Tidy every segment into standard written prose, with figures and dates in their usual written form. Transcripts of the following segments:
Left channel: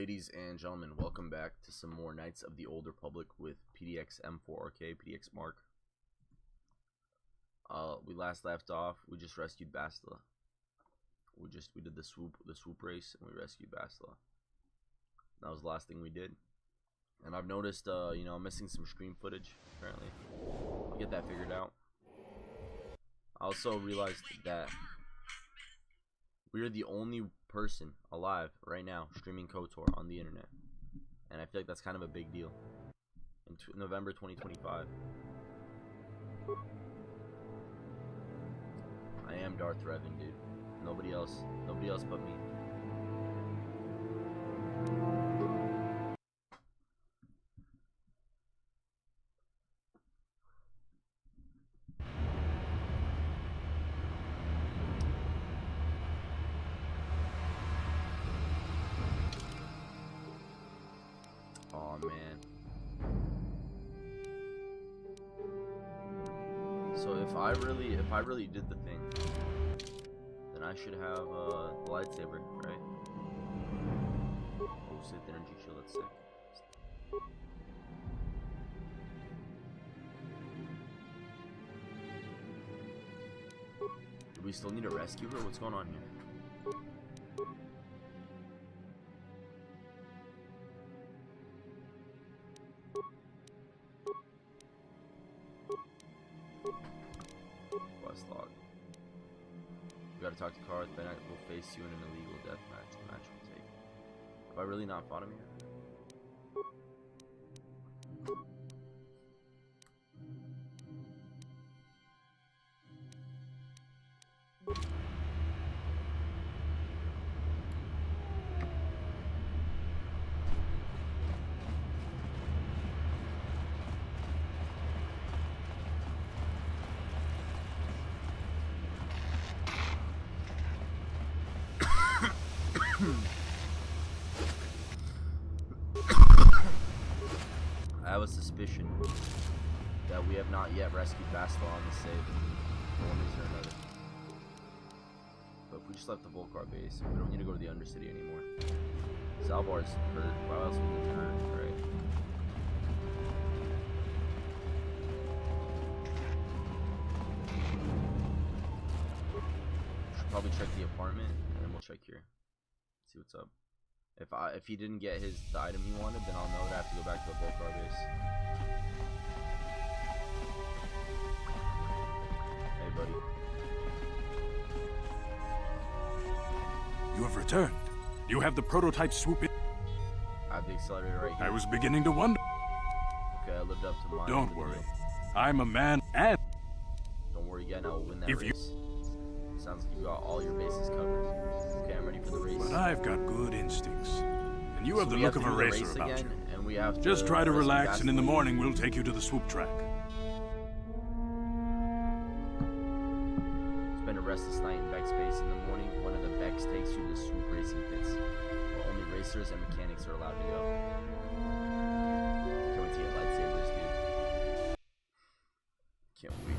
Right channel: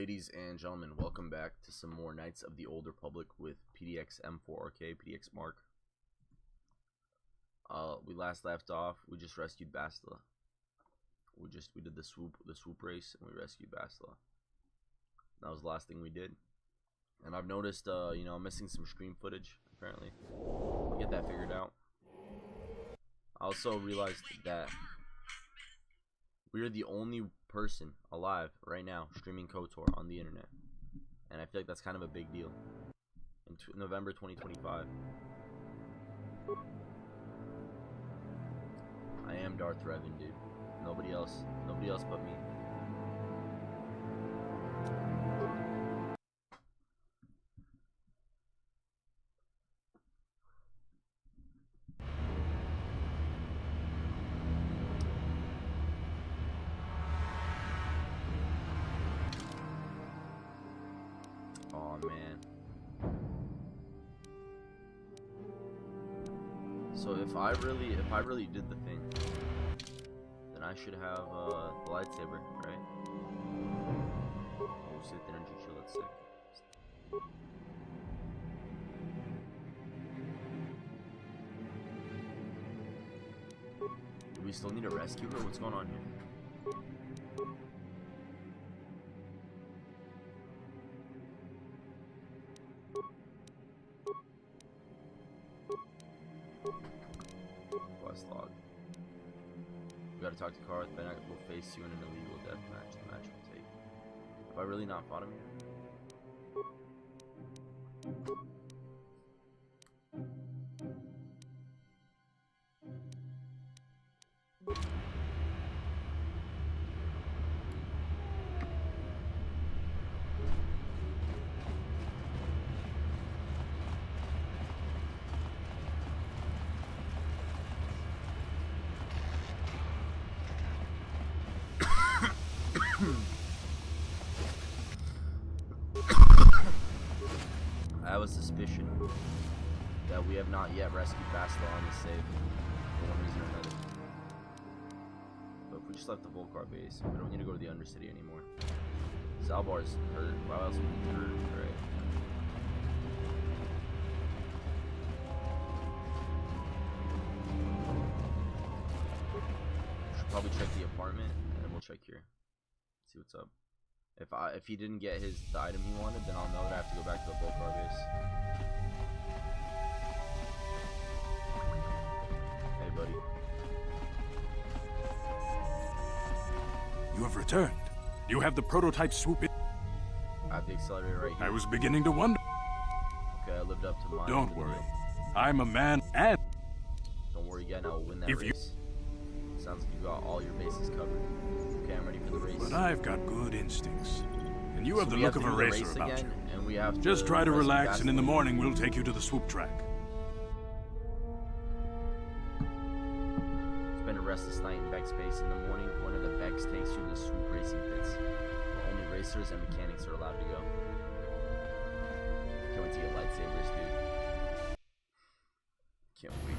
Ladies and gentlemen, welcome back to some more Knights of the Old Republic with PDX M4RK, PDX Mark. We last left off, we just rescued Bastila. We did the swoop race, and we rescued Bastila. That was the last thing we did. And I've noticed, you know, I'm missing some stream footage, apparently. I'll get that figured out. I also realized that we are the only person alive right now streaming KOTOR on the internet, and I feel like that's kind of a big deal in November 2025. I am Darth Revan, dude. Nobody else but me. Oh man. So if I really did the thing, then I should have the lightsaber, right? Oh, Sith energy shield, that's sick. Do we still need to rescue her? What's going on here? Log. We gotta talk to Karth, then I will face you in an illegal death match. The match will take. Have I really not fought him yet? I have a suspicion that we have not yet rescued Bastila on the save for one reason or another. But if we just left the Volcar base, we don't need to go to the Undercity anymore. Salbar's hurt. Why else would we be hurt, right? Should probably check the apartment, and then we'll check here. See what's up. If he didn't get the item he wanted, then I'll know that I have to go back to the Volcar base. Hey, buddy. You have returned. You have the prototype swoop in. I have the accelerator right here. I was beginning to wonder. Okay, I lived up to mine. Don't worry. I'm a man and... Don't worry again, I will win that race. Sounds like you got all your bases covered. Okay, I'm ready for the race. But I've got good instincts. And you have the look of a racer about you. And we have just try to relax, and in the morning we'll take you to the swoop track. Spend a restless night in Beck's base. In the morning, one of the Becks takes you to the swoop racing pits, where only racers and mechanics are allowed to go. Can't wait to get lightsabers, dude. Can't wait.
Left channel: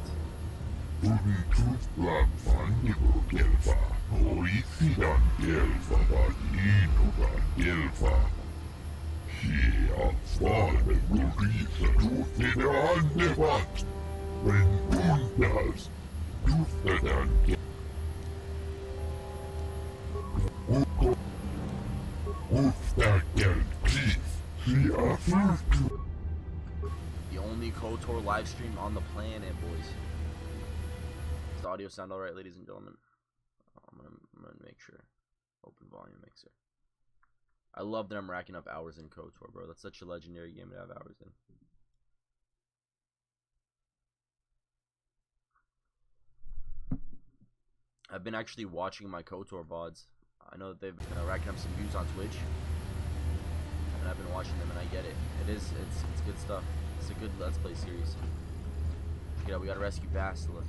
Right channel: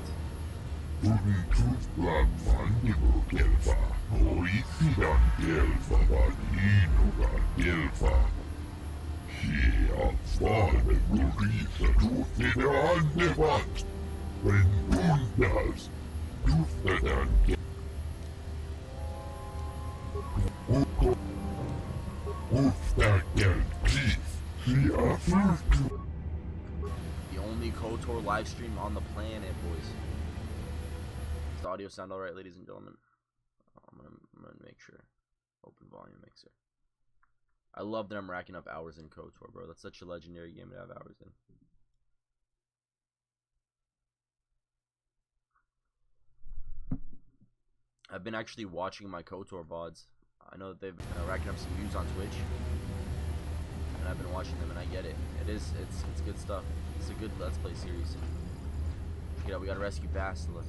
The only KOTOR live stream on the planet, boys. Does the audio sound alright, ladies and gentlemen? I'm gonna make sure. Open volume mixer. I love that I'm racking up hours in KOTOR, bro. That's such a legendary game to have hours in. I've been actually watching my KOTOR VODs. I know that they've been racking up some views on Twitch, and I've been watching them, and I get it. It's good stuff. It's a good Let's Play series. Yeah, we gotta rescue Bastila.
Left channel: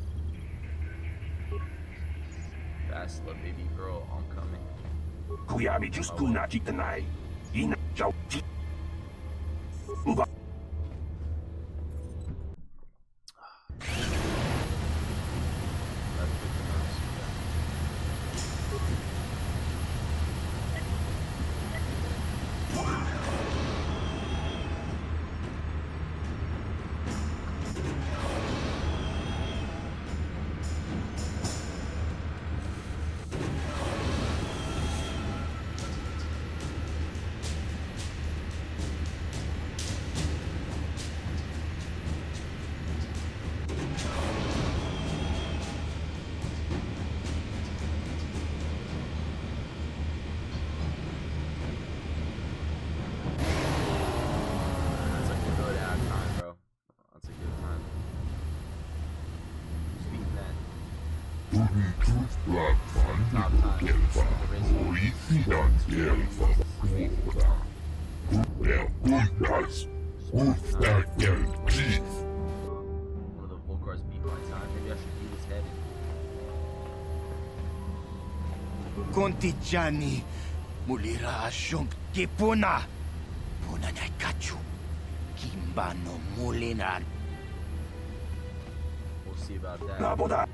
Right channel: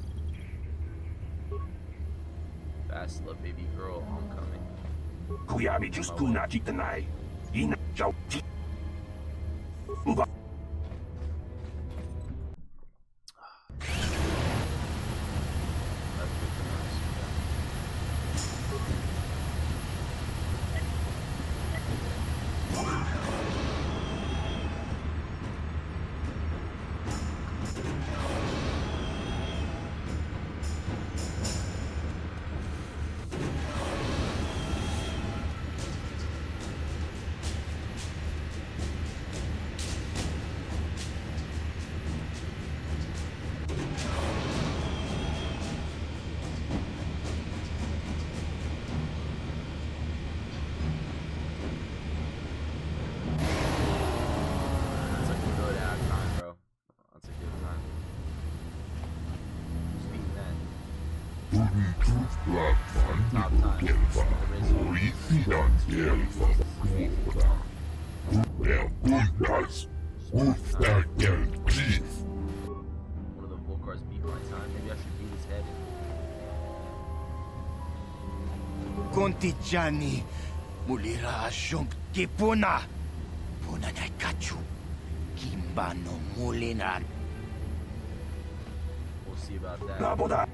Bastila, baby girl, I'm coming. One of the Volcars beat my time. Maybe I should beat his head in. Kontijani, mulira asyong kipuna. Puna na kachu. Kimbano mulinan. We'll see about that.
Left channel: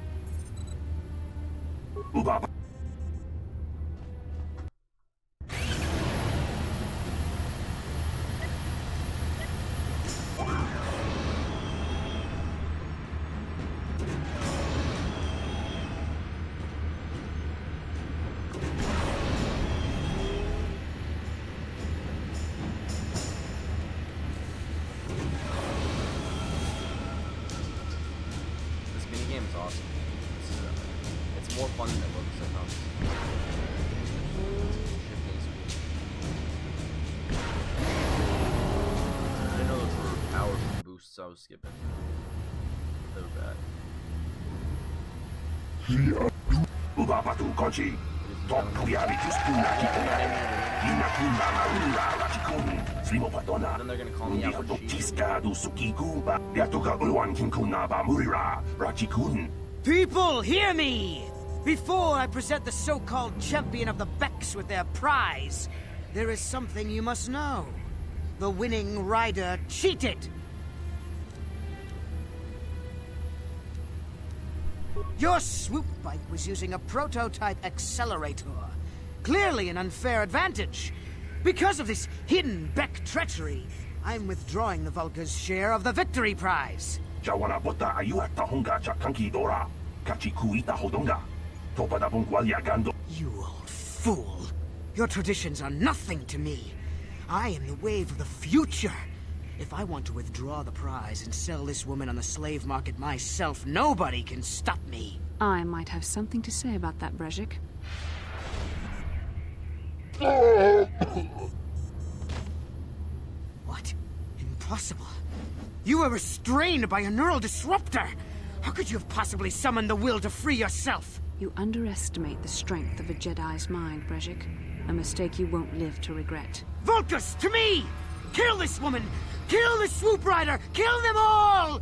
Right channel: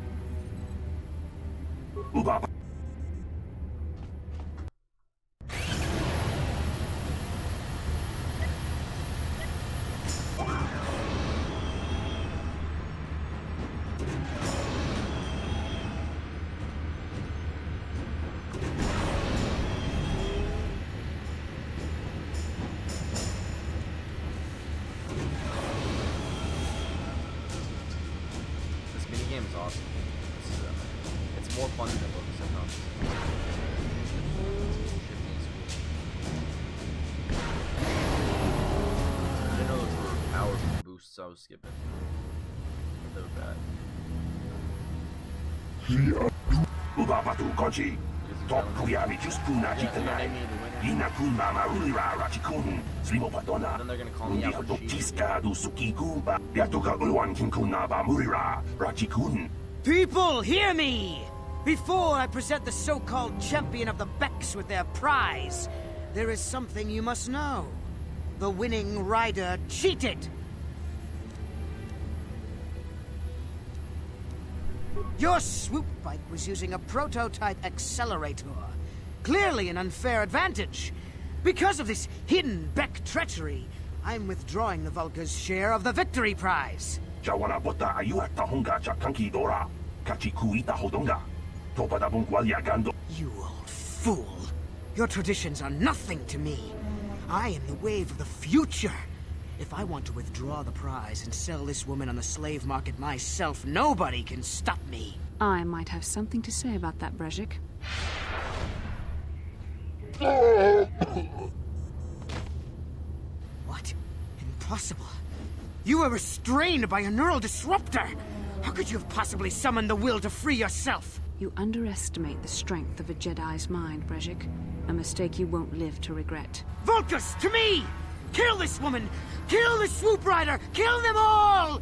Minigame is awesome. It's more fun than it looks sometimes. Shifting is cool. I didn't know those were power boosts, so I was skipping. They were bad. Then they're gonna call me out for cheating. People, hear me! Before I present the so-called champion of the Becks with their prize, there is something you must know. The winning rider cheated! Your swoop bike was using a prototype accelerator. Clearly an unfair advantage. Because of this hidden Beck treachery, I'm withdrawing the Vulca's share of the victory prize. You old fool. Your traditions are nothing to me. I am the wave of the future. If I want to withdraw the prize and sell this woman on the slave market myself, nobody can stop me. I might have something to say about that, Brezhik. What? Impossible. You were restrained by a neural disruptor. How could you have possibly summoned the will to free yourself? You underestimate the strength of a Jedi's mind, Brezhik. A mistake you won't live to regret. Vulcus, to me! Kill this woman! Kill the swoop rider! Kill them all!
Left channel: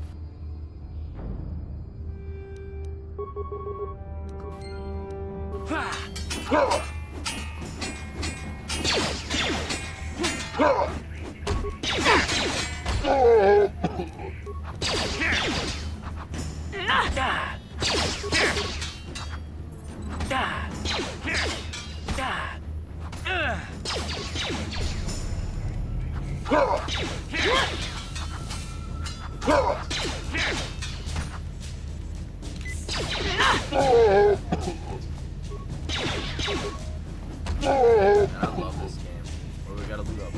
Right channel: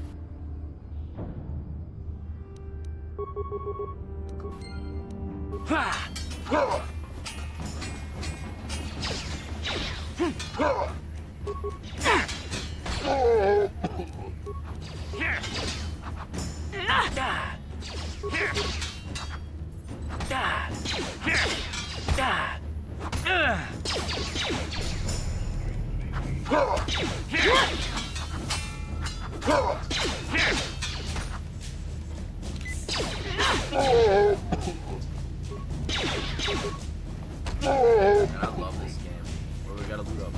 Man, I love this game. Well, we gotta loot up,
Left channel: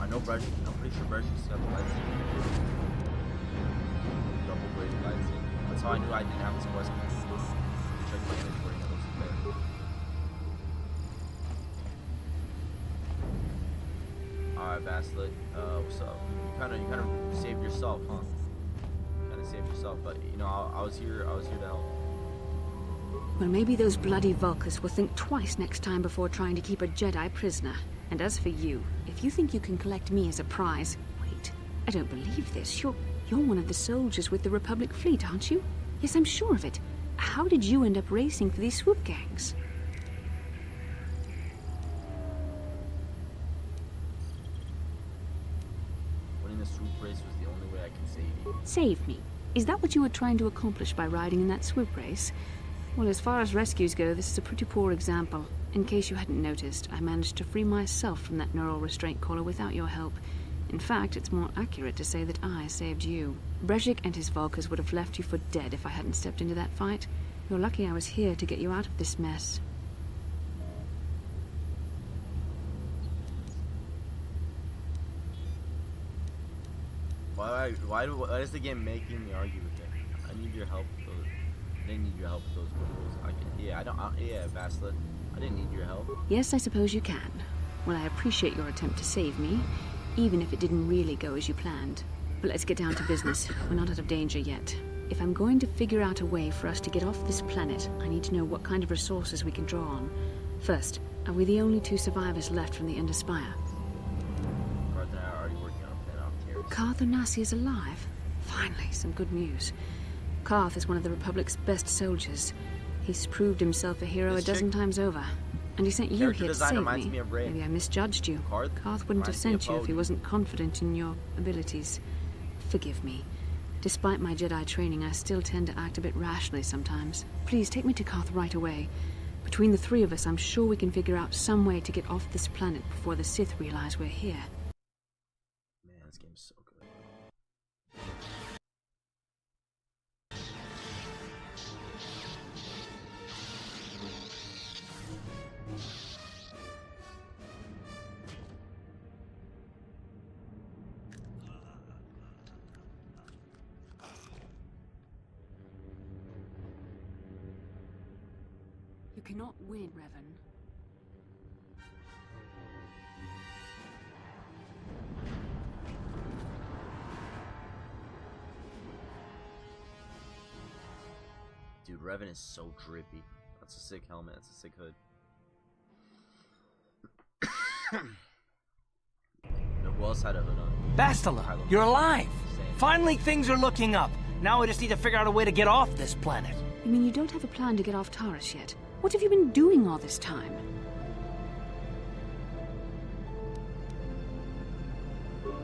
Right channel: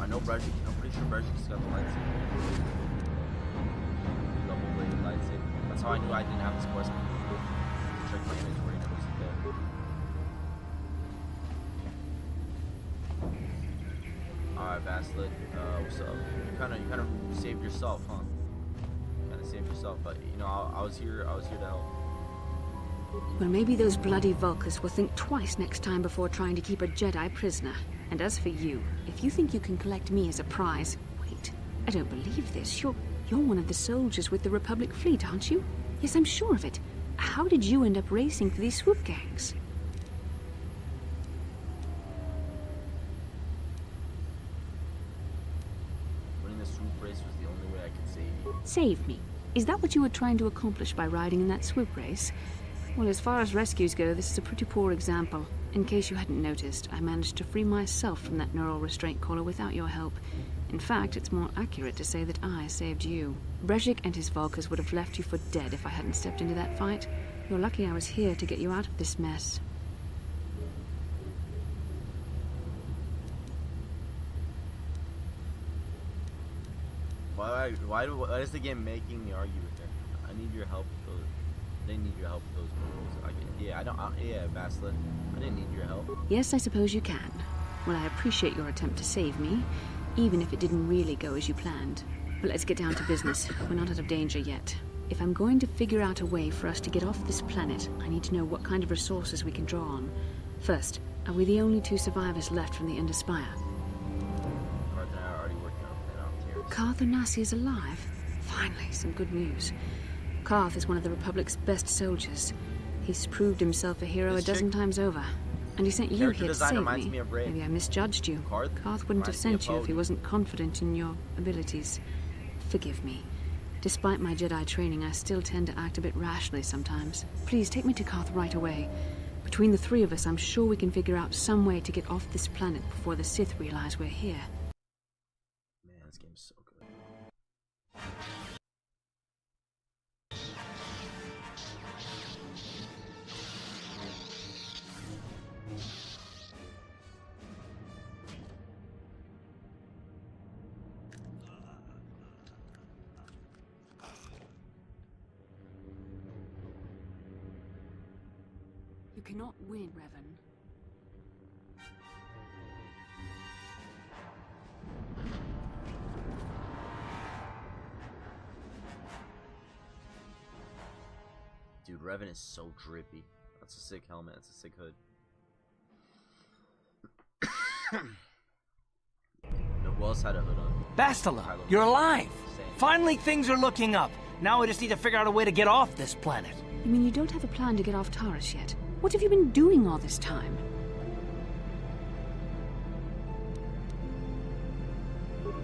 I know Brezhik, I'm pretty sure Brezhik's got the lightsaber. Double bladed lightsaber. That's how I knew I didn't have this quest. Check my inventory and it wasn't there. Alright, Vaslit, what's up? You kind of saved yourself, huh? But you know, I was here to help. Well, maybe those bloody Vulcans will think twice next time before trying to keep a Jedi prisoner. And as for you, if you think you can collect me as a prize... Wait, I don't believe this. You're one of the soldiers with the Republic fleet, aren't you? Yes, I'm sure of it. How did you end up racing for these swoop gangs? Winning the swoop race was the only way I could save you. Save me? Is that what you were trying to accomplish by riding in that swoop race? Well, as far as rescues go, this is a pretty poor example. In case you hadn't noticed, I managed to free myself from that neural restraint collar without your help. In fact, it's more accurate to say that I saved you. Brejik and his Volkers would have left you for dead if I hadn't stepped into that fight. You're lucky I was here to get you out of this mess. Why is the game making me argue with it? I need your help with those. I didn't need your help with those proposals. Yeah, Bastila. I didn't need your help. Yes, I suppose you can. Well, I appreciate your attempt to save me, even if it didn't really go as you planned. But let's get down to business. We're not out of danger yet. If I'm going to figure out a way for us to get off this planet, I need to know what kind of resources we can draw on. First, are we the only 2 survivors left from the Ender Spire? Karth and I are already working on a plan off Terrace. Karth Onasi is alive. Finally, some good news. Karth is one of the Republic's best soldiers. He's proved himself a hero a dozen times over. And he sent you here to save me. Maybe I misjudged you. Karth wouldn't have sent you if he wasn't confident in your abilities. Forgive me. Despite my Jedi training, I still tend to act a bit rashly sometimes. Please, take me to Karth right away. Between the 3 of us, I'm sure we can figure out some way to get off this planet before the Sith realize we're here. Man, this game's so good. You cannot win, Revan. Dude, Revan is so drippy. That's a sick helmet. That's a sick hood. No, who else had a hood on? Bastila, you're alive! Same. Finally, things are looking up. Now we just need to figure out a way to get off this planet. You mean you don't have a plan to get off Taurus yet? What have you been doing all this time?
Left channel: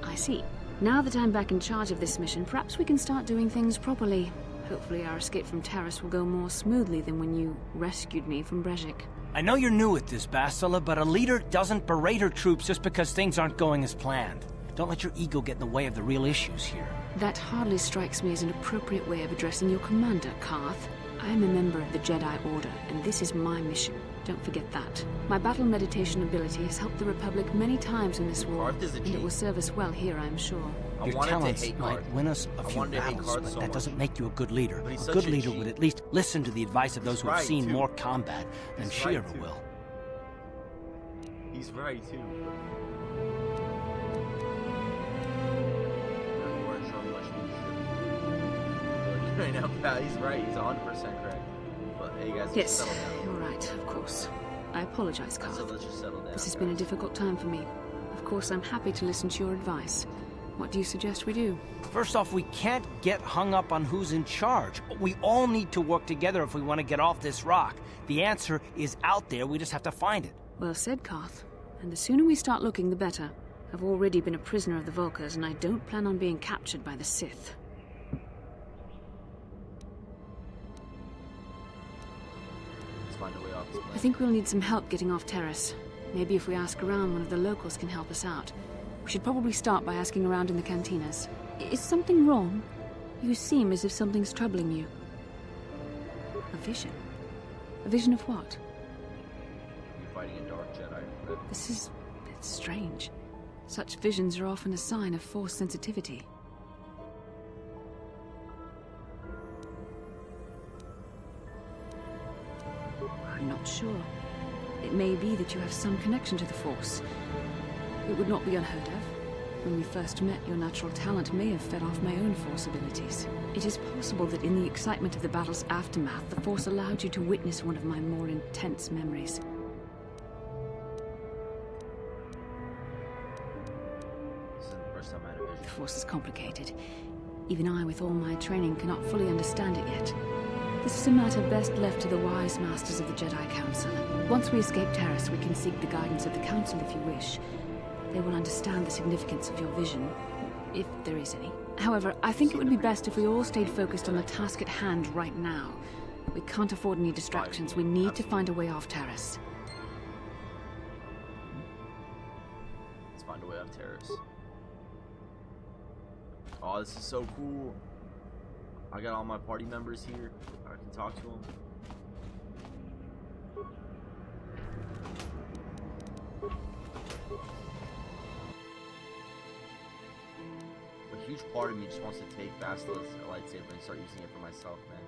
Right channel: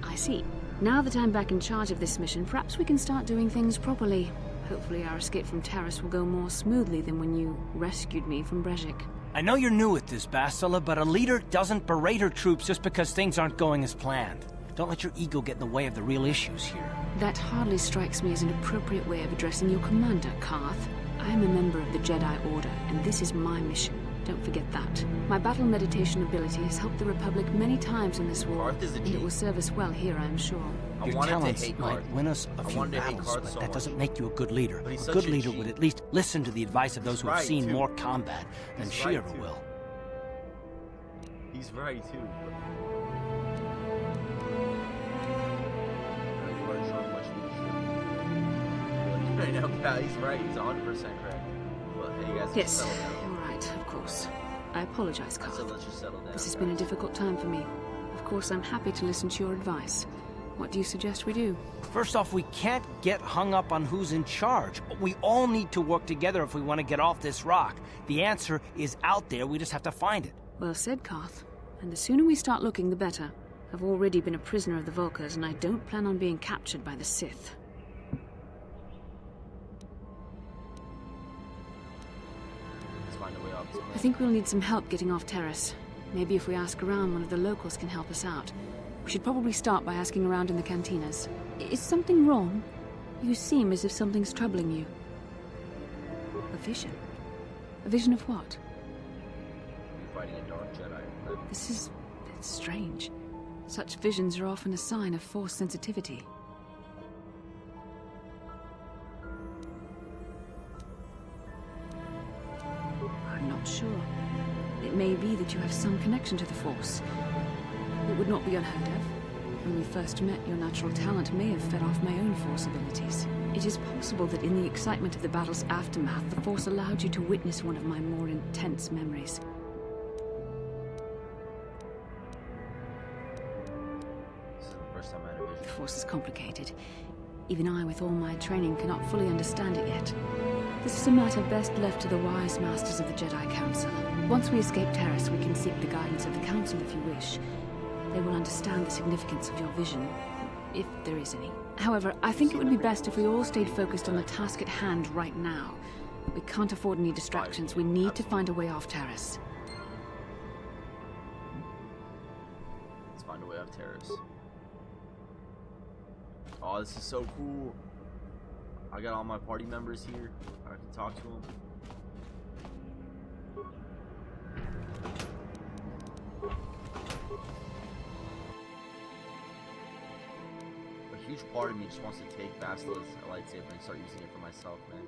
I see. Now that I'm back in charge of this mission, perhaps we can start doing things properly. Hopefully our escape from Taurus will go more smoothly than when you rescued me from Brejik. I know you're new at this, Bastila, but a leader doesn't berate her troops just because things aren't going as planned. Don't let your ego get in the way of the real issues here. That hardly strikes me as an appropriate way of addressing your commander, Karth. I am a member of the Jedi Order, and this is my mission. Don't forget that. My battle meditation ability has helped the Republic many times in this war, Karth is a and G. it will serve us well here, I am sure. I Your wanted to talents hate might Karth. win us a I few wanted to hate battles, Karth but so that much. doesn't make you a good leader. But he's A such good a leader G. would at least listen to the advice of those who have right, seen too. more combat than He's she right, ever too. will. He's right too. But you aren't showing much leadership. Right now, pal, he's right. He's 100% correct. But hey, guys, let's Yes, just settle down. you're right, of course. I apologize, I said Karth. let's just settle down. This has been a guys. difficult time for me. Of course, I'm happy to listen to your advice. What do you suggest we do? First off, we can't get hung up on who's in charge. We all need to work together if we want to get off this rock. The answer is out there, we just have to find it. Well said, Karth. And the sooner we start looking, the better. I've already been a prisoner of the Volkers, and I don't plan on being captured by the Sith. Let's find a way off this I planet. think we'll need some help getting off Terrace. Maybe if we ask around, one of the locals can help us out. We should probably start by asking around in the cantinas. Is something wrong? You seem as if something's troubling you. A vision? A vision of what? You're fighting a dark Jedi. Revan. This is... it's strange. Such visions are often a sign of Force sensitivity. I'm not sure. It may be that you have some connection to the Force. It would not be unheard of. When we first met, your natural talent may have fed off my own Force abilities. It is possible that in the excitement of the battle's aftermath, the Force allowed you to witness one of my more intense memories. This isn't the first time I had a The vision. Force is complicated. Even I, with all my training, cannot fully understand it yet. This is a matter best left to the wise masters of the Jedi Council. Once we escape Terrace, we can seek the guidance of the Council if you wish. They will understand the significance of your vision, if there is any. However, I think it would be best if we all stayed focused on the task at hand right now. We can't afford any distractions. We need to find a way off Terrace. find a way off terrace. Oh, this is so cool. I got all my party members here. I can talk to them. A huge part of me just wants to take Bastila's lightsaber and start using it for myself, man.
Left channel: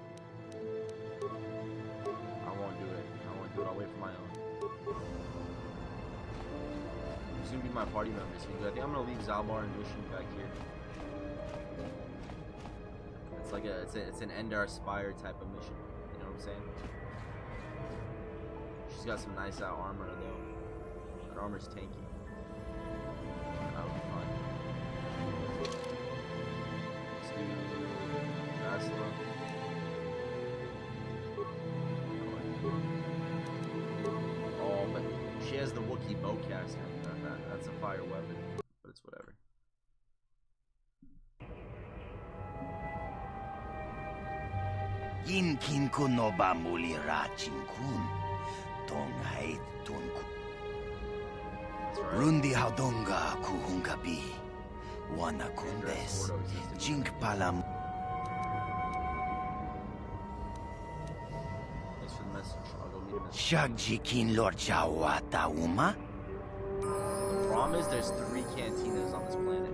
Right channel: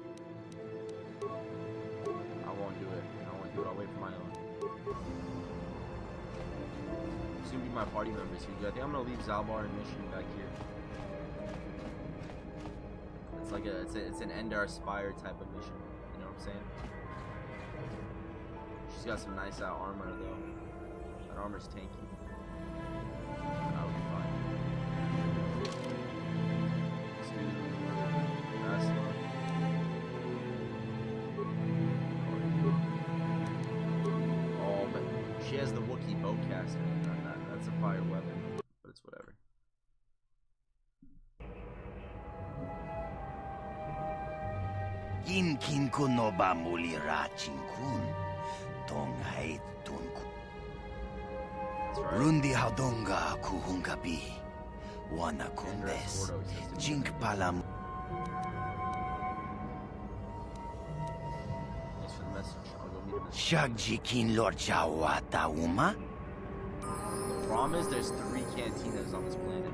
I won't do it. I won't do it. I'll wait for my own. It's gonna be my party members here. I think I'm gonna leave Zalbar and Mission back here. It's like it's an Endar Spire type of mission. You know what I'm saying? She's got some nice armor though. That armor's tanky. That'll be fine. Let's do Basla. Oh, but she has the Wookiee bowcaster. That's a fire weapon, but it's whatever. Inkin ko no ba mulira chinkun. Tongay tunku. That's right. Rundi hadonga kuhungabi. Wana kundes. Jink palam. Thanks for the message. I'll go meet him. Shagjikin Lord Jawata Uma. The problem is there's 3 cantinas on this planet.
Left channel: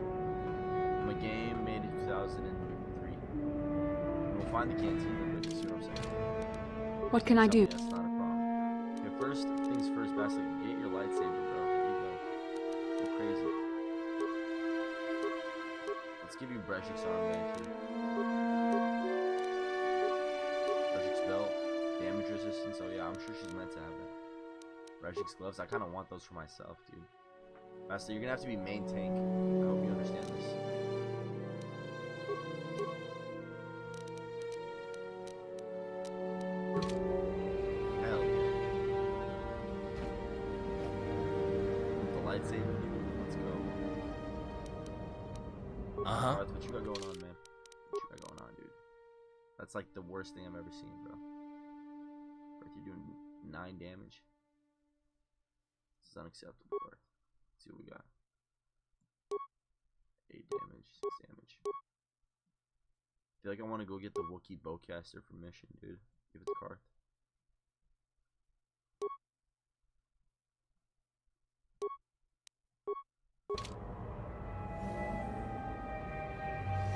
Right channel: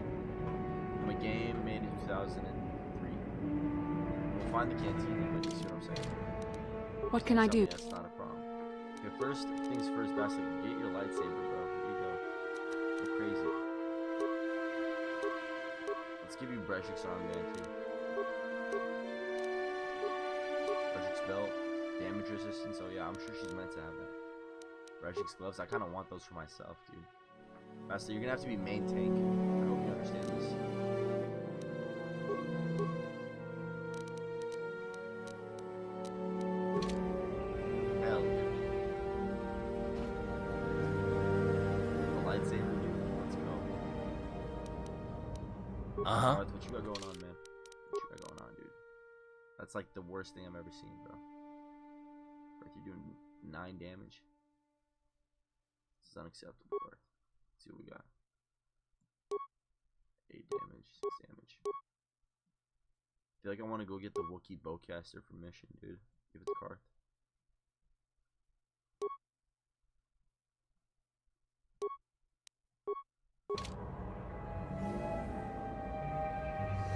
From a game made in 2003. And we'll find the cantina, but you see what I'm saying? What can I do? That's not a problem. Okay, first things first, Basilic, get your lightsaber, bro. Here you go. Go crazy. Let's give you Breshik's armband too. Breshik's belt, damage resistance. Oh yeah, I'm sure she's meant to have that. Breshik's gloves. I kind of want those for myself, dude. Basilic, you're gonna have to be main tank. I hope you understand this. Hell yeah. With the lightsaber, dude. Let's go. Darth, what you got going on, man? What you got going on, dude? That's like the worst thing I've ever seen, bro. Darth, you're doing 9 damage. This is unacceptable, Darth. Let's see what we got. 8 damage, 6 damage. I feel like I want to go get the Wookiee bowcaster for mission, dude. Give it to Karth.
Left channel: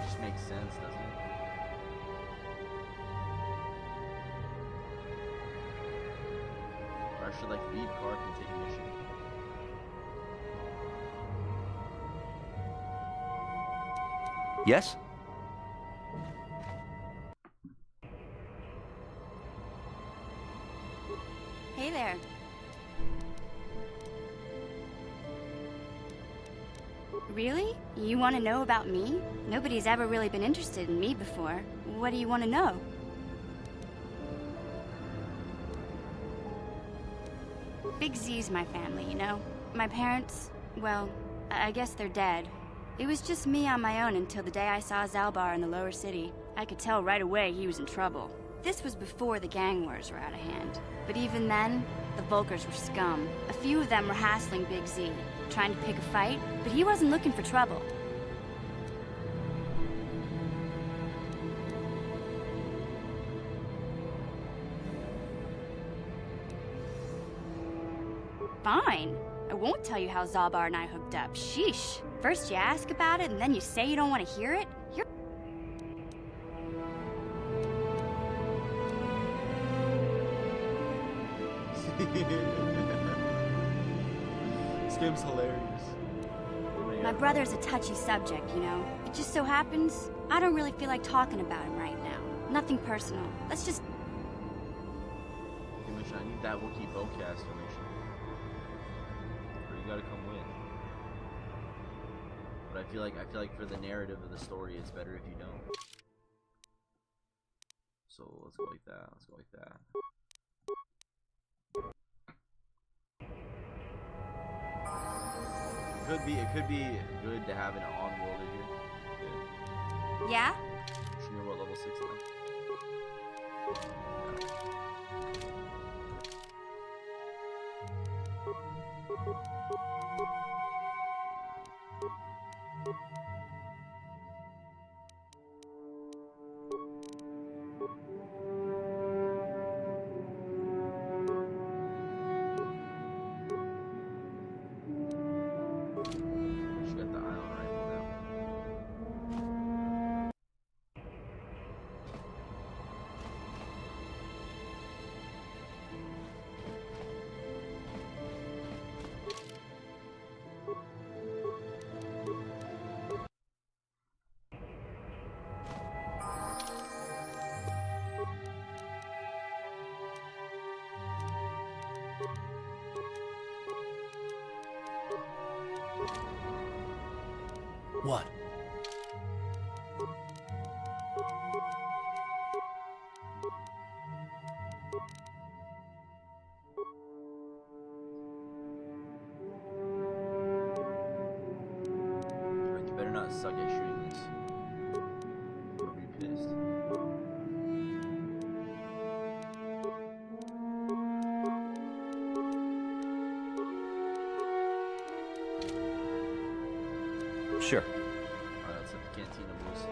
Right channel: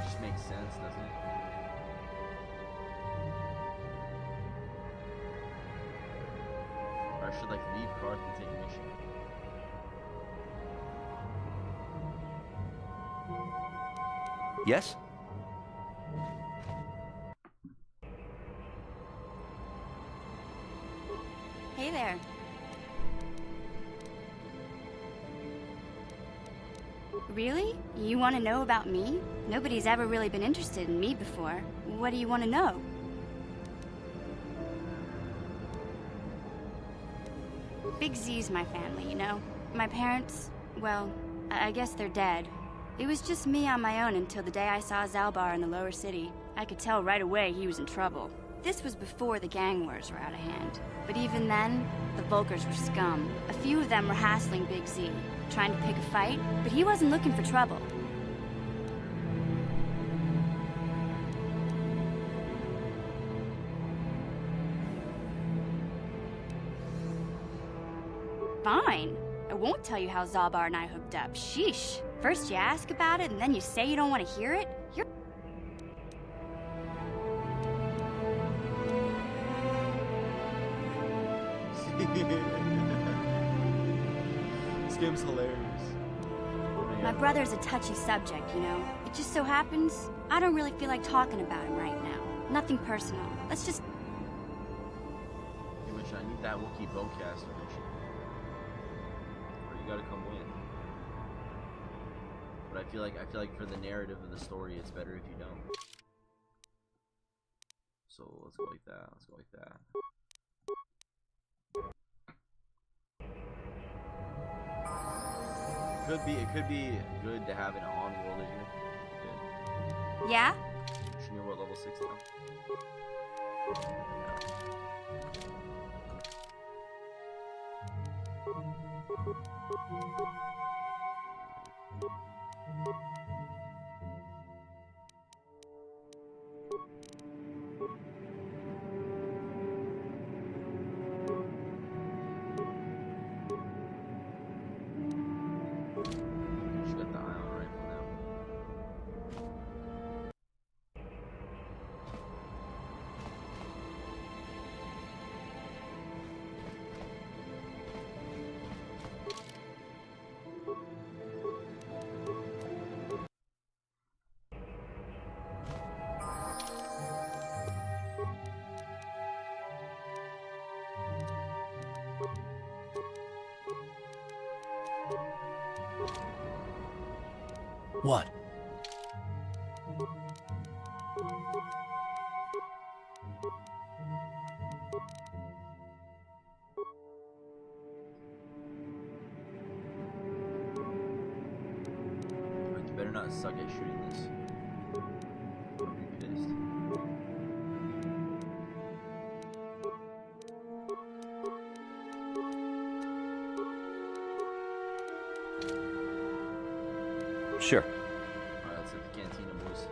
Just makes sense, doesn't it? Or I should like leave Karth and take mission. Yes? Hey there. Really? You want to know about me? Nobody's ever really been interested in me before. What do you want to know? Big Z's my family, you know? My parents, well, I guess they're dead. It was just me on my own until the day I saw Zalbar in the lower city. I could tell right away he was in trouble. This was before the gang wars were out of hand. But even then, the Vulkars were scum. A few of them were hassling Big Z, trying to pick a fight, but he wasn't looking for trouble. Fine. I won't tell you how Zalbar and I hooked up. Sheesh. First you ask about it, and then you say you don't want to hear it? You're... This game's hilarious. My brother's a touchy subject, you know? It just so happens, I don't really feel like talking about him right now. Nothing personal. Let's just... Okay, Mission, I need that Wookiee bowcaster mission. Or you gotta come win. But I feel like for the narrative of the story, it's better if you don't. So let's go like that. Let's go like that. It could be good to have an on-worlder here. Good. Yeah? Mission, you're what, level 6 now? What? You better not suck at shooting this. I'll be pissed. Sure. Alright, let's hit the cantina, boys.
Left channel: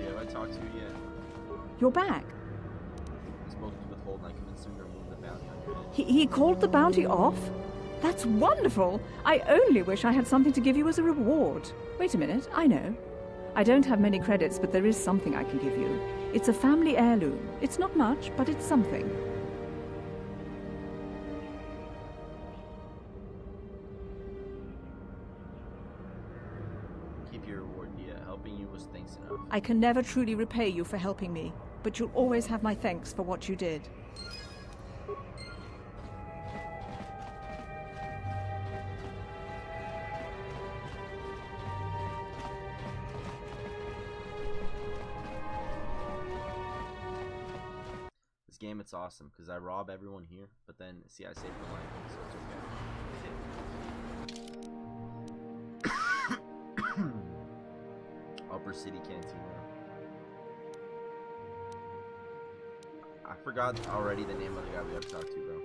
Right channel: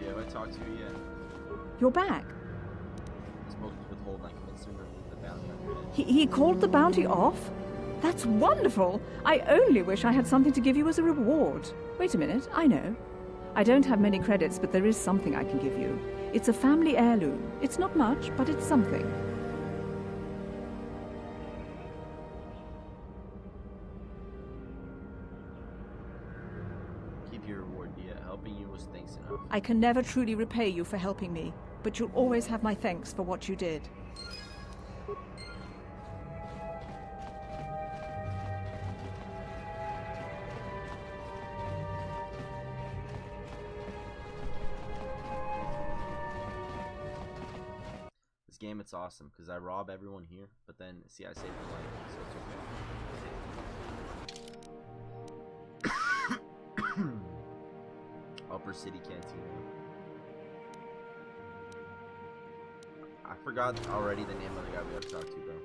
Yeah, have I talked to you yet? You're back. I spoke to Withhold and I convinced him to remove the bounty on your head. He called the bounty off? That's wonderful! I only wish I had something to give you as a reward. Wait a minute, I know. I don't have many credits, but there is something I can give you. It's a family heirloom. It's not much, but it's something. Keep your reward, Dia. Helping you was thanks enough. I can never truly repay you for helping me, but you'll always have my thanks for what you did. This game, it's awesome because I rob everyone here, but then see, I save their life, so it's okay. Upper City Cantina. I forgot already the name of the guy we have to talk to, bro.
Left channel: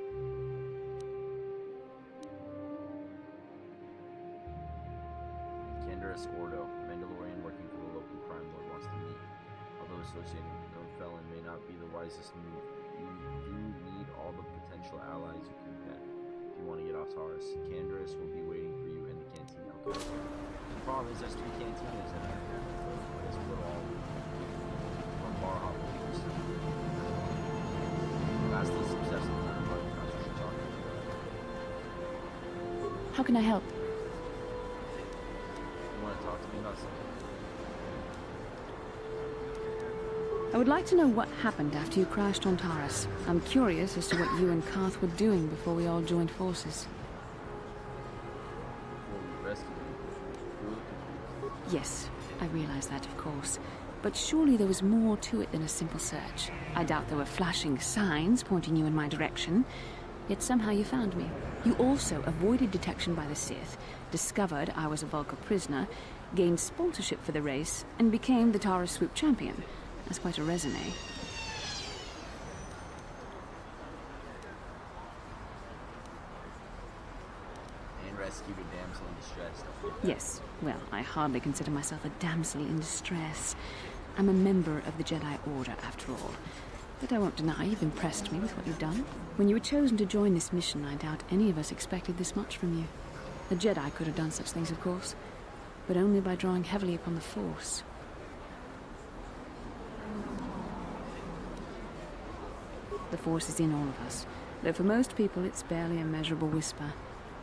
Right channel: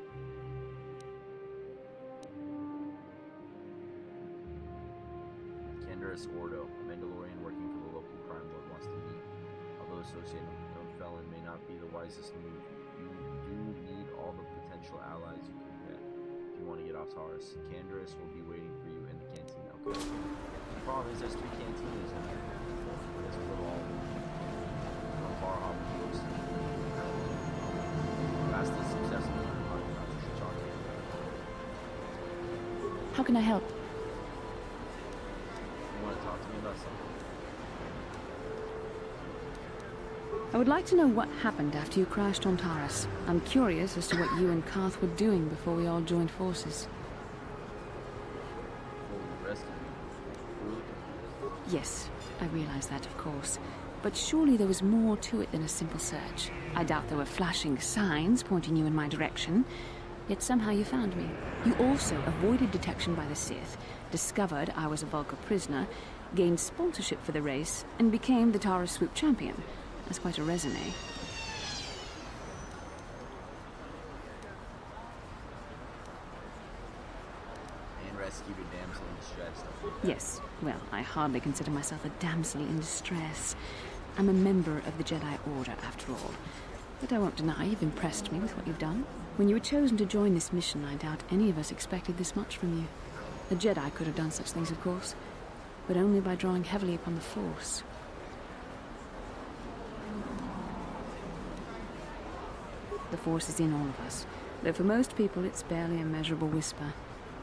Candaris Ordo, a Mandalorian working for the local crime lord, wants to meet. Although associating with a known felon may not be the wisest move, you do need all the potential allies you can get if you want to get off Taurus. Candaris will be waiting for you in the cantina. Okay. The problem is there's 3 cantinas in there. I guess we'll go to all of them. One bar hop, of course. Vastly successful kind of podcast you should talk about. How can I help? You want to talk to me about something? I would like to know what happened after you crashed on Taurus. I'm curious as to what you and Karth were doing before we all joined forces. Before we rescued you, we were looking for you. Yes, I realize that, of course. But surely there was more to it than a simple search. I doubt there were flashing signs pointing you in my direction. Yet somehow you found me. You also avoided detection by the Sith, discovered I was a Vulca prisoner, gained sponsorship for the race, and became the Taurus Swoop champion. That's quite a resume. And rescued a damsel in distress. Don't forget that. Yes, well, I hardly consider myself a damsel in distress. I'm a member of the Jedi Order, after all. But I won't deny you've impressed me with what you've done. When you were chosen to join this mission, I doubt any of us expected this much from you. A Jedi could have done such things, of course, but only by drawing heavily upon the Force. The Force is in all of us, though for most people it's barely a measurable whisper.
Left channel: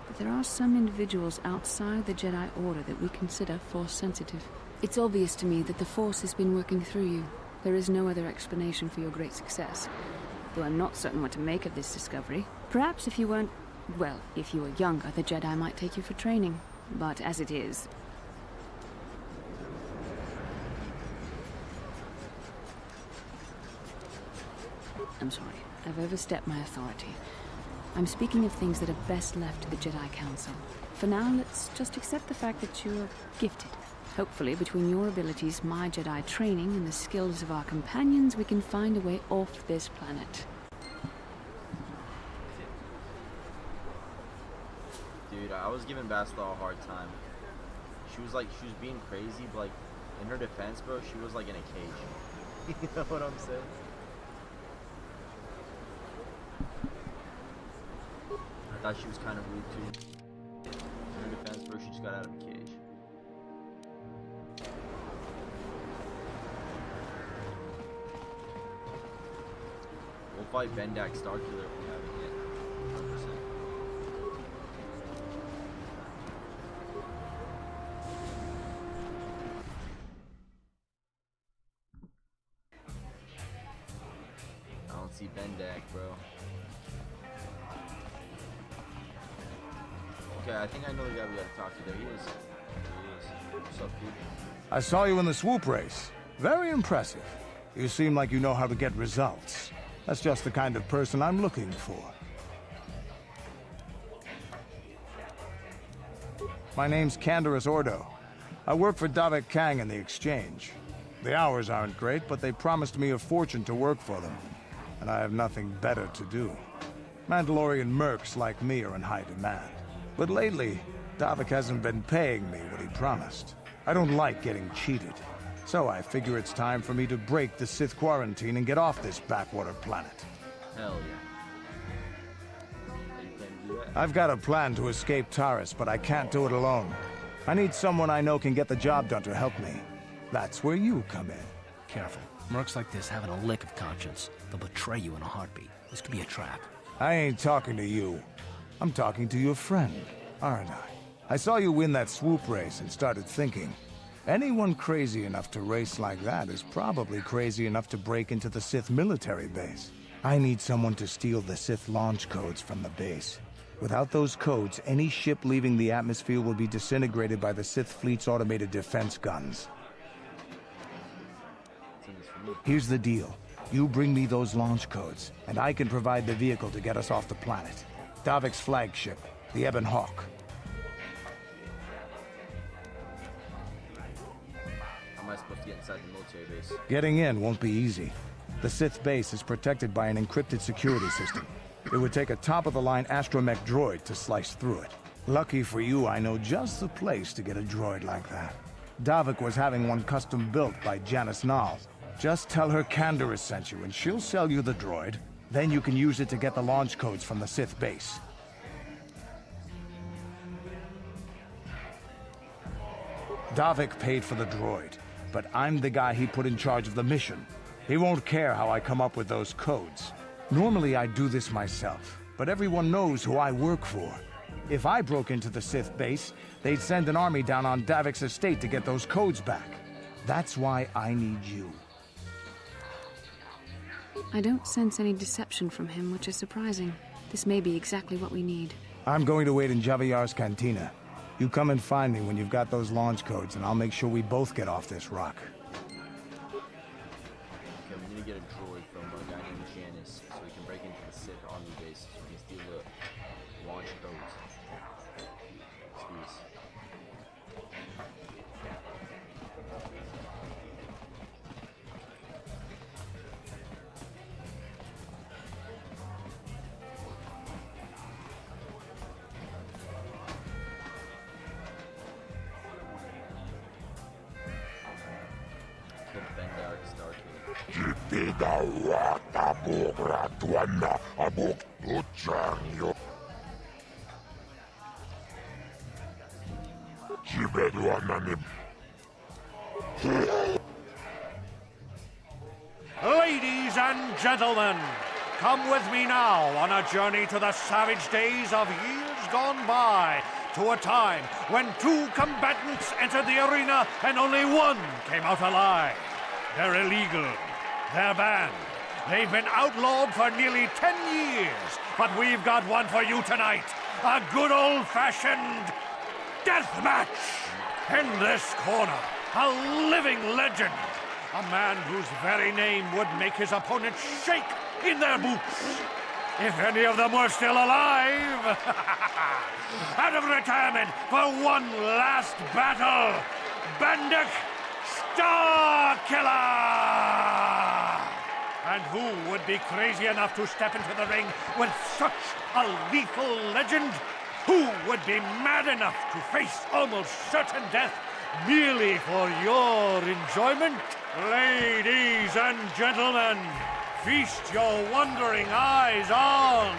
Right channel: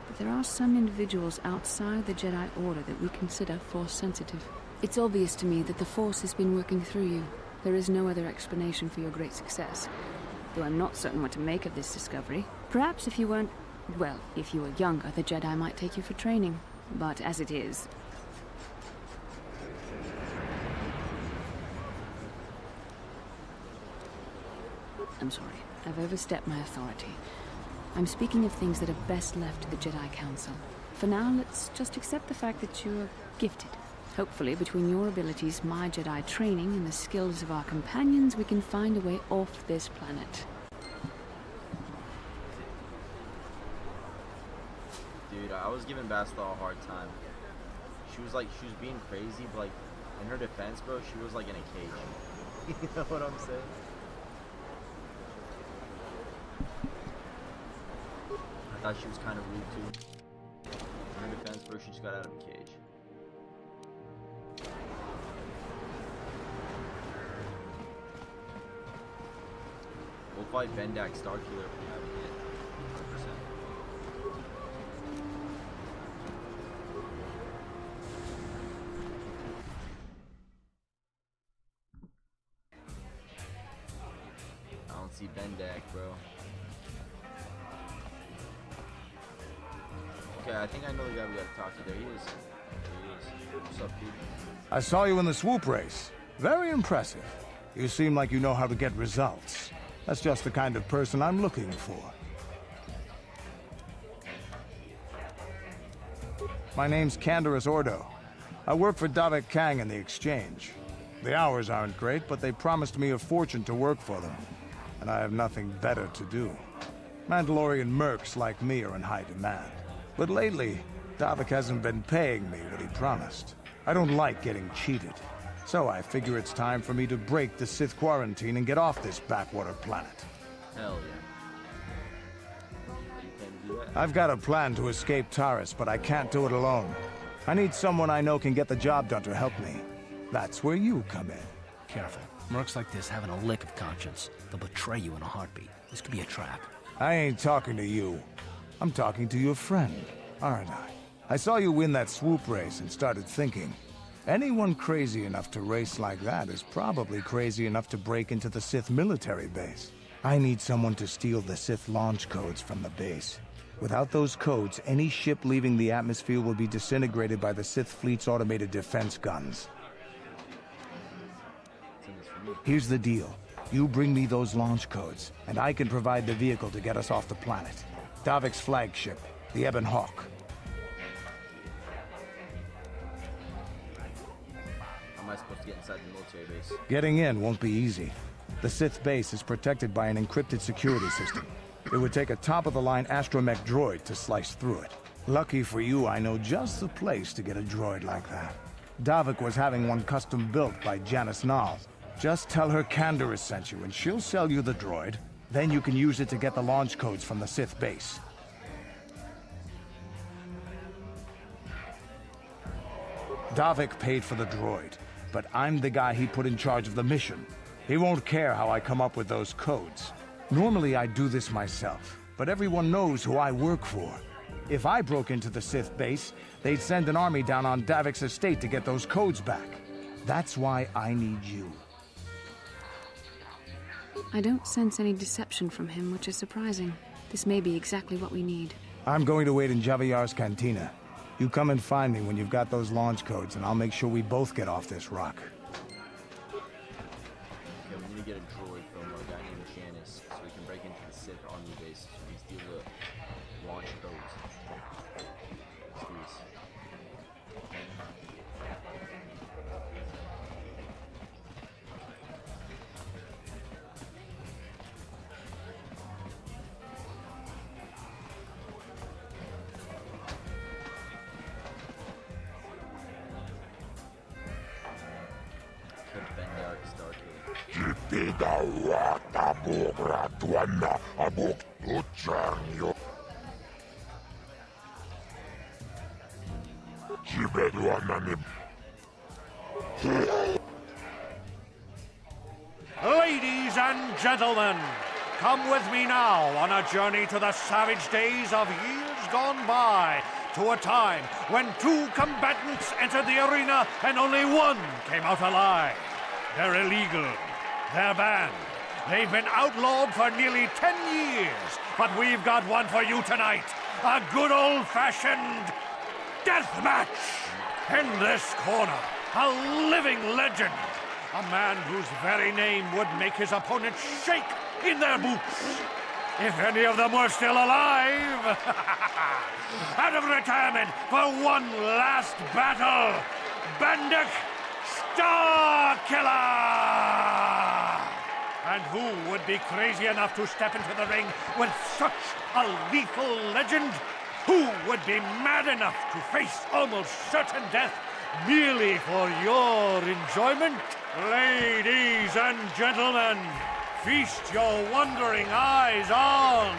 But there are some individuals outside the Jedi Order that we consider Force-sensitive. It's obvious to me that the Force has been working through you. There is no other explanation for your great success. Though I'm not certain what to make of this discovery. Perhaps if you weren't... well, if you were younger, the Jedi might take you for training. But as it is... I'm sorry. I've overstepped my authority. I'm speaking of things that are best left to the Jedi Council. For now, let's just accept the fact that you're gifted. Hopefully, between your abilities, my Jedi training, and the skills of our companions, we can find a way off this planet. Dude, I was giving Bastila a hard time. She was being crazy, but like, in her defense, bro, she was like in a cage. You know what I'm saying? I thought she was kind of rude too. In her defense, bro, she just got out of a cage. We'll fight Bendak Starkiller if we haven't yet. 100%. I don't see Bendak, bro. Okay, I think I know the guy we gotta talk to. There he is. What's up, dude? I saw you in the swoop race. Very impressive. You seem like you know how to get results. That's just the kind of person I'm looking for. My name's Canderous Ordo. I work for Davik Kang in the Exchange. The hours aren't great, but they promised me a fortune to work for them. And I have nothing better to do. Mandalorian mercs like me are in high demand. But lately, Davik hasn't been paying me what he promised. I don't like getting cheated. So I figure it's time for me to break the Sith quarantine and get off this backwater planet. Hell yeah. Are you planning to do that? I've got a plan to escape Taris, but I can't do it alone. I need someone I know can get the job done to help me. That's where you come in. Careful. Mercs like this haven't a lick of conscience. They'll betray you in a heartbeat. This could be a trap. I ain't talking to you. I'm talking to your friend, aren't I? I saw you win that swoop race and started thinking, anyone crazy enough to race like that is probably crazy enough to break into the Sith military base. I need someone to steal the Sith launch codes from the base. Without those codes, any ship leaving the atmosphere will be disintegrated by the Sith fleet's automated defense guns. Here's the deal. You bring me those launch codes, and I can provide the vehicle to get us off the planet. Davik's flagship, the Ebon Hawk. How am I supposed to get inside the military base? Getting in won't be easy. The Sith base is protected by an encrypted security system. It would take a top-of-the-line astromech droid to slice through it. Lucky for you, I know just the place to get a droid like that. Davik was having one custom built by Janice Nall. Just tell her Canderous sent you, and she'll sell you the droid. Then you can use it to get the launch codes from the Sith base. Davik paid for the droid, but I'm the guy he put in charge of the mission. He won't care how I come up with those codes. Normally I'd do this myself, but everyone knows who I work for. If I broke into the Sith base, they'd send an army down on Davik's estate to get those codes back. That's why I need you. I don't sense any deception from him, which is surprising. This may be exactly what we need. I'm going to wait in Javier's cantina. You come and find me when you've got those launch codes, and I'll make sure we both get off this rock. Okay, we need to get a droid from a guy named Janice so we can break into the Sith army base so we can steal the launch codes. Let's do this. Ladies and gentlemen, come with me now on a journey to the savage days of years gone by, to a time when two combatants entered the arena and only one came out alive. They're illegal. They're banned. They've been outlawed for nearly 10 years, but we've got one for you tonight. A good old-fashioned death match. In this corner, a living legend. A man whose very name would make his opponents shake in their boots. If any of them were still alive. Out of retirement for one last battle, Bendik Starkiller! And who would be crazy enough to step into the ring with such a lethal legend? Who would be mad enough to face almost certain death merely for your enjoyment? Ladies and gentlemen, feast your wondering eyes on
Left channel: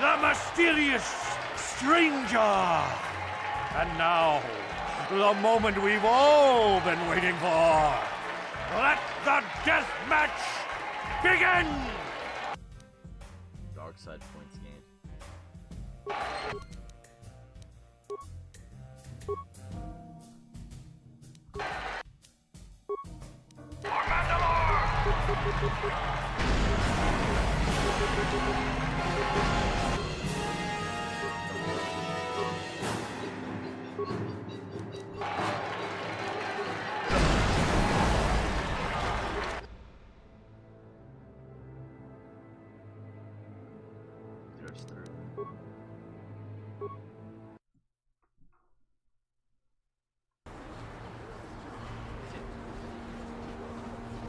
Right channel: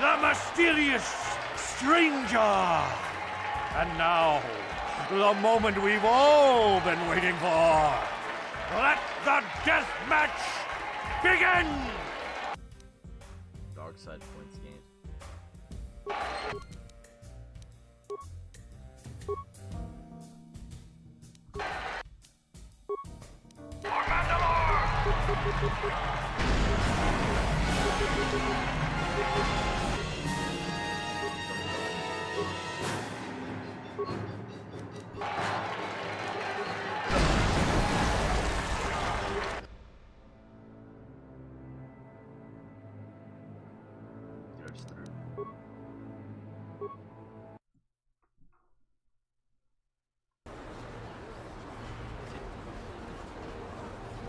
the mysterious stranger. And now, the moment we've all been waiting for. Let the death match begin! Dark side points gained. works through.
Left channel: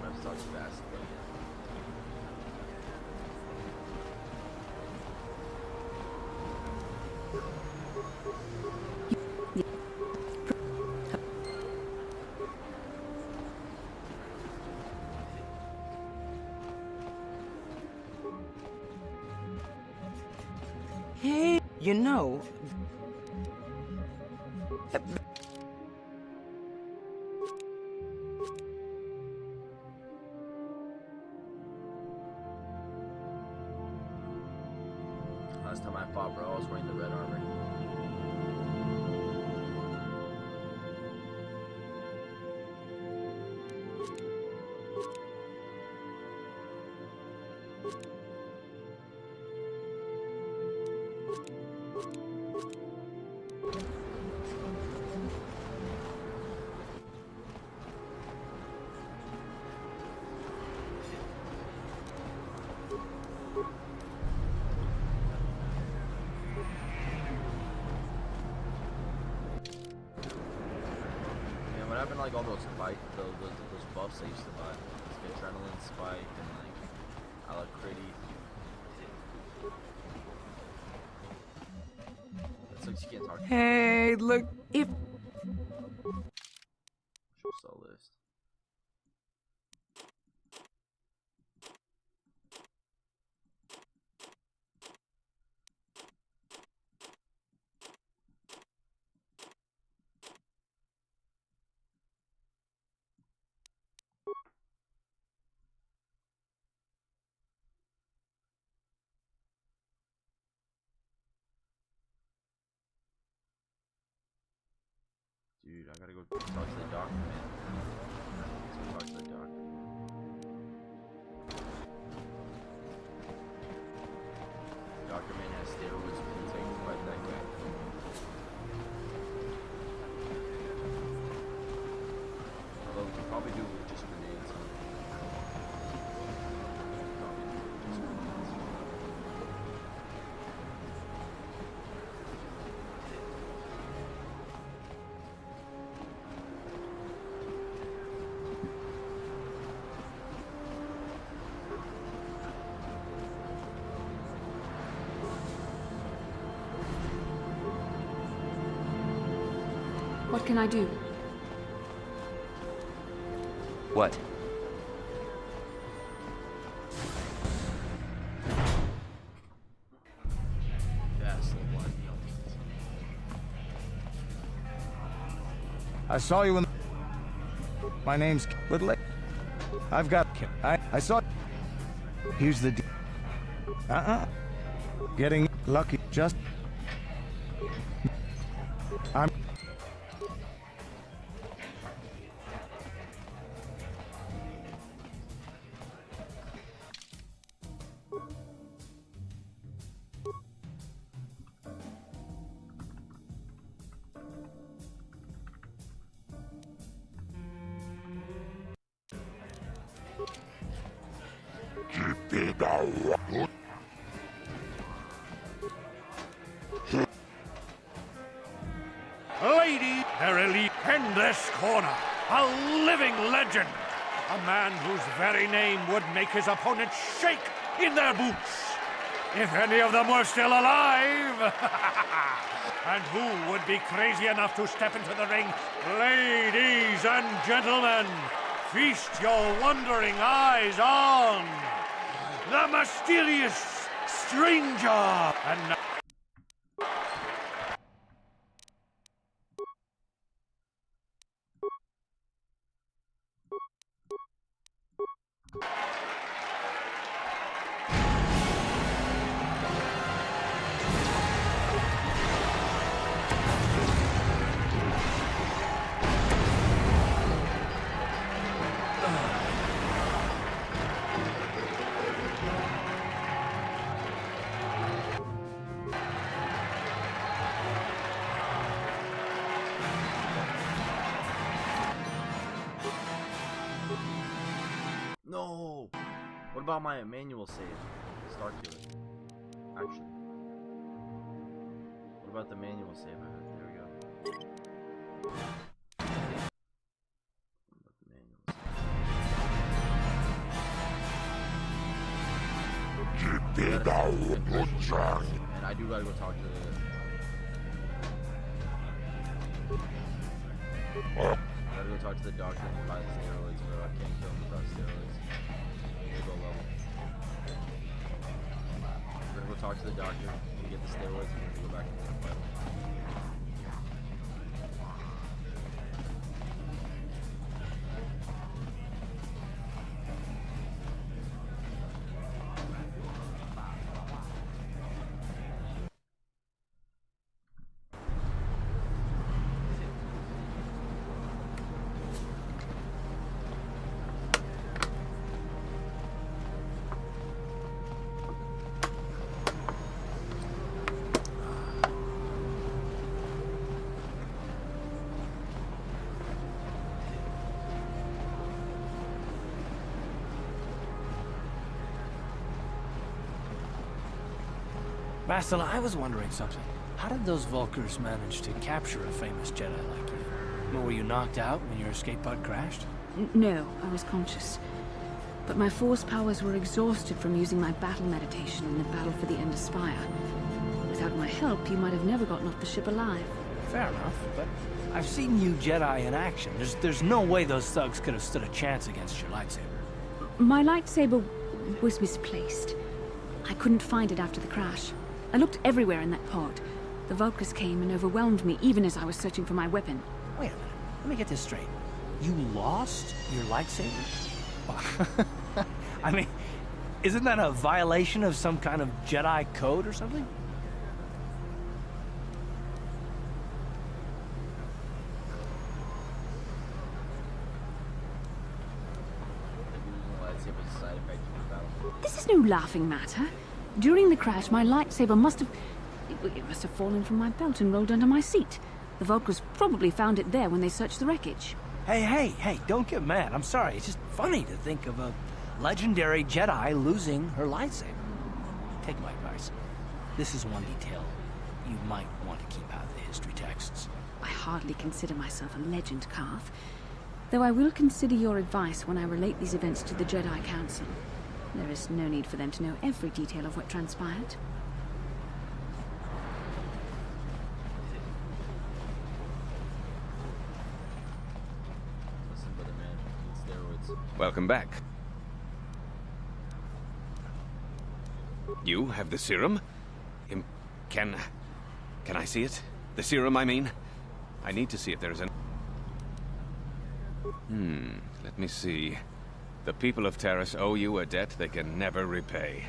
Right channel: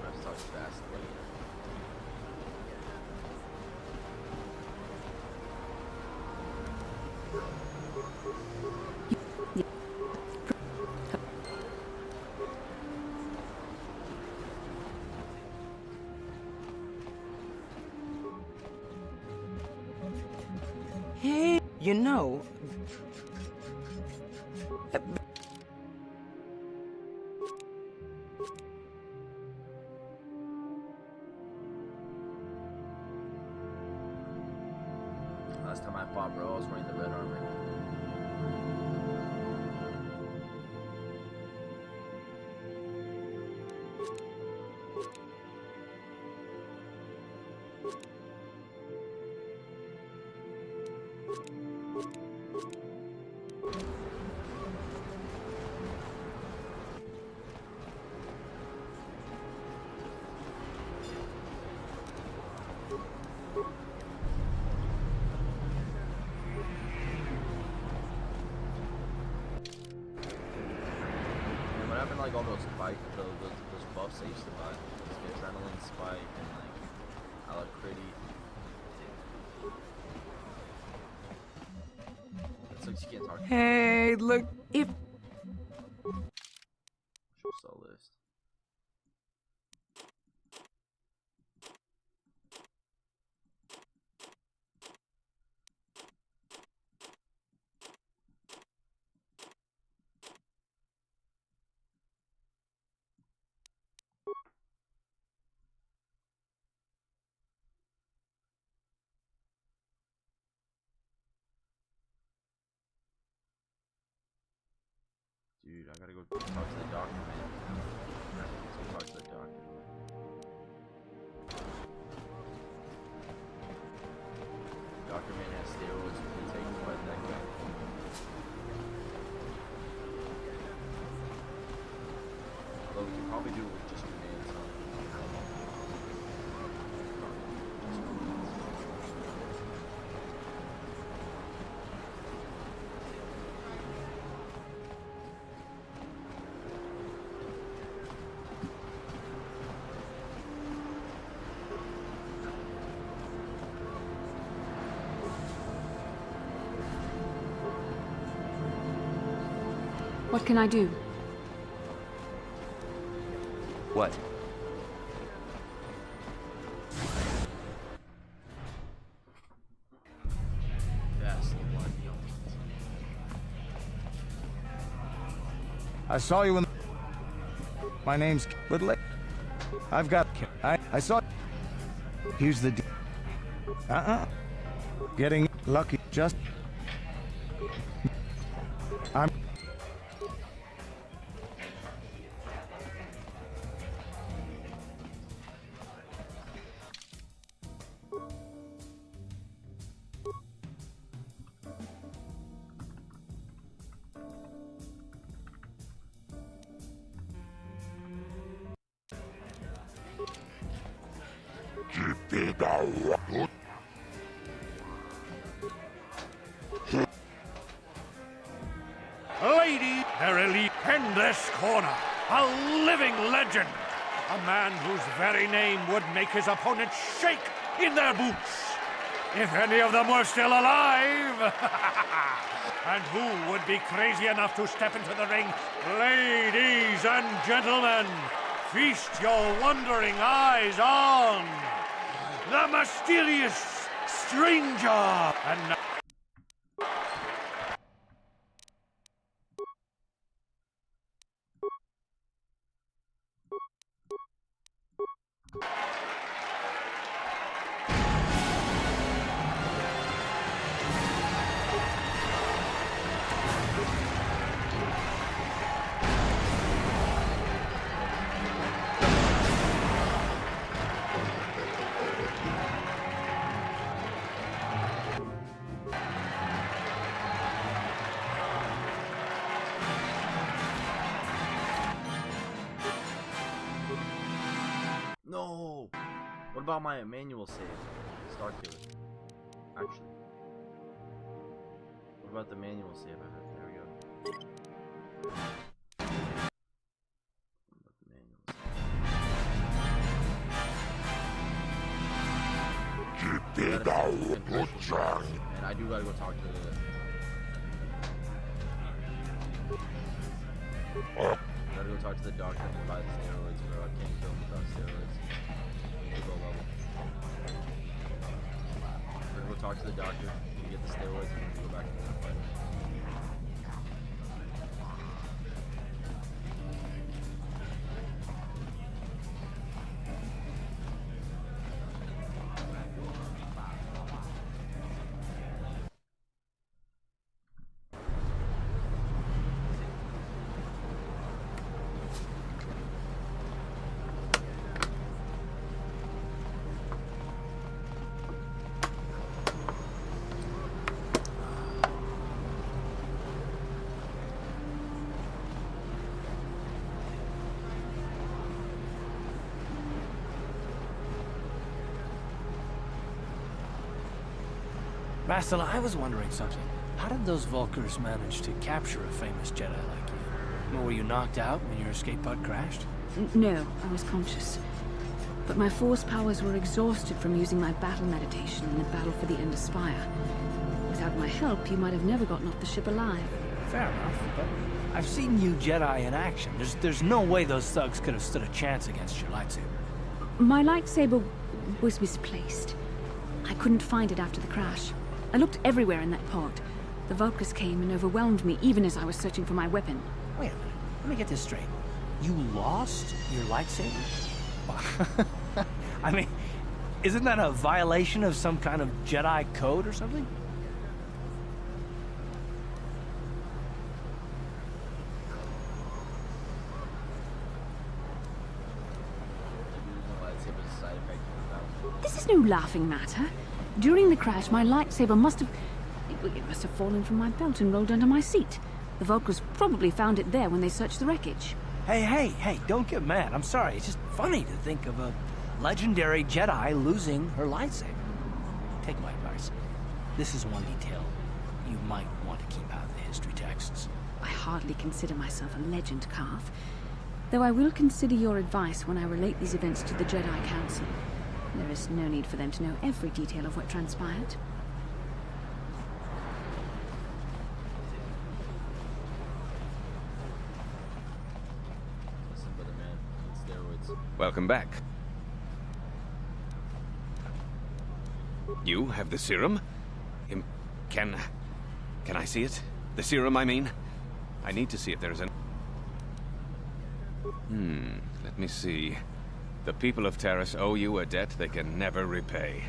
Map starts fast, but yeah. Hey, you know... Last time I fought, bro, I was wearing the red armor. Man, what happened to like all those those buffs I used to buy? Like adrenaline spike and like alacrity. That's like you can't talk. Hey, look, if... Show sell list. Dude, I gotta go talk to the doctor, man. Let's go talk to the doctor. Doctor man has steroids to take to fight that guy. Although we can probably do it with just grenades, huh? Probably do it with just grenades. What can I do? What? That's the one, yo. I saw you in... My name's... Little... I've got... I saw... Here's the... Getting lucky. Just... I'm... Lady, their elite in this corner, a living legend. A man whose very name would make his opponents shake in their boots. If any of them were still alive. And who would be crazy enough to step into the ring? Ladies and gentlemen, feast your wondering eyes on the mysterious stranger. And now No! What about my manual save? Star Killer. Actually. about the manual save I have. There we go. About the manual save. And I do gotta go talk to the. Gotta go talk to the doctor and buy the steroids, bro. I can't kill him without steroids. We'll go level. We're gonna go talk to the doctor and get the steroids, and we're gonna go back and fight him. Master, I was wondering something. How did those Vulkars manage to capture a famous Jedi like you? Were you knocked out when your escape pod crashed? No, I was conscious. But my force powers were exhausted from using my battle meditation in the battle for the Ender Spire. Without my help, you might have never gotten off the ship alive. Fair enough, but I've seen you Jedi in action. There's no way those thugs could have stood a chance against your lightsaber. My lightsaber was misplaced. I couldn't find it after the crash. I looked everywhere in that pod. The Vulkars came and overwhelmed me even as I was searching for my weapon. Wait a minute. Let me get this straight. You lost your lightsaber? I mean, isn't that a violation of some kind of Jedi code or something? This is no laughing matter. During the crash, my lightsaber must have... It must have fallen from my belt and rolled under my seat. The Vulkars probably found it there when they searched the wreckage. Hey, don't get mad. I'm sorry. It's just funny to think of a legendary Jedi losing her lightsaber. Take my advice. This is one detail you might want to keep out of the history texts. I hardly consider myself a legend, Carth. Though I will consider your advice when I relate these events to the Jedi Council. There is no need for them to know every detail of what transpired. Listen, brother man, need steroids. Welcome back. You have the serum? Can I see it? The serum, I mean? I need to see if there's an... let me see. The people of Terrace owe you a debt they can never repay.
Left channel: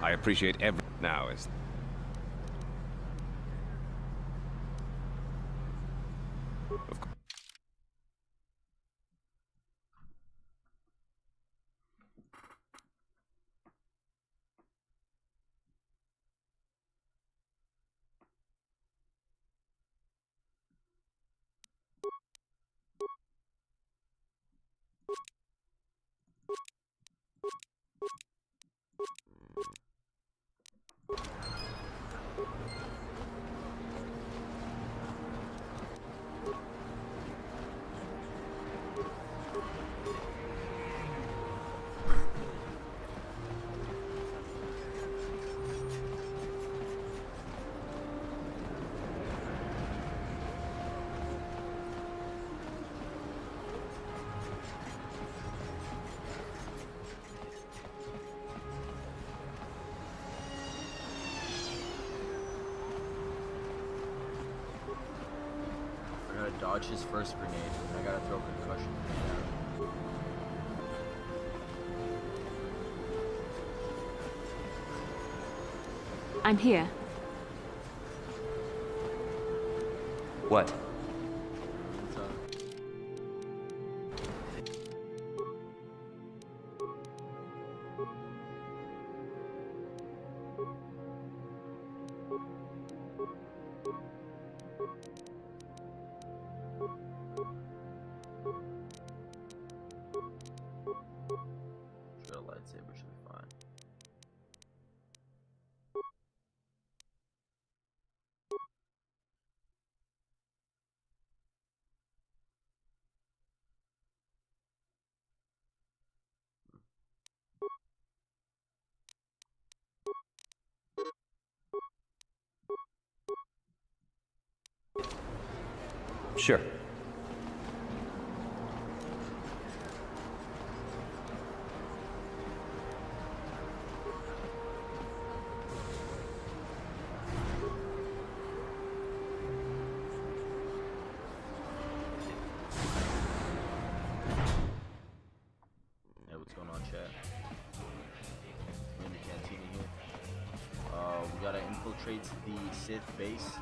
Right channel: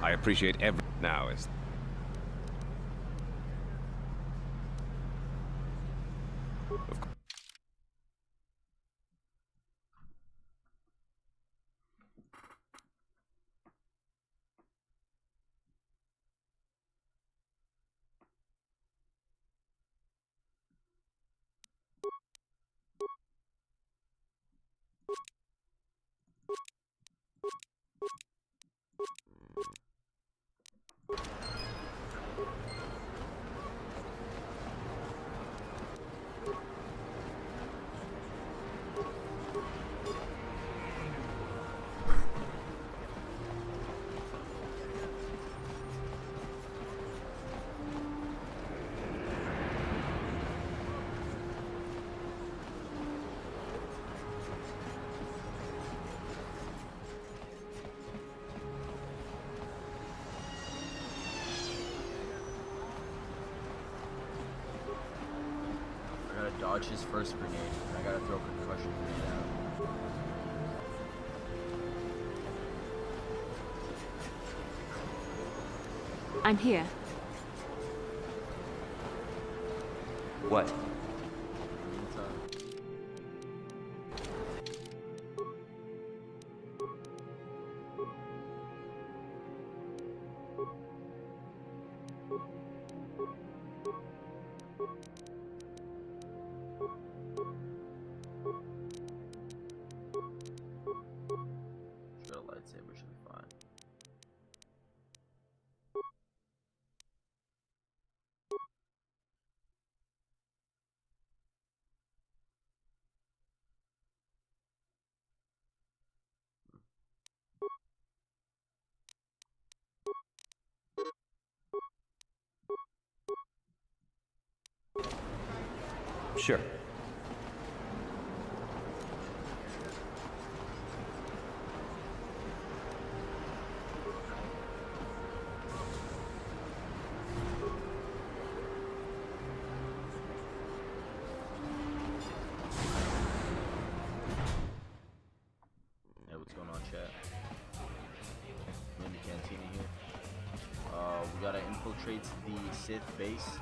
I appreciate every... Now is... Of course. I gotta dodge his first grenade, and I gotta throw a concussion grenade at him. I'm here. What? lightsaber should be fine. Sure. Hey, what's going on, chat? I'm in the cantina here. We gotta infiltrate the Sith base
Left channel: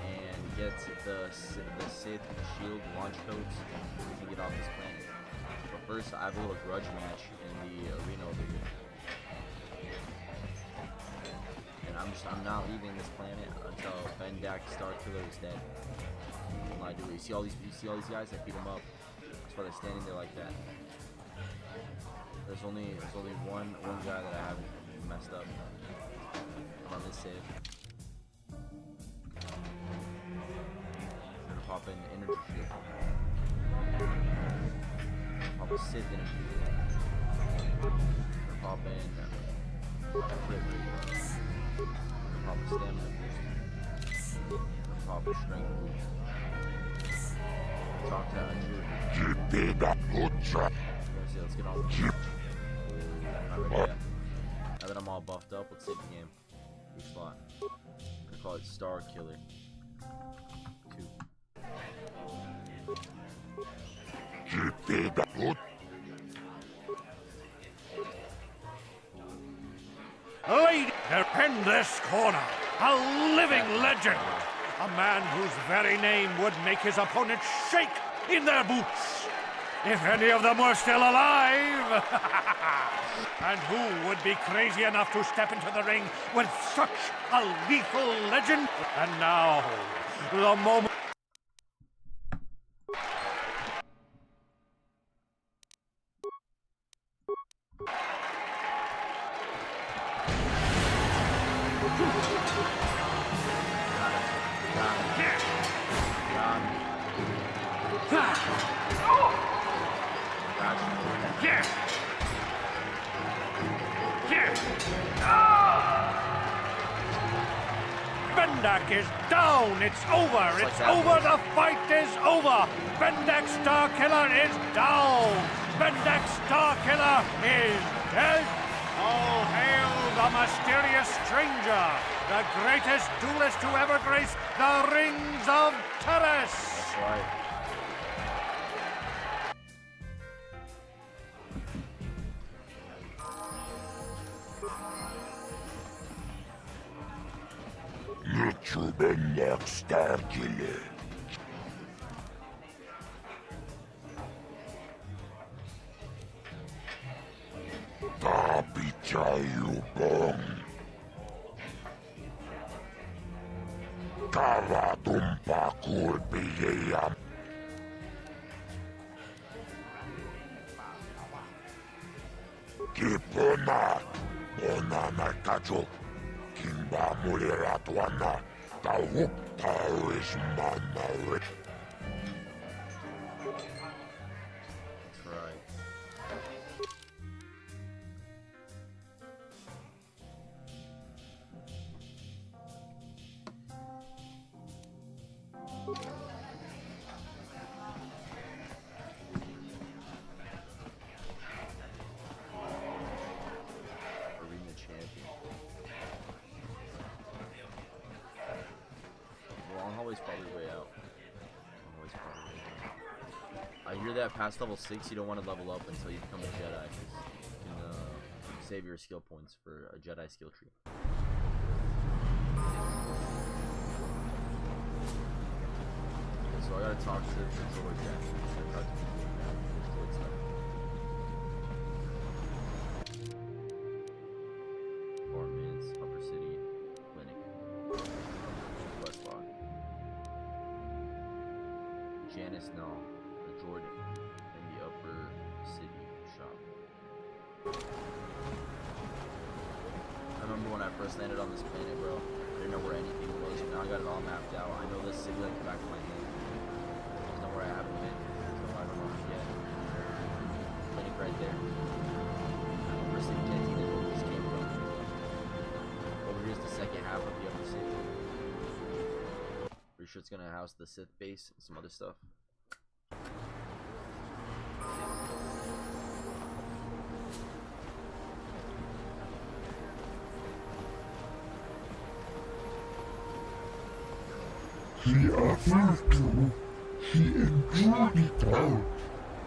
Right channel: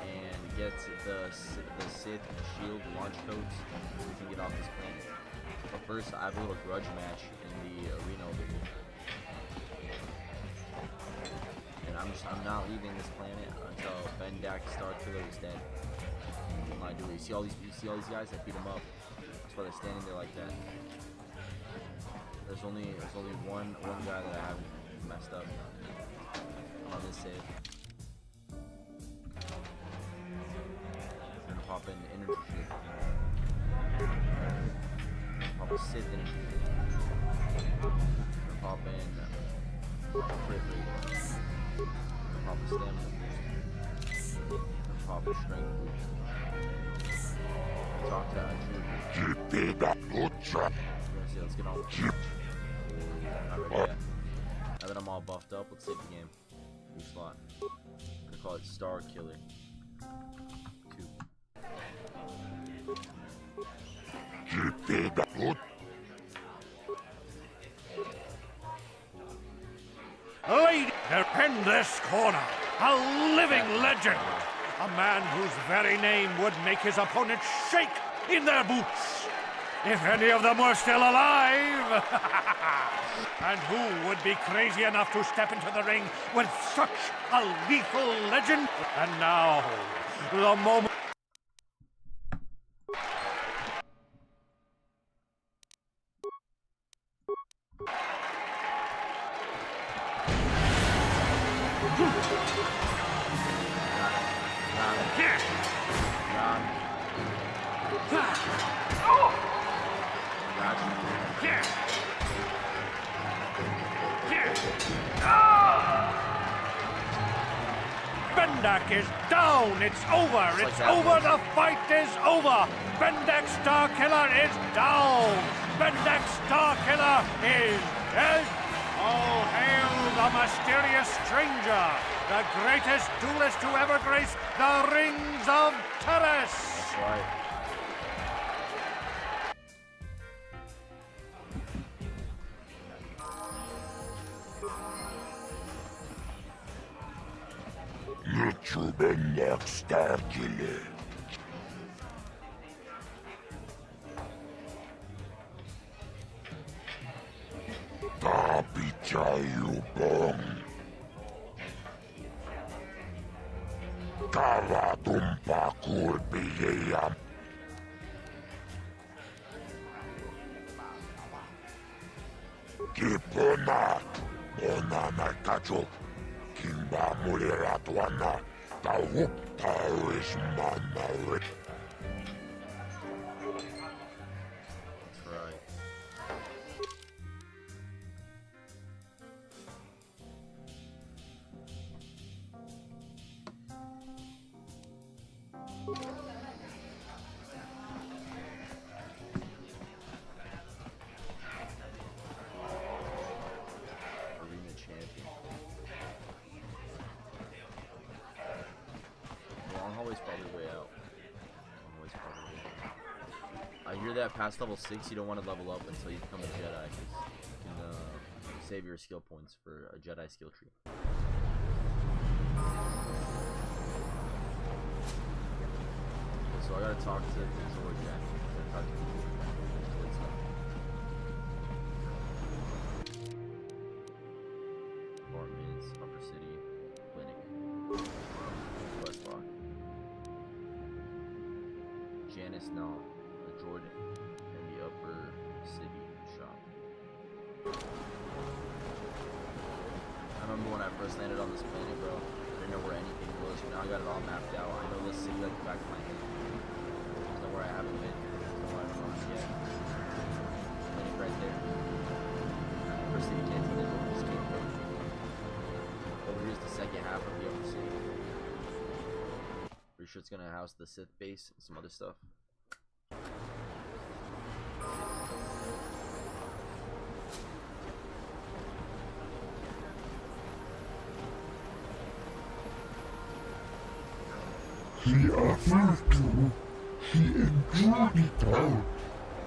and get the Sith shield launch codes so we can get off this planet. But first, I have a little grudge match in the arena over here. And I'm not leaving this planet until Bendak Starkiller is dead. When I do it, you see all these guys? I beat them up. That's why they're standing there like that. There's only one guy that I haven't messed up on this save. I'm gonna pop in energy shield. Pop a Sith energy shield. I'm gonna pop in crit rate. I'm gonna pop a stamina boost. I'm gonna pop a strength boost. Talk to Andrew. Let's get on with the match. Not ready yet. Now that I'm all buffed up, let's save the game. New slot. I'm gonna call it Star Killer 2. Lady, in this corner, a living legend. A man whose very name would make his opponents shake in their boots. If any of them were still alive. And who would be crazy enough to step into the ring with such a lethal legend? And now, the moment. Bendak is down. It's over. It's over. The fight is over. Bendak Starkiller is down. Bendak Starkiller is dead. All hail the mysterious stranger, the greatest duelist to ever grace the rings of Terrace. That's right. Bendak Starkiller. Tapichayu bong. Kavatumpa kulpiyam. Kipona. Onana kacho. Kimba muliratuana. Tawupa is manare. That's right. Arena champion. The long hallway's probably way out. Long hallway's probably way out. I hear that past level 6 you don't want to level up until you become a Jedi, because you can save your skill points for a Jedi skill tree. Okay, so I gotta talk to the droid guy. Droid stuff. Apartments, Upper City, Clinic, West Block. Janice Null, the droid in the Upper City shop. I first landed on this planet, bro, I didn't know where anything was. Now I got it all mapped out. I know this city like the back of my hand. There's nowhere I haven't been. There's nowhere I don't know yet. Clinic right there. First city canteen is where we just came from. Over here's the second half of the upper city. Pretty sure it's gonna house the Sith base and some other stuff. She offered to. She enjoyed it out.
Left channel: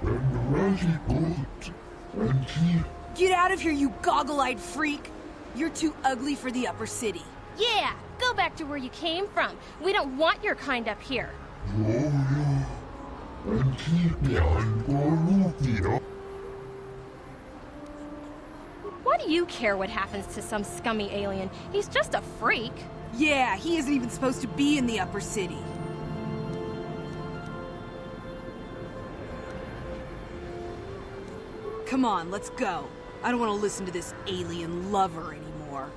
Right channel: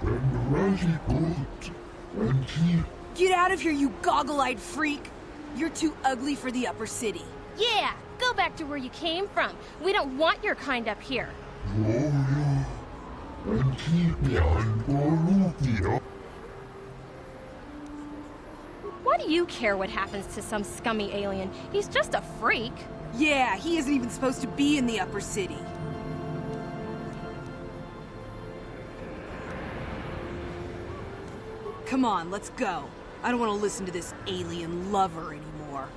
And Razi good. And she... Get out of here, you goggle-eyed freak! You're too ugly for the upper city. Yeah, go back to where you came from. We don't want your kind up here. And keep me on Goruvia. Why do you care what happens to some scummy alien? He's just a freak. Yeah, he isn't even supposed to be in the upper city. Come on, let's go. I don't want to listen to this alien lover anymore.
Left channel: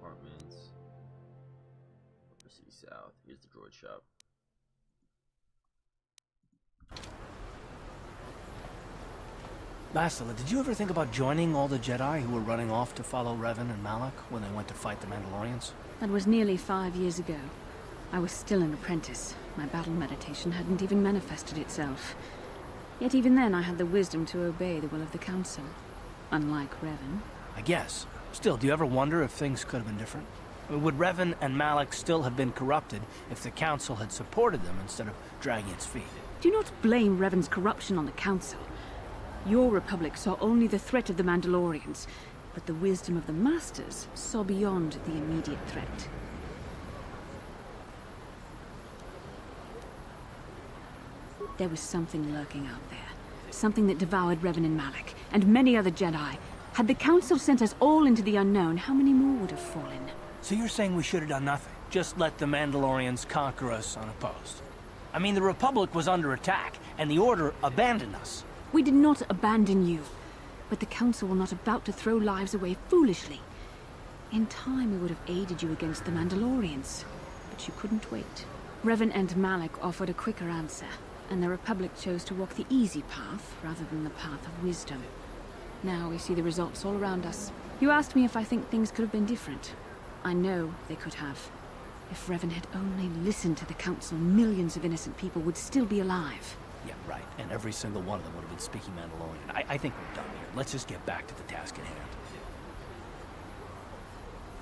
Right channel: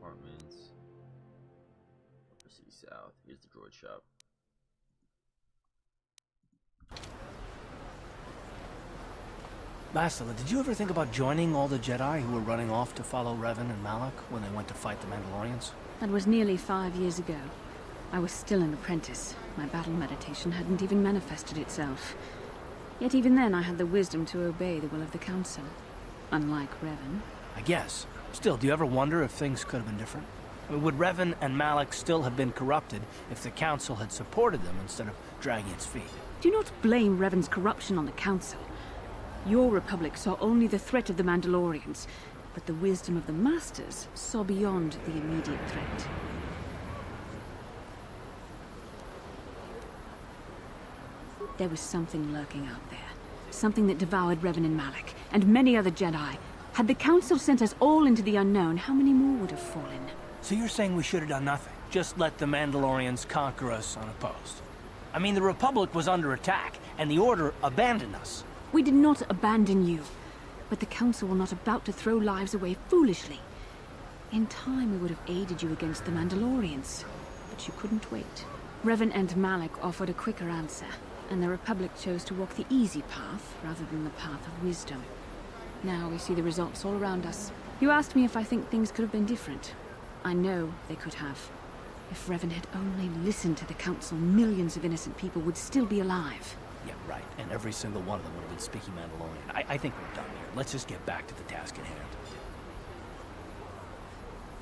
Apartments. Upper City South. Here's the droid shop. Bastila, did you ever think about joining all the Jedi who were running off to follow Revan and Malak when they went to fight the Mandalorians? That was nearly 5 years ago. I was still an apprentice. My battle meditation hadn't even manifested itself. Yet even then I had the wisdom to obey the will of the Council. Unlike Revan. I guess. Still, do you ever wonder if things could have been different? I mean, would Revan and Malak still have been corrupted if the Council had supported them instead of dragging its feet? Do not blame Revan's corruption on the Council. Your Republic saw only the threat of the Mandalorians, but the wisdom of the Masters saw beyond the immediate threat. There was something lurking out there. Something that devoured Revan and Malak, and many other Jedi. Had the Council sent us all into the unknown, how many more would have fallen? So you're saying we should have done nothing? Just let the Mandalorians conquer us unopposed? I mean, the Republic was under attack, and the Order abandoned us. We did not abandon you, but the Council were not about to throw lives away foolishly. In time, we would have aided you against the Mandalorians, but you couldn't wait. Revan and Malak offered a quicker answer, and the Republic chose to walk the easy path rather than the path of wisdom. Now we see the results all around us. You asked me if I think things could have been different. I know they could have. If Revan had only listened to the Council, millions of innocent people would still be alive. Yeah, right. And every single one of them would have been speaking Mandalorian. I think we're done here. Let's just get back to the task at hand.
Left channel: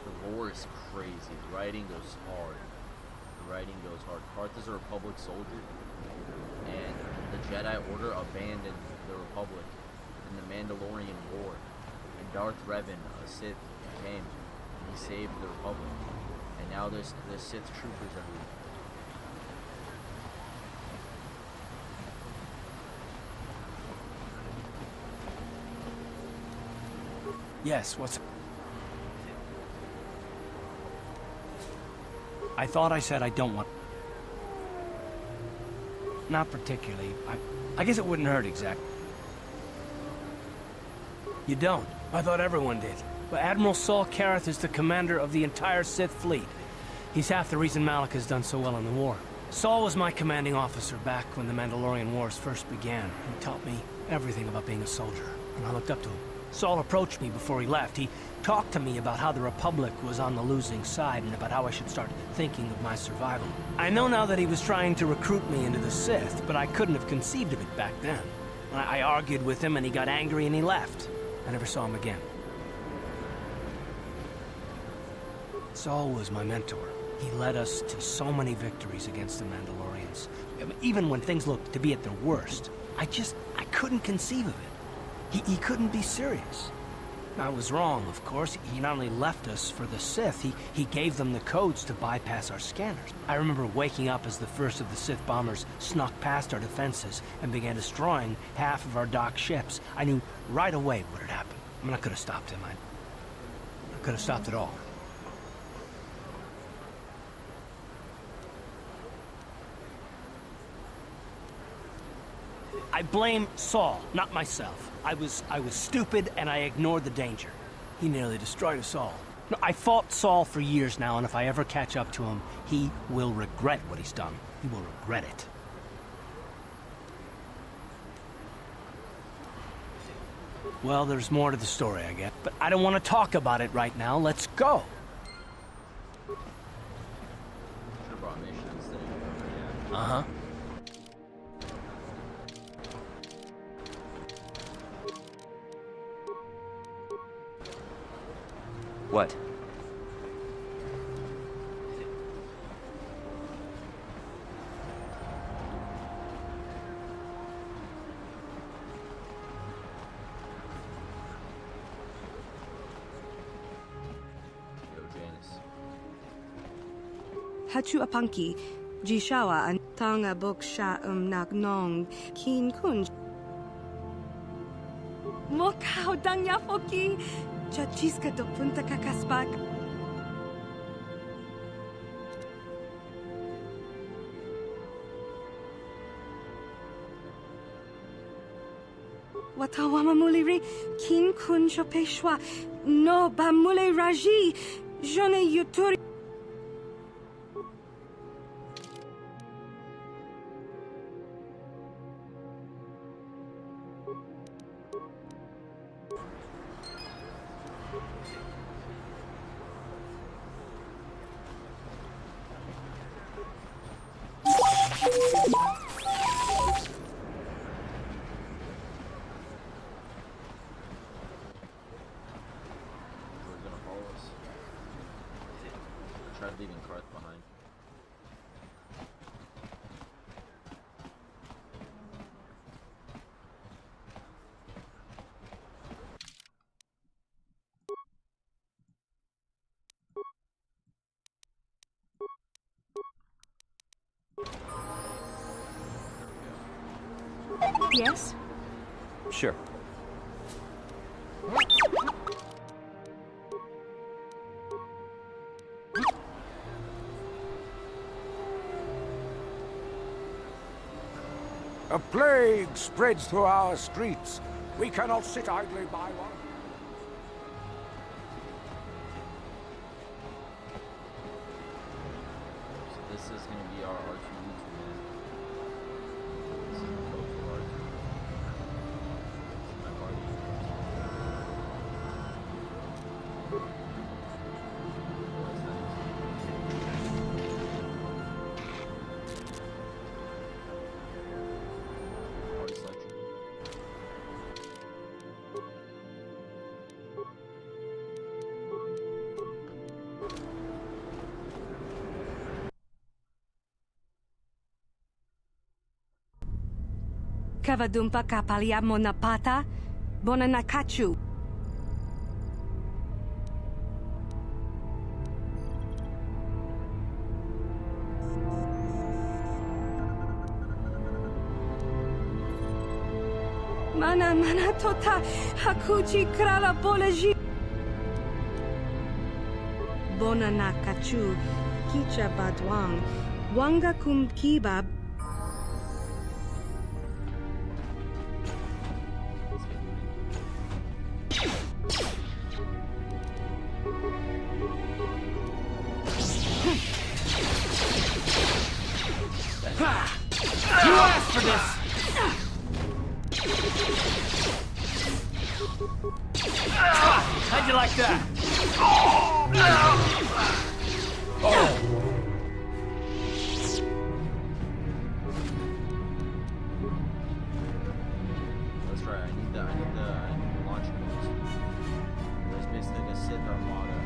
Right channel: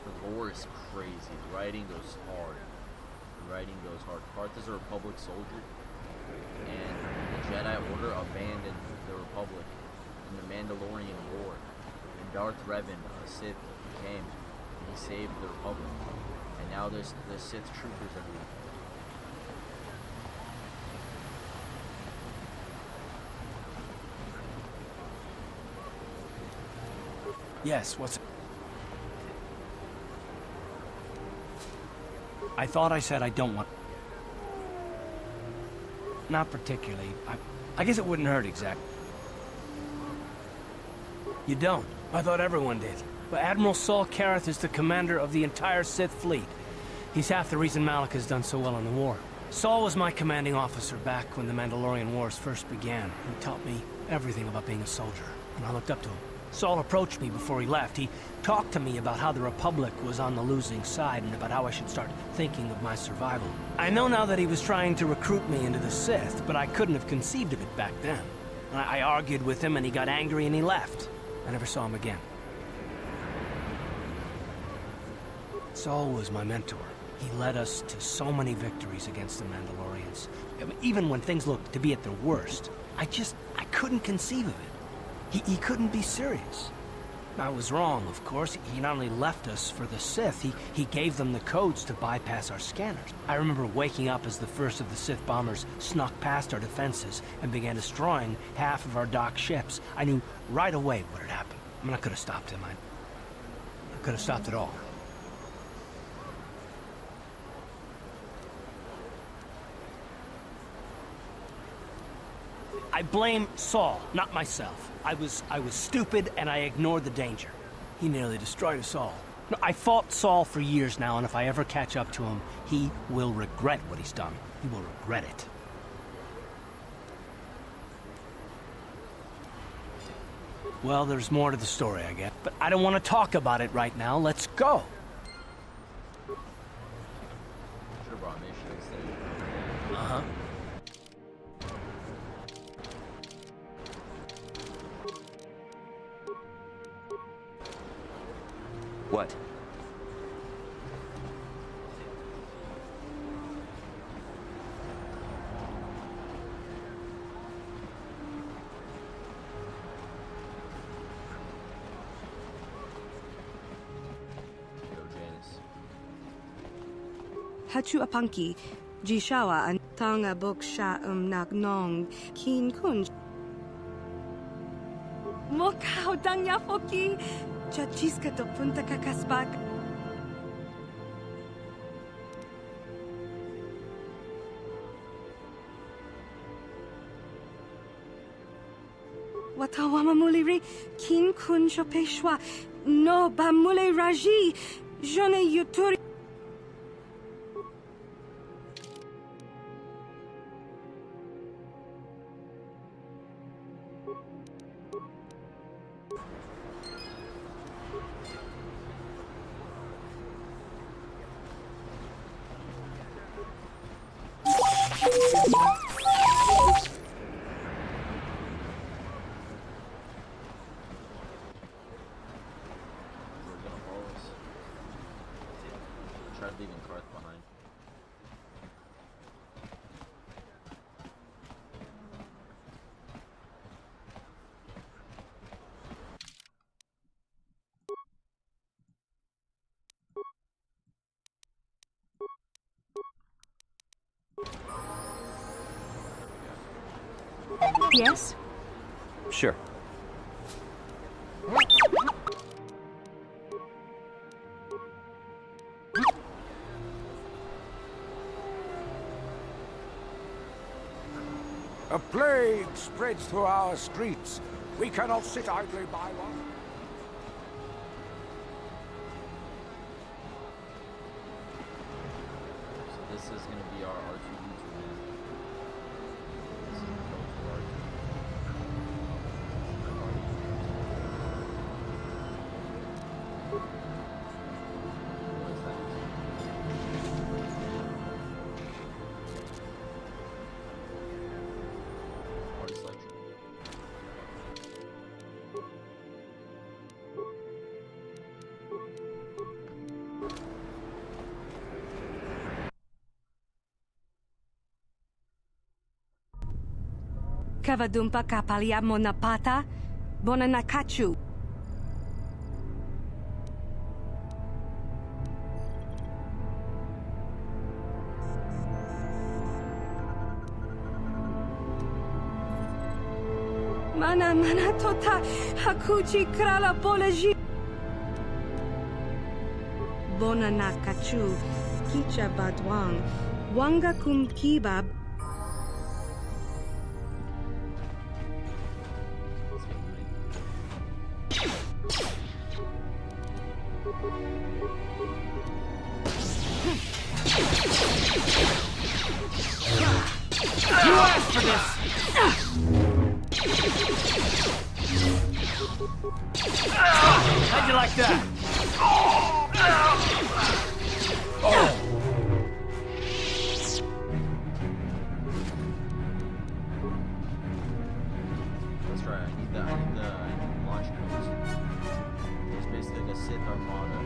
The lore is crazy. The writing goes hard. The writing goes hard. Karth is a Republic soldier, and the Jedi Order abandoned the Republic in the Mandalorian War. And Darth Revan, a Sith, came and he saved the Republic. And now there's Sith troopers everywhere. Yes, what's... I thought I said I don't want... Not particularly. I guess it wouldn't hurt exactly. You don't? I thought everyone did. But Admiral Saul Karath is the commander of the entire Sith fleet. He's half the reason Malak has done so well in the war. Saul was my commanding officer back when the Mandalorian Wars first began. He taught me everything about being a soldier, and I looked up to him. Saul approached me before he left. He talked to me about how the Republic was on the losing side and about how I should start thinking of my survival. I know now that he was trying to recruit me into the Sith, but I couldn't have conceived of it back then. I argued with him and he got angry and he left. I never saw him again. Saul was my mentor. He led us to so many victories against the Mandalorians. I mean, even when things looked to be at their worst, I couldn't conceive of it. He couldn't be serious. I was wrong, of course. He not only left us for the Sith, he gave them the codes to bypass our scanners. I remember waking up as the first of the Sith bombers snuck past our defenses and began destroying half of our docked ships. I knew right away what had happened. I mean, I could have stopped him. I could have stopped it all. I blame Saul, not myself. I was stupid and I ignored the danger. He nearly destroyed us all. No, I fought Saul for years now, and if I ever catch up to him, he will regret what he's done. He will regret it. Well, there's more to the story, I guess. But I don't want to talk about it right now. Let's go. Should have brought mission instead of Uh-huh. What? Yo, Janice. Hachu apanki, jishawa an tanga boksha nak nong, kin kun. Mokau dangya foki, chachiska do punta kakaspak. Watawama muliri, kin kun shopeshwa, no bamule raji, jone yuturi. We're gonna follow us. I tried leaving Karth behind. Yes? Sure. A plague spreads through our streets. We cannot sit idly by while... So this is gonna be our R2D2, man. This is the code for R2. This is my party. What is that? Party selection. Kavadumpa kapalia monapata, bonanakachu. Mana tota hakuchi krala bolaji. Bonanakachu, kicha badwang, wanga kum kibab. Let's get looting. You asked for this! How'd you like that? That's right. I need the launch codes. There's basically like a Sith armada.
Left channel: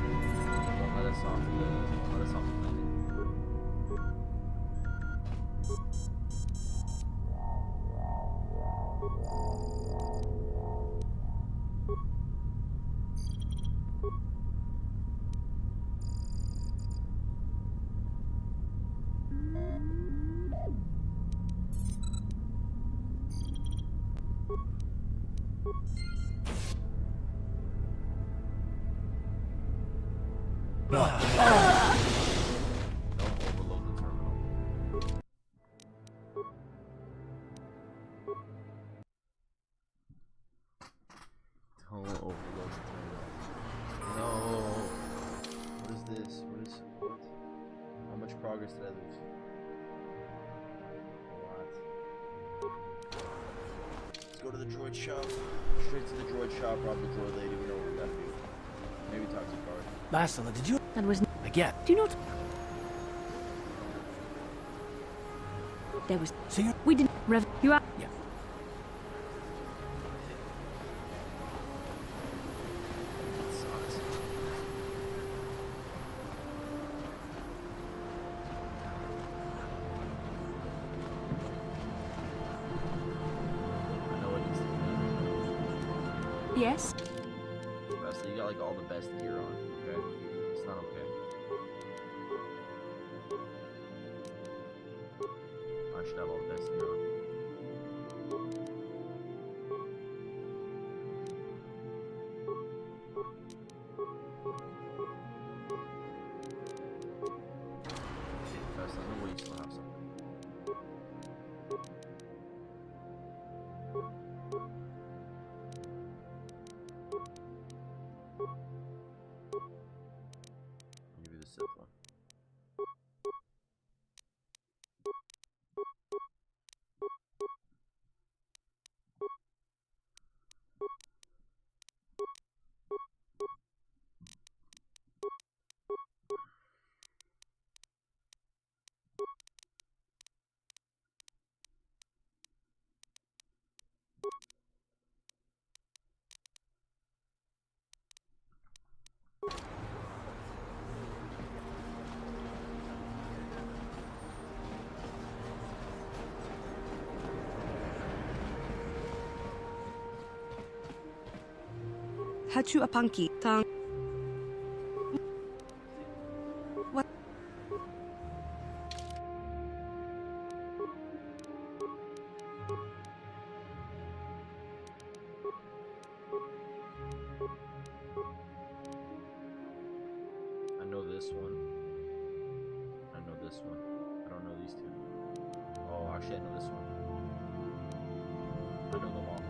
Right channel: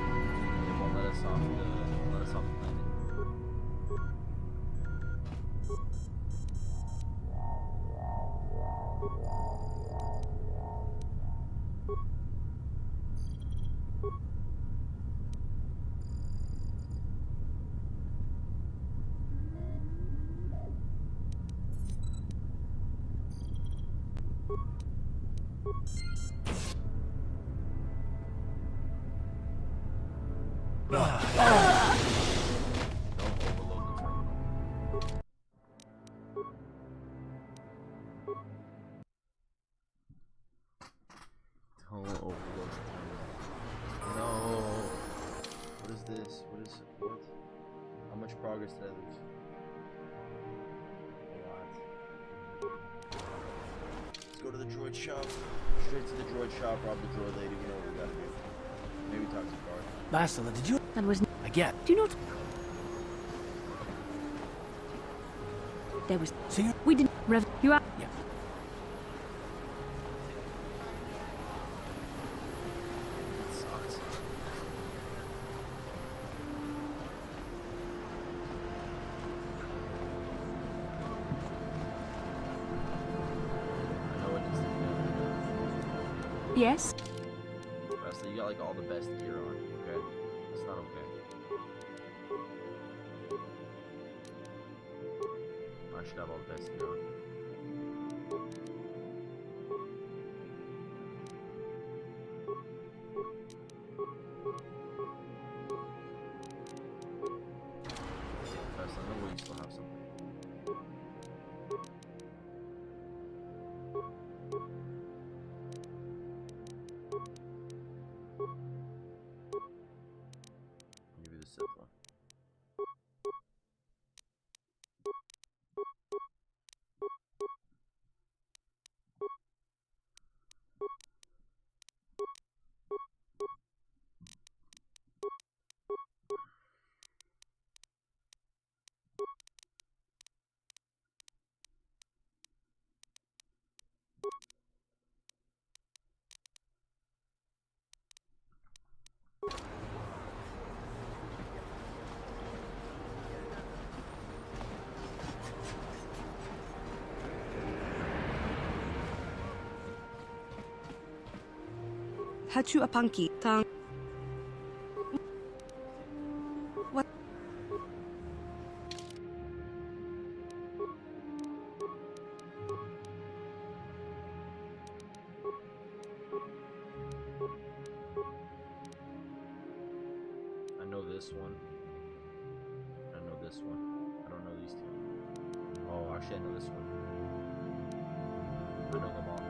They won't let us off the planet. overload the terminal. Don't overload the terminal. No. What is this? What? How much progress did I lose? A lot. Let's go to the droid shop. Straight to the droid shop, rob the droid lady, we know what we gotta do. Maybe talk to Guard. Bastila, did you? That was. I get. Do you not? There was. So you. We didn't. Rev. You are. Yeah. That sucks. I know what needs to be done right now. Yes. Wesley, you got like all the best gear on, okay? It's not okay. I should have all the best gear on. Wesley, I know we still have something. I'll give you the Sith one. Hachu apanki tang. What? I know this one. I know this one. I don't know these two. Oh, actually, I know this one. I know them all.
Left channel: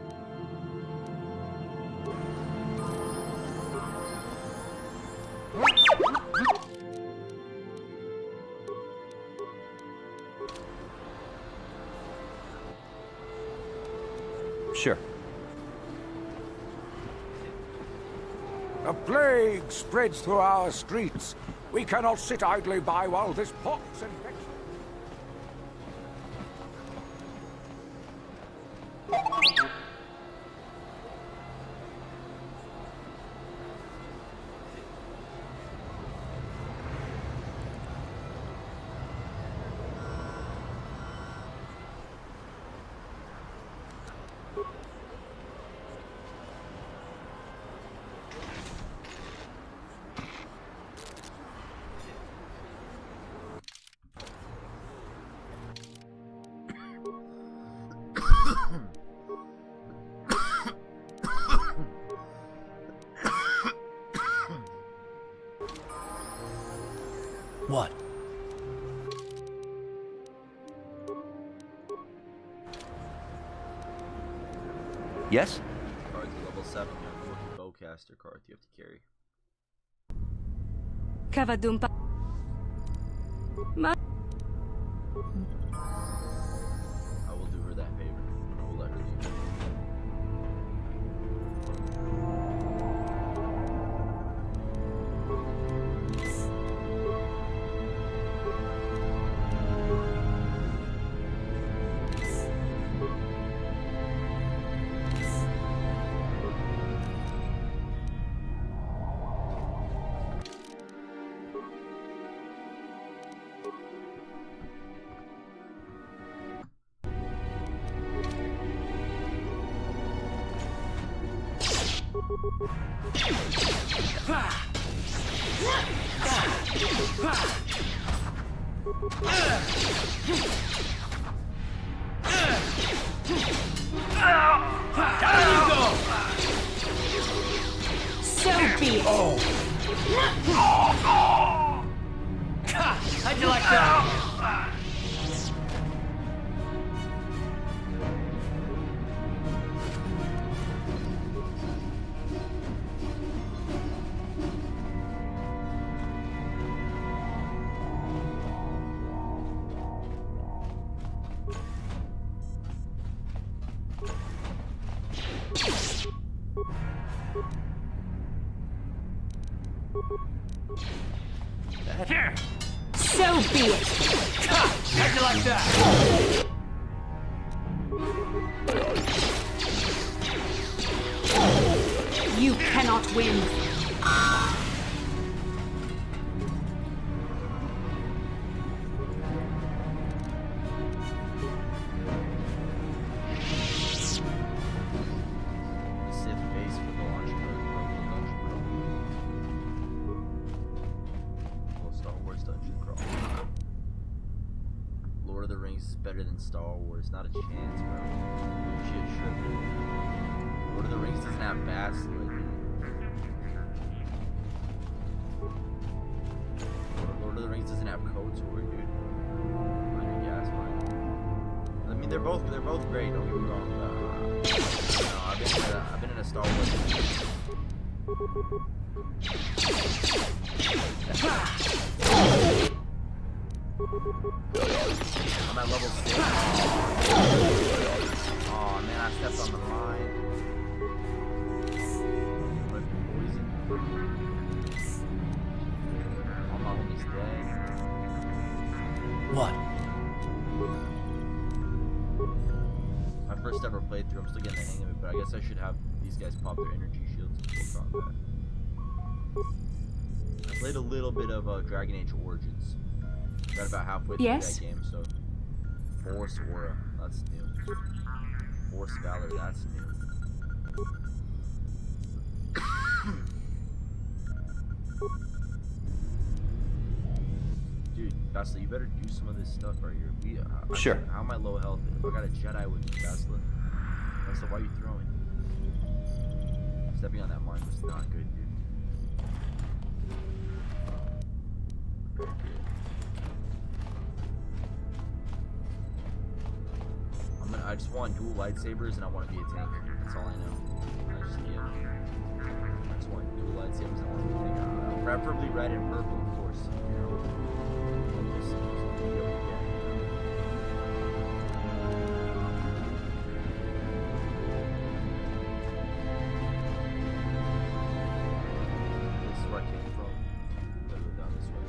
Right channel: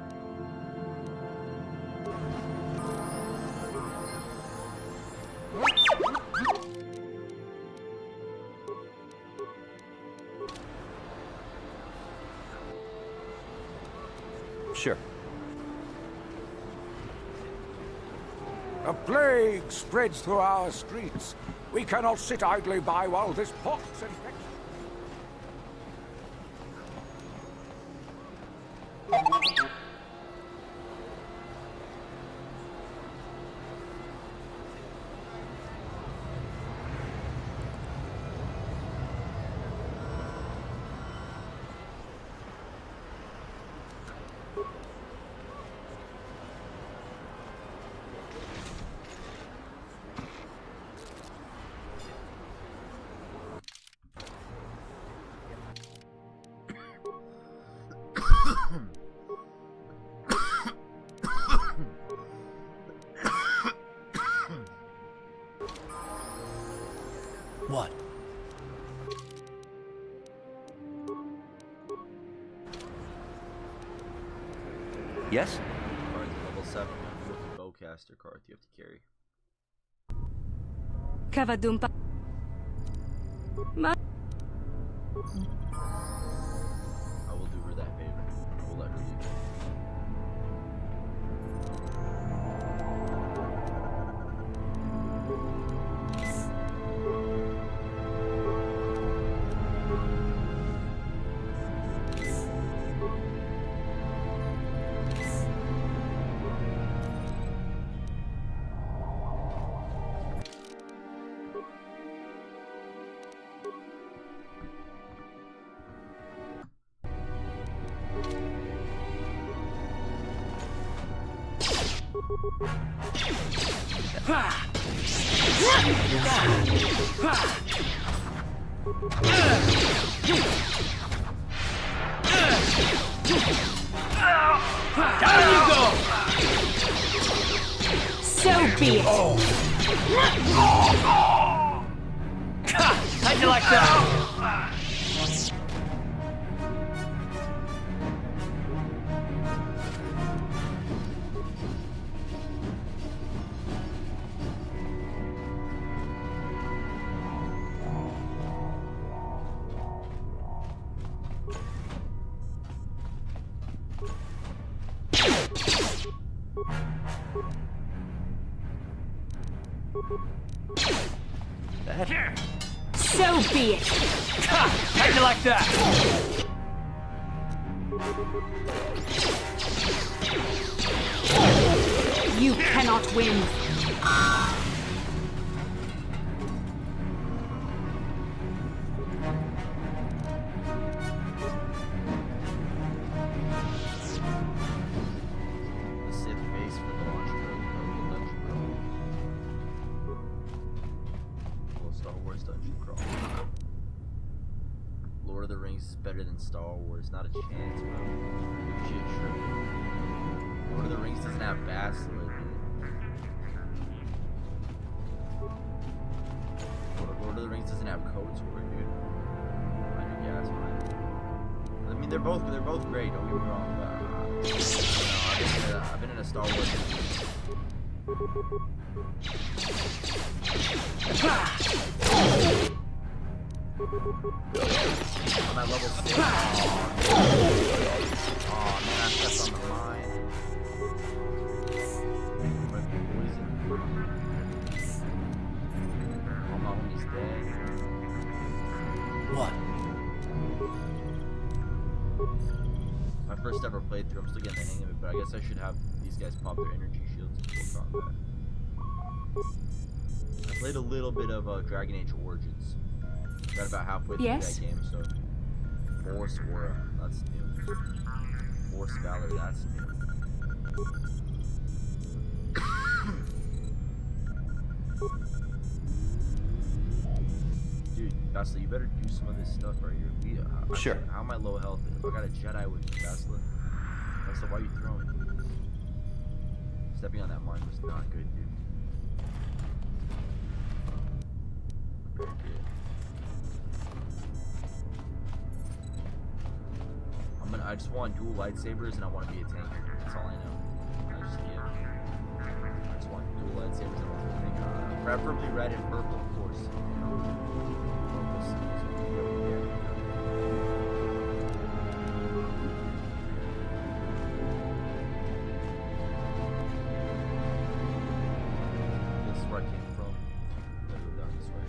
Sure. A plague spreads through our streets. We cannot sit idly by while this pox infects. What? Yes? Card's level 7. You have to look at bowcaster card you have to carry. Kavadumpa. Ma. I will do her that favor. I will let her leave. Down you go! So be it! Oh. How'd you like that? Here. So be it. How'd you like that? You cannot win. The Sith base for the launch code, bro. The dungeon crawl. Well, Star Wars dungeon crawl. Lord of the Rings is better than Star Wars. Not a chance, bro. Shit tripping. Lord of the Rings doesn't have Bastila, dude. Lord of the Rings doesn't have Kotor, dude. Minor gas mine. I mean, they're both great. Don't get me wrong. But, I've been in a Star Wars. I'm at level 6. Oh man, I stepped on the mine. I'm gonna be poisoned. All my homies dead. What? My first ever playthrough, I'm still getting the hang of it, but I guess I should have these guys pop their energy shields in full combat. I played a little bit of Dragon Age Origins. Got about halfway through that game, so Force Aura, that's new. Force Valor, that's new. Dude, Bastila, you better do some of this stuff right here. Sure. How am I low health? If I got a Jedi with me, Bastila. Bastila, why are you throwing? Stepping on that mine was not good, dude. Very good. I just want dual lightsabers and I want to be a tank. That's all I know. I just want dual lightsabers and I want to be a tank. Preferably red and purple, of course. You know. Well, we'll see. So we get what we get, you know. This is where I came from. Gotta go down this way.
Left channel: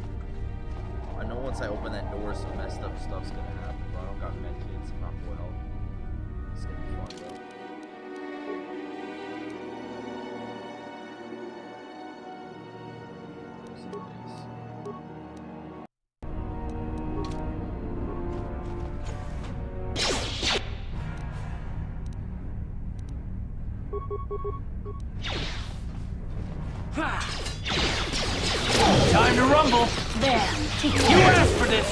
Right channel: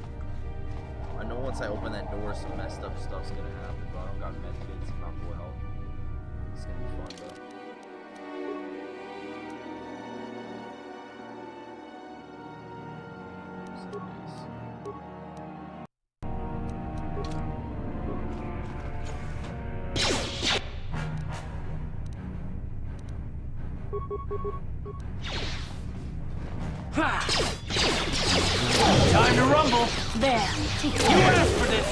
I know once I open that door, some messed up stuff's gonna happen, but I don't got medkits. I'm not full health. It's gonna be fun though. Time to rumble. There. Take it. You asked for this.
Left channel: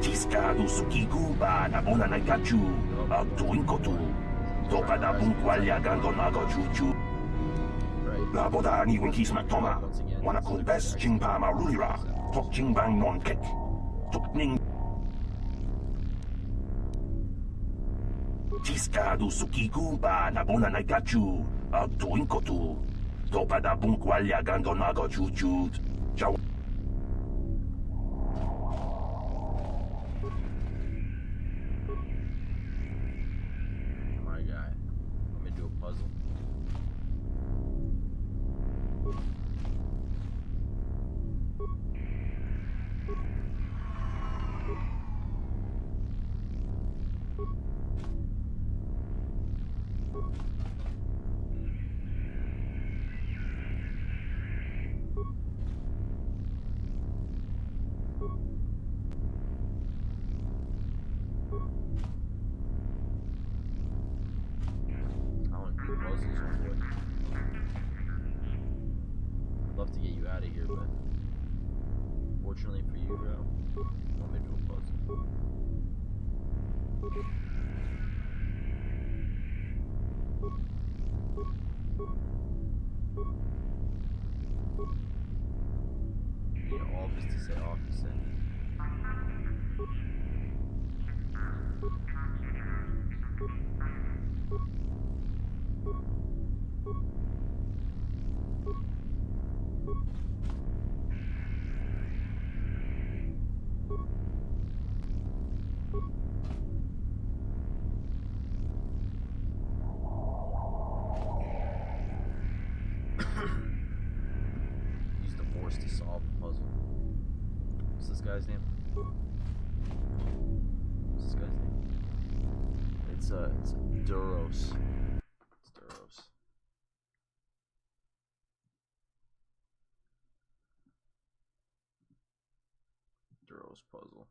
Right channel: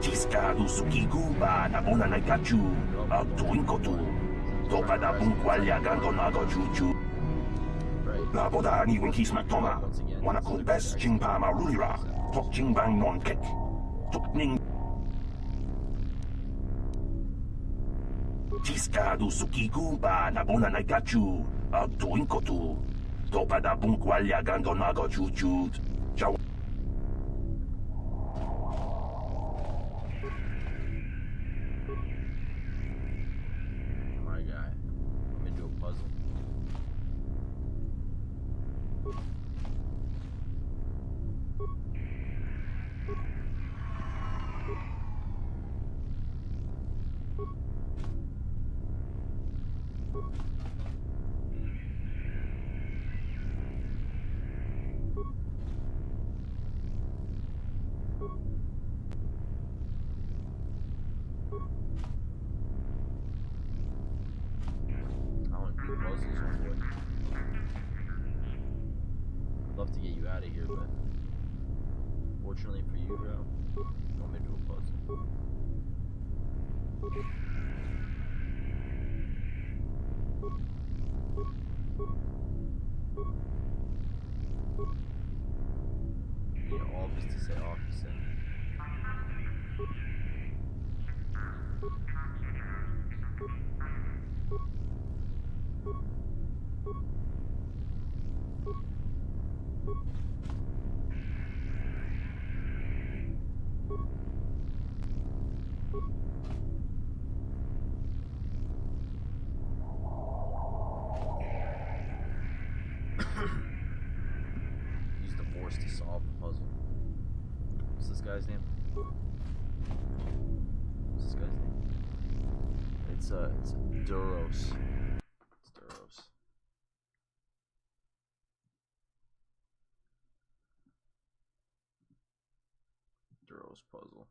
Ciscado sukiku ba na bona na gachu. Tuin kotu. Topa da bunqualia gando nago juju. La boda ni winkis matoma. Wana kumbes jingpa marulira. Tok jingbang non kek. Tok ning. Ciscado sukiku ba na bona na gachu. Tuin kotu. Topa da bunqualia gando nago juju. Jaw. I'd love to get you out of here, but fortunately for you, bro, you want me to do a puzzle. Use the force to solve the puzzle. What's this guy's name? What's this guy's name? It's Duros. It's Duros. Duros puzzle.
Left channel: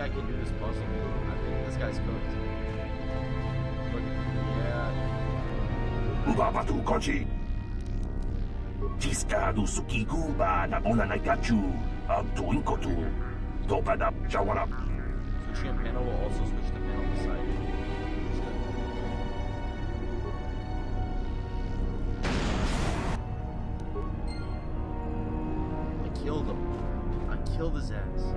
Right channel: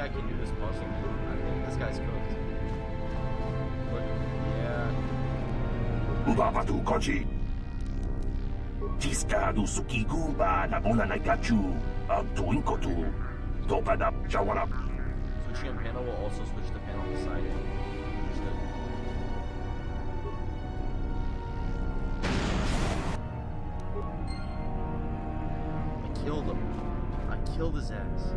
I can do this puzzle. I think this guy's cooked. Look, yeah. Ubabatu Koji. Tiskadu Sukiku ba Nabona Nagachu. Doing Kotor. Topada Jawana. Switching a panel will also switch the panel beside it. I killed him. I killed his ass.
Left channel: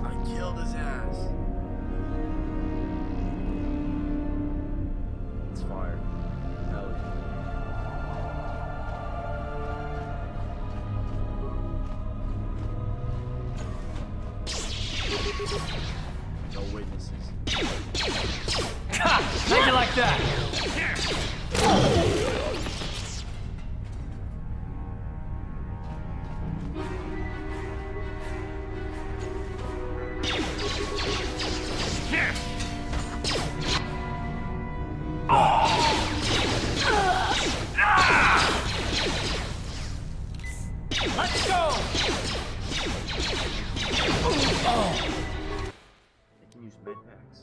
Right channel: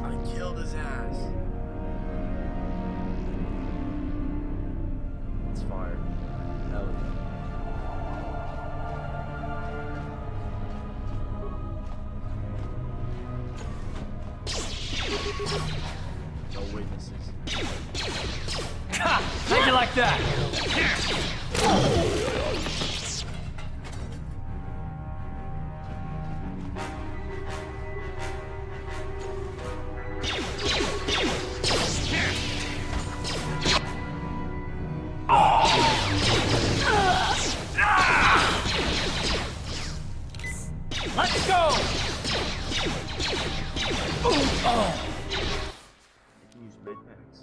I killed his ass. It's fired. Hell yeah. No witnesses. How'd you like that? Let's go! Oh. I can use med packs.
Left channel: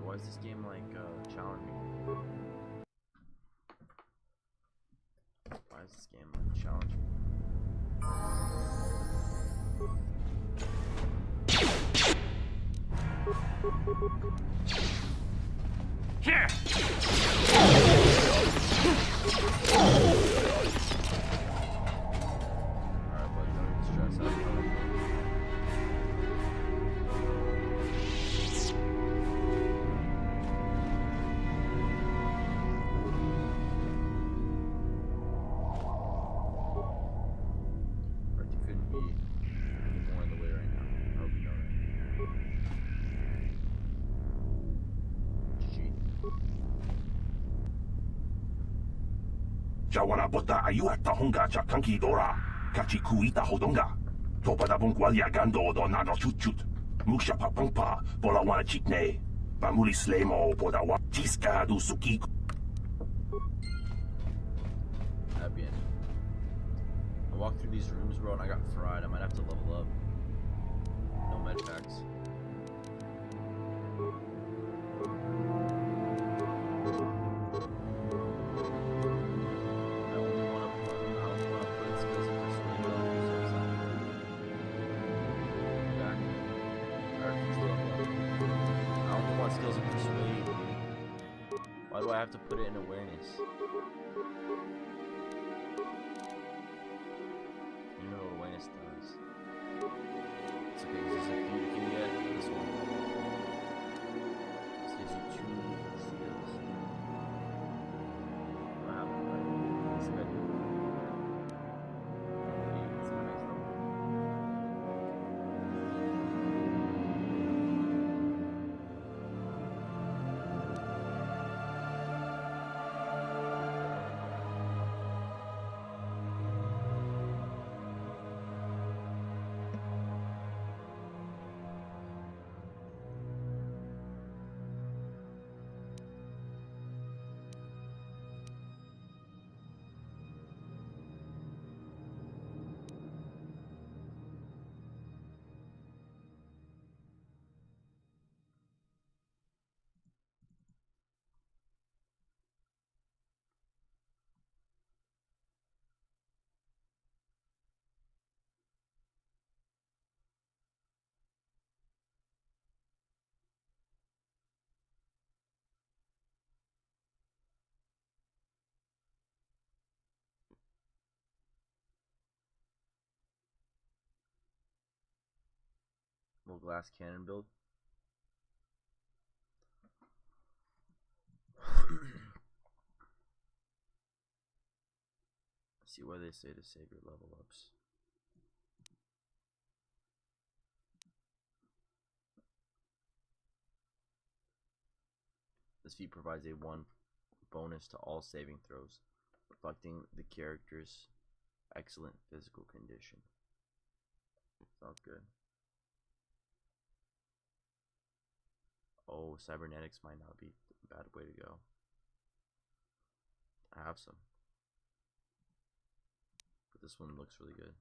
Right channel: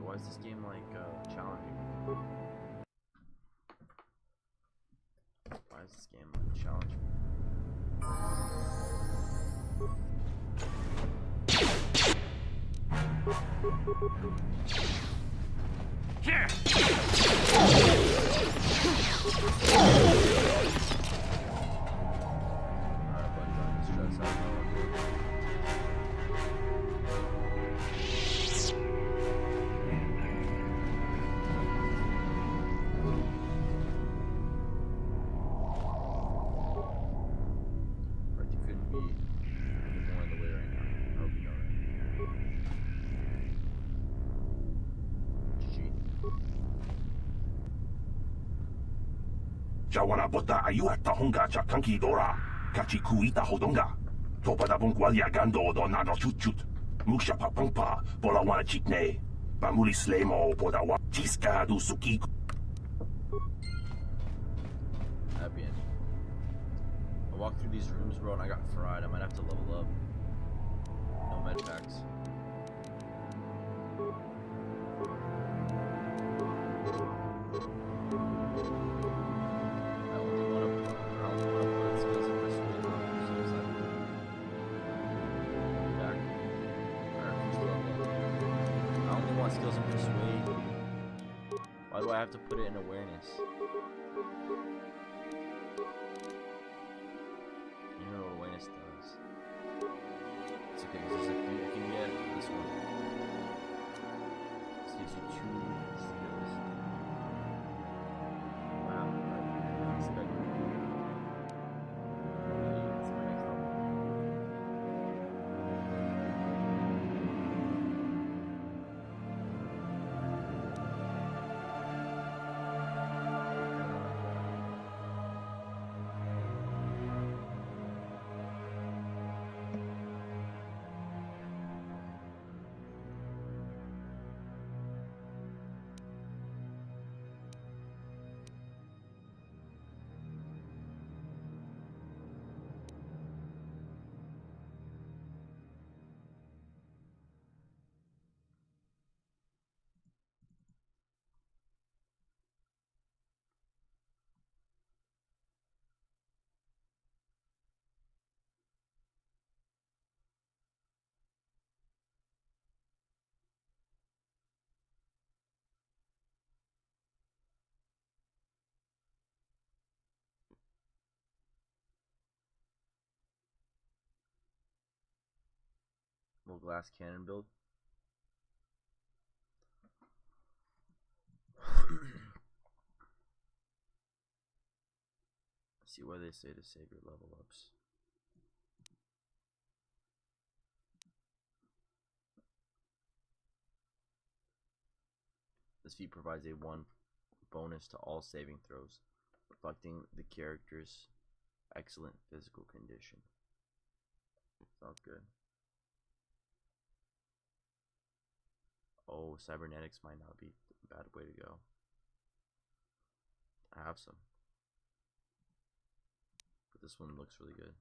Why is this game like challenging? Why is this game like challenging? Here. Alright, buddy, don't even stress out. Right, you couldn't be any more in the way right now. I hope you know that. GG. Jawana bota ayuat tahonga cha kanki dora. Kachi kuita hodonga. Topada bungwalia gando do nado chut. Muksha papangpa bola wana chitne. Bamuli slemo boda wa tiska du suki. Happy ending. I walked through these rooms, bro, and I got fried. I might have to level up. No med packs. I only want to put skills of persuade though, so it's not back. I refuse to level up. I only want skills of persuade, dude. Why do I have to put it in awareness? You know what awareness does. It's okay, there's a few you can get. This one. This gives you 2 skills. Wow, it's a good idea. It's my next level. Double glass cannon build. See why they say to save your level ups. This feat provides a 1 bonus to all saving throws, reflecting the character's excellent physical condition. Sounds good. Oh, cybernetics might not be a bad way to go. I have some. But this one looks really good.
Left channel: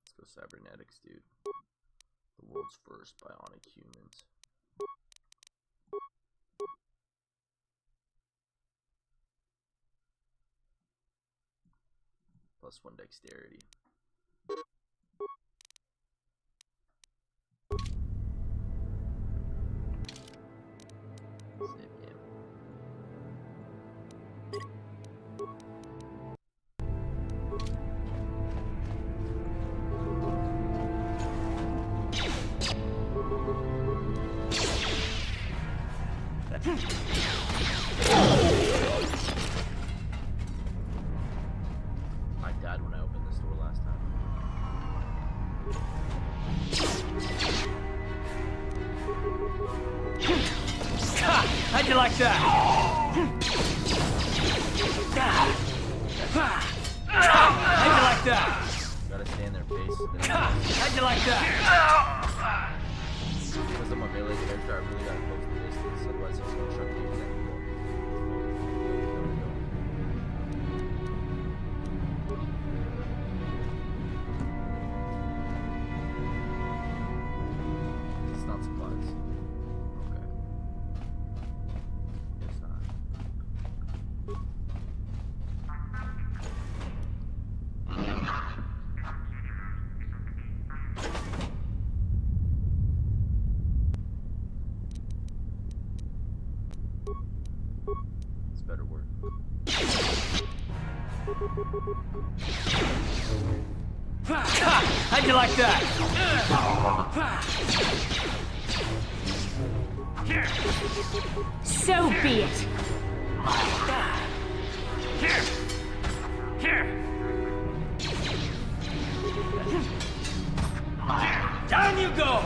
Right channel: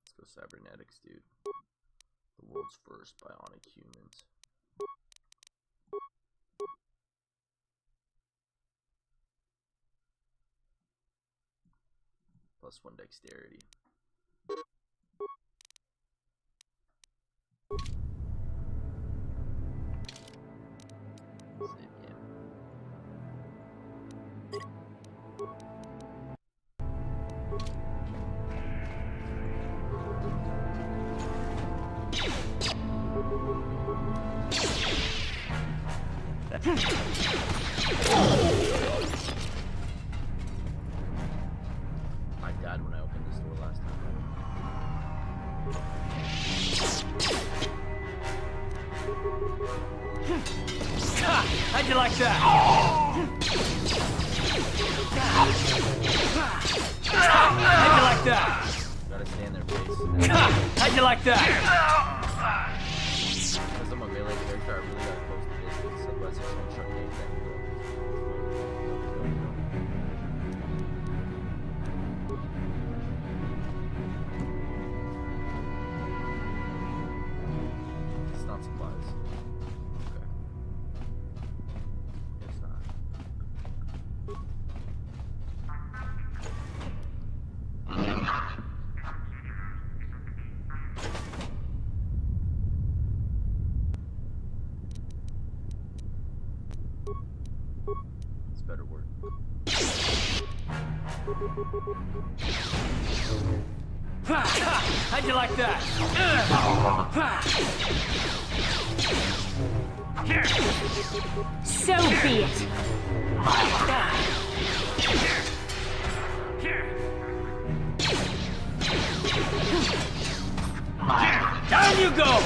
Let's go cybernetics, dude. The world's first bionic humans. +1 dexterity. Save game. I died when I opened this door last time. How'd you like that? How'd you like that? Gotta stay in their face. How'd you like that? Because I'm a melee character, I really gotta close the distance, otherwise it's gonna truck me and then go. It's not supplies. Okay. It's not. It's better work. How'd you like that? So be it. Down you go!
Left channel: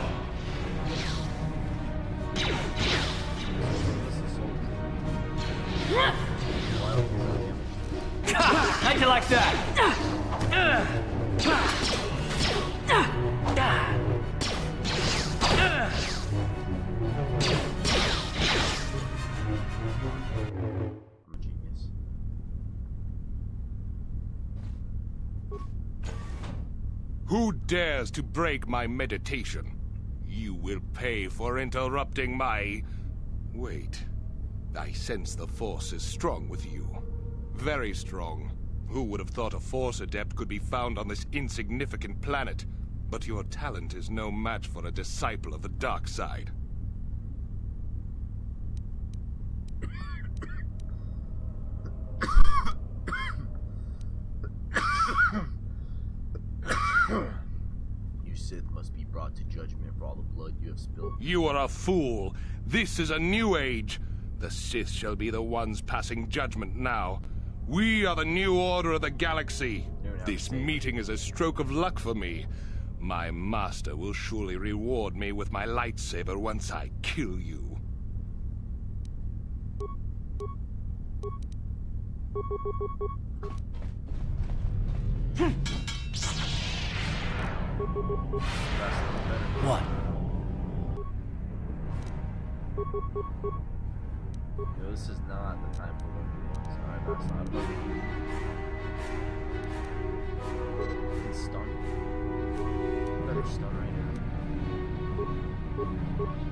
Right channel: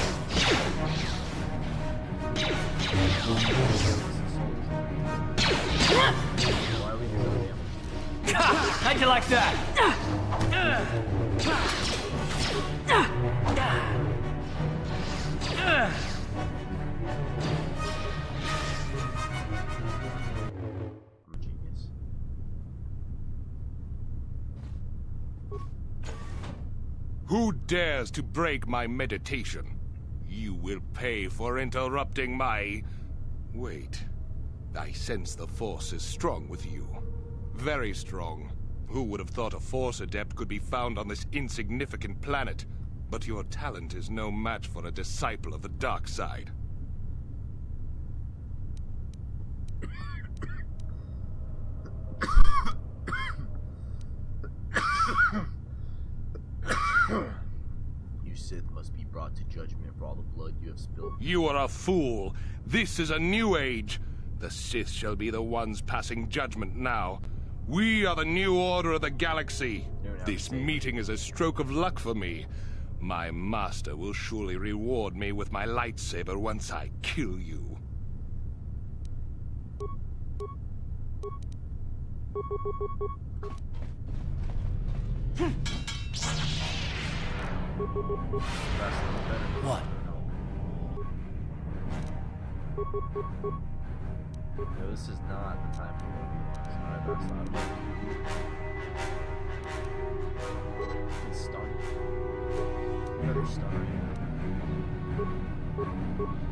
How'd you like that? I'm a genius. Who dares to break my meditation? You will pay for interrupting my... Wait. I sense the Force is strong with you. Very strong. Who would have thought a Force adept could be found on this insignificant planet? But your talent is no match for a disciple of the dark side. You Sith must be brought to judgment for all the blood you have spilled. You are a fool. This is a new age. The Sith shall be the ones passing judgment now. We are the new order of the galaxy. This meeting is a stroke of luck for me. My master will surely reward me with my lightsaber once I kill you. What? No, this is not the time for 1v1s. Alright, that's not it. You can stun. You better stun right now.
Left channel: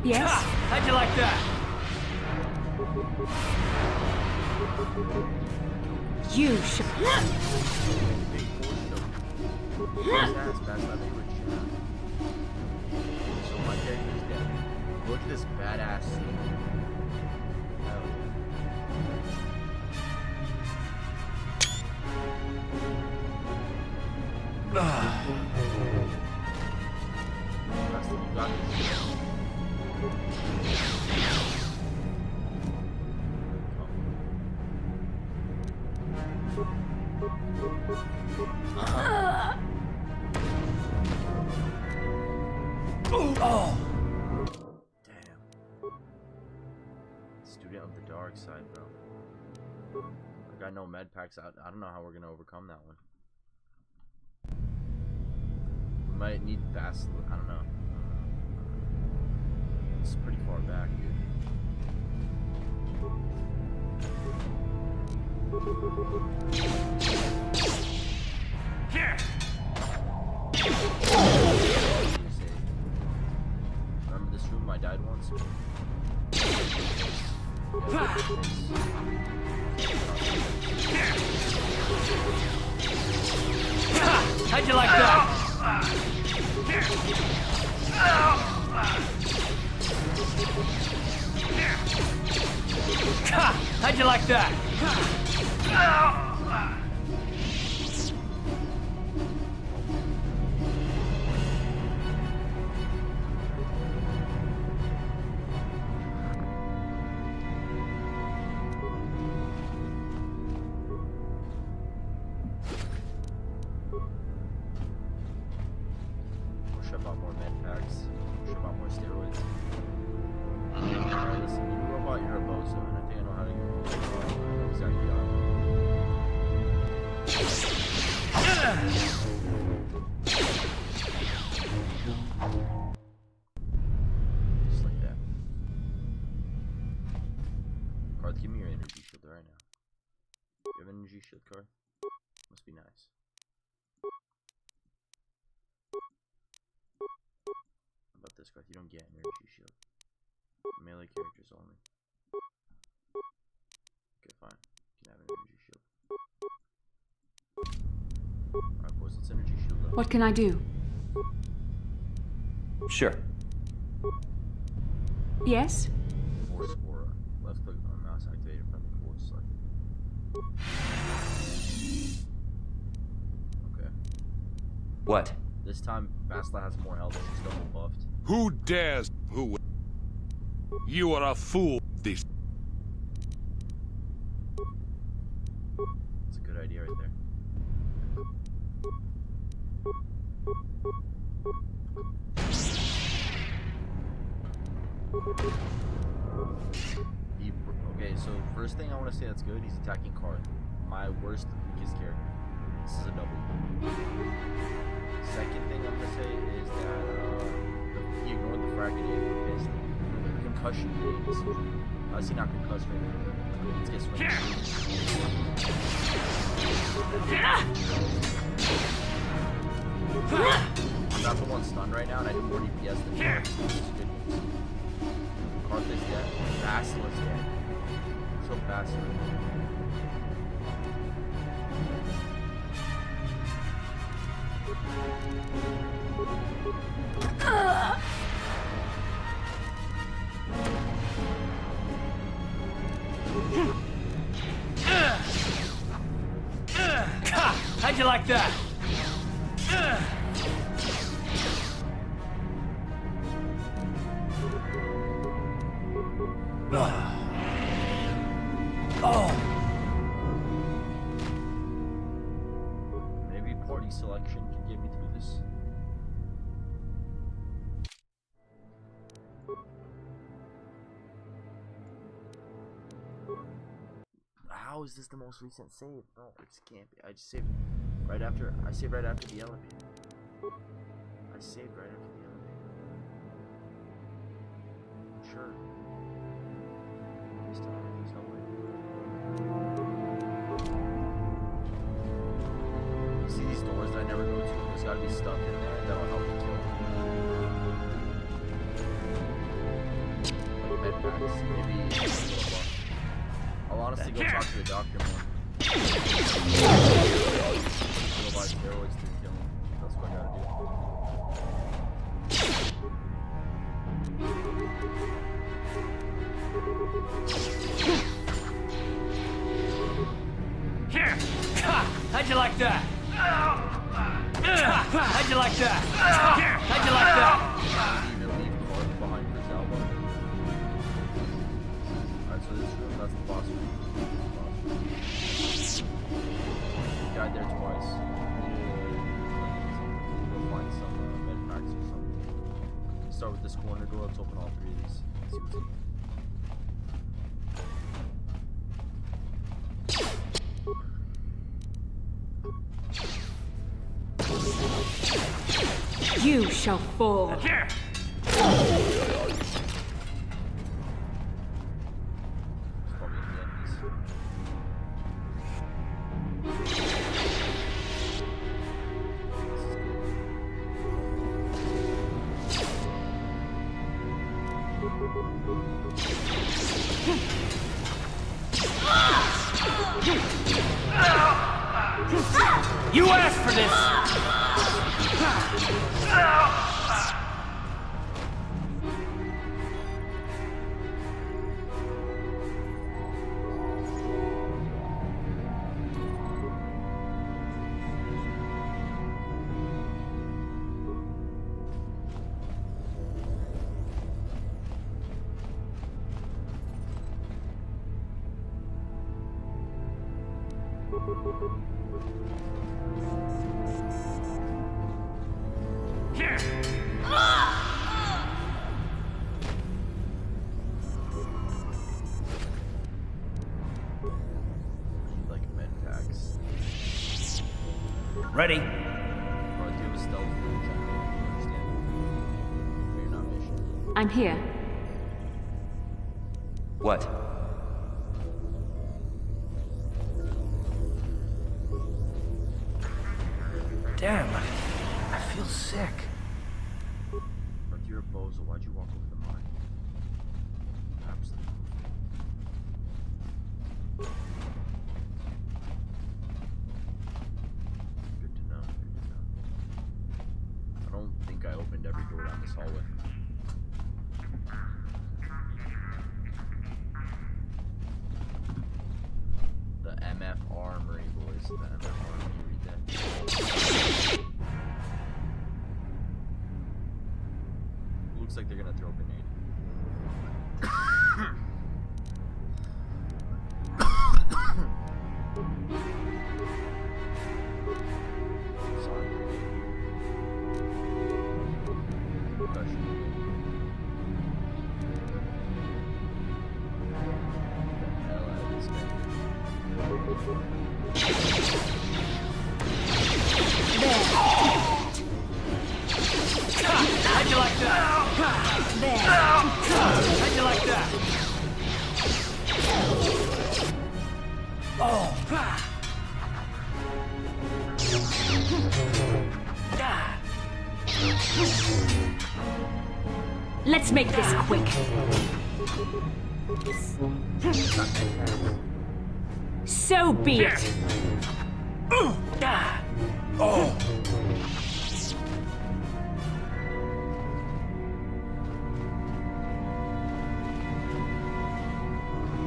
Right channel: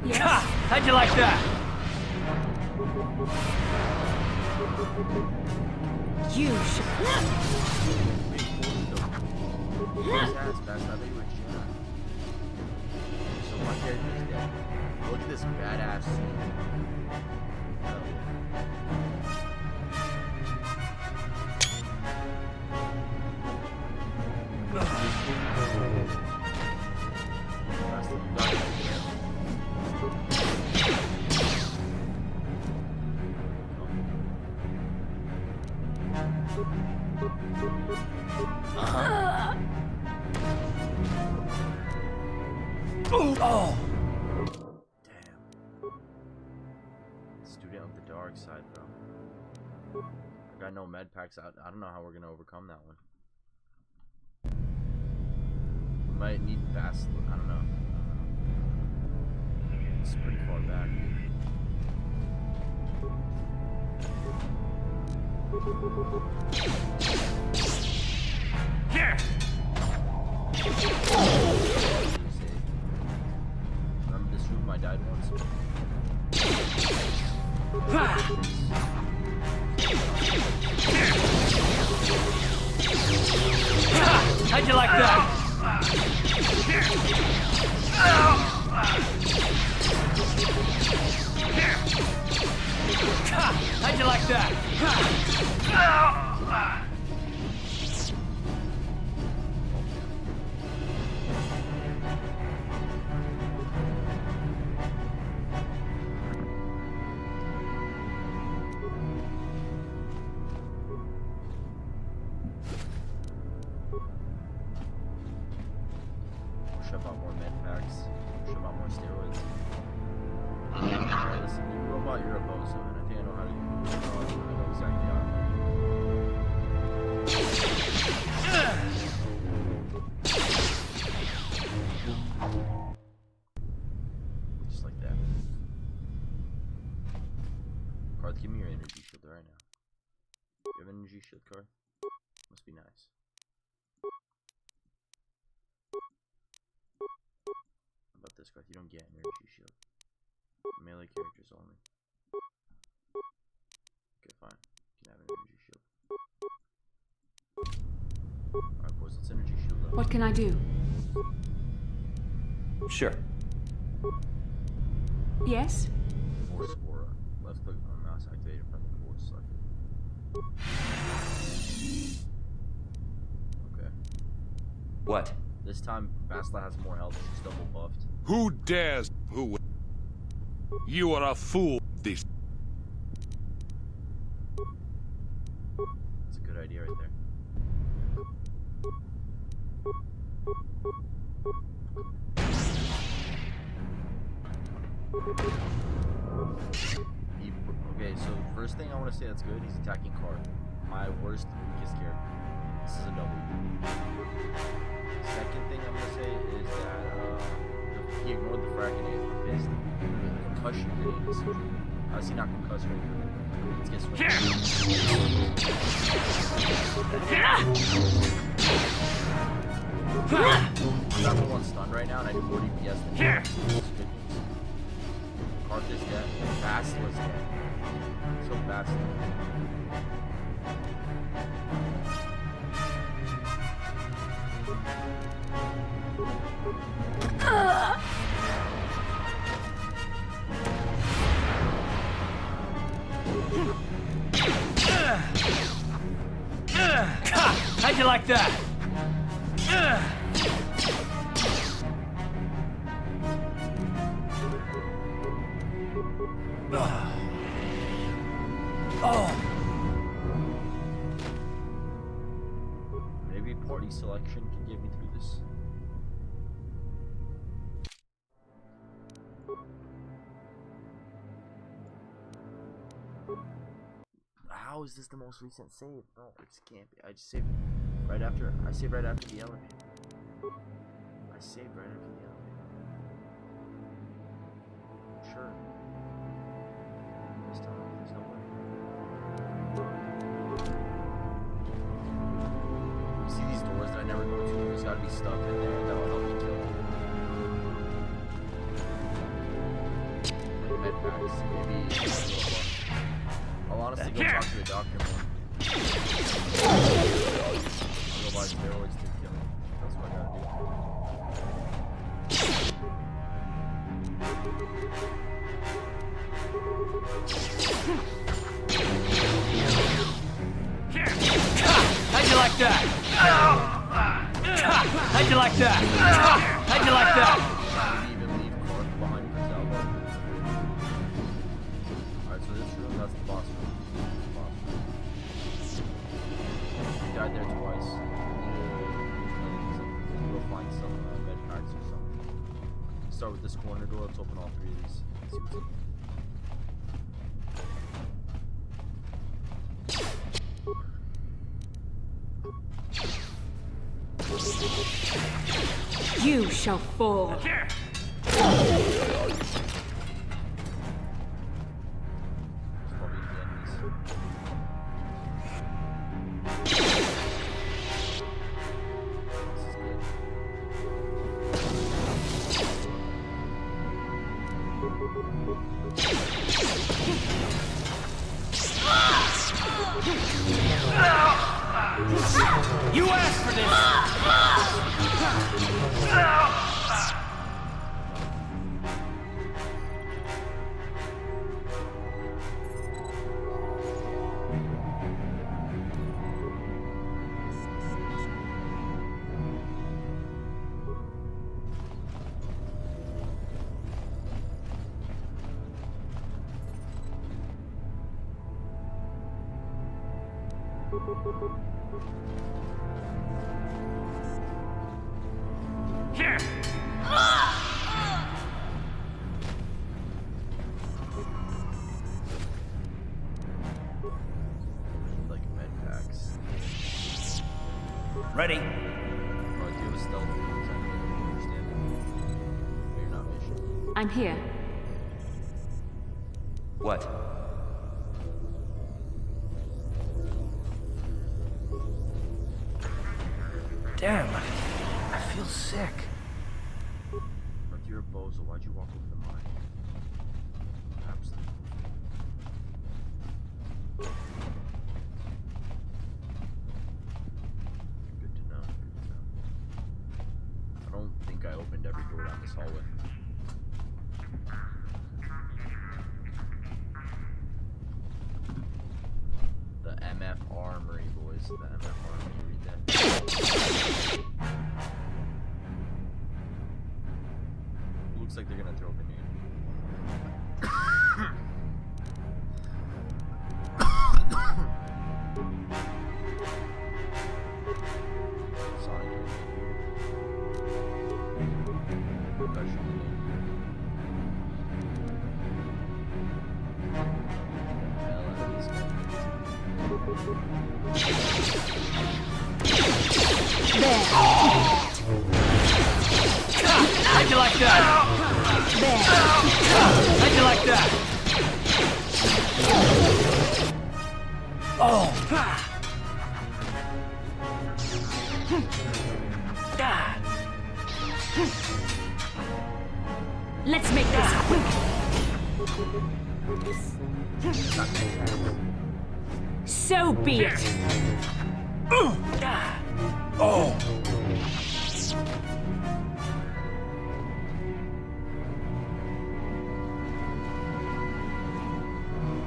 Yes? How'd you like that? You should. Big force ass, Bass. I thought you were Jedi. So my character is dead. Look at this badass scene. Hell yeah. Oh! Damn. Student of the dark side, bro. I got no med packs out. I don't know how we're gonna overcome that one. We might need fast. I don't know. It's pretty far back, dude. Here. Remember this room I died once? How'd you like that? How'd you like that? Shove out more med packs. Shove out more steroids. Alright, listen, you robot, you're a bozo, and I think I know how to. I know exactly how. Just like that. Carth, give me your energy shield right now. You have an energy shield, Carth? Must be nice. How about this, Carth? You don't get an energy shield. Melee characters only. Okay, fine. You can have an energy shield. Alright, boys, let's energy shield up. What can I do? Sure. Yes? Force aura. Left click on mouse activated from the force selected. Okay. What? This time, Basla has more health. She's double buffed. Who dares? Who? You are a fool. This. That's a good idea right there. Okay, so first thing I want to say that's good, he's attacking Carth. My worst, weakest character. This is a W. Second thing I'm gonna say is that he ignored the frag grenade for pissed. The concussion grenade is huge. How is he not concussed right now? Let's get swinging. I'm not the one stunned right now, and I do more DPS than him. This is good news. Carth is dead. Basla's dead. So Basla. How'd you like that? Maybe party selection can get me through this. How is this the most recent save? No, it can't be. I just saved right after. I saved right after the elevator. I saved right after the elevator. Sure. This time, there's no way. You see these doors that I never go to? There's got to be stuff in there that'll help me kill. Like med packs, maybe a little buff. I'll honestly go talk to the doctor more. Go buy steroids to kill him. That's what I gotta Here! How'd you like that? How'd you like that? How'd you like that? Maybe even leave Karth behind for Zalbar. Alright, so this room, that's the boss room. That's the boss room. We died there twice. Go find some med packs or something. Start with this corner door. Let's open all three of these. See what's in here. You shall fall. You asked for this! like med packs. Ready? Oh, do you have a stealth generator? You understand? But you're not mission. I'm here. What? Damn, I feel sick. But you're a bozo. Why'd you walk over the mine? Absolutely. Good to know. Good to know. I don't think I opened every door down this hallway. The MF Armory, boys. The MF Armory. Read that. Looks like they're gonna throw a grenade. Sonic grenade here. Percussion grenade here. Get the hell out of this guy. There. How'd you like that? There. How'd you like that? Oh. Let's make this quick. So be it. Oh.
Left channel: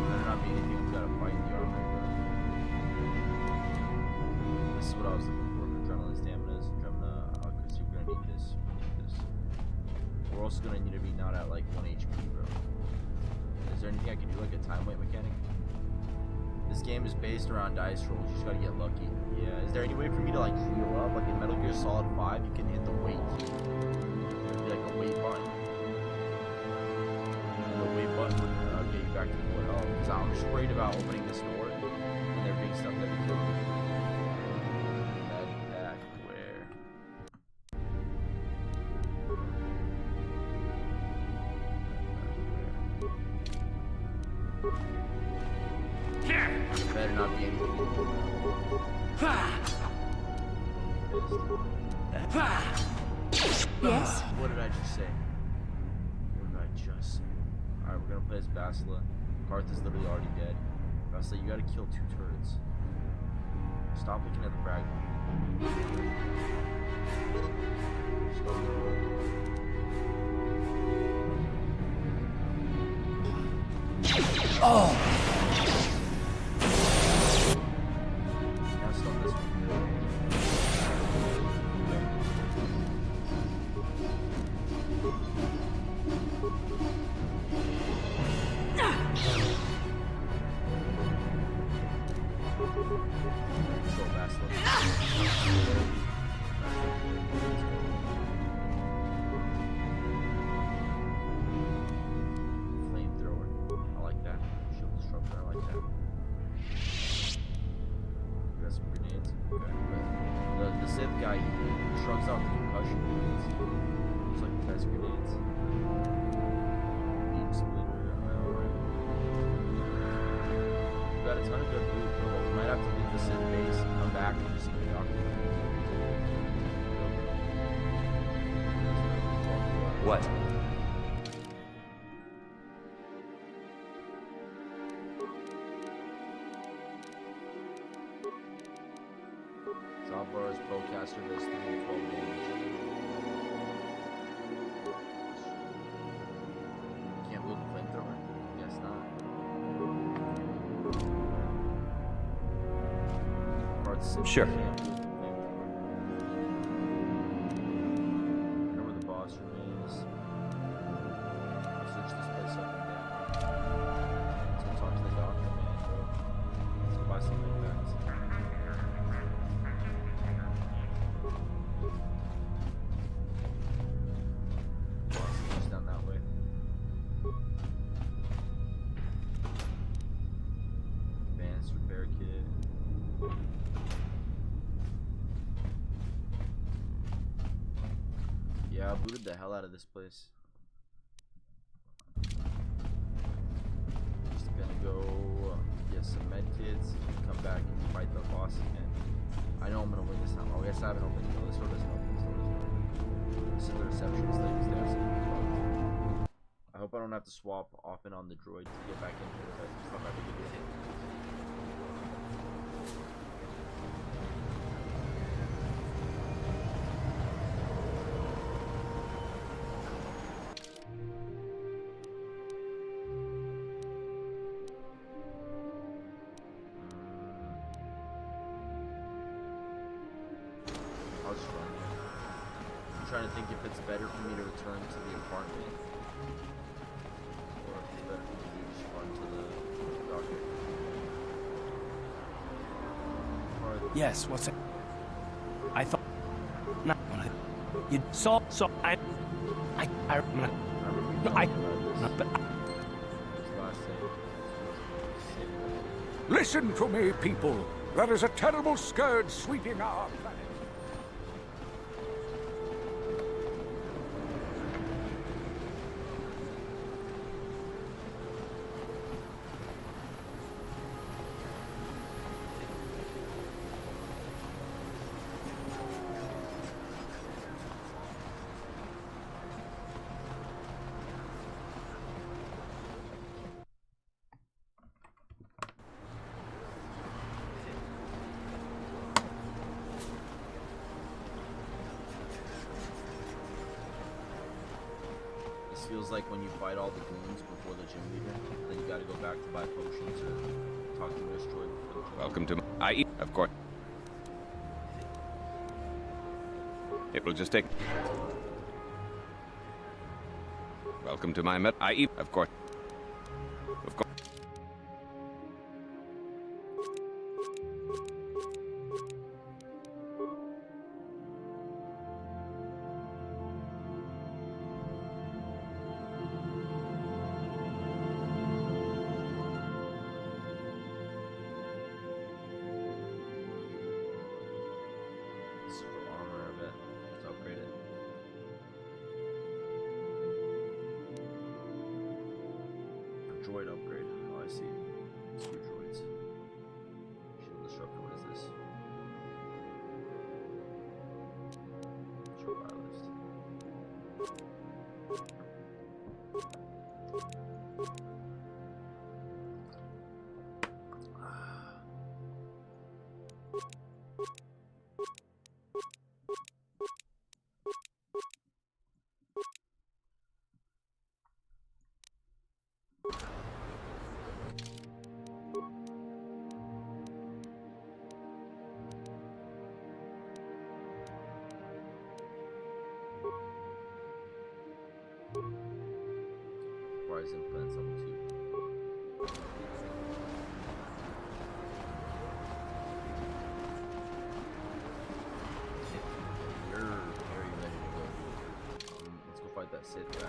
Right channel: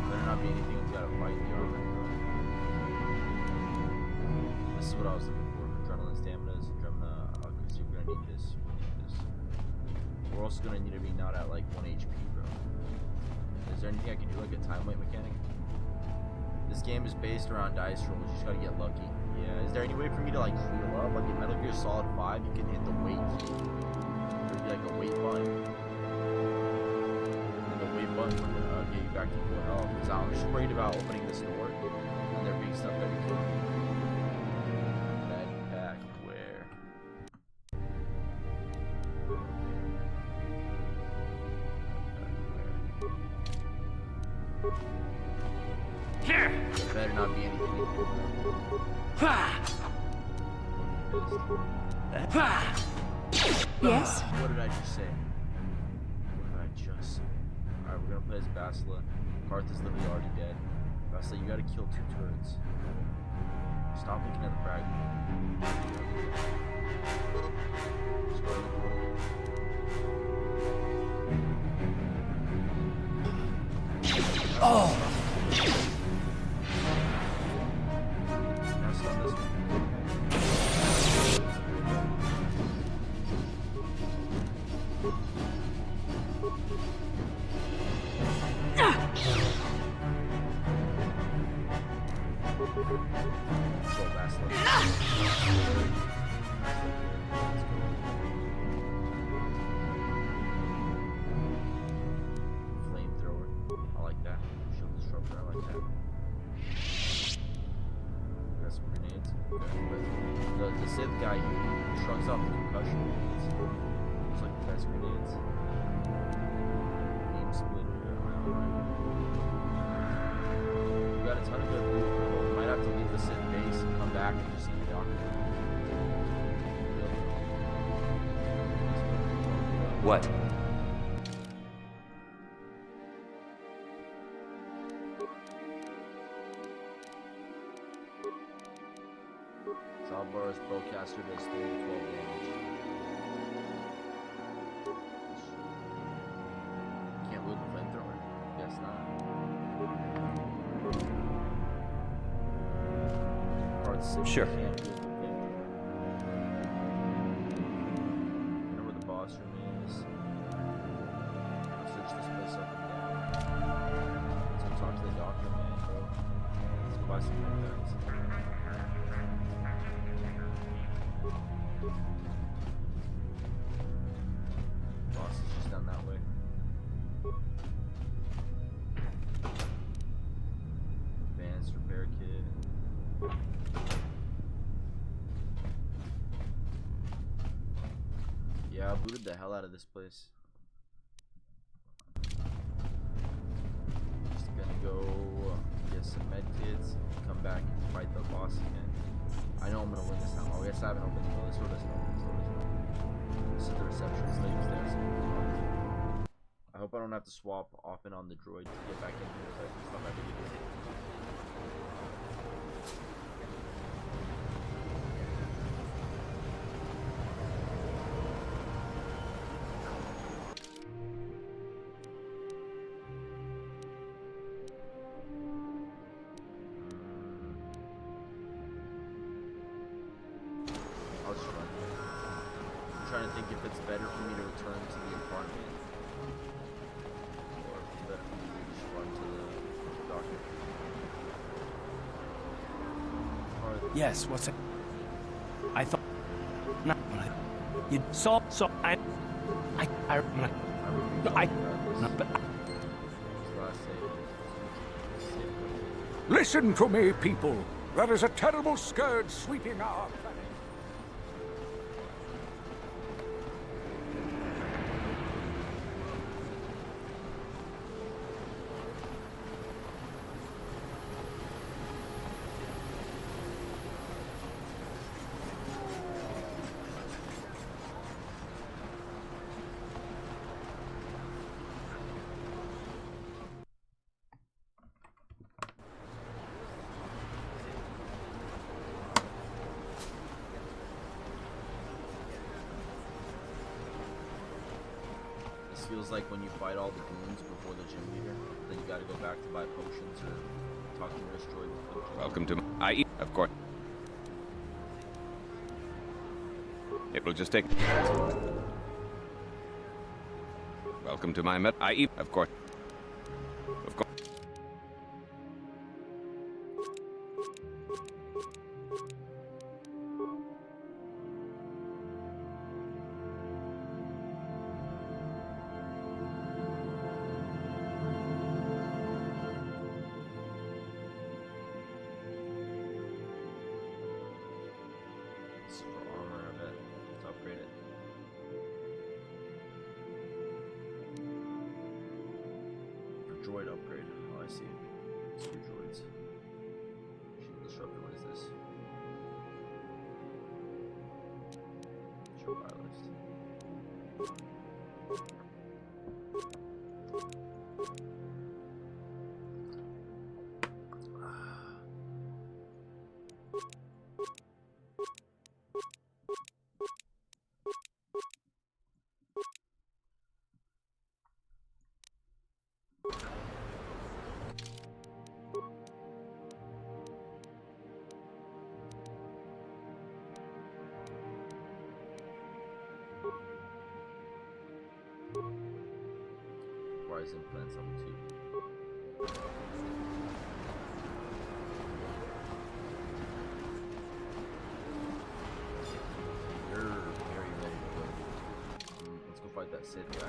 Better not be anything that's gotta fight the armory, bro. This is what I was looking for. Adrenaline, stamina, because you're gonna need this. We're gonna need this. We're also gonna need to be not at like 1 HP, bro. Is there anything I can do, like a time weight mechanic? This game is based around dice rolls. You just gotta get lucky. Yeah. Is there any way for me to like heal up? Like in Metal Gear Solid 5, you can hit the weight key. There'd be like a weight button. And the weight button would get you back to full health. Because I'm just worried about opening this door and there being stuff that could kill me. Med pack, where? There better not be anything in here, bro. Yes? What did I just say? What did I just say? Alright, we're gonna play as Basila. Karth is literally already dead. Basila, you gotta kill 2 turrets. Stop looking at the fragment. Just open the door. Oh. Now stun this one. Okay. Bastila. Flamethrower. I like that. Shield disruptor. I like that. We got some grenades. Okay, but the Sith guy, he shrugs off the concussion grenades. It's like the best grenades. Beam splitter. Ion rifle. We got a ton of good loot, but we might have to leave the Sith base and come back and just see the doctor. What? Zalbar's bowcaster does 3 to 12 damage. Can't wield the flamethrower? Guess not. Sure. Can't wield the flamethrower. I know where the boss room is. I've searched this place up and down. Let's go talk to the doctor, man, bro. Let's go buy some medpacks. Boss is just down that way. Advanced repair kit. Yeah, I booted the hell out of this place. Just gonna go get some med kits and come back and fight the boss again. I know I'm gonna win this time. Oh, yes, I haven't opened. No, this door doesn't open. This door doesn't open. This is the receptionist lady's there. I hope I don't have to swap off and on the droid to get back in here, but it's not that big a deal. I'll just run here. I'm trying to think if it's better for me to return to the apartment or if it's better for me to just run to the doctor. Yes, what's it? I thought not you saw I Listen to me, people. There is a terrible scourge sweeping our planet. This feels like when you fight all the goons before the gym leader, then you gotta go back to buy potions or talk to Nurse Joy before the gym. Welcome to my of course. It will just take. Welcome to my of course. Of course. This is for armor, I bet. Let's upgrade it. For droid upgrade. Oh, I see. Screw droids. Shield disruptor, what is this? Show buy list. Rise implants level 2. Sith guy.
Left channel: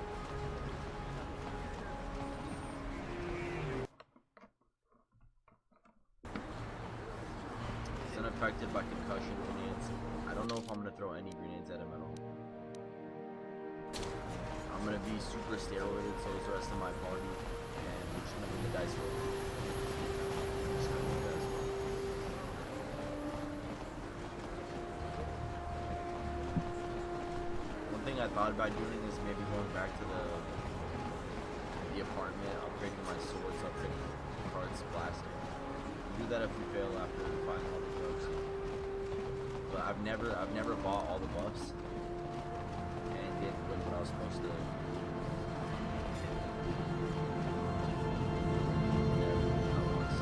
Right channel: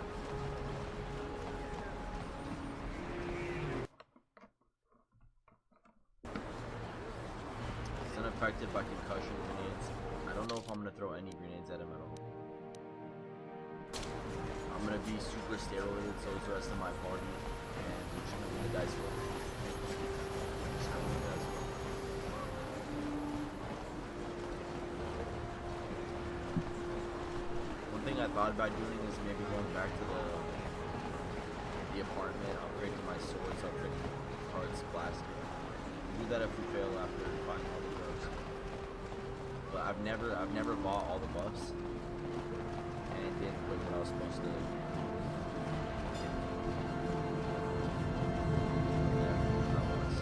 He's unaffected by concussion grenades. I don't know if I'm gonna throw any grenades at him at all. I'm gonna be super steroided, so is the rest of my party, and we're just gonna win the dice roll. Just gonna win the dice roll. One thing I thought about doing is maybe going back to the apartment, upgrading my swords, upgrading cards, blaster. Do that if we fail after buying all the drugs. But I've never bought all the buffs and didn't win what I was supposed to. Never, not once.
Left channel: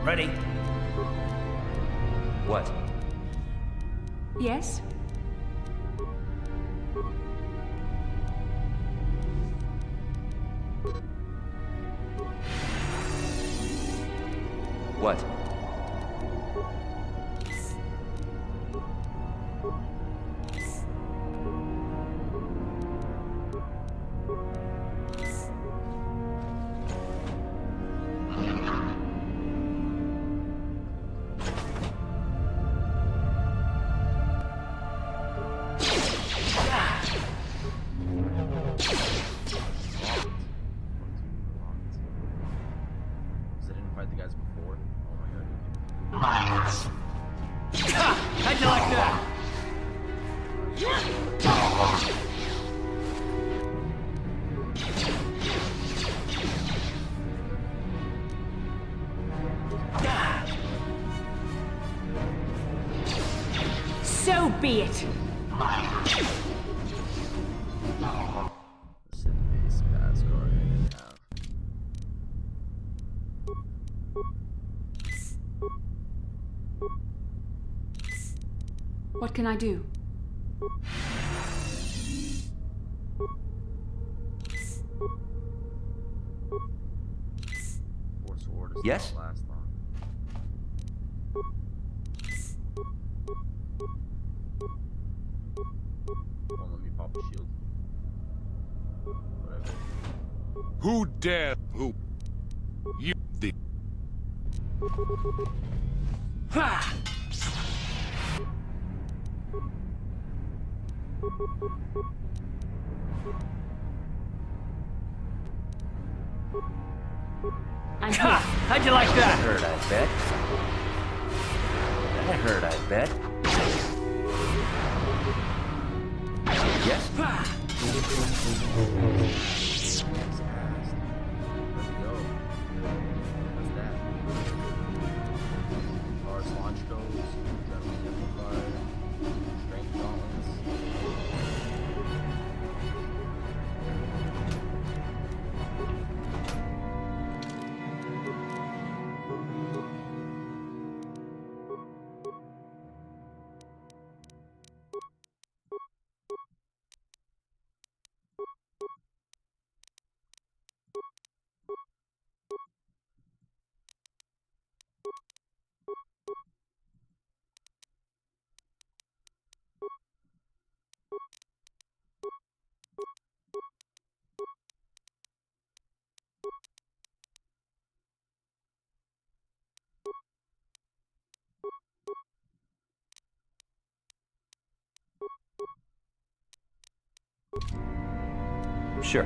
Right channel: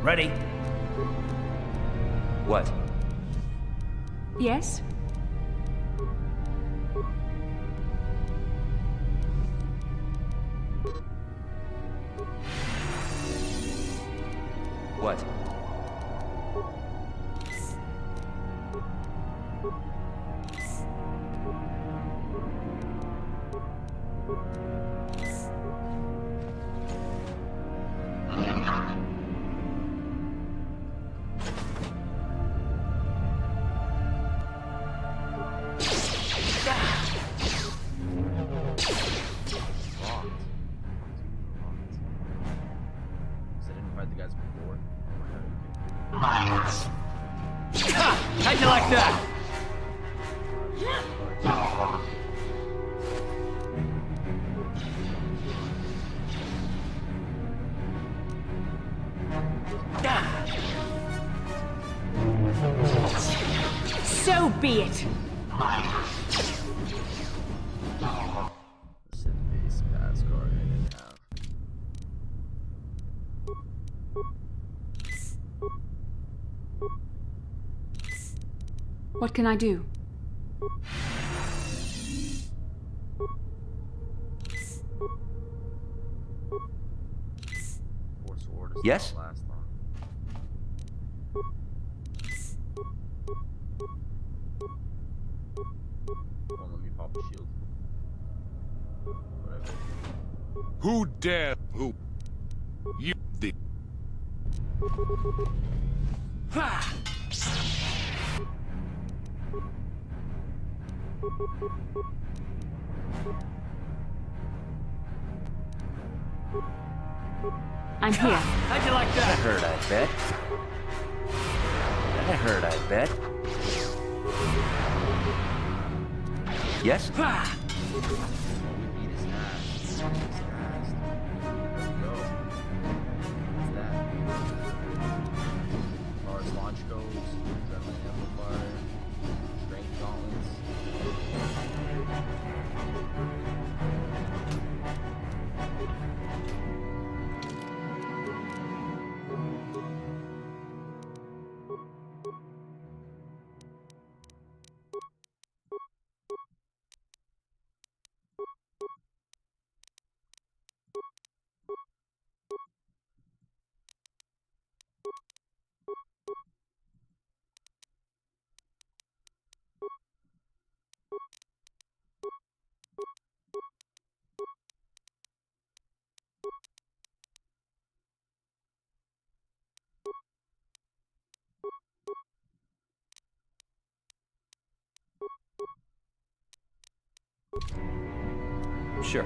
Ready? What? Yes? What? How'd you like that? So be it. Sith-based pass card I didn't have. What can I do? Force Ward is Yes? not last long. Won't let me pop a shield. Whatever. Who dare? Who? You did. Ha! I'm here. How'd you like that? That hurt, I bet. That hurt, I bet. Yes? Ha! He's asked. There we go. What's that? Taurus launch goes, adrenaline amplifier, strength gauntlets. Sure.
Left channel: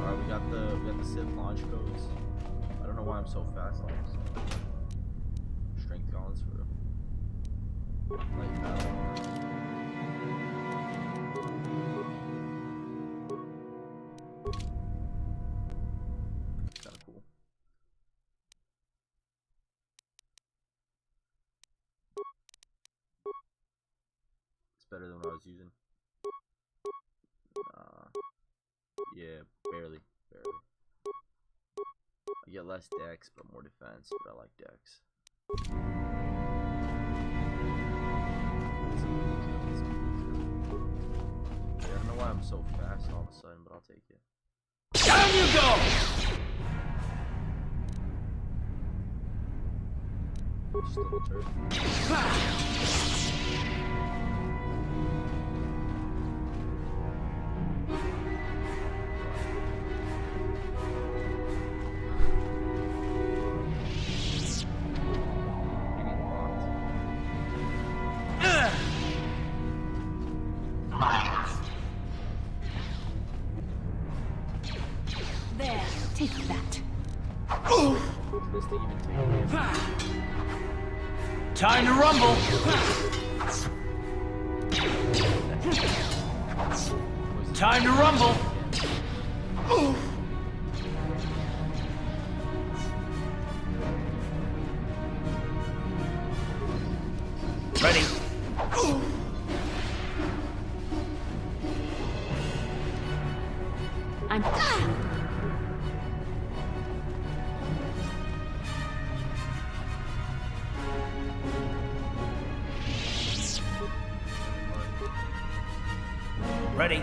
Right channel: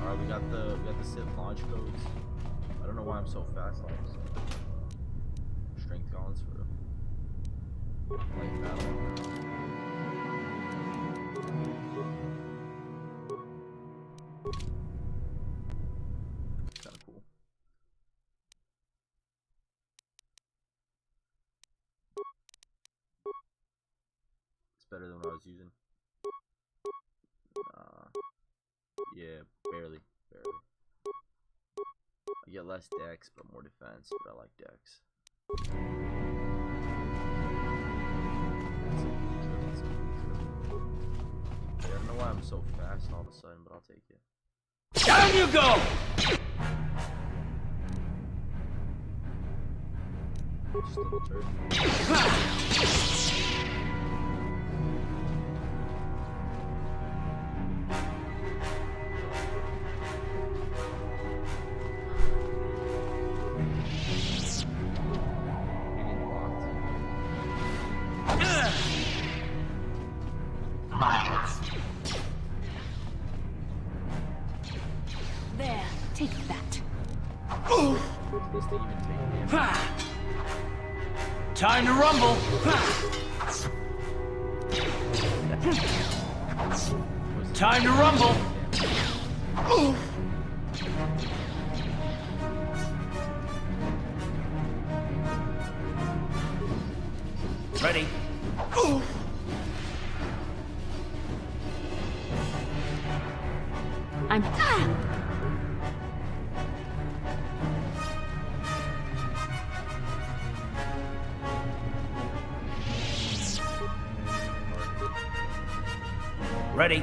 Alright, we got the Sith launch codes. I don't know why I'm so fast on this. Strength gauntlets for light battle. Kinda cool. better than what I was using. Yeah, barely. I get less dex, but more defense, but I like dex. Yeah, I don't know why I'm so fast all of a sudden, but I'll take it. Down you go! Just a little turd. There, take that. This thing even take damage. Time to rumble. Time to rumble. Ready. I'm... Ready.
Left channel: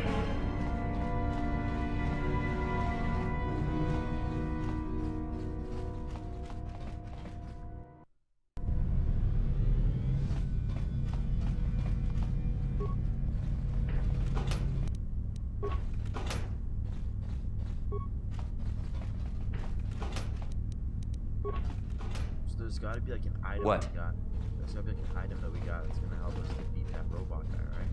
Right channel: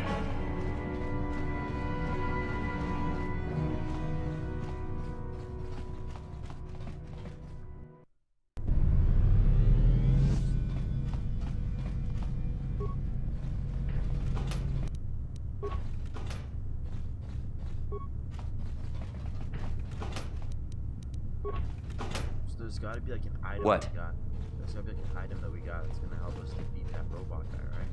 So there's gotta be like an item What? we got. There's gotta be like an item that we got that's gonna help us defeat that robot guy, right?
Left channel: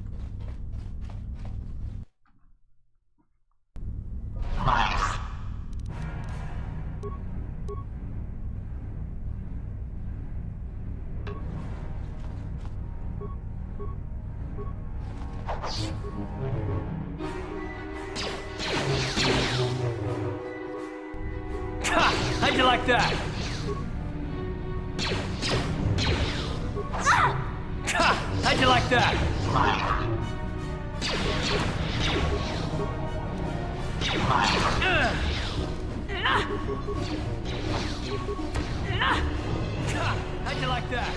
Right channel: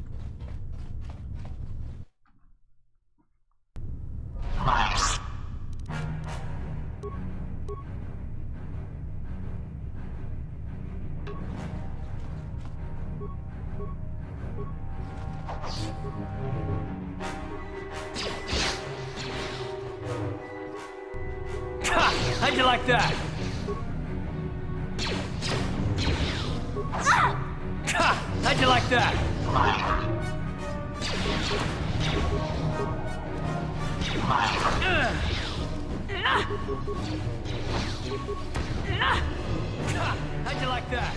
Ha! How'd you like that? Ha! How'd you like that? How'd you like that?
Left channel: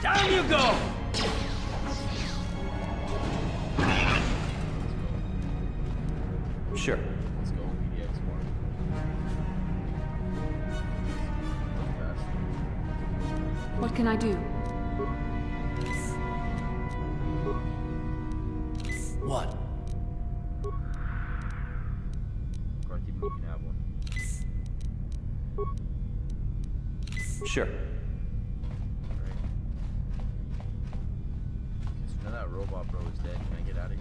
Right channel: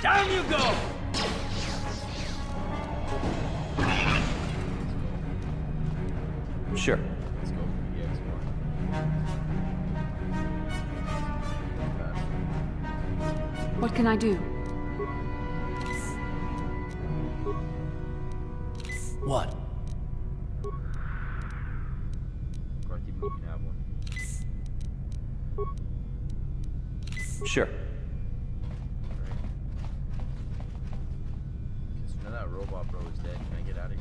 Down you go! Sure. Let's go, PDX1. What can I do? What? Garth, even you can have one. Sure. Alright. Okay, so now that robot bro is dead, can I get out of here?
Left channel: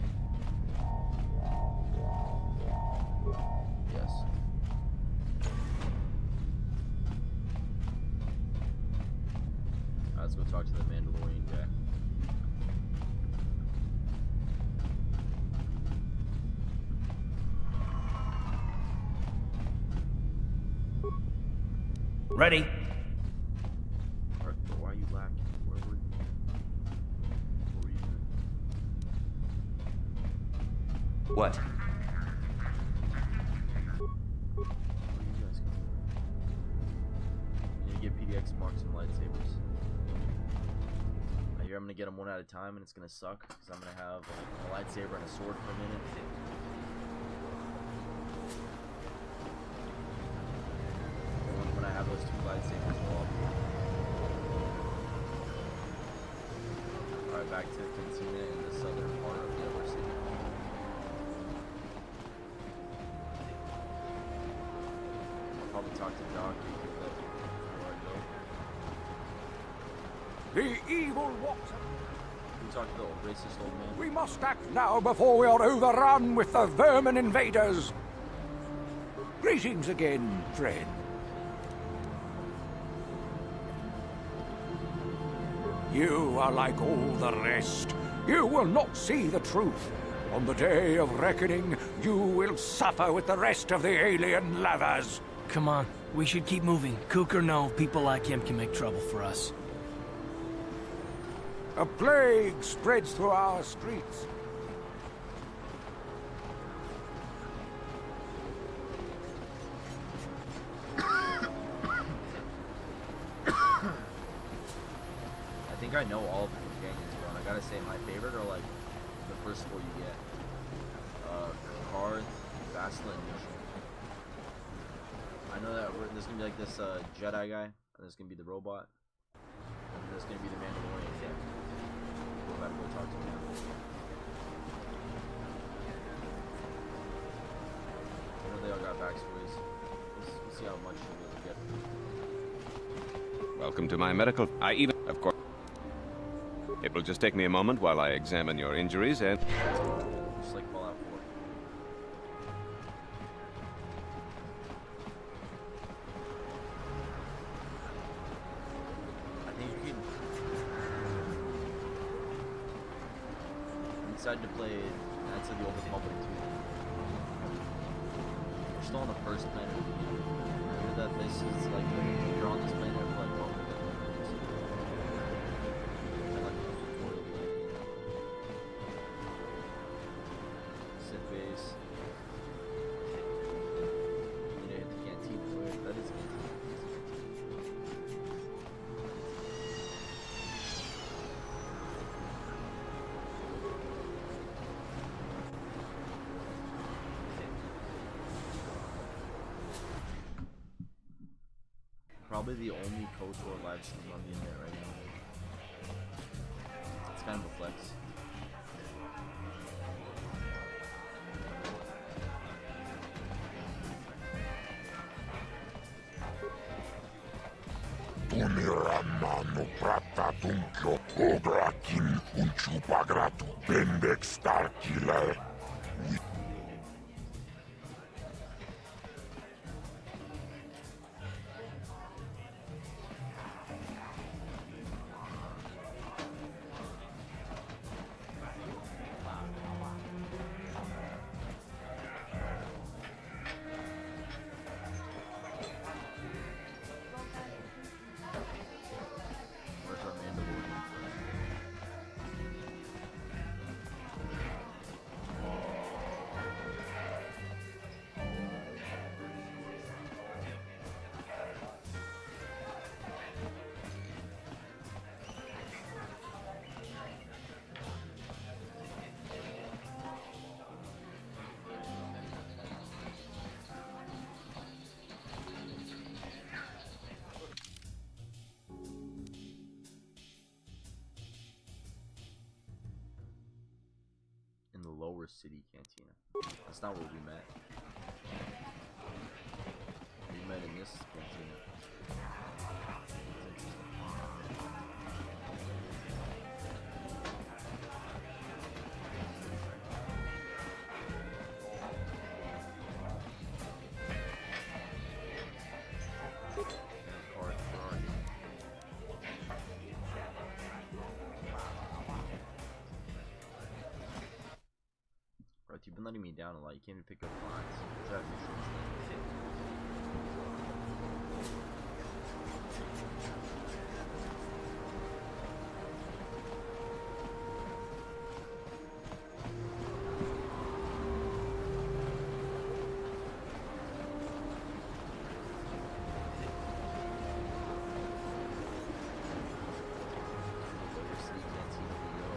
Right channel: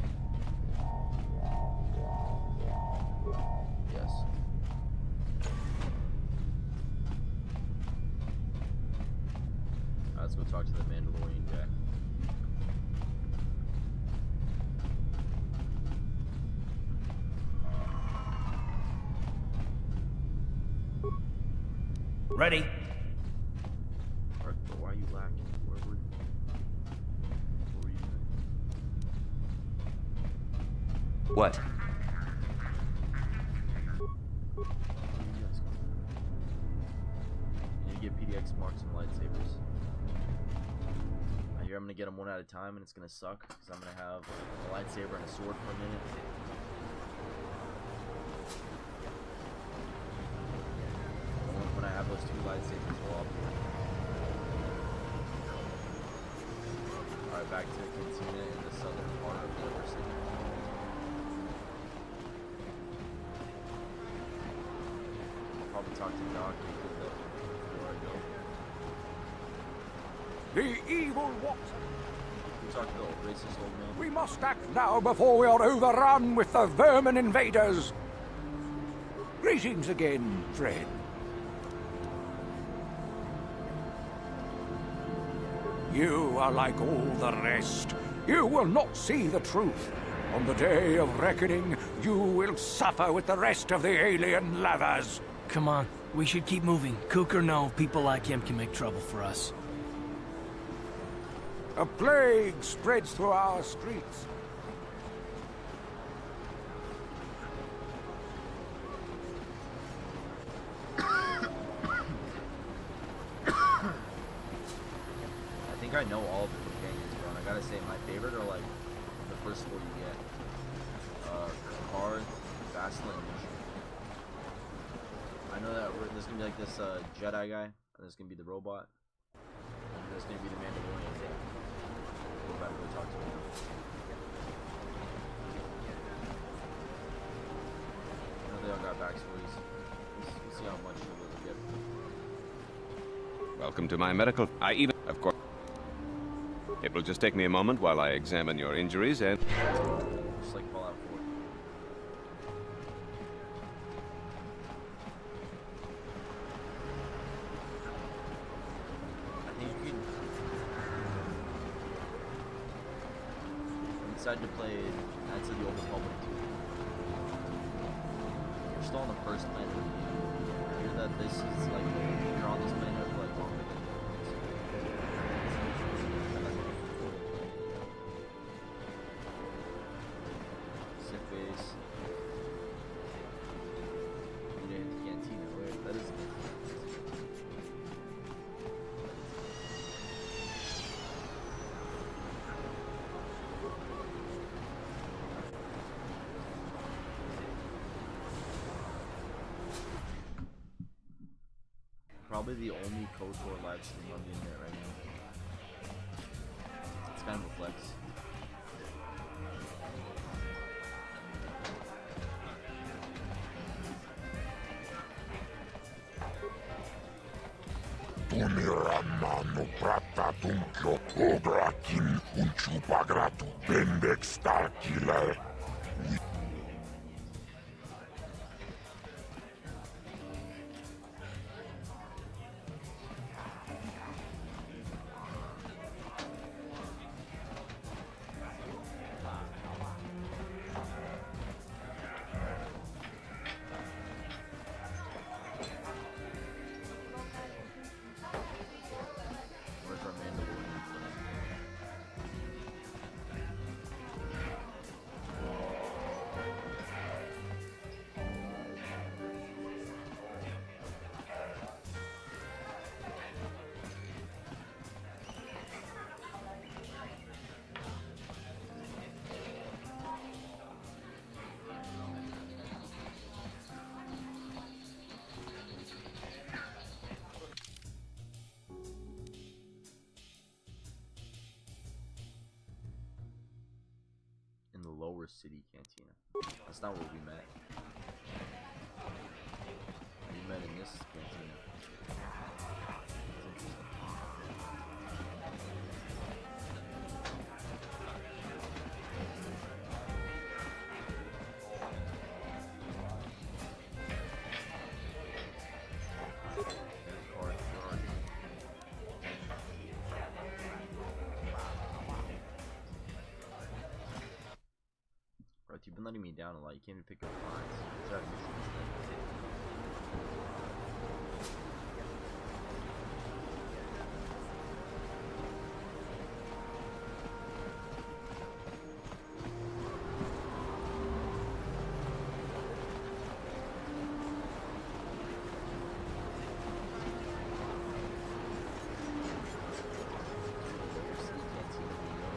Yes. Let's go talk to the Mandalorian guy. Ready? Alright, but why are you lacking? What were you doing? What? Where are you guys going? You need to get PDX Mark some lightsabers. I hear I'm gonna get them one at a time and it's gonna suck because I'm gonna have a lightsaber and a sword for a minute. When I have those two lightsabers, well, alright, back to the cantina in the southern part of the upper city. I'll probably talk to Doc before I go. The evil Watson. We talk to the old racist old man. We must act now before we are overrun with the vermin invaders. Greetings again, friend. You are like all the rest. You will not see the truth. On the day of reckoning, you will suffer with the rest of the alien lovers. Come on, we should keep moving. Kook or no, people like him can make trouble for us. A plague spreads through our streets. I think I know all of the companions, bro. And I gotta say, my favorite are like the first four you get. Karth, Bastila, and Nisha. I know that there's gonna be like this Jedi guy, and there's gonna be the robot, and there's gonna be the Mandalorian guy. We're about to go talk to him now. I know they all got backstories. We'll see how much we'll be able to get. Welcome to my medical... Of course... It will just take me a moment while I examine your injuries and... Just like Fallout 4. I think you can... I'm excited to play Knights of the Old Republic 2. We're still on the first planet of the game. I hear that this is like, you're on this planet for like longer than Sith base. You need to hit the cantina. Wait, that is a cantina. Probably the only Kotor Livestream on the internet right now. It's kind of a flex. Tumiramano pratatuncho ograkin unchupagratu bendex starkiller. Where's our Mandalorian friend? In the lower city cantina. That's not where we met. We met in this cantina. That's interesting. Karth, where are you? Bro, you've been letting me down a lot. You can't even pick up lines. You should have missions then. Lower City Cantina we go.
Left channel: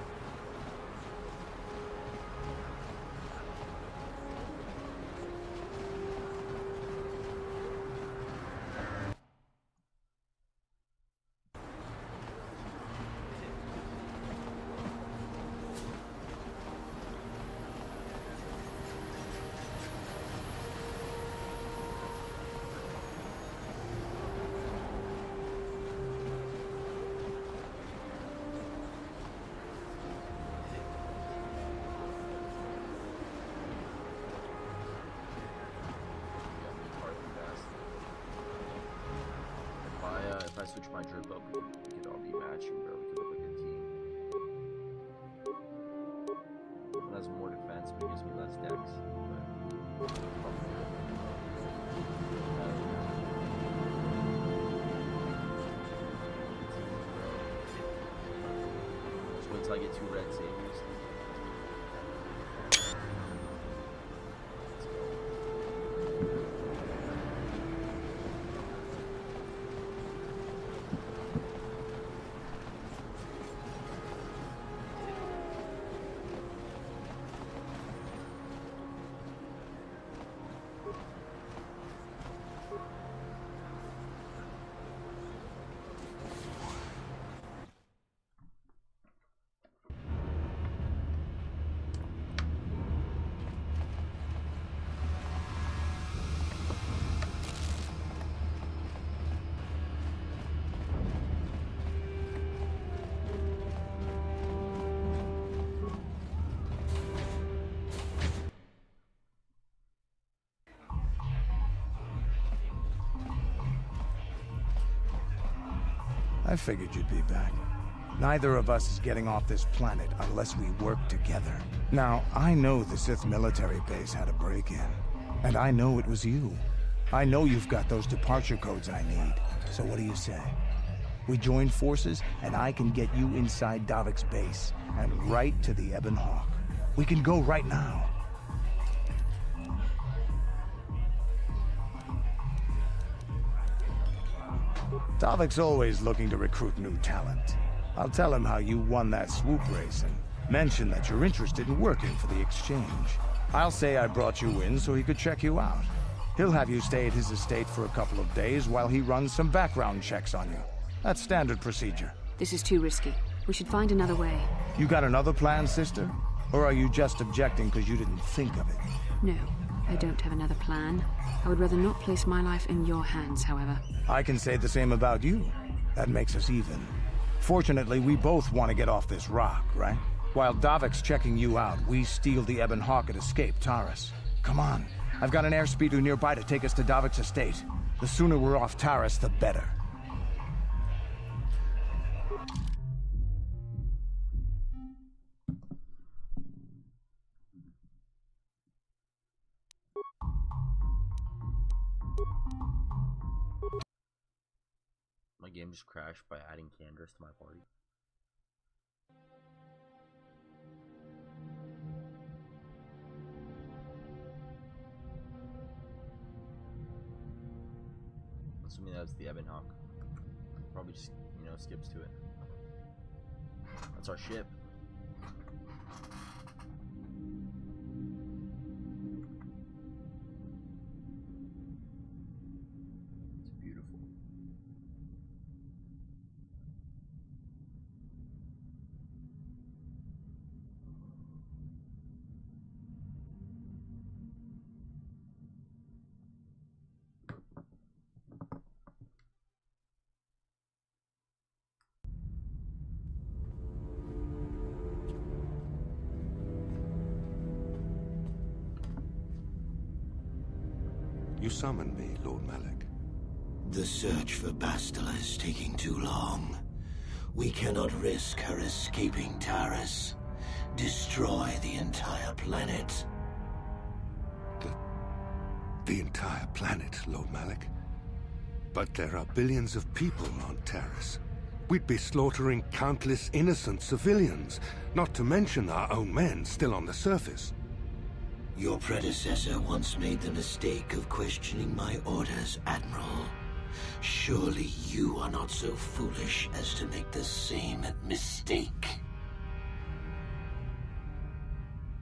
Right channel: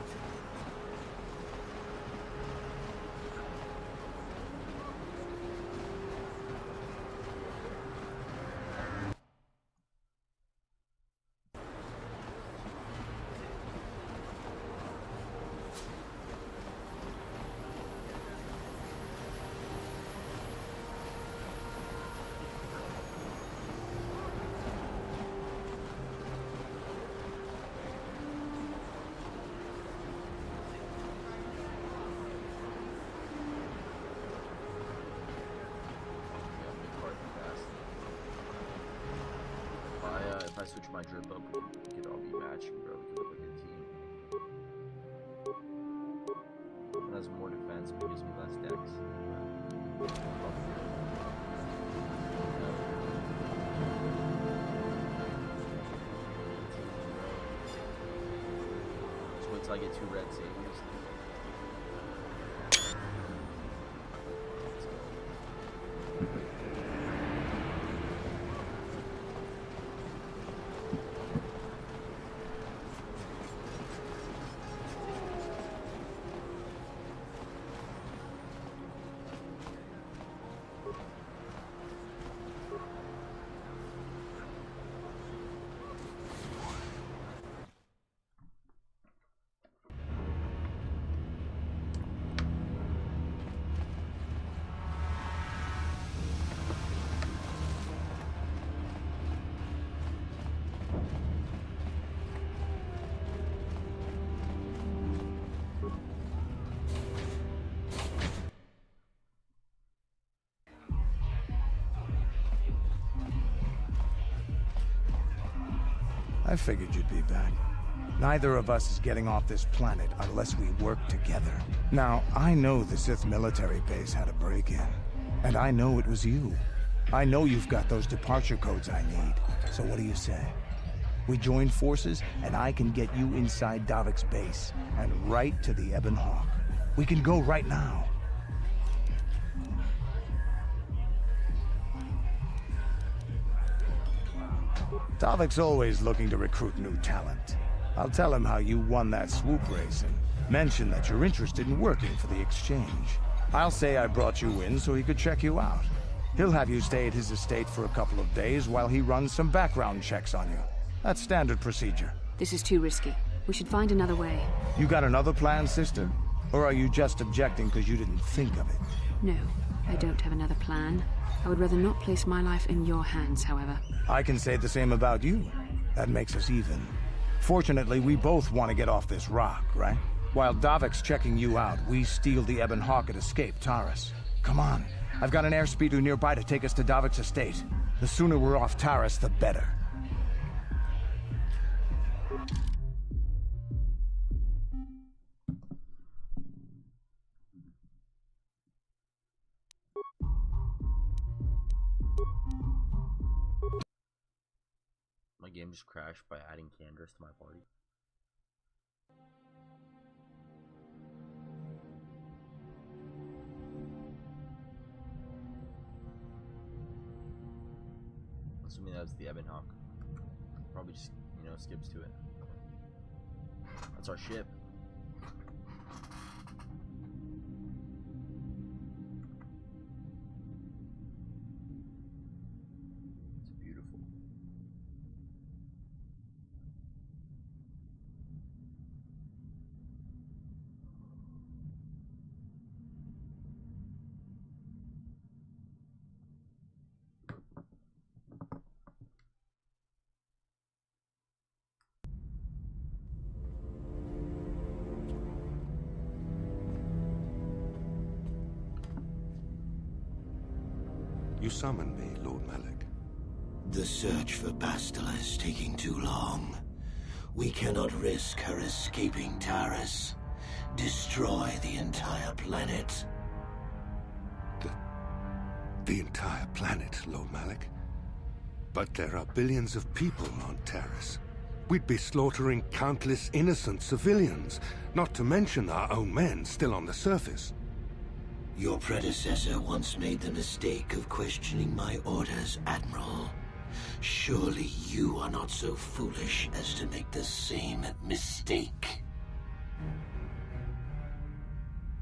Yeah, me, Karth, and Bastila. If I switch my drip up, we could all be matching, bro. We could look like a team. one has more defense, but it gives me less dex. But probably do it. Just wait till I get 2 red saviors. Let's go. I figured you'd be back. Neither of us is getting off this planet unless we work together. Now, I know the Sith military base had a break-in. And I know it was you. I know you've got those departure codes I need. So what do you say? We join forces, and I can get you inside Davik's base, and right to the Ebon Hawk. We can go right now. Davik's always looking to recruit new talent. I'll tell him how you won that swoop race and mention that you're interested in working for the exchange. I'll say I brought you in so he could check you out. He'll have you stay at his estate for a couple of days while he runs some background checks on you. That's standard procedure. This is too risky. We should find another way. You got another plan, sister? Or are you just objecting because you didn't think of it? No, I don't have another plan. I would rather not place my life in your hands, however. I can say the same about you. That makes us even. Fortunately, we both want to get off this rock, right? While Davik's checking you out, we steal the Ebon Hawk and escape Taris. Come on. I've got an airspeeder nearby to take us to Davik's estate. The sooner we're off Taris, the better. My game just crashed by adding Candace to my party. Assuming that's the Ebon Hawk. Probably just, you know, skips to it. That's our ship. It's beautiful. You summoned me, Lord Malak. The search for Bastila is taking too long. We cannot risk her escaping Taris. Destroy the entire planet. The entire planet, Lord Malak? But there are billions of people on Taris. We'd be slaughtering countless innocent civilians, not to mention our own men still on the surface. Your predecessor once made the mistake of questioning my orders, Admiral. Surely you are not so foolish as to make the same mistake.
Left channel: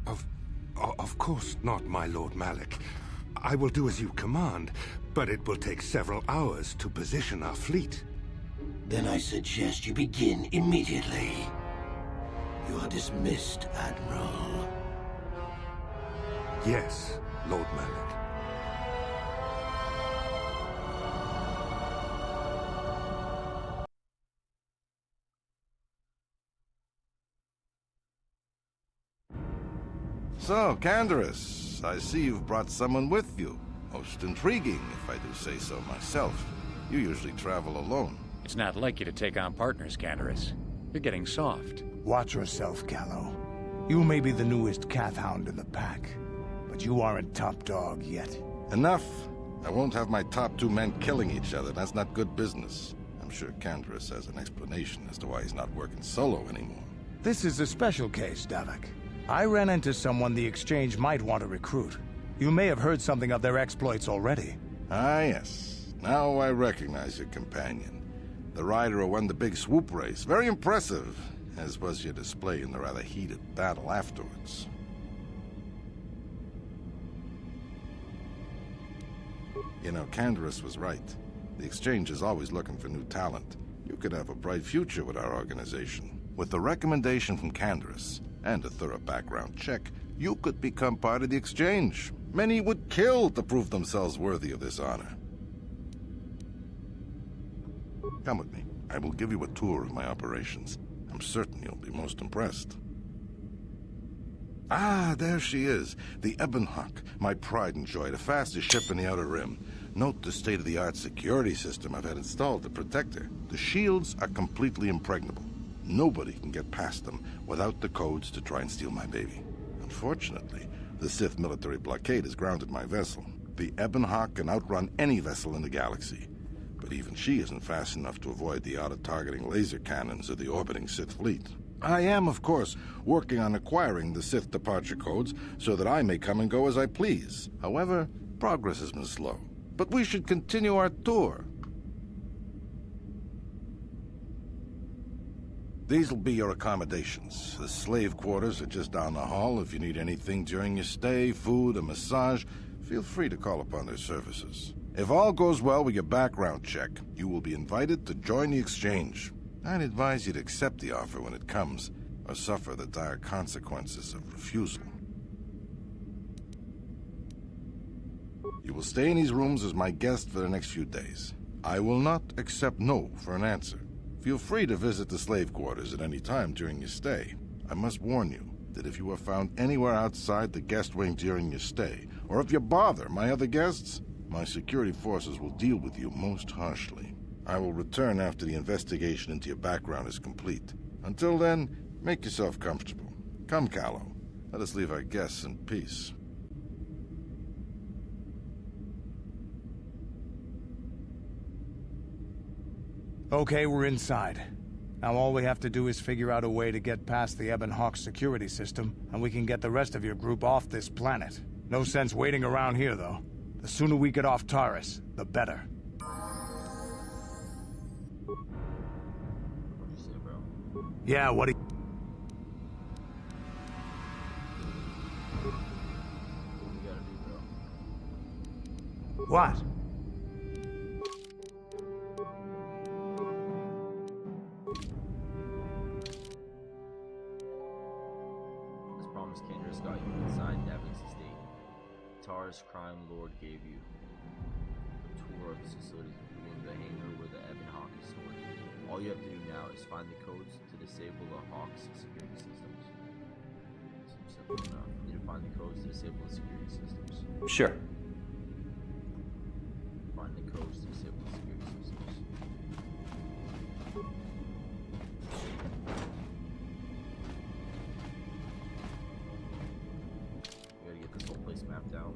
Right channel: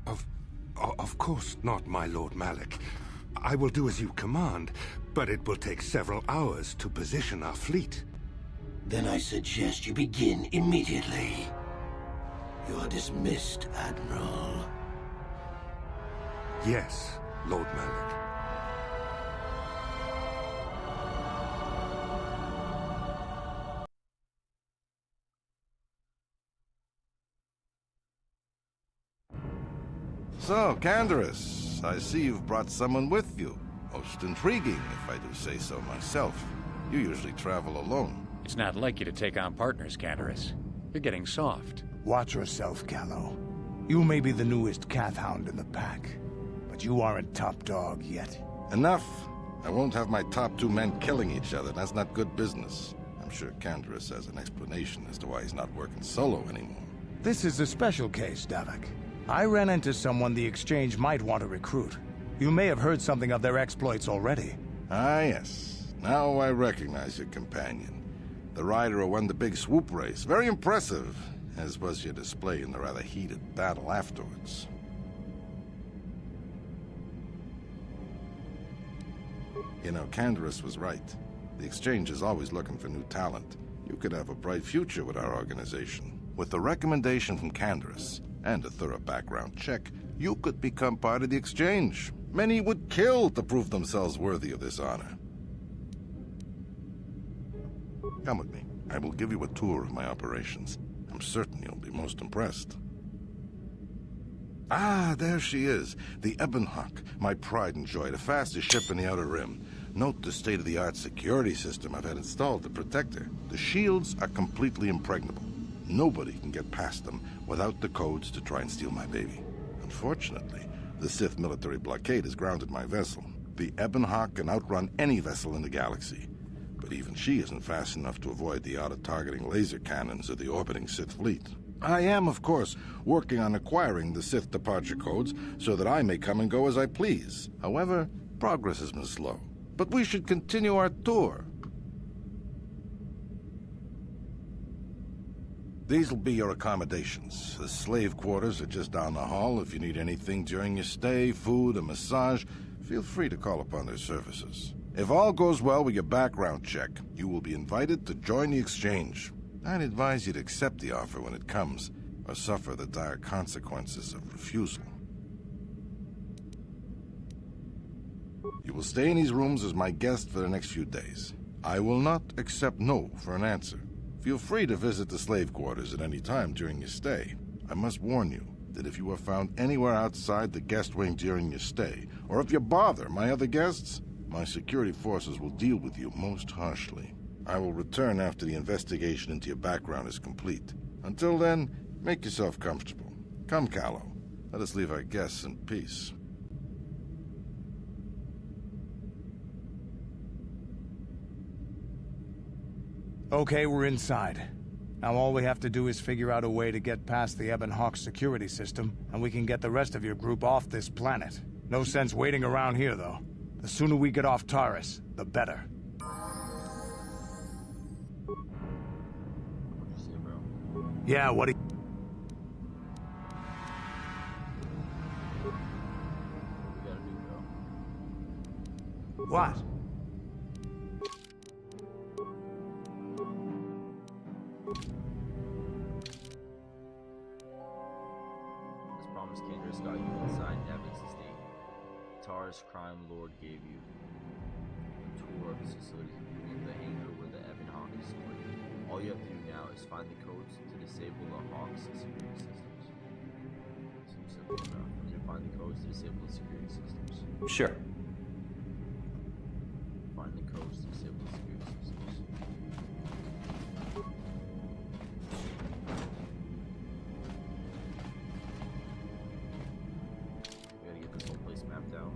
Of course not, my Lord Malak. I will do as you command, but it will take several hours to position our fleet. Then I suggest you begin immediately. You are dismissed, Admiral. Yes, Lord Malak. So, Candaris, I see you've brought someone with you. Most intriguing, if I do say so myself. You usually travel alone. It's not like you to take on partners, Candaris. You're getting soft. Watch yourself, Gallo. You may be the newest Cath Hound in the pack, but you aren't top dog yet. Enough! I won't have my top 2 men killing each other. That's not good business. I'm sure Canderous has an explanation as to why he's not working solo anymore. This is a special case, Davik. I ran into someone the Exchange might want to recruit. You may have heard something of their exploits already. Ah, yes. Now I recognize your companion. The rider who won the big swoop race. Very impressive, as was your display in the rather heated battle afterwards. You know, Canderous was right. The Exchange is always looking for new talent. You could have a bright future with our organization. With the recommendation from Canderous and a thorough background check, you could become part of the Exchange. Many would kill to prove themselves worthy of this honor. Come with me. I will give you a tour of my operations. I'm certain you'll be most impressed. Ah, there she is. The Ebon Hawk, my pride and joy, the fastest ship in the Outer Rim. Note the state-of-the-art security system I've had installed to protect her. The shields are completely impregnable. Nobody can get past them without the codes to try and steal my baby. Unfortunately, the Sith military blockade has grounded my vessel. The Ebon Hawk can outrun any vessel in the galaxy. But even she isn't fast enough to avoid the auto-targeting laser cannons of the orbiting Sith fleet. I am, of course, working on acquiring the Sith departure codes so that I may come and go as I please. However, progress has been slow. But we should continue our tour. These will be your accommodations. The slave quarters are just down the hall. If you need anything during your stay, food, a massage, feel free to call upon their services. If all goes well with your background check, you will be invited to join the Exchange. I'd advise you to accept the offer when it comes, or suffer the dire consequences of refusal. You will stay in these rooms as my guest for the next few days. I will not accept no for an answer. Feel free to visit the slave quarters at any time during your stay. I must warn you that if you are found anywhere outside the guest wing during your stay, or if you bother my other guests, my security forces will deal with you most harshly. I will return after the investigation into your background is complete. Until then, make yourself comfortable. Come, Callow. Let us leave our guests in peace. Okay, we're inside. Now all we have to do is figure out a way to get past the Ebon Hawk security system, and we can get the rest of your group off this planet. No sense waiting around here, though. The sooner we get off Taurus, the better. What'd you say, bro? Yeah, what do you... What we gotta do, bro? What? As promised, Canderous got you inside Davik's estate. Taurus Crime Lord gave you a tour of his facilities, including the hangar where the Ebon Hawk is stored. All you have to do now is find the codes to disable the Hawk's security systems. Seems simple enough. You need to find the codes to disable the security systems. Sure. Find the codes to disable the security systems. We gotta get this whole place mapped out.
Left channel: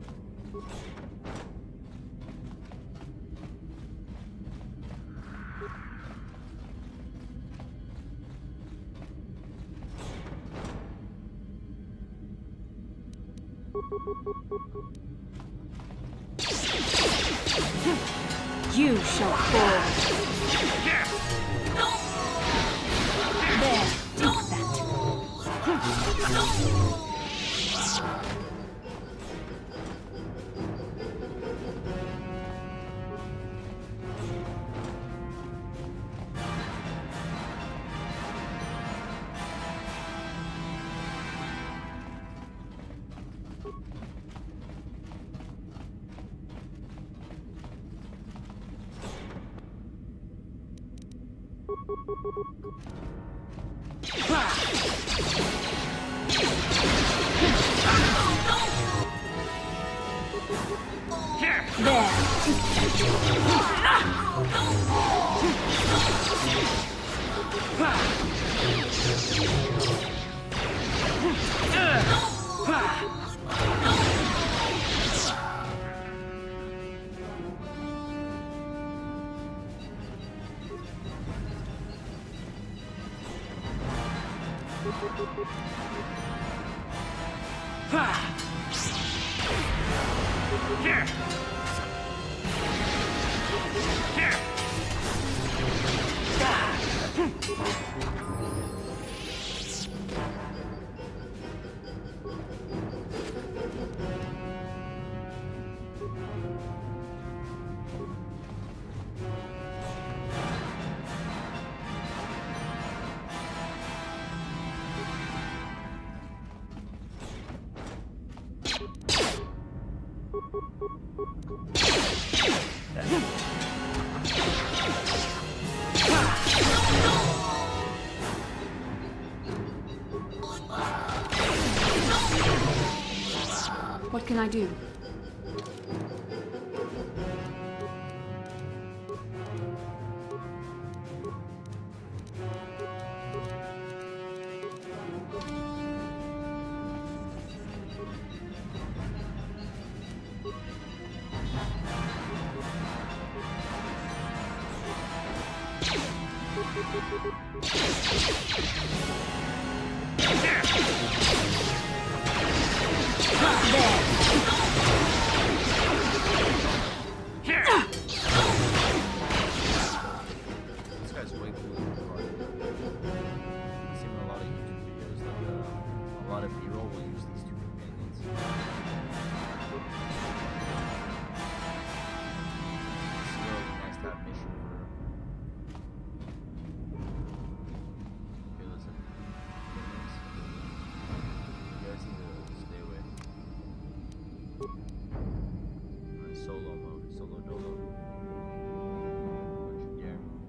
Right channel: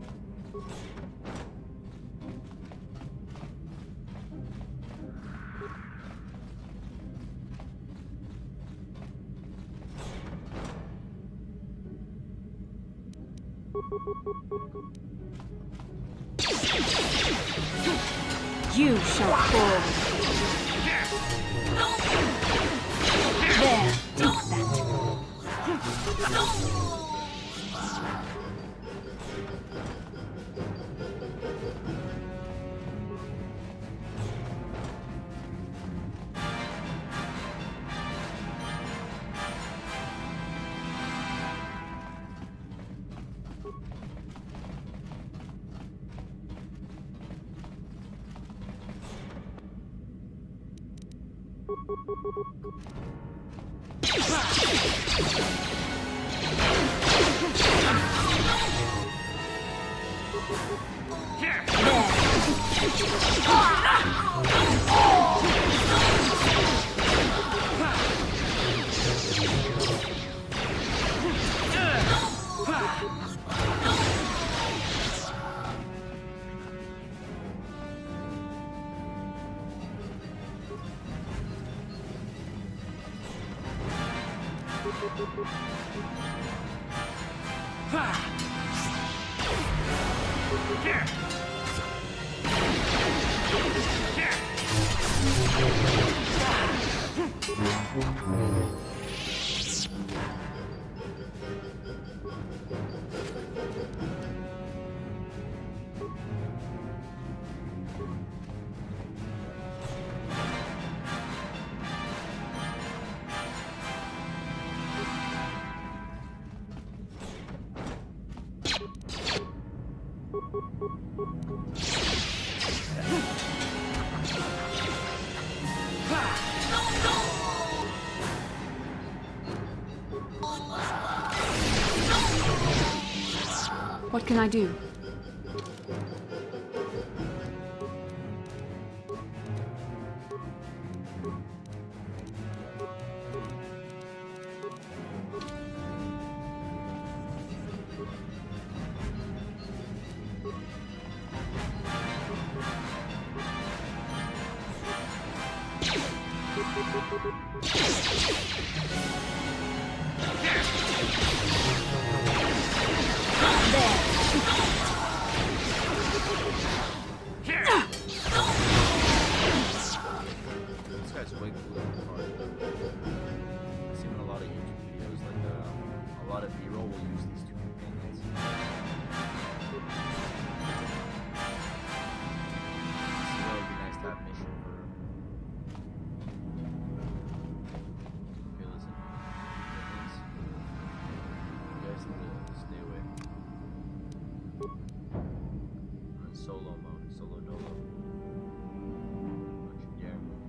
You shall fall. There, take that. Here. Here. What can I do? This guy's way cooler than the card. I've seen in a lot of YouTube videos, like a lot of B-roll will use these two companions. Zero would be nice to have mission for. Okay, listen. Companions. You guys need to stay away. I'm in solo mode, solo dolo. Don't you dare move.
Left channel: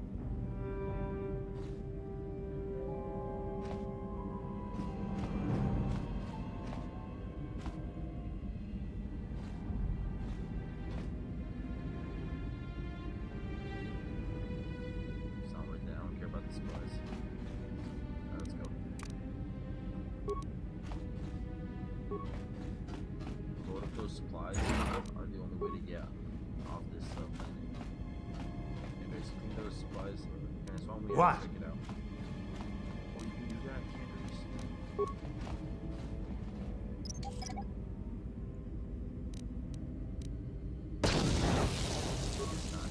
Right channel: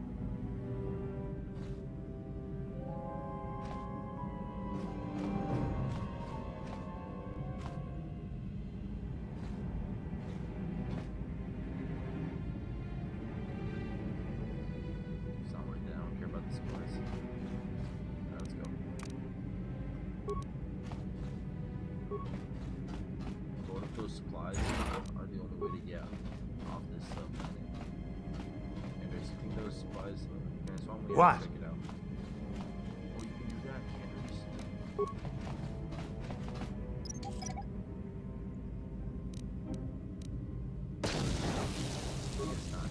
It's not worth it. I don't care about the supplies. Alright, let's go. What if those supplies are the only way to get off this planet? Anyways, you think those supplies are transform? We have to check it out. Oh, you can do that, Candace. It's not.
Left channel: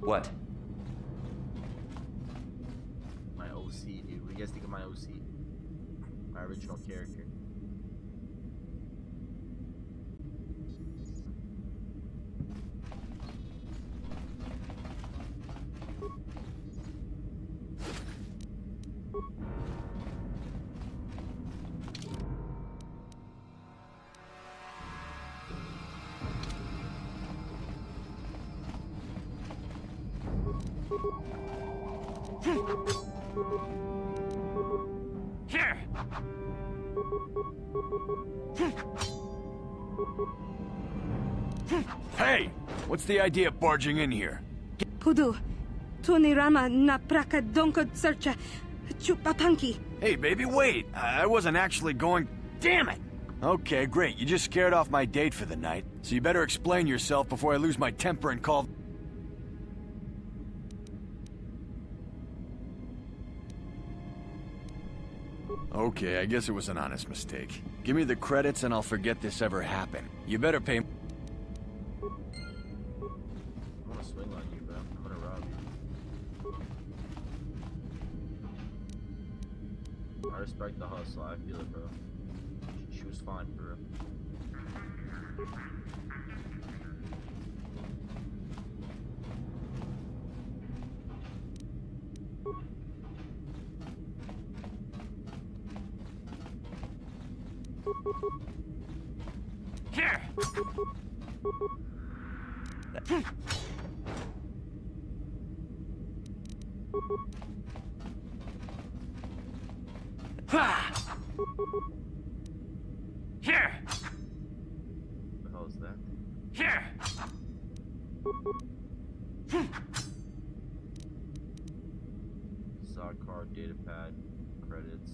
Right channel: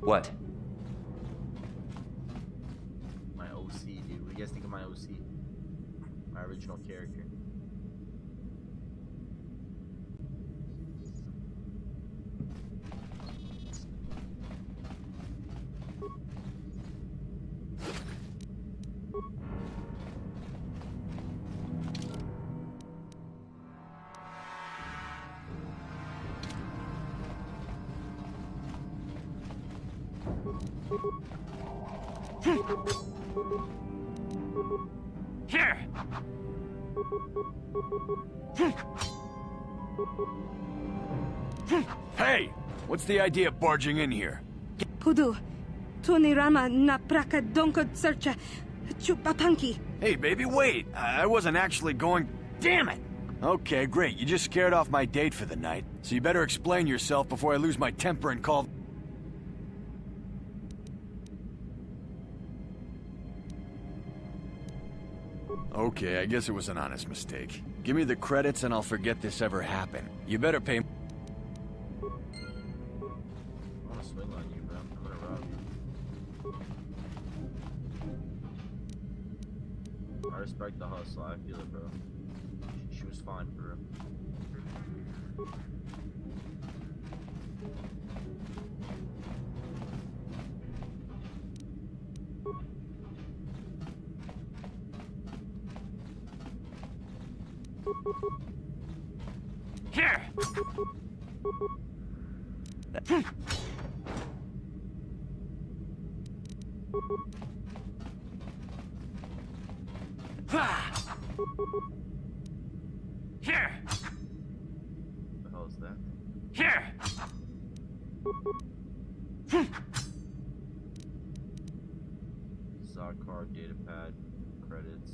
What? My OC, dude. What do you guys think of my OC? My original character. Here. Hey! What's the idea of barging in here? Pudu, Tunirama na praka donko searcha chupapanki. Hey, baby, wait! I wasn't actually going... Damn it! Okay, great. You just scared off my date for the night. So you better explain yourself before I lose my temper and call... Okay, I guess it was an honest mistake. Give me the credits and I'll forget this ever happened. You better pay... I wanna swing on you, bro. I'm gonna rob you. I respect the hustle. I feel it, bro. She was fine, for real. Here. Here. What the hell is that thing? Here. Zod card, datapad, credits.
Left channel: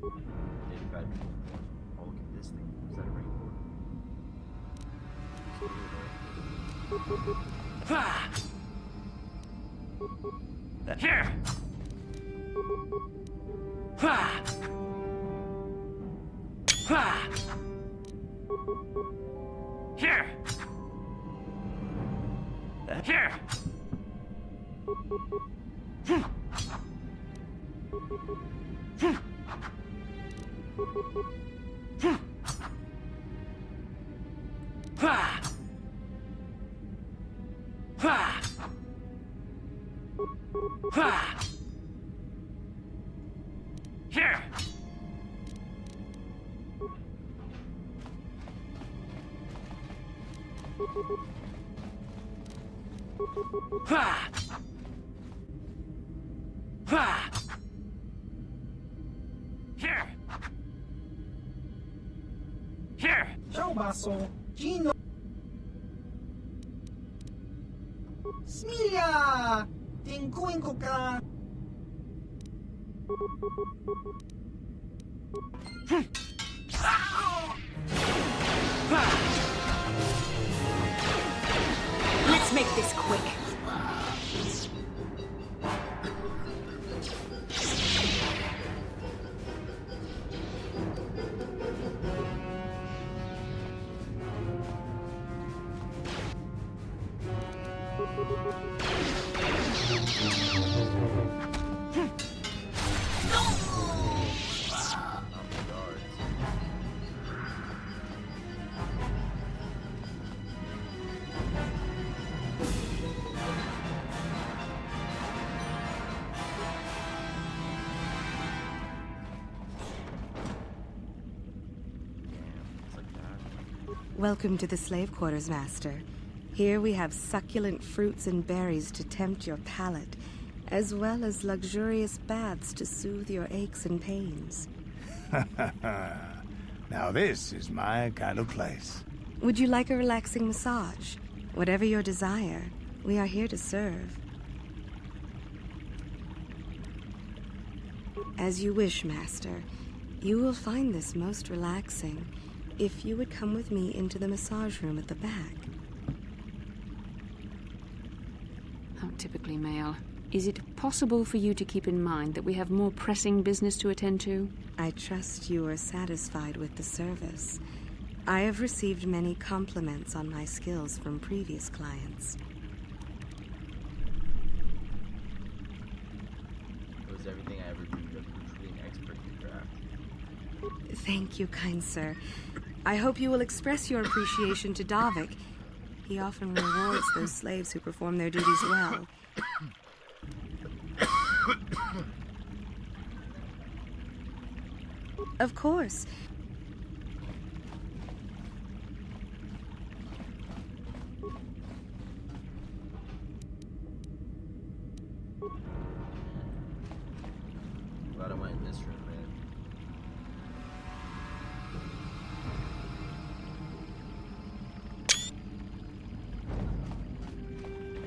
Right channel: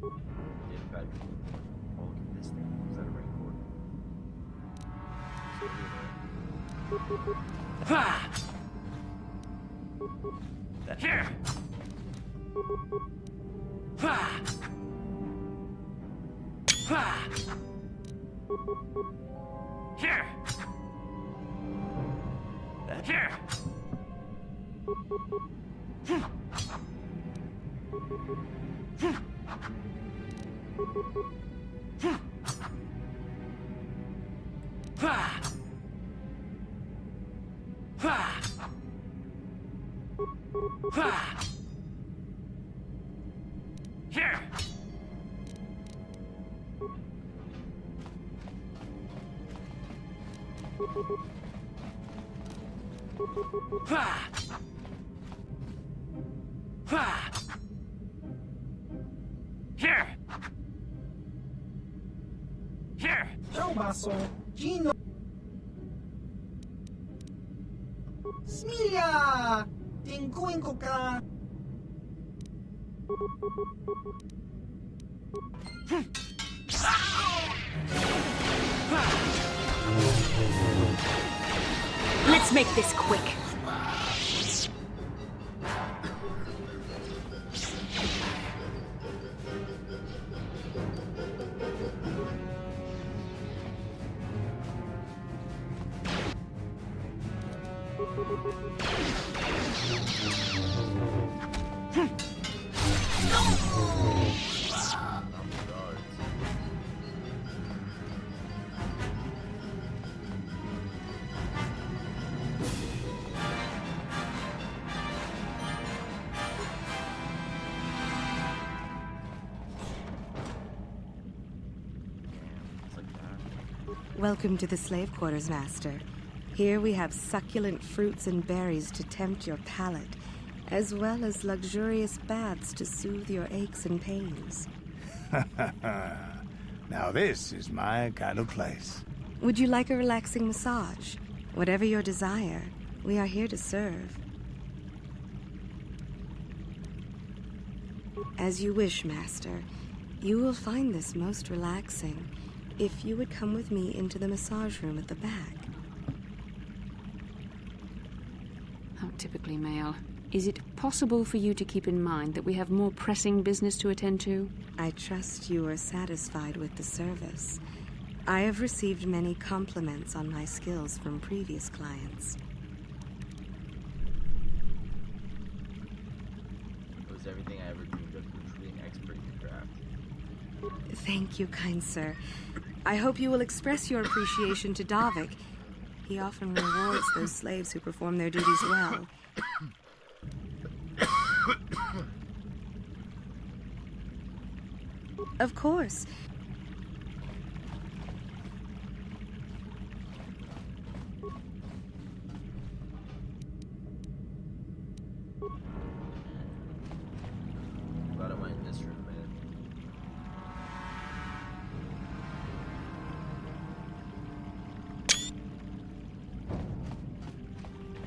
Datapad, people important. Oh, look at this thing. Is that a rain cord? Here! Here! Here! Here! Here! Here! Ciao basso, Gino. Smilia! Tingkuin ka. Let's make this quick. Welcome to the slave quarters, Master. Here we have succulent fruits and berries to tempt your palate, as well as luxurious baths to soothe your aches and pains. Now this is my kind of place. Would you like a relaxing massage? Whatever your desire, we are here to serve. As you wish, Master. You will find this most relaxing if you would come with me into the massage room at the back. How typically male. Is it possible for you to keep in mind that we have more pressing business to attend to? I trust you are satisfied with the service. I have received many compliments on my skills from previous clients. It was everything I ever dreamed of. You're truly an expert in your craft. Thank you, kind sir. I hope you will express your appreciation to Davik. He often rewards those slaves who perform their duties well. Of course. I'm glad I went in this room, man.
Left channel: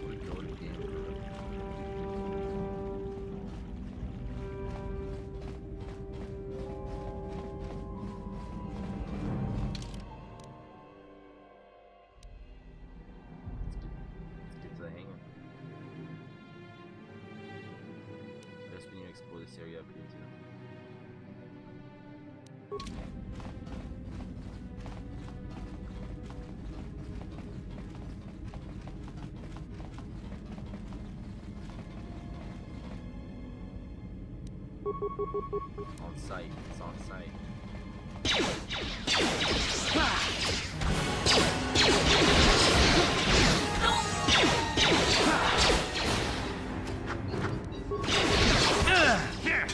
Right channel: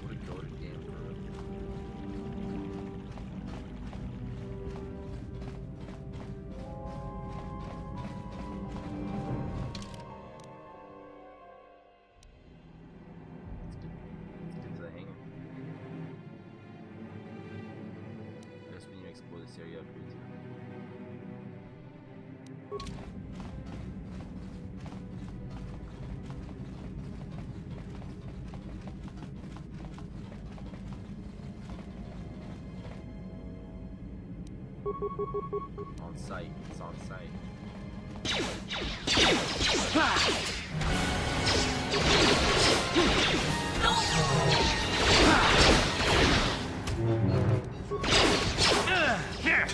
What a goated game for real. Let's get to the hangar. I guess we need to explore this area up here too. On site. It's on site. Here!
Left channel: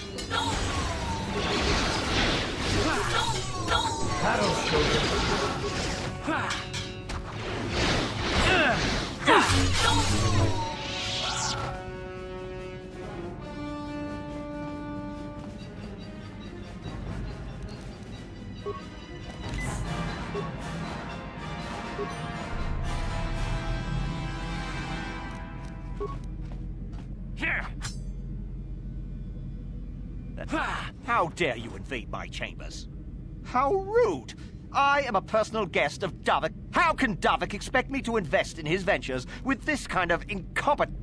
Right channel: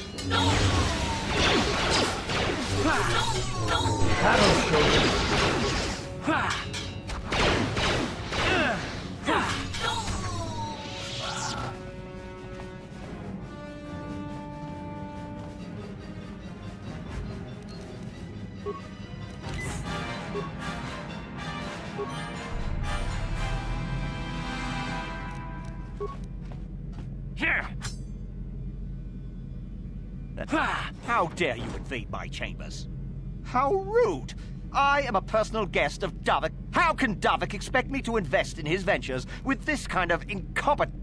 That'll show them. Here! How dare you invade my chambers? How rude! I am a personal guest of Davik. How can Davik expect me to invest in his ventures with this kind of incompetent...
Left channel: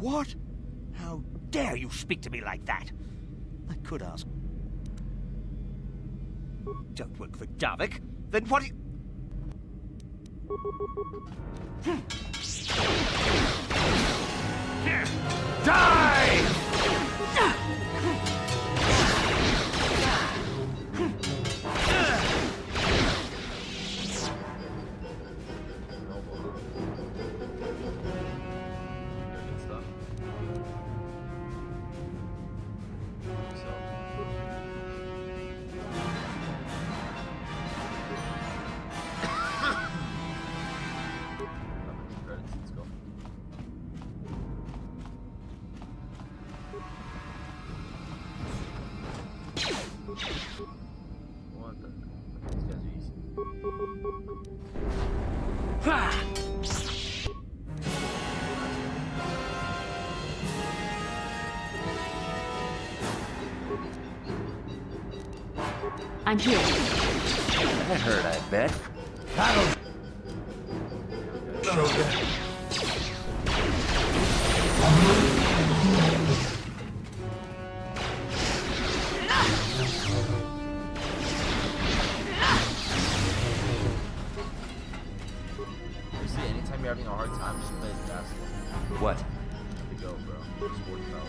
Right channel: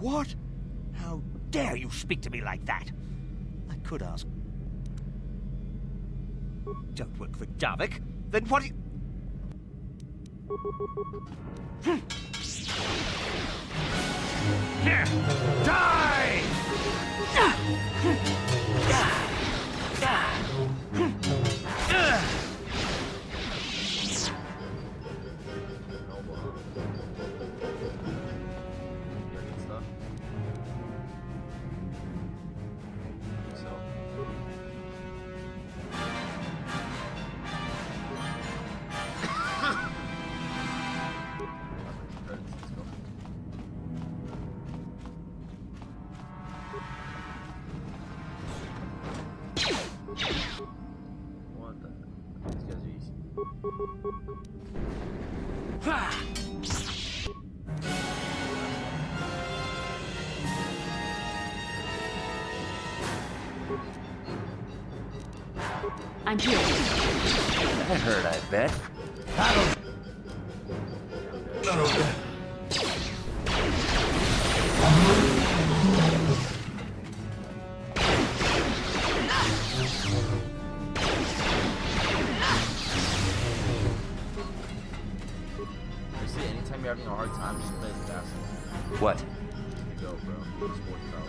What? How dare you speak to me like that? I could ask. Don't work for Davik? Then what do you... Die! What the? These guys are easy. I'm here. That hurt, I bet. Basically, anytime you're having a hard time, just play as basketball. What? Just to go, bro. Sports powers.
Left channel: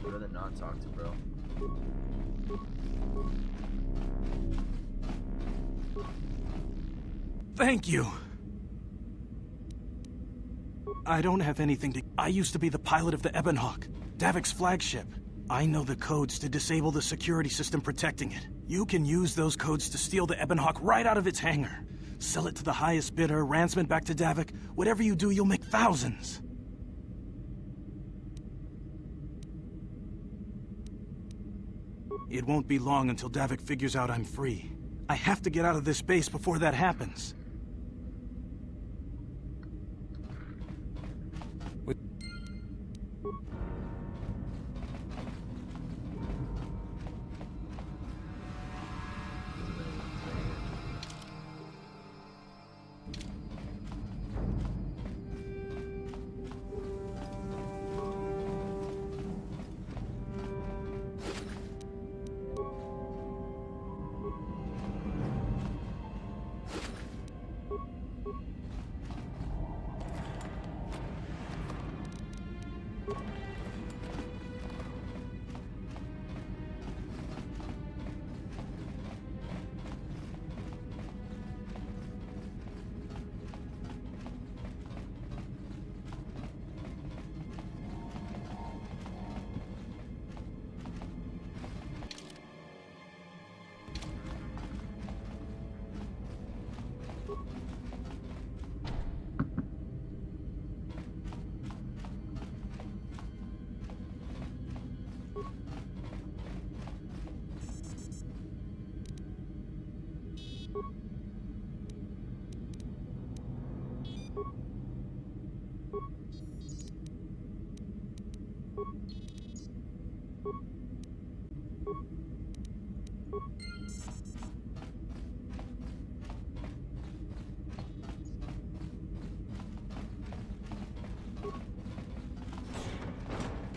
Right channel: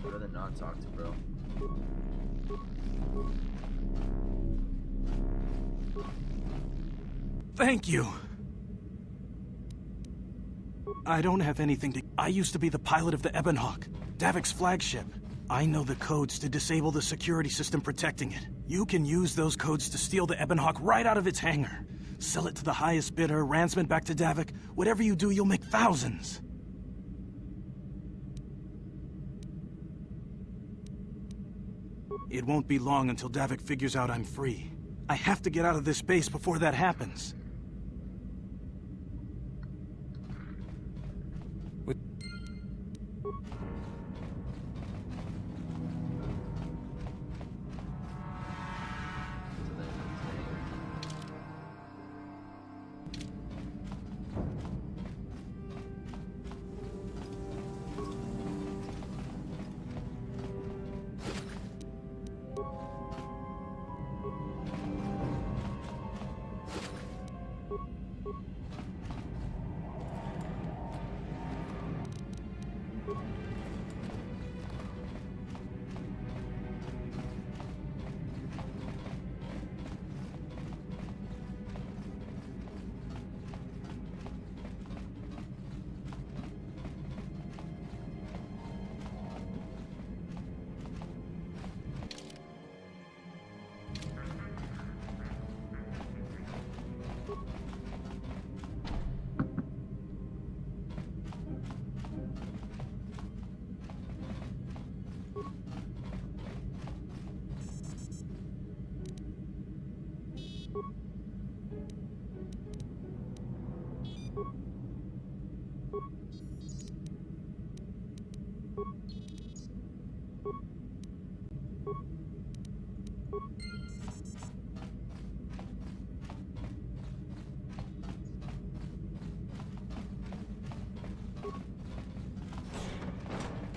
I'd rather not talk to, bro. Thank you. I don't have anything to... I used to be the pilot of the Ebonhawk, Davik's flagship. I know the codes to disable the security system protecting it. You can use those codes to steal the Ebonhawk right out of its hangar. Sell it to the highest bidder, ransom it back to Davik. Whatever you do, you'll make thousands. It won't be long until Davik figures out I'm free. I have to get out of this base before that happens.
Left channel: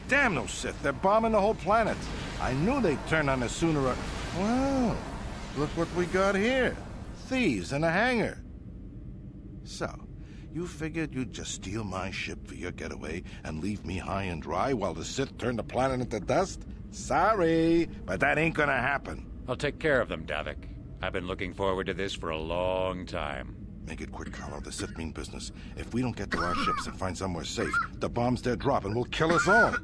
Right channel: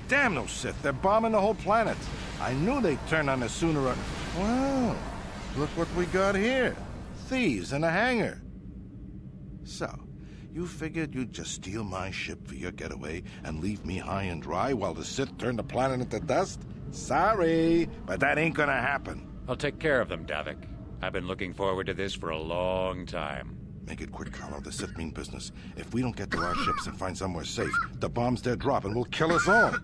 Damn those Sith, they're bombing the whole planet. I knew they'd turn on us sooner or... Well, look what we got here. Thieves in a hangar. So, you figured you'd just steal my ship for your getaway and leave me high and dry while the Sith turn the planet into dust? Sorry, but that ain't gonna happen. I'll take care of them, Davik. I've been looking forward to this for a long time. Make it quick, Carlo. The Sith mean business. If we don't get to our ships and find somewhere safe, the bombs they're dropping will kill us all.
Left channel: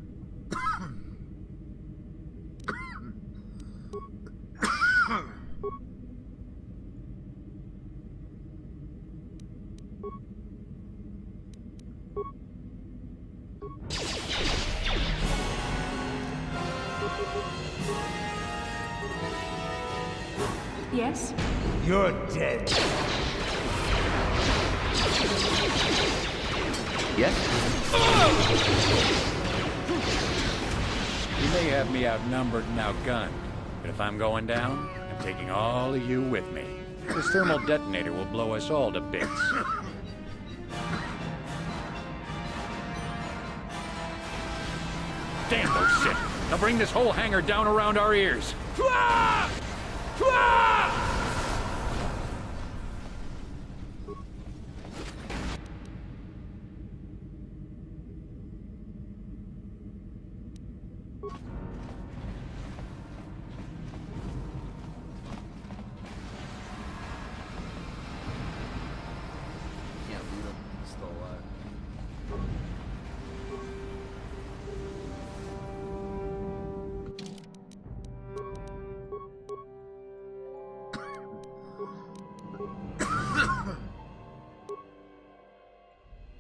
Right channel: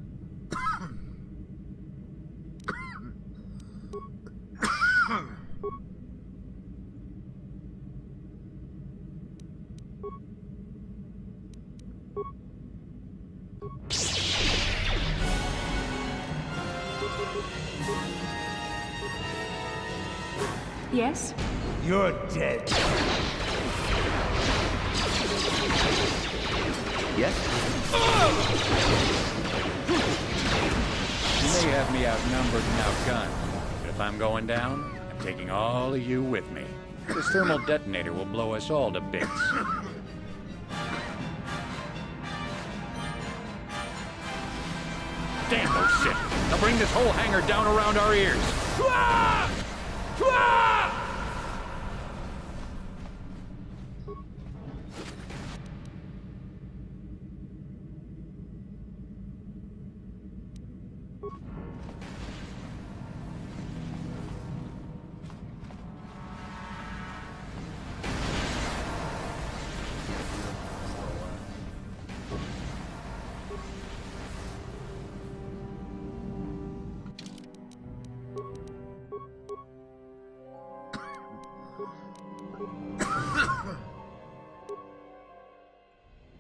Yes? You're dead. Yes? You may have me outnumbered and outgunned, but if I'm going down, I'm taking all of you with me. This thermal detonator will blow us all to bits. Damn those Sith! They'll bring this whole hangar down around our ears.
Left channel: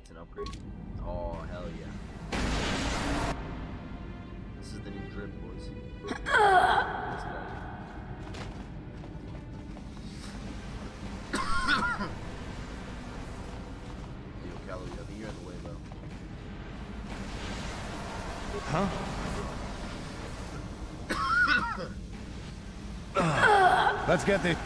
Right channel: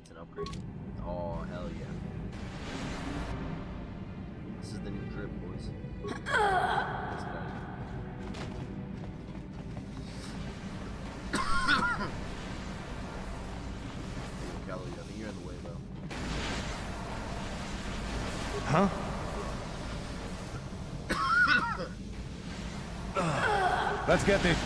It's an upgrade. Oh, hell yeah. This is the new drip, boys. Let's go. Hey, yo, Callie, I think you're in the way, though. Huh? Let's get this.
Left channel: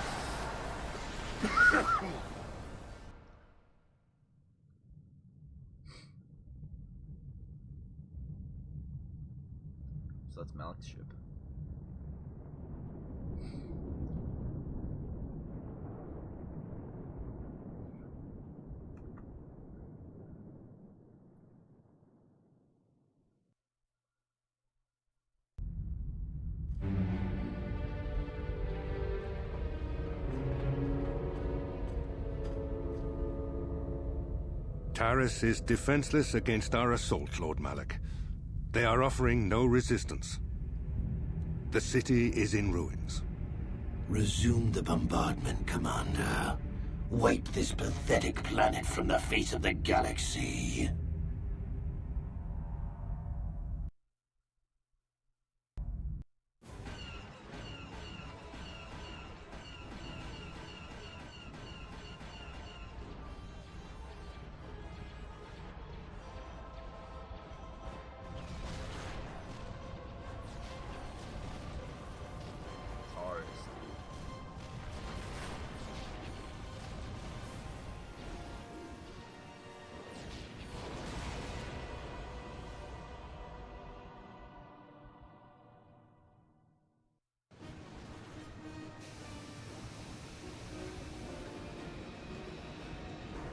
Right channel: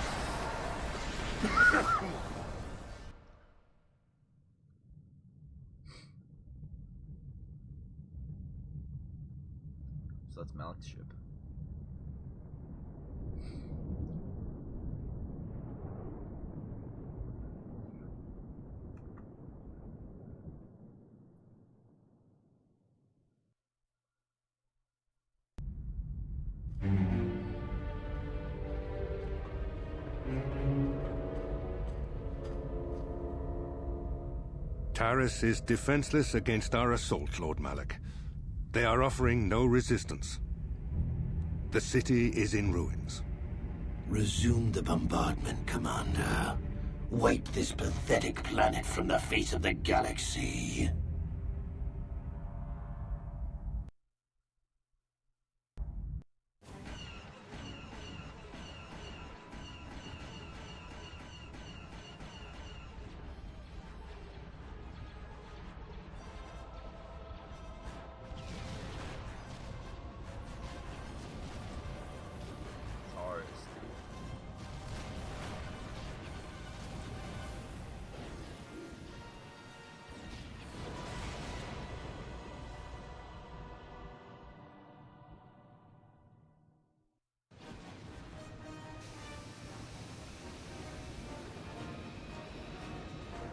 So that's Malik's ship. Taris is defenseless against our assault, Lord Malik. They are offering no resistance. The city is in ruins. Resume the bombardment, Commander. Wipe this pathetic planet from the face of the galaxy.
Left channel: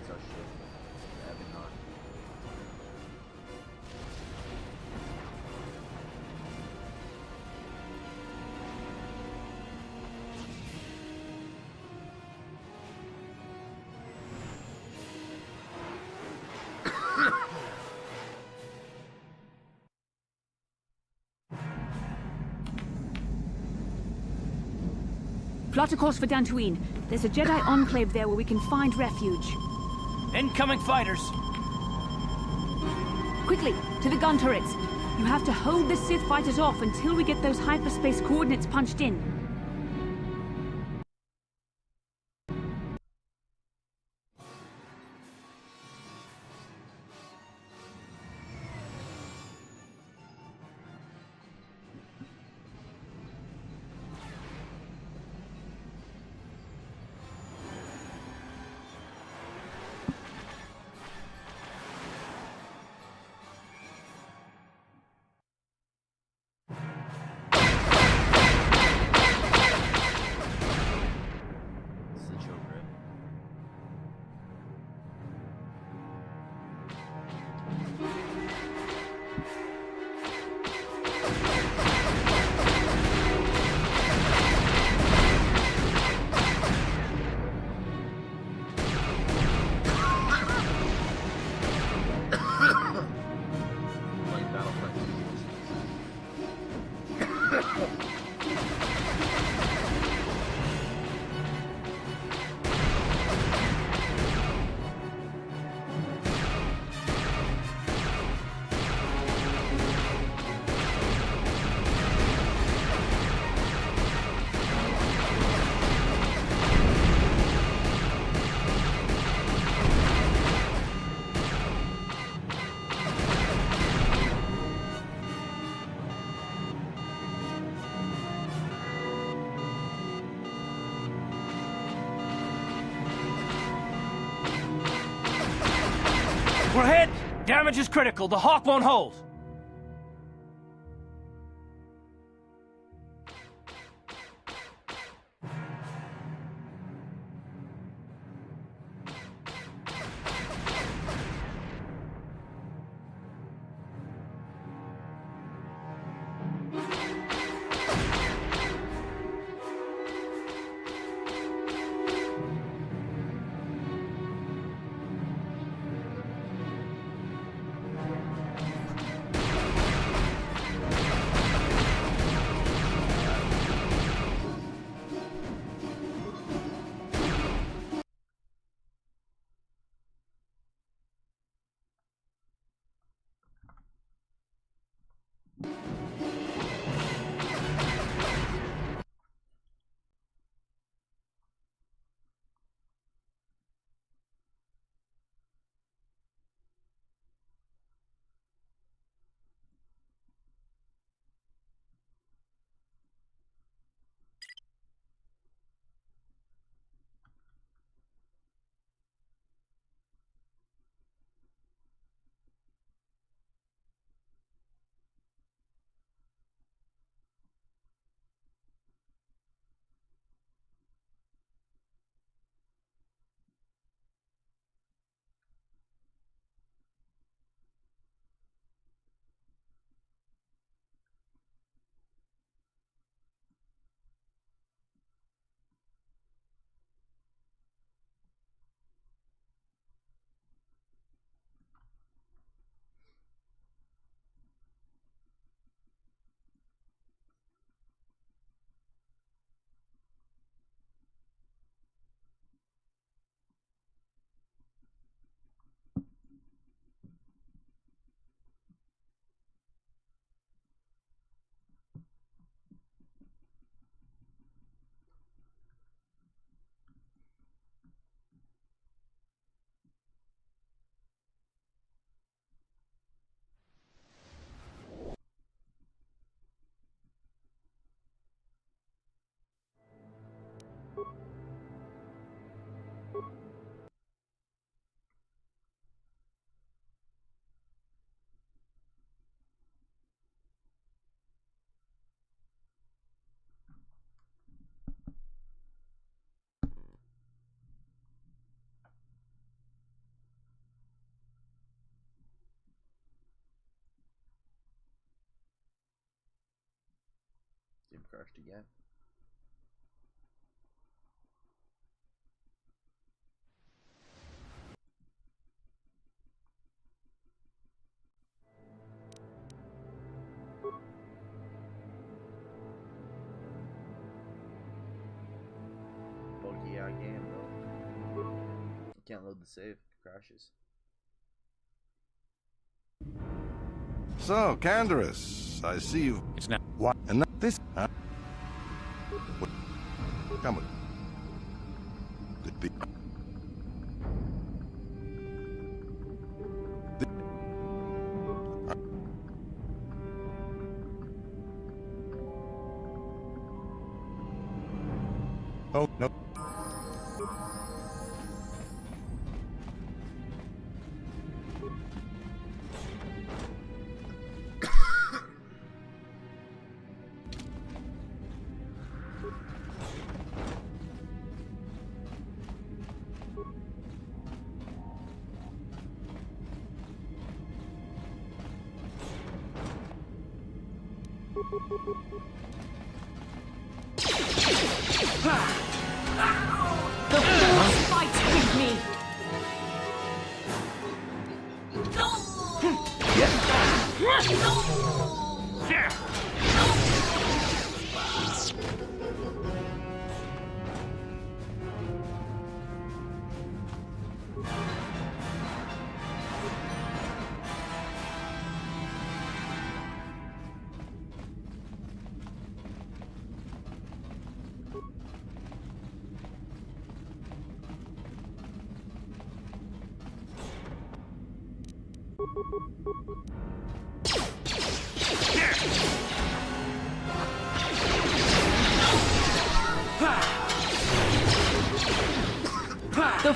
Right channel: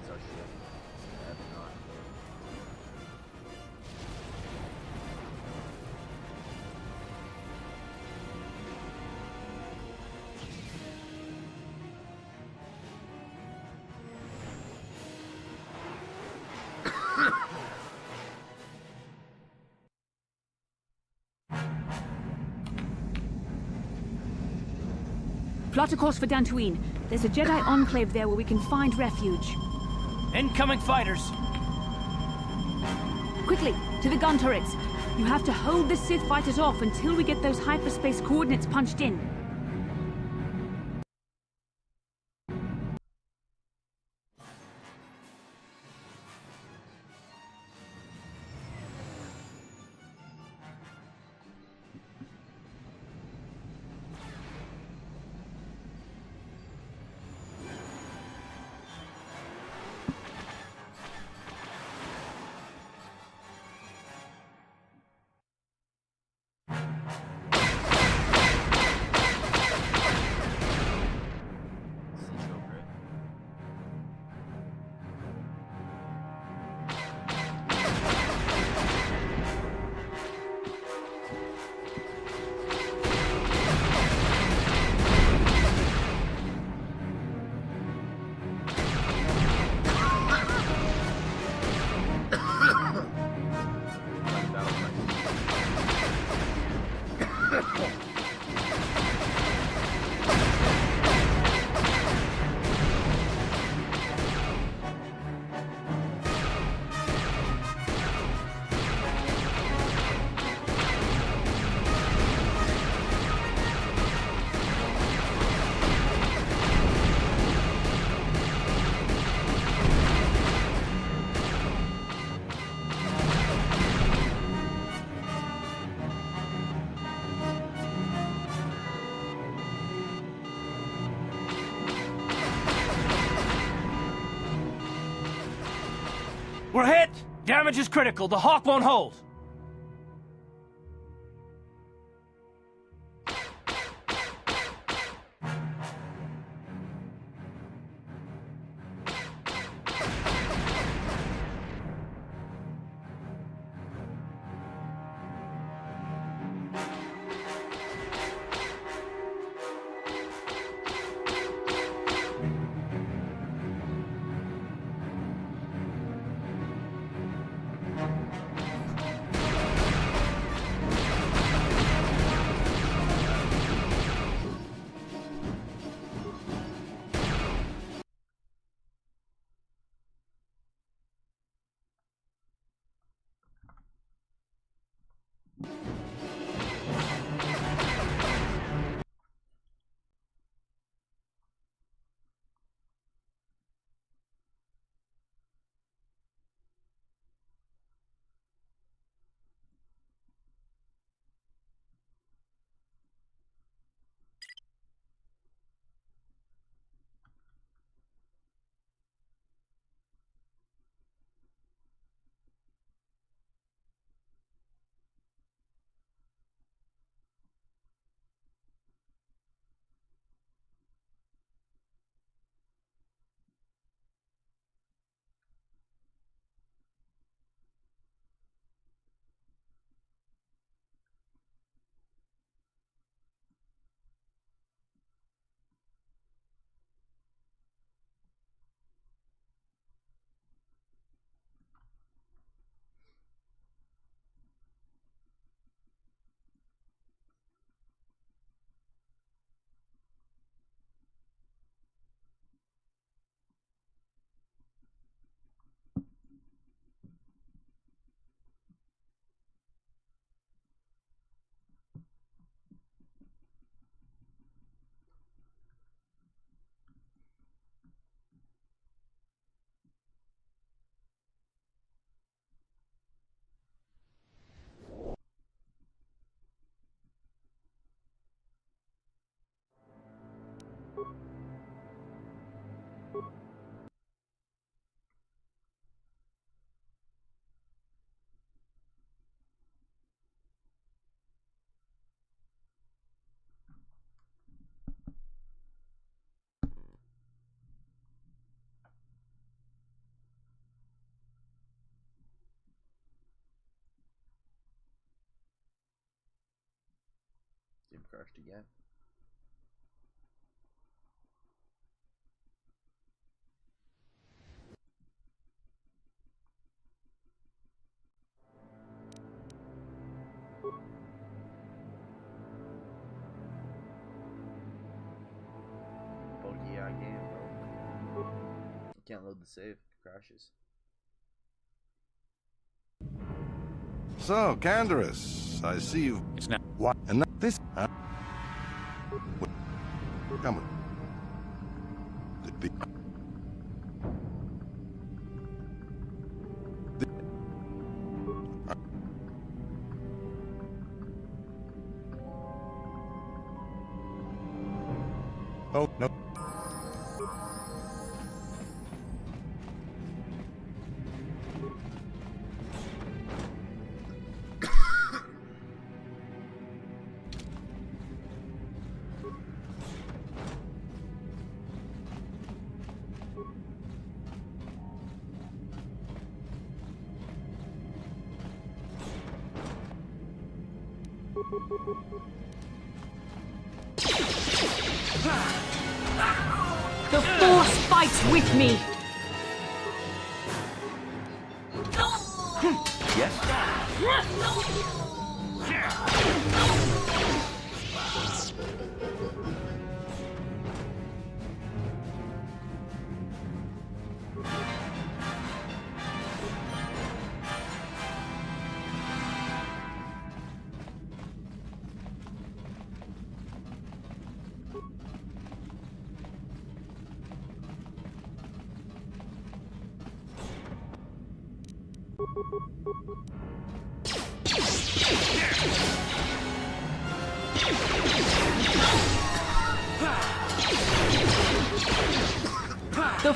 It's our ship. Ebonhawk. Plot a course for Dantooine. There's a Jedi enclave there where we can find refuge. Incoming fighters! Quickly, to the gun turrets. You have to hold the Sith fighters off until we get those hyperspace coordinates punched in. We're hit! Damage is critical. The Hawk won't hold. Game crashed again. Buggy game, bro. You can't load the save. It crashes. So, Canderous, I see you. It's not. What? And this? Huh? Come with. Oh, no. The Force fights with me!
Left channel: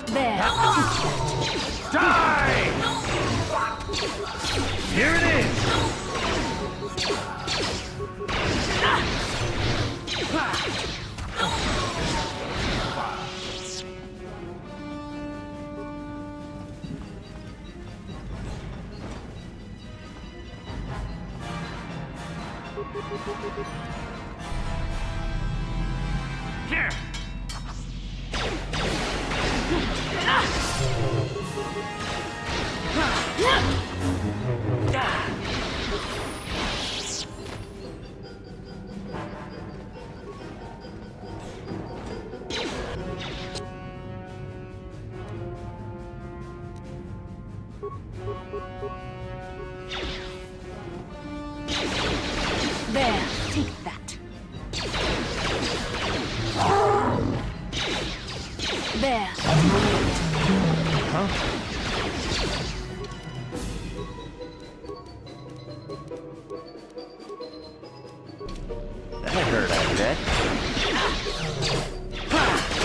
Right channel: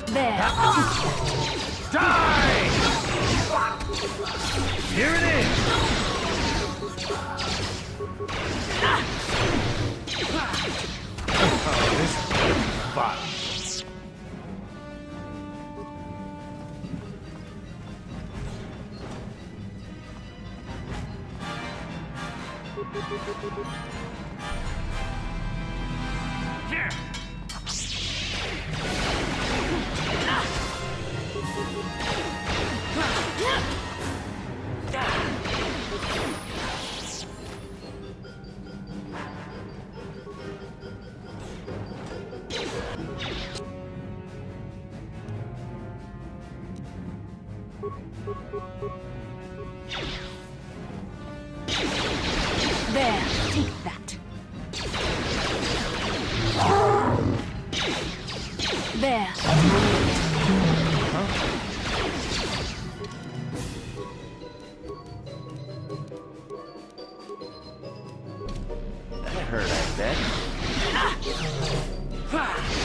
There! Die! Here it is! Here! There, take that. There. Huh? That hurt, I bet.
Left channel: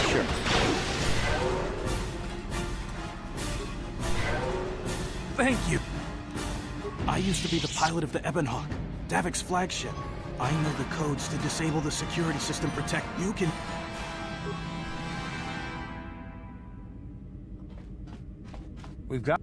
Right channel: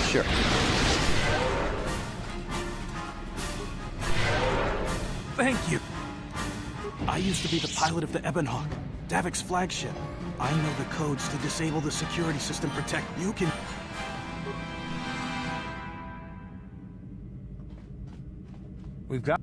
Sure. Thank you. I used to be the pilot of the Ebonhawk, Davik's flagship. I know the codes to disable the security system protect. You can... We've got...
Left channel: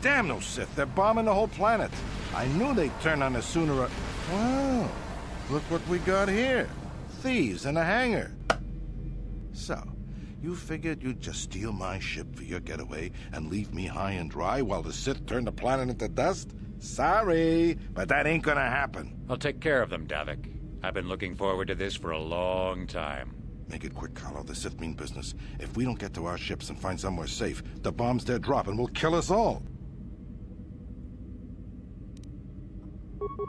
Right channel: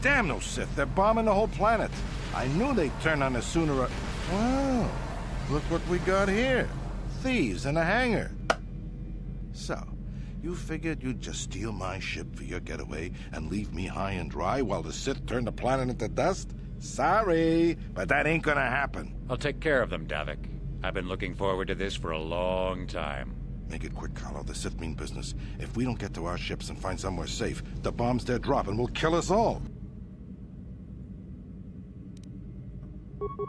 Damn those Sith, they're bombing the whole planet. I knew they'd turn on us sooner or... Wow, look what we got here. Thieves in a hangar. So, you figured you'd just steal my ship for your getaway and leave me high and dry while the Sith turn the planet into dust? Sorry, but that ain't gonna happen. I'll take care of them, Davik. I've been looking forward to this for a long time. Make it quick, Carlo. The Sith mean business. If we don't get to our ships and find somewhere safe, the bombs they're dropping will kill us all. You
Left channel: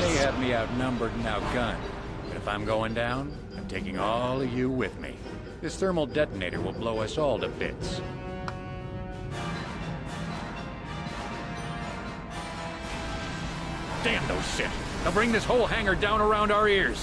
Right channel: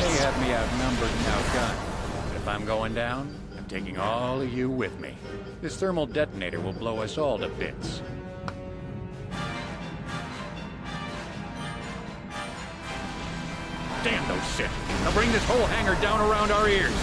may have me outnumbered and outgunned, but if I'm going down, I'm taking all of you with me. This thermal detonator will blow us all to bits. Damn those Sith! They'll bring this whole hangar down around our ears!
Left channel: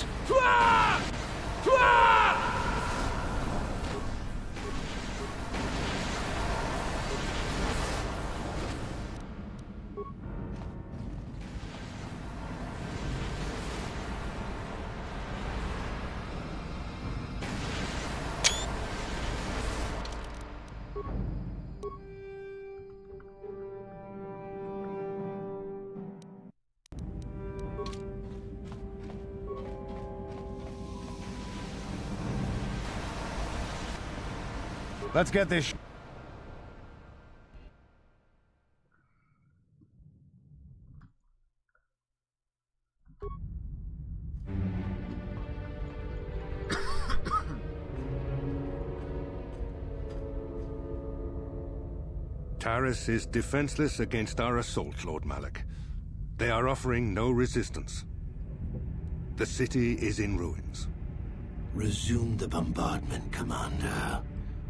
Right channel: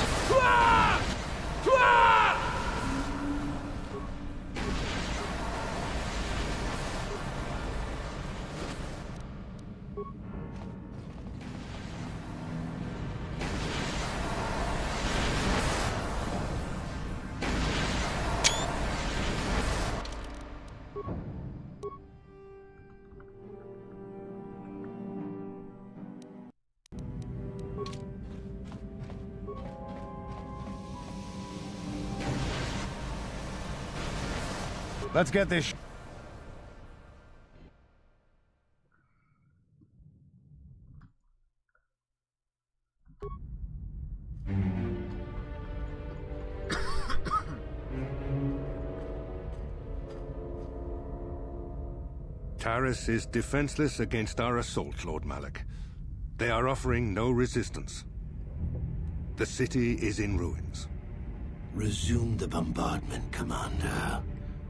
Let's get this Taris is defenseless against our assault, Lord Malak. They are offering no resistance. The city is in ruins. Resume the bombardment, Commander.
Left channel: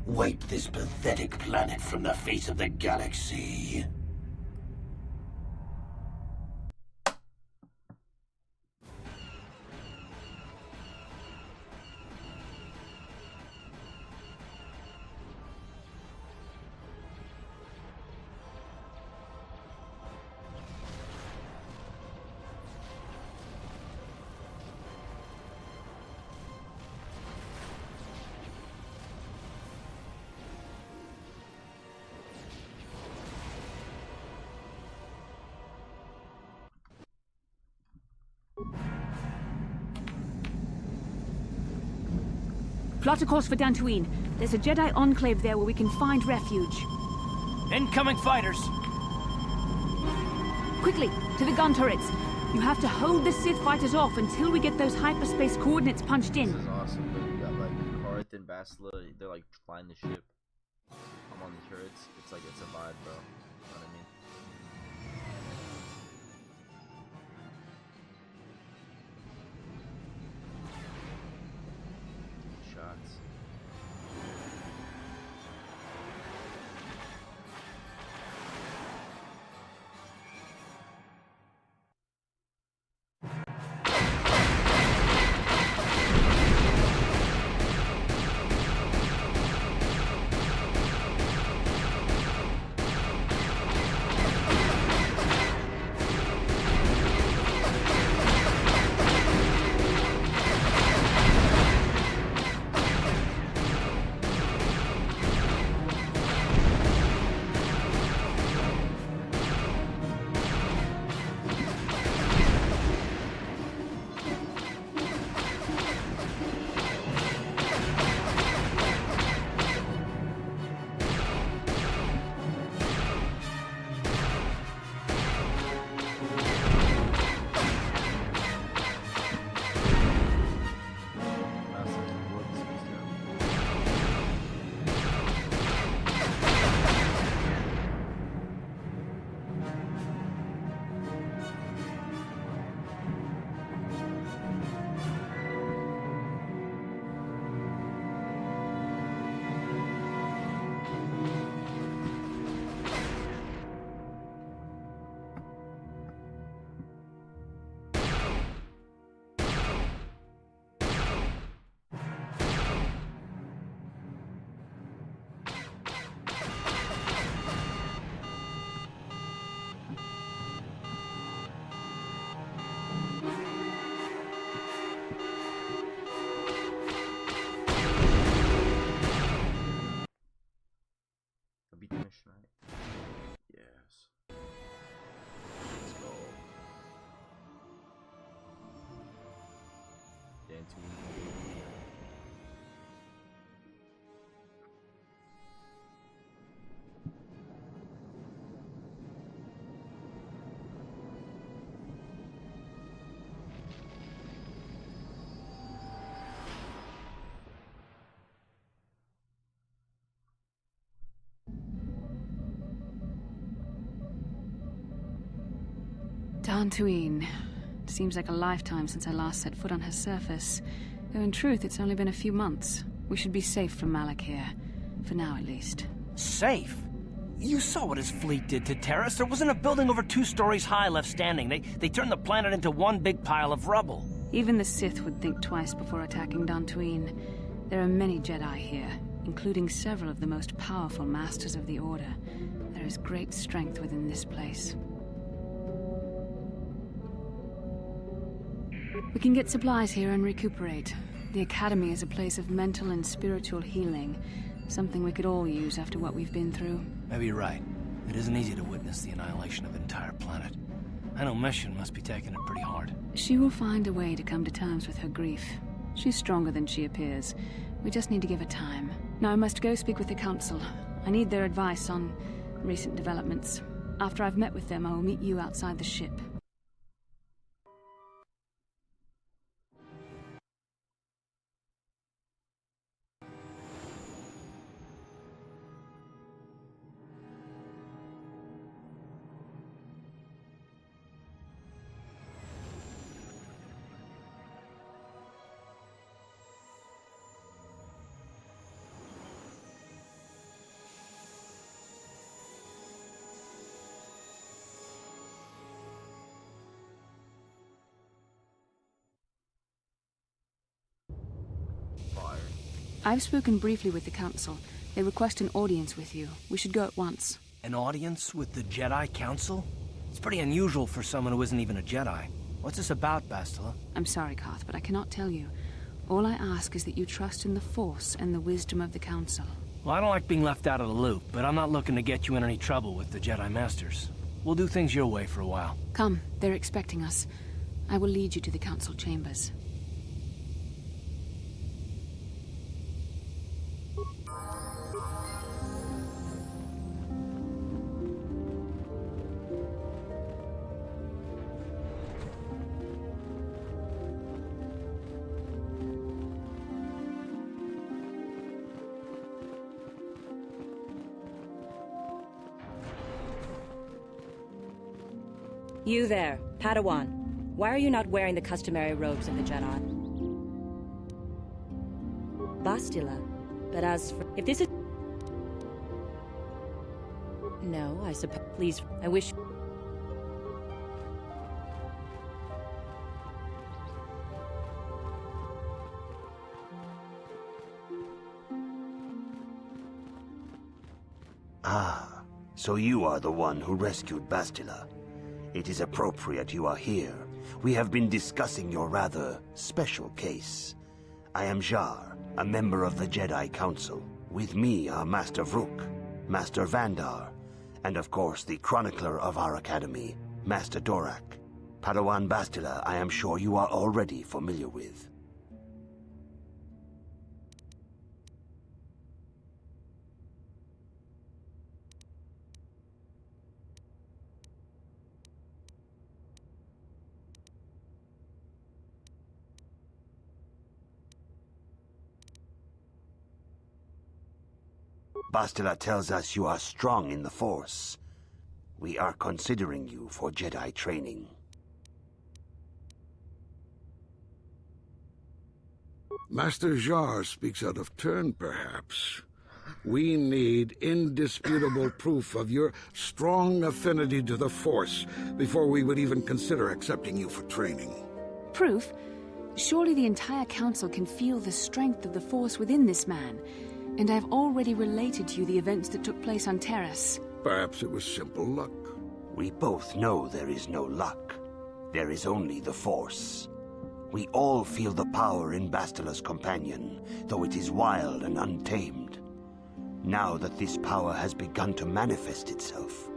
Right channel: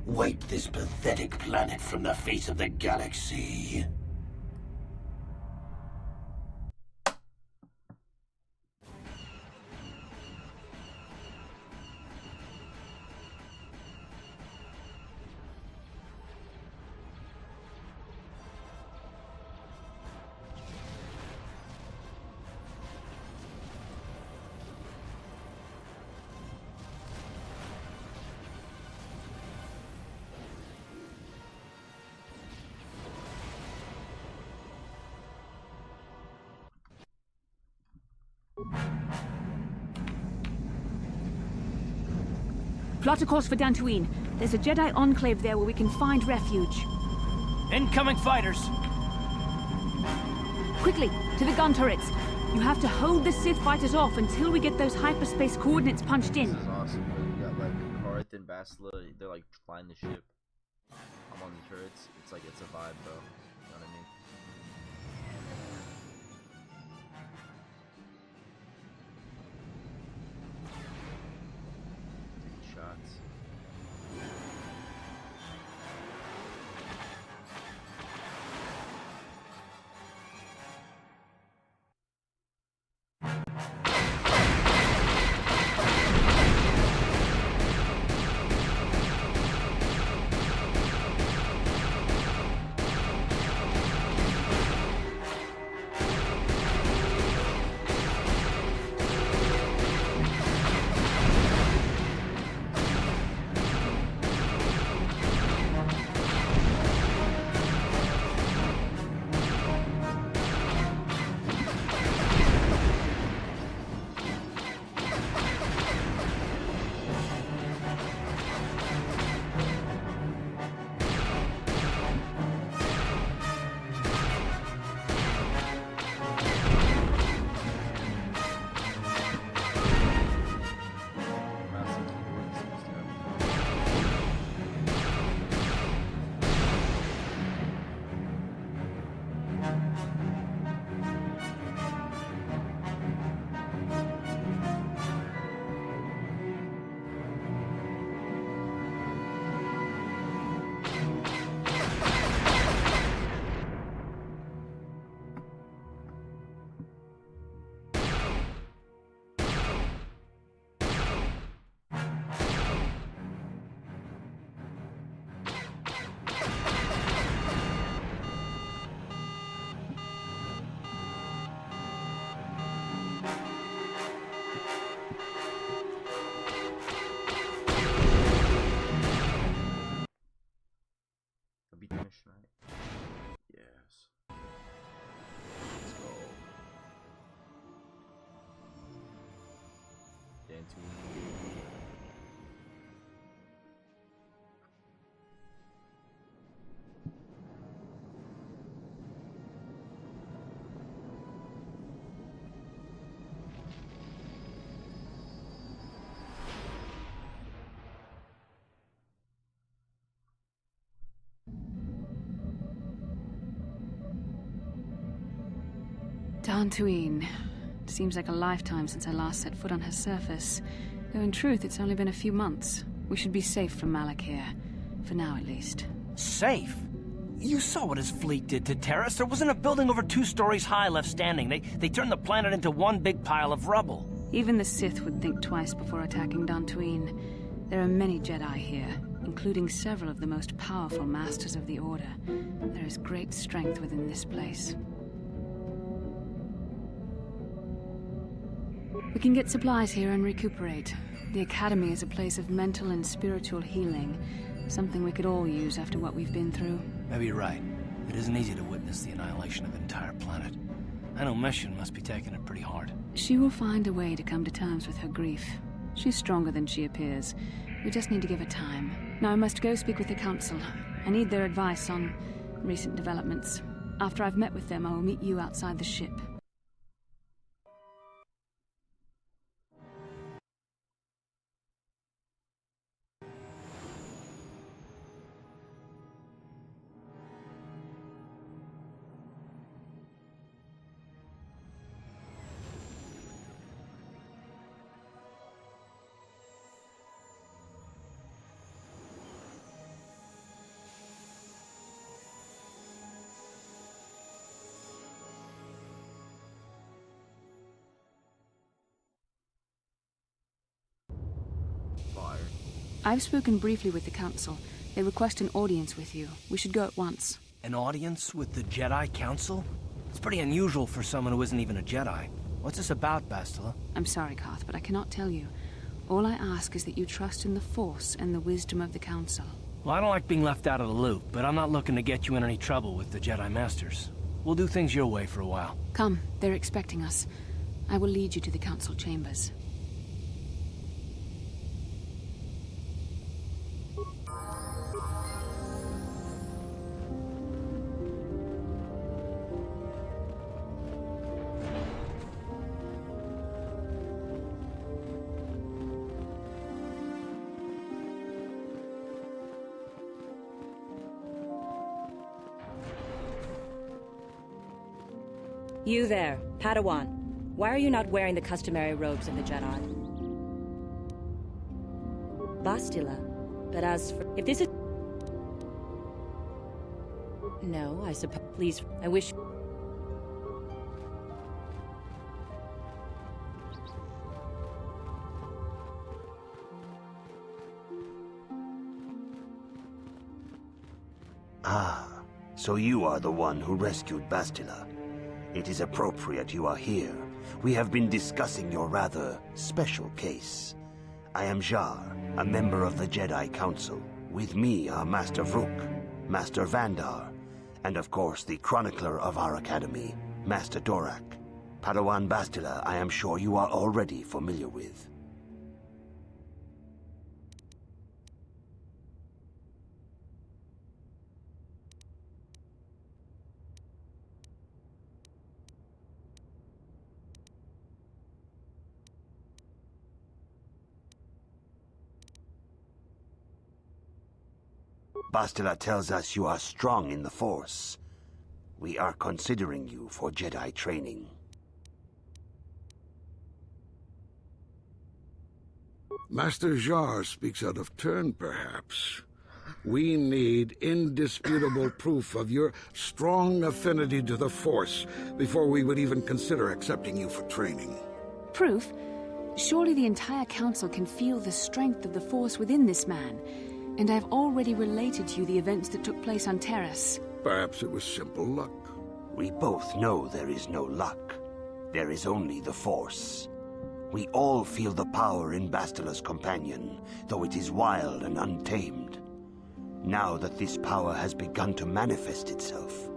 Wipe this pathetic planet from the face of the galaxy. Plot a course for Dantooine. There's a Jedi enclave there where we can find refuge. Incoming fighters! Quickly, to the gun turrets. You have to hold the Sith fighters off until we get those hyperspace coordinates punched in. This is awesome, but you got like Karth and Bastila, they're like flying the ship. I'm on the turrets. It's like, it's a vibe, bro. You know what I mean? Taking shots. I beat the mission, right? Yes. Let's go. Dantooine. Dantooine. Seems like a lifetime since I last set foot on her surface. Though in truth, it's only been a few months. We should be safe from Malak here. For now, at least. Safe? You saw what his fleet did to Terrace. There wasn't a building over 2 stories high left standing. They turned the planet into one big pile of rubble. Even the Sith would think twice before attacking Dantooine. There are many Jedi here, including several of the most powerful Masters of the Order. There is great strength within this place. We can get supplies here and recuperate. The Academy is a place of mental and spiritual healing. Something we could all use after what we've been through. Maybe you're right. It isn't easy to witness the annihilation of an entire planet. I know Mission must be taking it pretty hard. She will find a way to come to terms with her grief. She's stronger than she appears. We just need to give her time. Now I must go speak with the Council. I need their advice on recent developments. After I've met with them, I will meet you outside the ship. I've spoken briefly with the Council. They request an audience with you. We should go at once. An audience with the Jedi Council? It's pretty unusual for someone who isn't even a Jedi. What's this about, Bastila? I'm sorry, Koth, but I cannot tell you. All I ask is that you trust in the Force and the wisdom of the Council. Well, I don't like being left out of the loop, but I'm not looking to get you in any trouble with the Jedi Masters. We'll do things your way for a while. Come, they're expecting us. I will lead you to the Council chambers. You there, Padawan. Why are you not wearing the customary robes of the Jedi? Bastila. But as for... If this is... No, I suppose... Please, I wish... Ah, so you are the one who rescued Bastila. It is appropriate you are here. We have been discussing your rather special case. I am Jar, a member of the Jedi Council. With me are Master Vrook, Master Vandar, and of course the chronicler of our academy, Master Dorak. Padawan Bastila, I am sure you are already familiar with. Bastila tells us you are strong in the Force. We are considering you for Jedi training. Master Jar speaks out of turn, perhaps. We need indisputable proof of your strong affinity to the Force before we would even consider accepting you for training. Proof? Surely the entire Council can feel the strength of the Force within this man. And I've already related to you the events that took place on Terrace. Perhaps it was simple luck. We both know there is no luck. There is only the Force. We all feel the power in Bastila's companion, though it is wild and untamed. Now that this power has begun to manifest itself,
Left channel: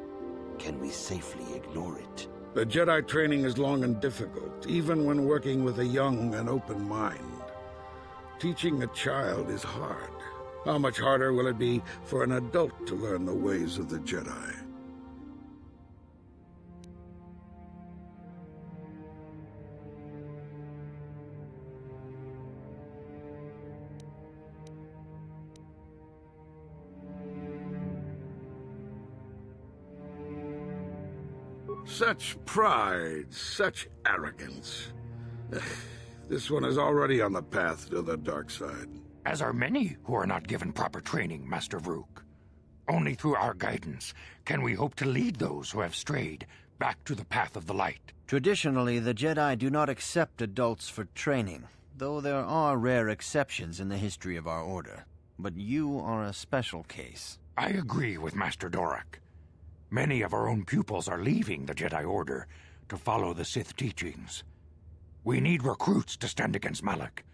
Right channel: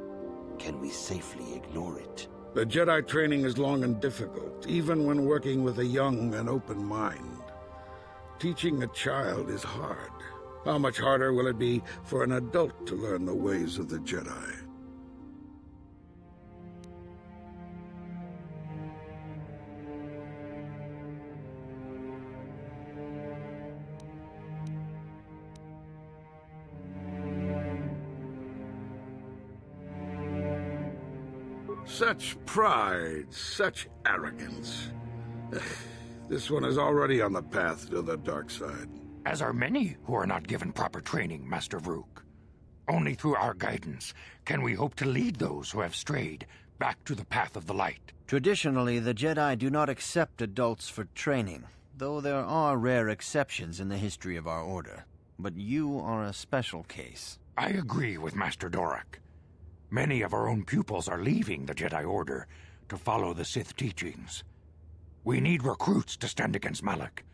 can we safely ignore it? The Jedi training is long and difficult, even when working with a young and open mind. Teaching a child is hard. How much harder will it be for an adult to learn the ways of the Jedi? Such pride, such arrogance. This one is already on the path to the dark side. As are many who are not given proper training, Master Vrook. Only through our guidance can we hope to lead those who have strayed back to the path of the light. Traditionally, the Jedi do not accept adults for training, though there are rare exceptions in the history of our order. But you are a special case. I agree with Master Dorak. Many of our own pupils are leaving the Jedi Order to follow the Sith teachings. We need recruits to stand against Malak.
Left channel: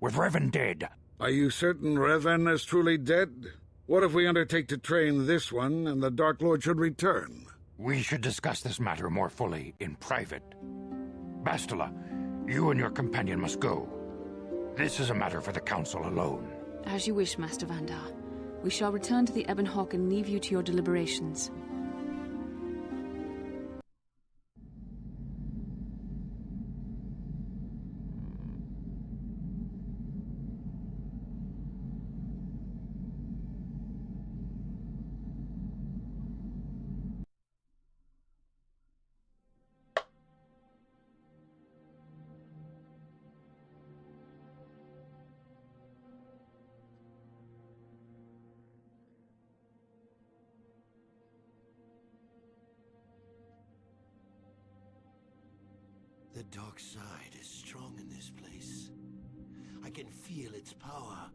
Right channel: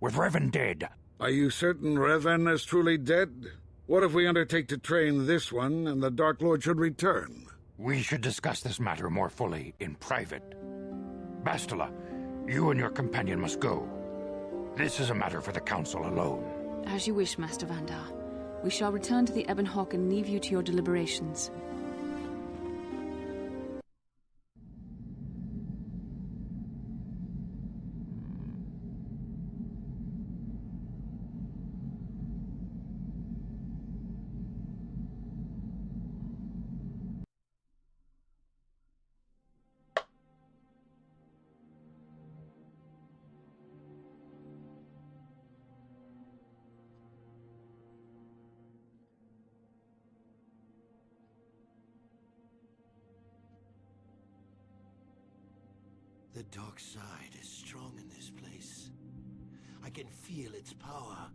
With Revan dead... Are you certain Revan is truly dead? What if we undertake to train this one and the Dark Lord should return? We should discuss this matter more fully in private. Bastila, you and your companion must go. This is a matter for the Council alone. As you wish, Master Vandar. We shall return to the Ebon Hawk and leave you to your deliberations. The dark side is strong in this place. I can feel its power.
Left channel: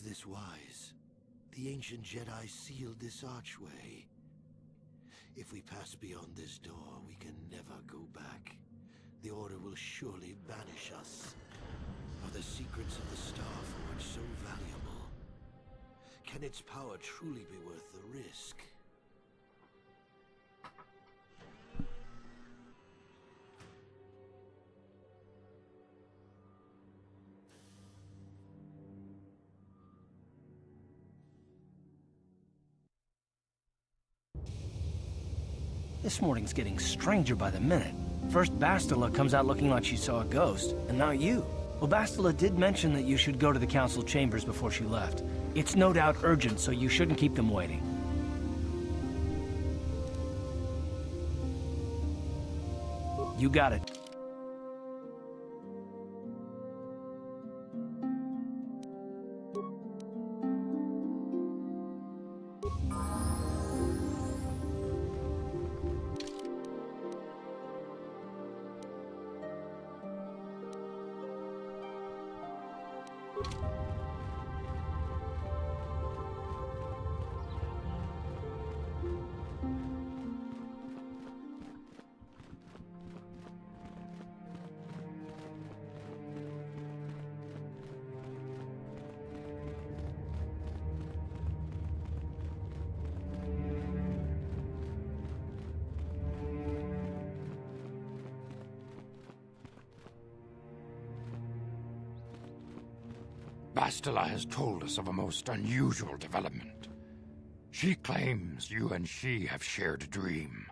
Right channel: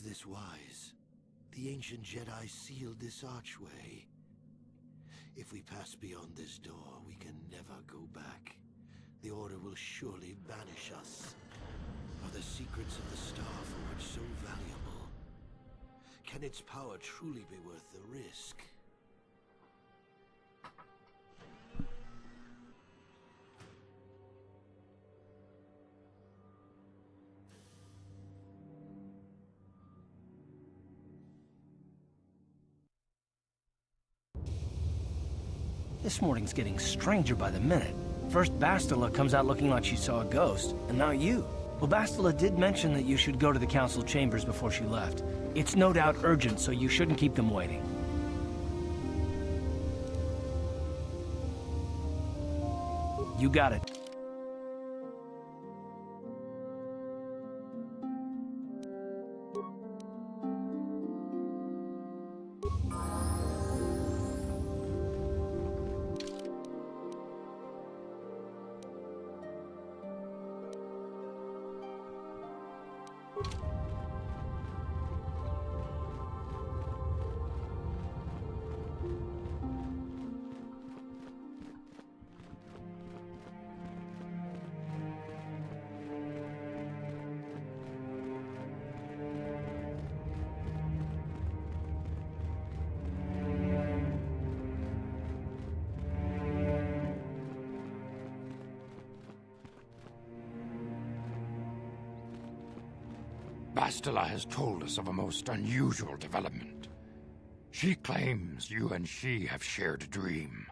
this wise? The ancient Jedi sealed this archway. If we pass beyond this door, we can never go back. The Order will surely banish us. Are the secrets of the Star Forge so valuable? Can its power truly be worth the risk? This morning's getting stranger by the minute. First Bastila comes out looking like she saw a ghost, and now you. Well, Bastila did mention that you should go to the council chambers before she left. It's no doubt urgent, so you shouldn't keep them waiting. You got it. Bastila has told us of a most unusual development. She claims you and she have shared a dream.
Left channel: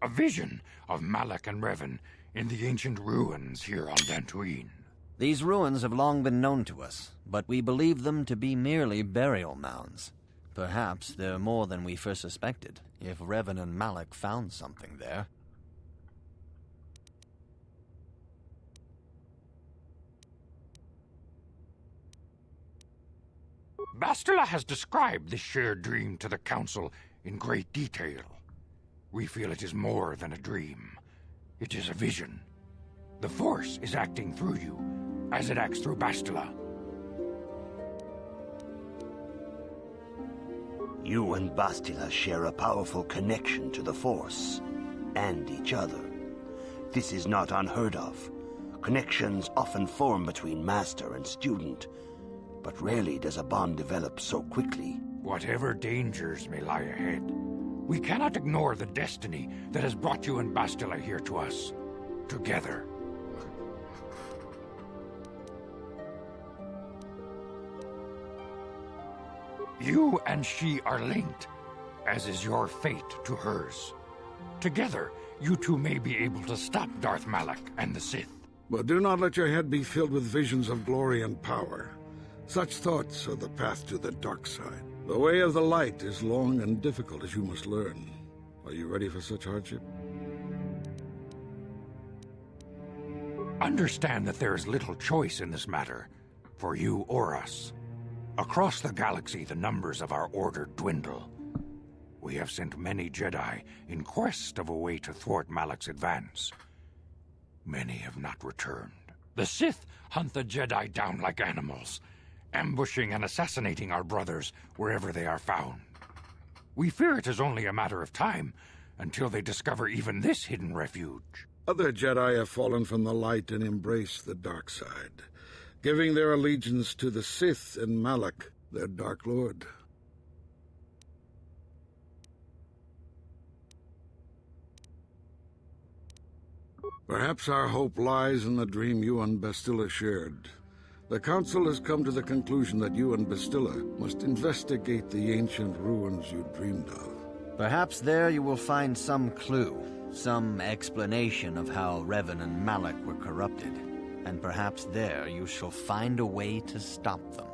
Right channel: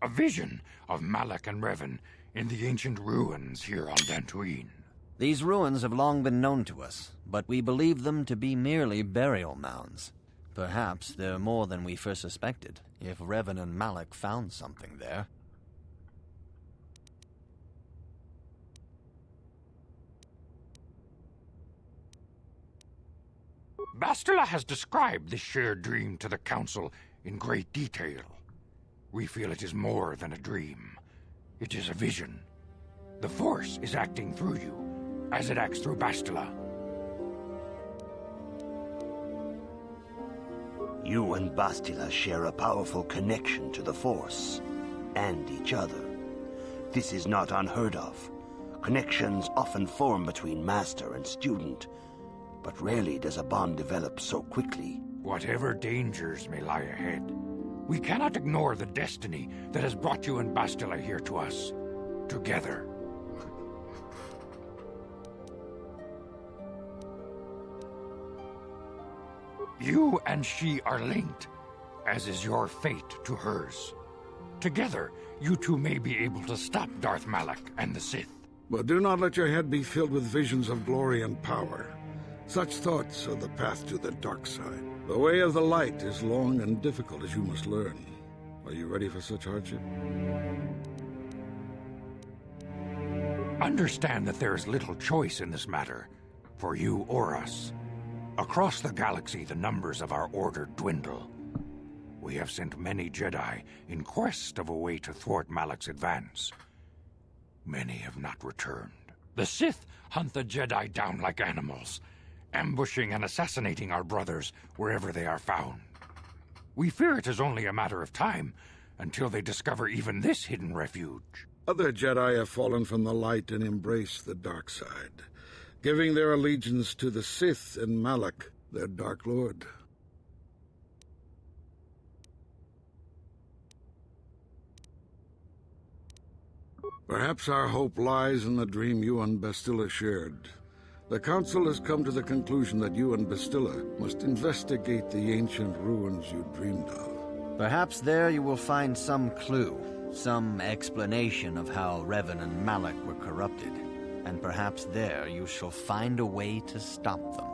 A vision of Malak and Revan in the ancient ruins here on Dantooine. These ruins have long been known to us, but we believe them to be merely burial mounds. Perhaps they're more than we first suspected, if Revan and Malak found something there. Bastila has described this shared dream to the Council in great detail. We feel it is more than a dream. It is a vision. The Force is acting through you, as it acts through Bastila. You and Bastila share a powerful connection to the Force, and each other. This is not unheard of. Connections often form between master and student, but rarely does a bond develop so quickly. Whatever dangers may lie ahead, we cannot ignore the destiny that has brought you and Bastila here to us, together. You and she are linked, as is your fate to hers. Together, you two may be able to stop Darth Malak and the Sith. But do not let your head be filled with visions of glory and power. Such thoughts are the path to the dark side. The way of the light is long and difficult, as you must learn. Are you ready for such hardship? Understand that there is little choice in this matter, for you or us. Across the galaxy, the numbers of our order dwindle. We have sent many Jedi in quest of a way to thwart Malak's advance. Many have not returned. The Sith hunt the Jedi down like animals, ambushing and assassinating our brothers wherever they are found. We fear it is only a matter of time until they discover even this hidden refuge. Other Jedi have fallen from the light and embraced the dark side, giving their allegiance to the Sith and Malak, their Dark Lord. Perhaps our hope lies in the dream you and Bastila shared. The Council has come to the conclusion that you and Bastila must investigate the ancient ruins you dreamed of. Perhaps there you will find some clue, some explanation of how Revan and Malak were corrupted. And perhaps there you shall find a way to stop them.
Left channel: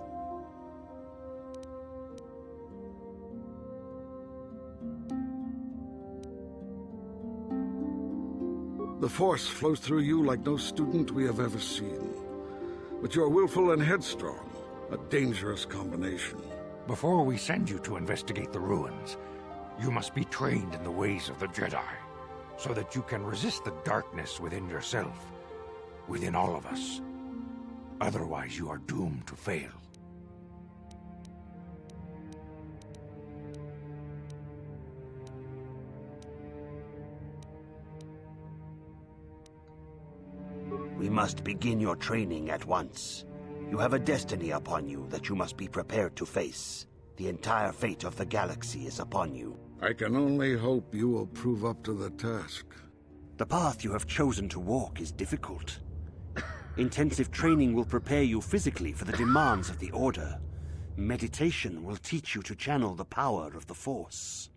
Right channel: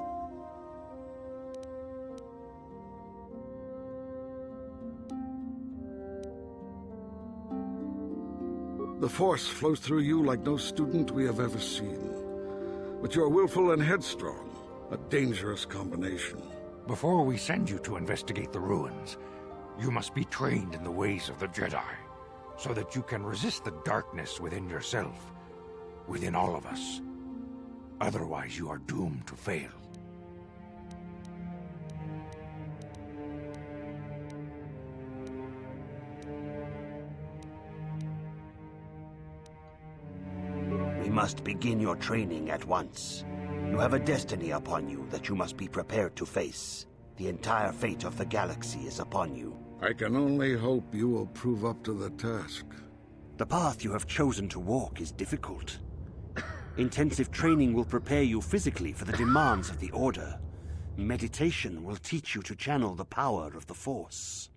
The Force flows through you like no student we have ever seen. But you are willful and headstrong, a dangerous combination. Before we send you to investigate the ruins, you must be trained in the ways of the Jedi, so that you can resist the darkness within yourself, within all of us. Otherwise, you are doomed to fail. must begin your training at once. You have a destiny upon you that you must be prepared to face. The entire fate of the galaxy is upon you. I can only hope you will prove up to the task. The path you have chosen to walk is difficult. Intensive training will prepare you physically for the demands of the Order. Meditation will teach you to channel the power of the Force.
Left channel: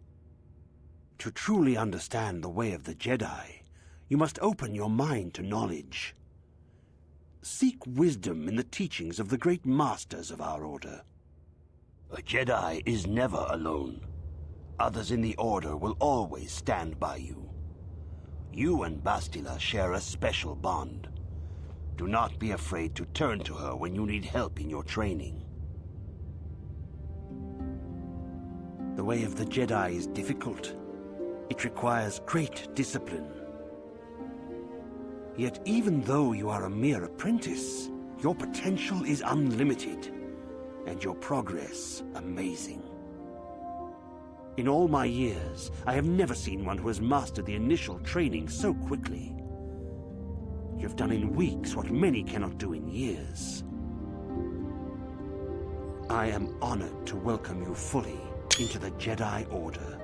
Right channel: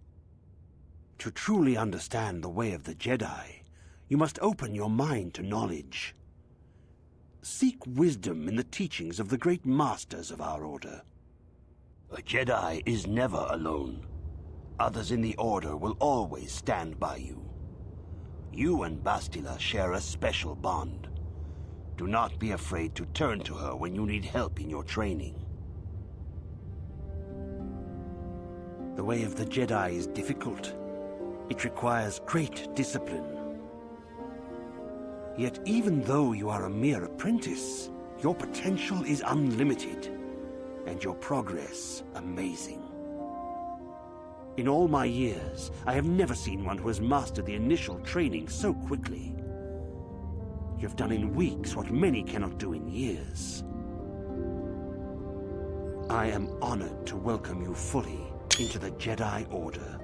To truly understand the way of the Jedi, you must open your mind to knowledge. Seek wisdom in the teachings of the great masters of our Order. A Jedi is never alone. Others in the Order will always stand by you. You and Bastila share a special bond. Do not be afraid to turn to her when you need help in your training. The way of the Jedi is difficult. It requires great discipline. Yet even though you are a mere apprentice, your potential is unlimited, and your progress amazing. In all my years, I have never seen one who has mastered the initial training so quickly. You have done in weeks what many cannot do in years. I am honored to welcome you fully into the Jedi Order.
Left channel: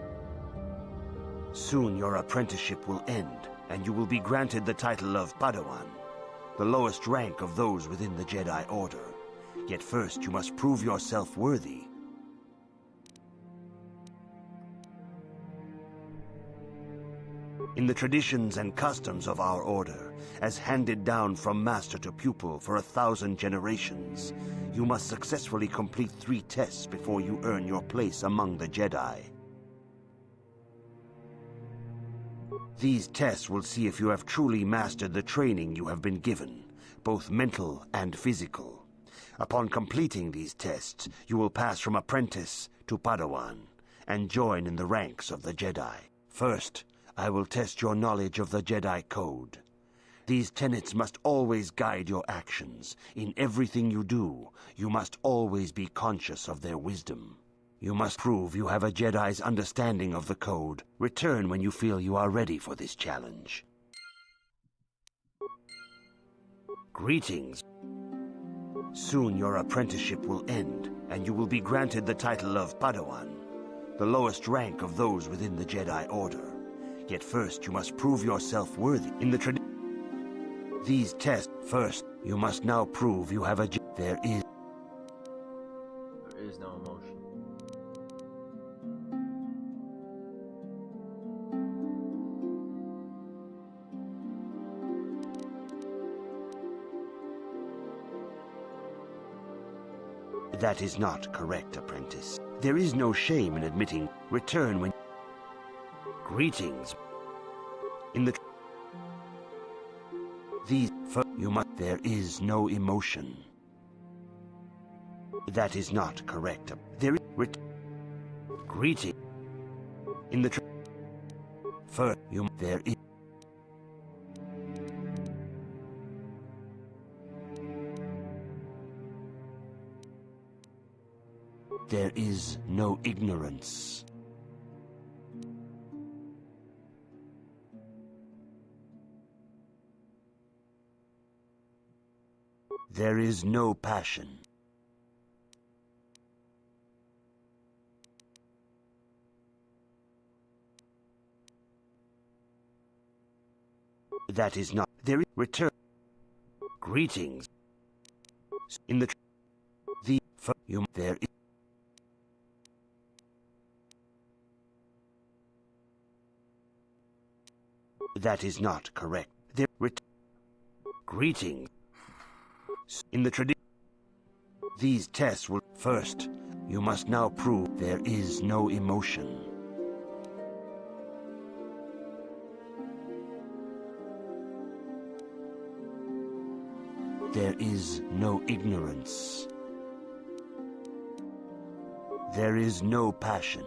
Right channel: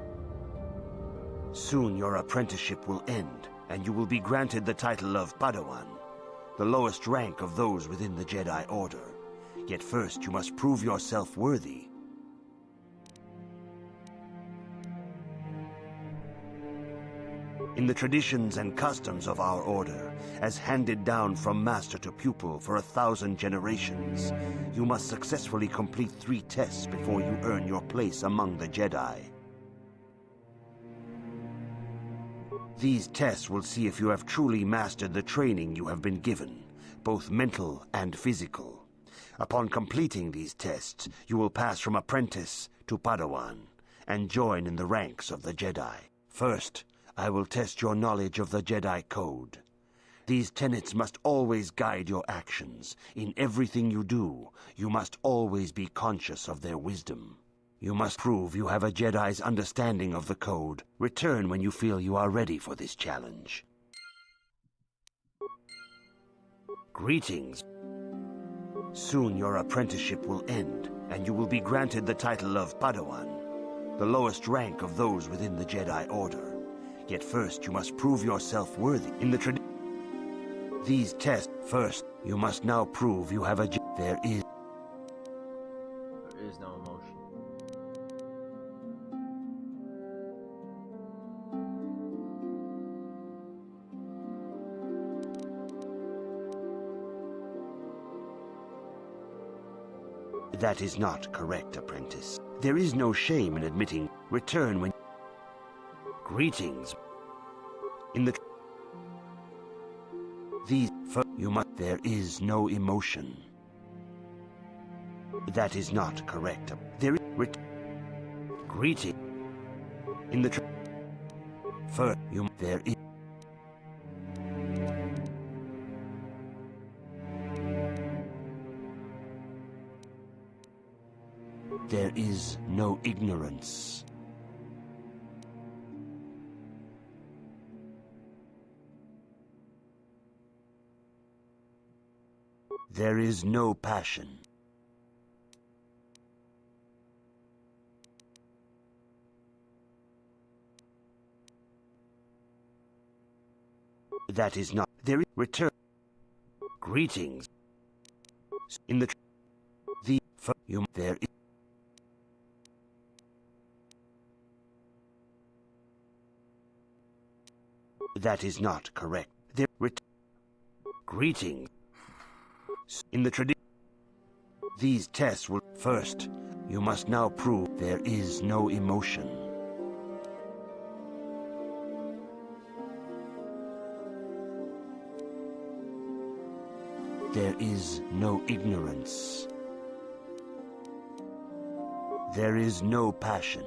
Soon your apprenticeship will end, and you will be granted the title of Padawan, the lowest rank of those within the Jedi Order. Yet first you must prove yourself worthy. In the traditions and customs of our Order, as handed down from master to pupil for 1,000 generations, you must successfully complete 3 tests before you earn your place among the Jedi. These tests will see if you have truly mastered the training you have been given, both mental and physical. Upon completing these tests, you will pass from apprentice to Padawan, and join in the ranks of the Jedi. First, I will test your knowledge of the Jedi Code. These tenets must always guide your actions. In everything you do, you must always be conscious of their wisdom. You must prove you have a Jedi's understanding of the Code. Return when you feel you are ready for this challenge. Greetings. Soon your apprenticeship will end, and you will be granted the title of Padawan, the lowest rank of those within the Jedi Order. Yet first you must prove yourself worthy. In the these tests, first, you must now prove you have a There is no emotion. That is not correct, apprentice. There is no shame in admitting. Return when... Greetings. In the... These... You must... There is no emotion. That is not correct. There is... Greeting. In the... First, you... There is... There is no ignorance. There is no passion. That is not... There is... Return. Greetings. In the... The... You... There is... That is not correct. There... Greetings. In the tradition... These tests will... First, you must now prove there is no emotion. There is no ignorance. There is no passion.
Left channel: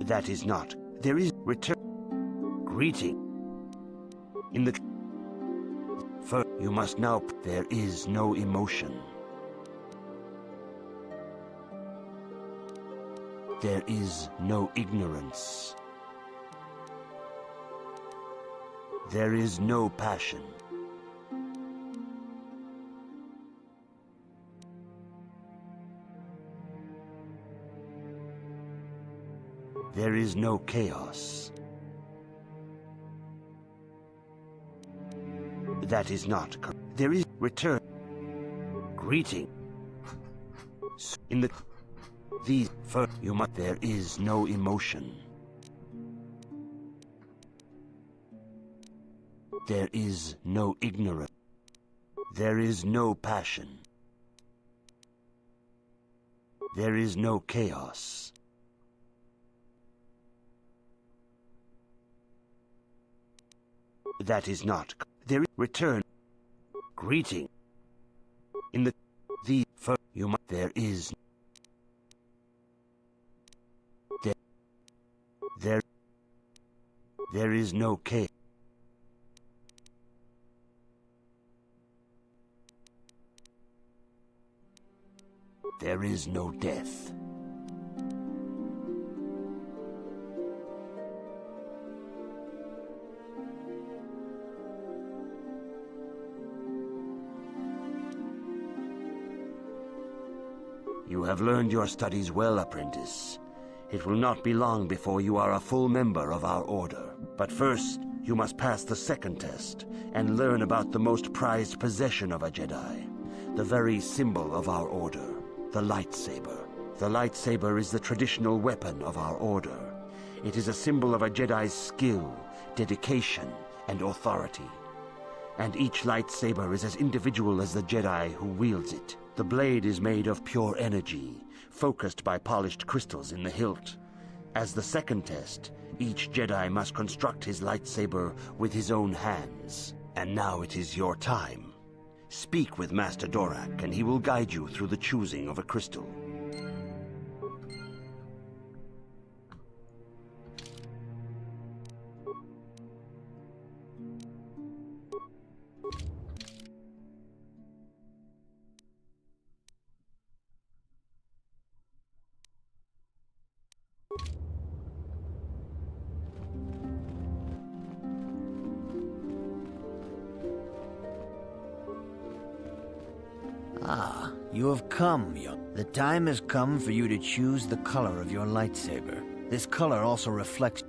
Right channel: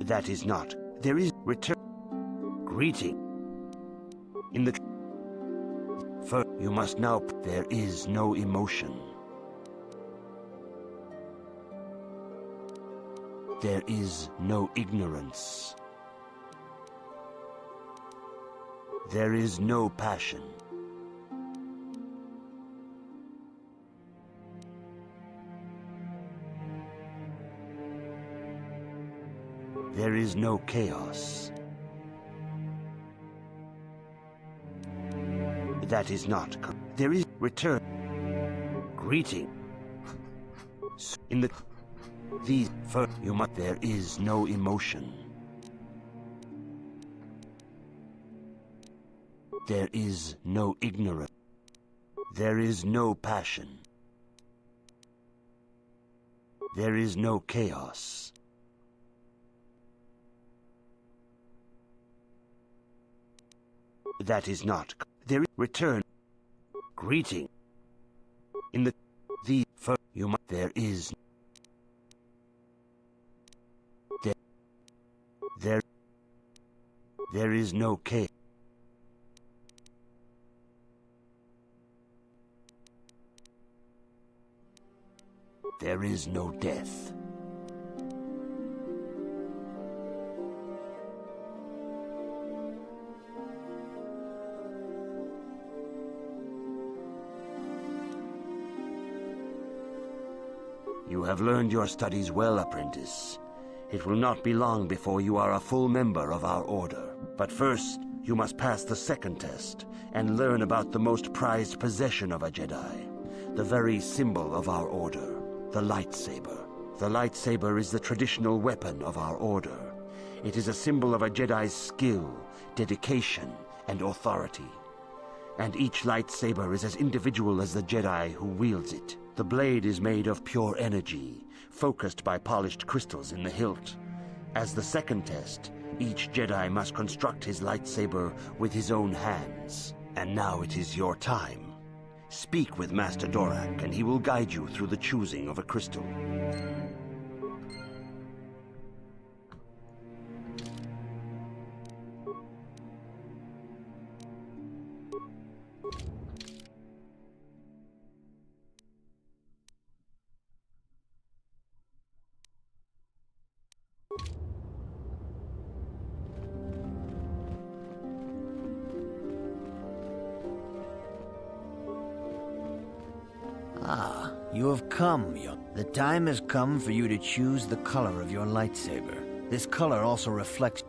That is not... There is... Return... Greeting. In the... First, you must now... There is no emotion. There is no ignorance. There is no passion. There is no chaos. That is not correct. There is return. Greeting. In the these first you must there is no emotion. There is no ignorance. There is no passion. There is no chaos. That is not. There is return. Greeting. In the first you must there is there is no chaos. There is no death. You have learned your studies well, apprentice. It will not be long before you are a full member of our order. But first, you must pass the second test and learn about the most prized possession of a Jedi, the very symbol of our order, the lightsaber. The lightsaber is the traditional weapon of our order. It is a symbol of a Jedi's skill, dedication, and authority. And each lightsaber is as individual as the Jedi who wields it. The blade is made of pure energy, focused by polished crystals in the hilt. As the second test, each Jedi must construct his lightsaber with his own hands. And now it is your time. Speak with Master Dorak, and he will guide you through the choosing of a crystal. Ah, you have come, young. The time has come for you to choose the color of your lightsaber. This color also reflects...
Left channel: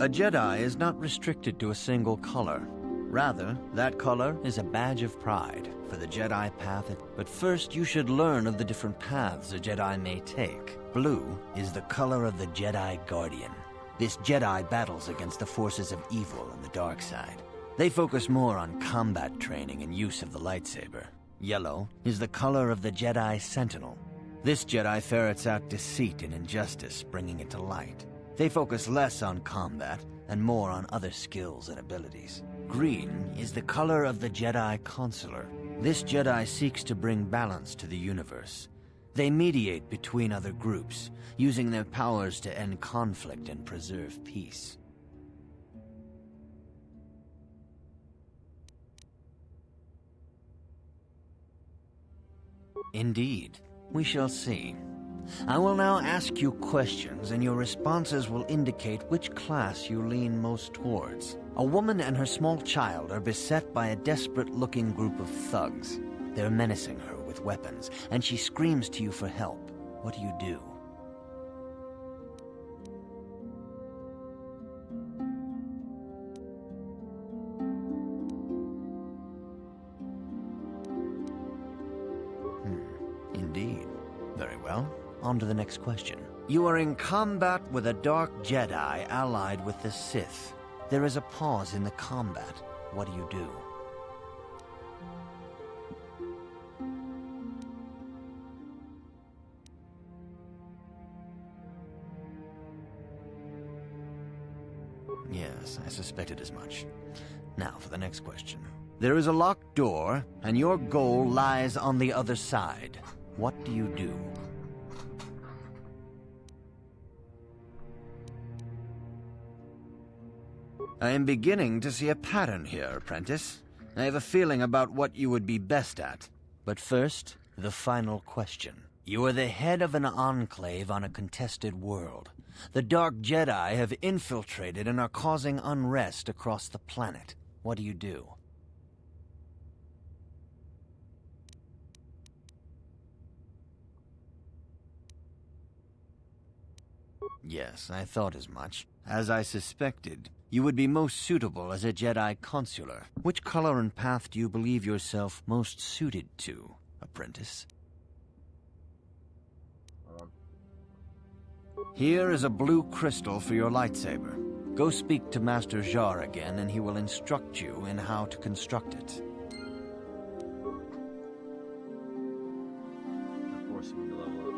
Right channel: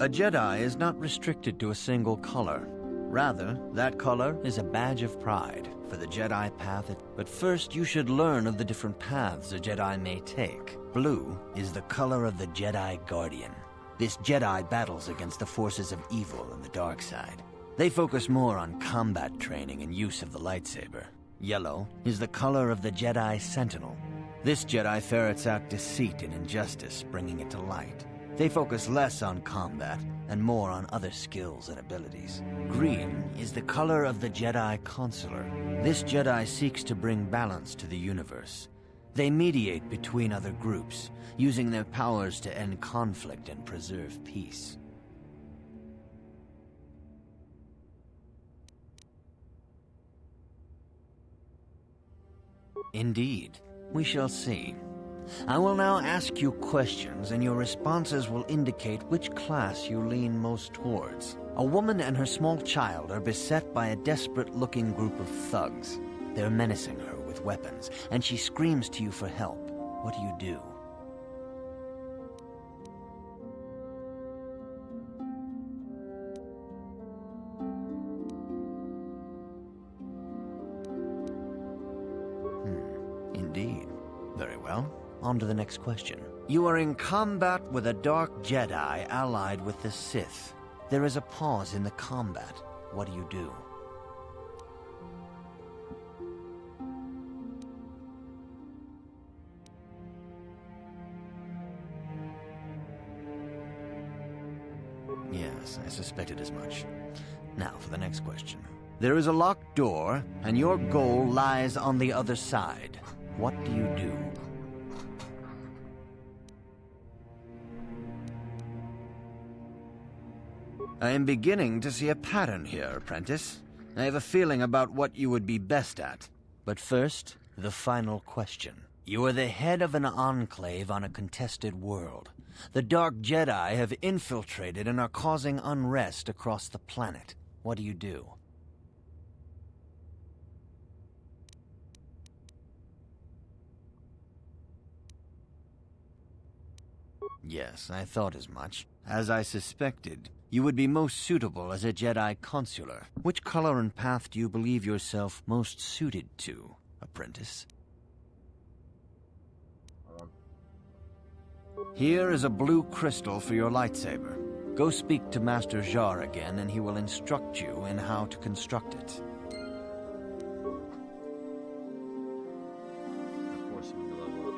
A Jedi is not restricted to a single color. Rather, that color is a badge of pride for the Jedi path. But first, you should learn of the different paths a Jedi may take. Blue is the color of the Jedi Guardian. This Jedi battles against the forces of evil and the dark side. They focus more on combat training and use of the lightsaber. Yellow is the color of the Jedi Sentinel. This Jedi ferrets out deceit and injustice, bringing it to light. They focus less on combat and more on other skills and abilities. Green is the color of the Jedi Consular. This Jedi seeks to bring balance to the universe. They mediate between other groups, using their powers to end conflict and preserve peace. Indeed, we shall see. I will now ask you questions, and your responses will indicate which class you lean most towards. A woman and her small child are beset by a desperate-looking group of thugs. They're menacing her with weapons, and she screams to you for help. What do you do? Indeed. Very well. On to the next question. You are in combat with a dark Jedi allied with the Sith. There is a pause in the combat. What do you do? Yes, I suspected as much. Now for the next question. There is a locked door, and your goal lies on the other side. What do you do? I am beginning to see a pattern here, apprentice. I have a feeling about what you would be best at. But first, The final question. You are the head of an enclave on a contested world. The Dark Jedi have infiltrated and are causing unrest across the planet. What do you do? Yes, I thought as much. As I suspected, you would be most suitable as a Jedi consular. Which color and path do you believe yourself most suited to, apprentice? Here is a blue crystal for your lightsaber. Go speak to Master Jar again, and he will instruct you in how to construct it. Forcing me to level up.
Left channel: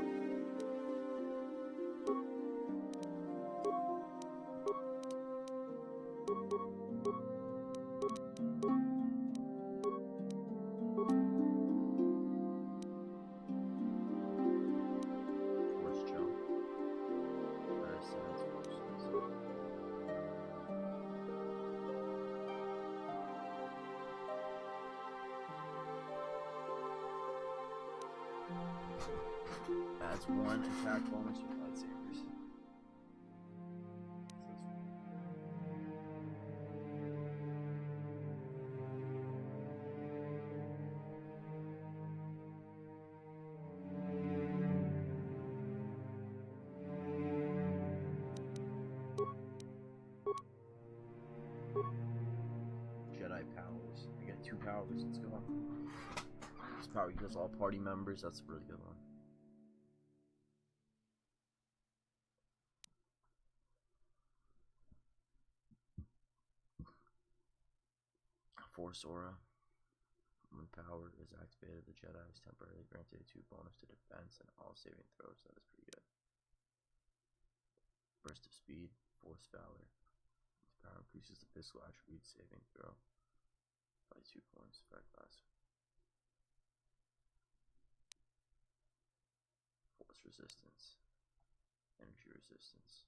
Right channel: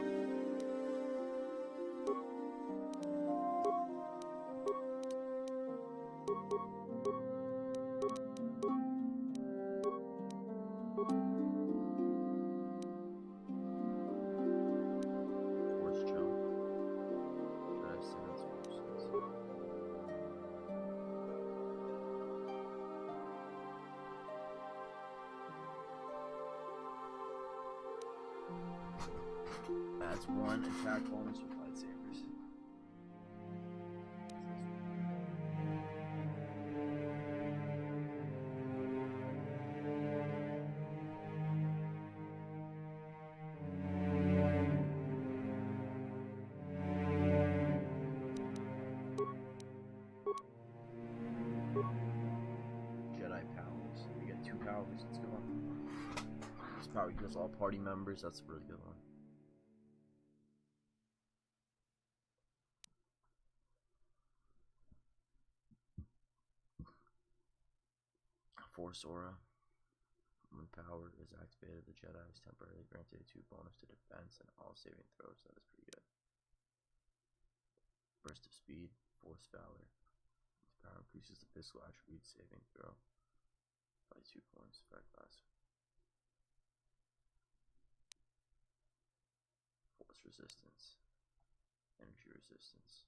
That's one attack bonus with lightsabers. Jedi powers. We get 2 powers. Let's go. This power heals all party members. That's a really good one. Force aura. When power is activated, the Jedi is temporarily granted a 2 bonus to defense and all saving throws. That is pretty good. Burst of speed, force valor. This power increases the physical attribute saving throw by 2 points. Effect class. Force resistance. Energy resistance.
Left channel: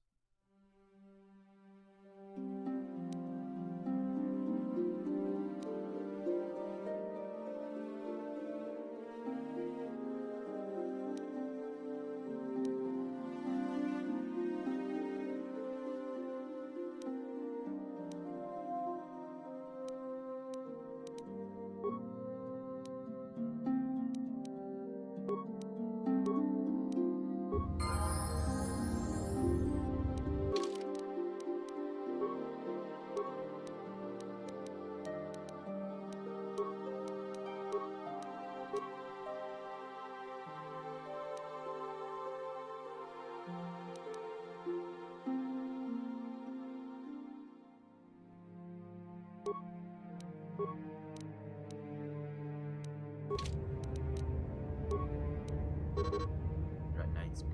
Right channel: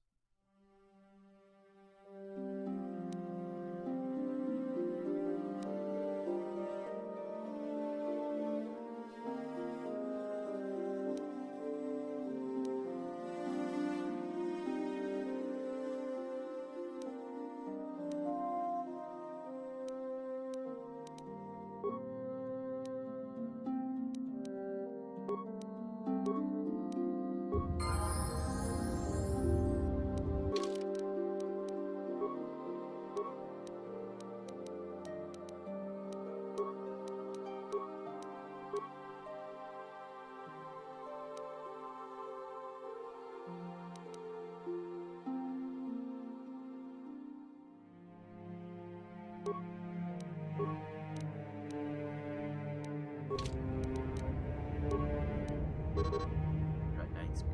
Got 9 speed.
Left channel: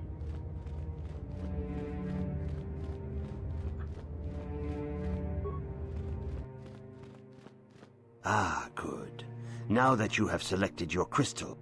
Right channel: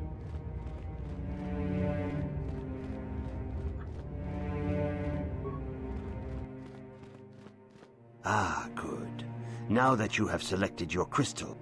Ah, good. Now that you have selected your crystal,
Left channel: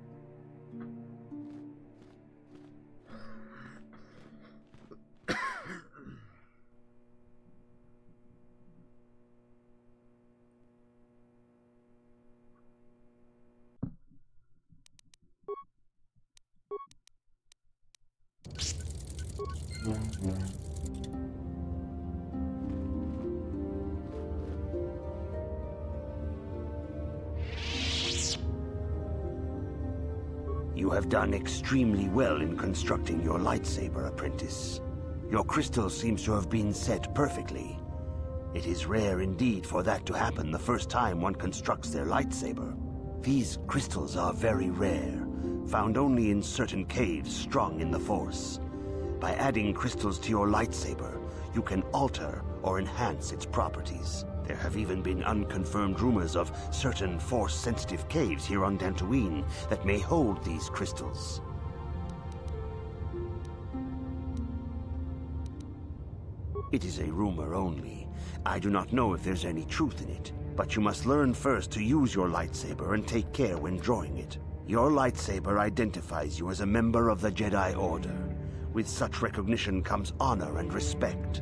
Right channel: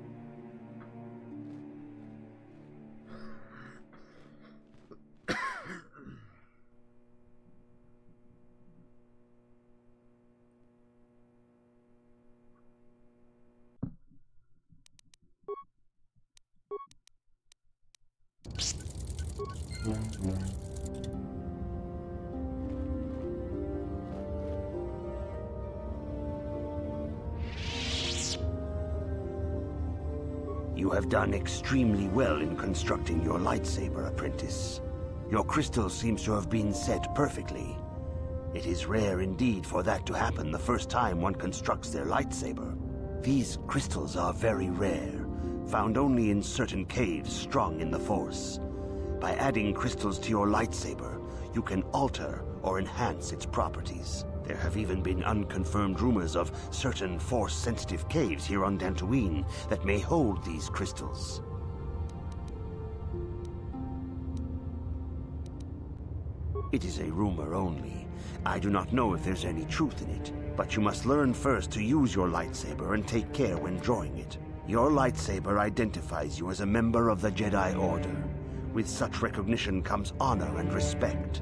you have done extremely well in constructing your lightsaber, apprentice. Your crystal seems to have been set perfectly. It is rare indeed for that to happen the first time one constructs their lightsaber. These crystals are very rare, found only in certain caves strung in the Force. By adding crystals to your lightsaber, you can alter or enhance its properties. There have even been unconfirmed rumors of certain Force-sensitive caves here on Dantooine that may hold these crystals. It is a rumor only. I do not know if there's any truth in it, but you must learn first to use your lightsaber and take care when drawing it. Your lightsaber identifies you as a member of the Jedi Order. With such recognition comes honor and respect,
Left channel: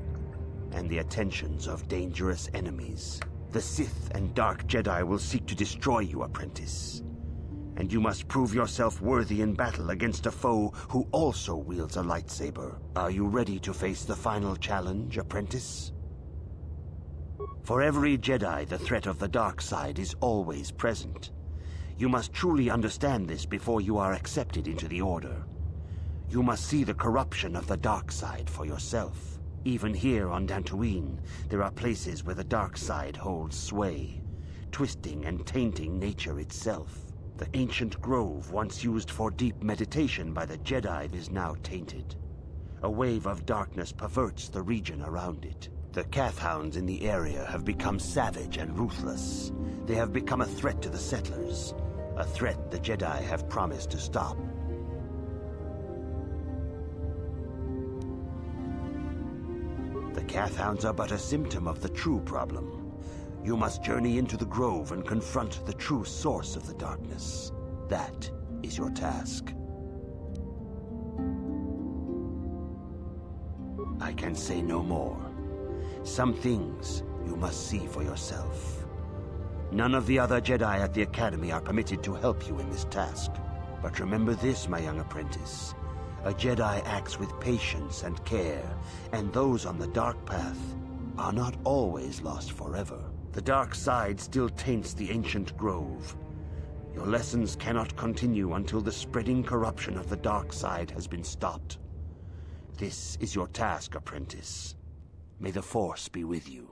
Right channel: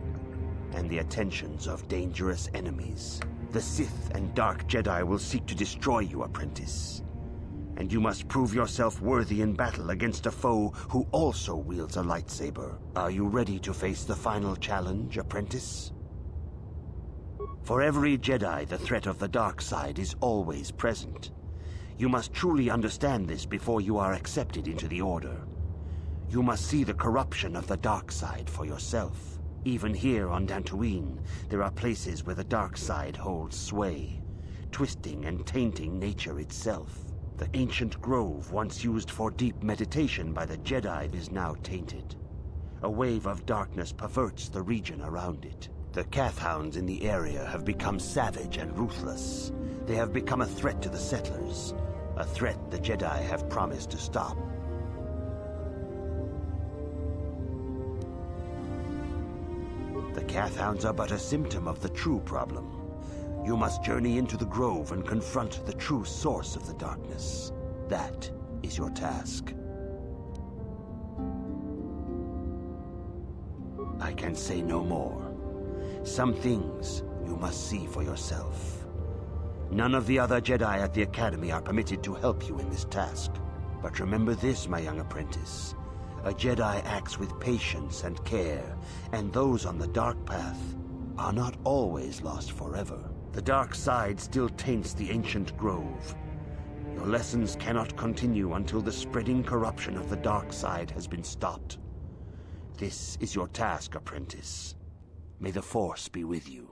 and the attentions of dangerous enemies. The Sith and Dark Jedi will seek to destroy you, apprentice. And you must prove yourself worthy in battle against a foe who also wields a lightsaber. Are you ready to face the final challenge, apprentice? For every Jedi, the threat of the dark side is always present. You must truly understand this before you are accepted into the Order. You must see the corruption of the dark side for yourself. Even here on Dantooine, there are places where the dark side holds sway, twisting and tainting nature itself. The ancient grove once used for deep meditation by the Jedi is now tainted. A wave of darkness perverts the region around it. The Kathhounds in the area have become savage and ruthless. They have become a threat to the settlers, a threat the Jedi have promised to stop. The Kathhounds are but a symptom of the true problem. You must journey into the grove and confront the true source of the darkness. That is your task. I can say no more. Some things you must see for yourself. None of the other Jedi at the Academy are permitted to help you in this task. But remember this, my young apprentice. A Jedi acts with patience and care, and those on the dark path are not always lost forever. The dark side still taints the ancient grove. Your lessons cannot continue until the spreading corruption of the dark side has been stopped. This is your task, apprentice. May the Force be with you.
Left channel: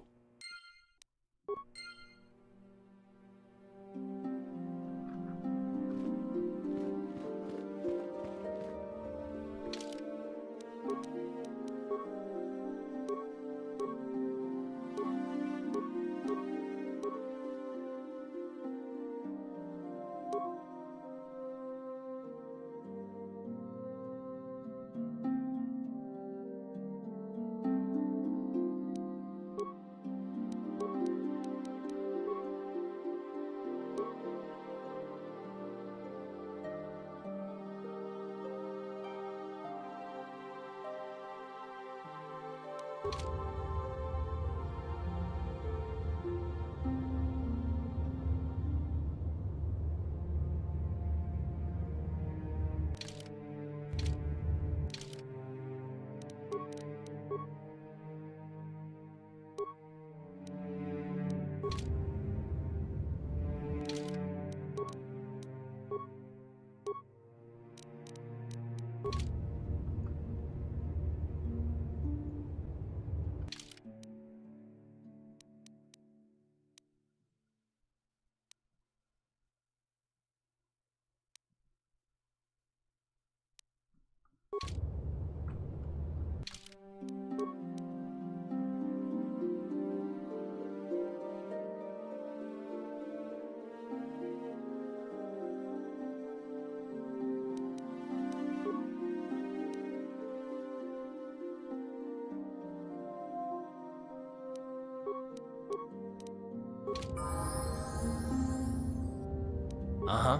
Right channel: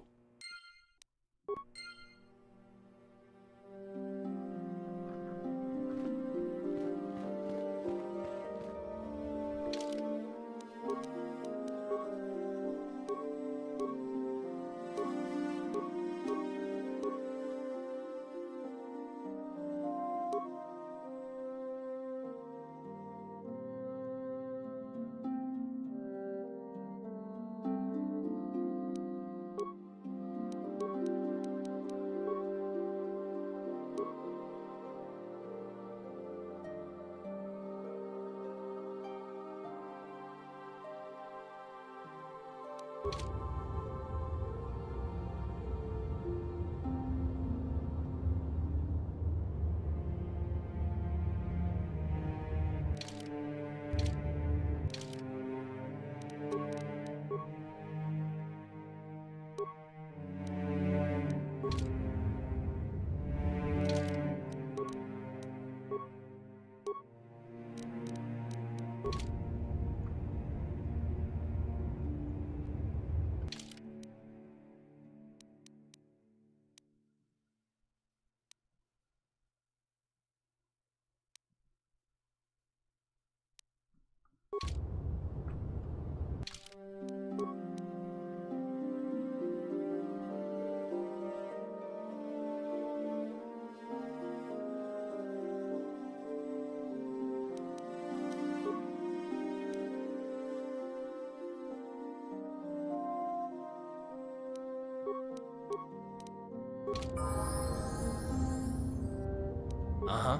Uh-huh.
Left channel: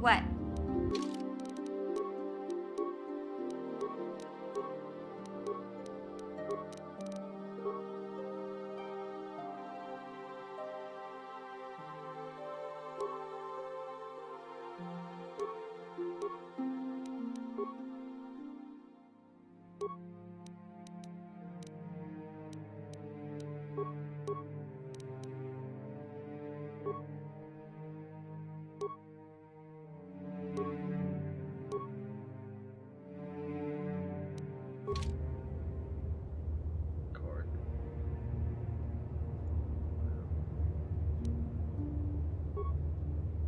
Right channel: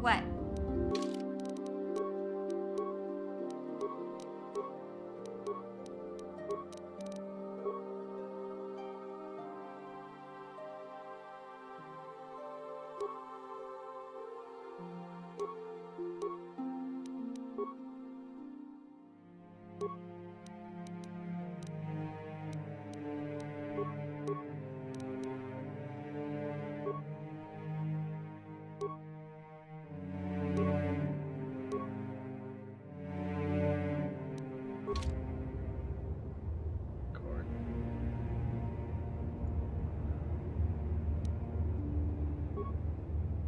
What?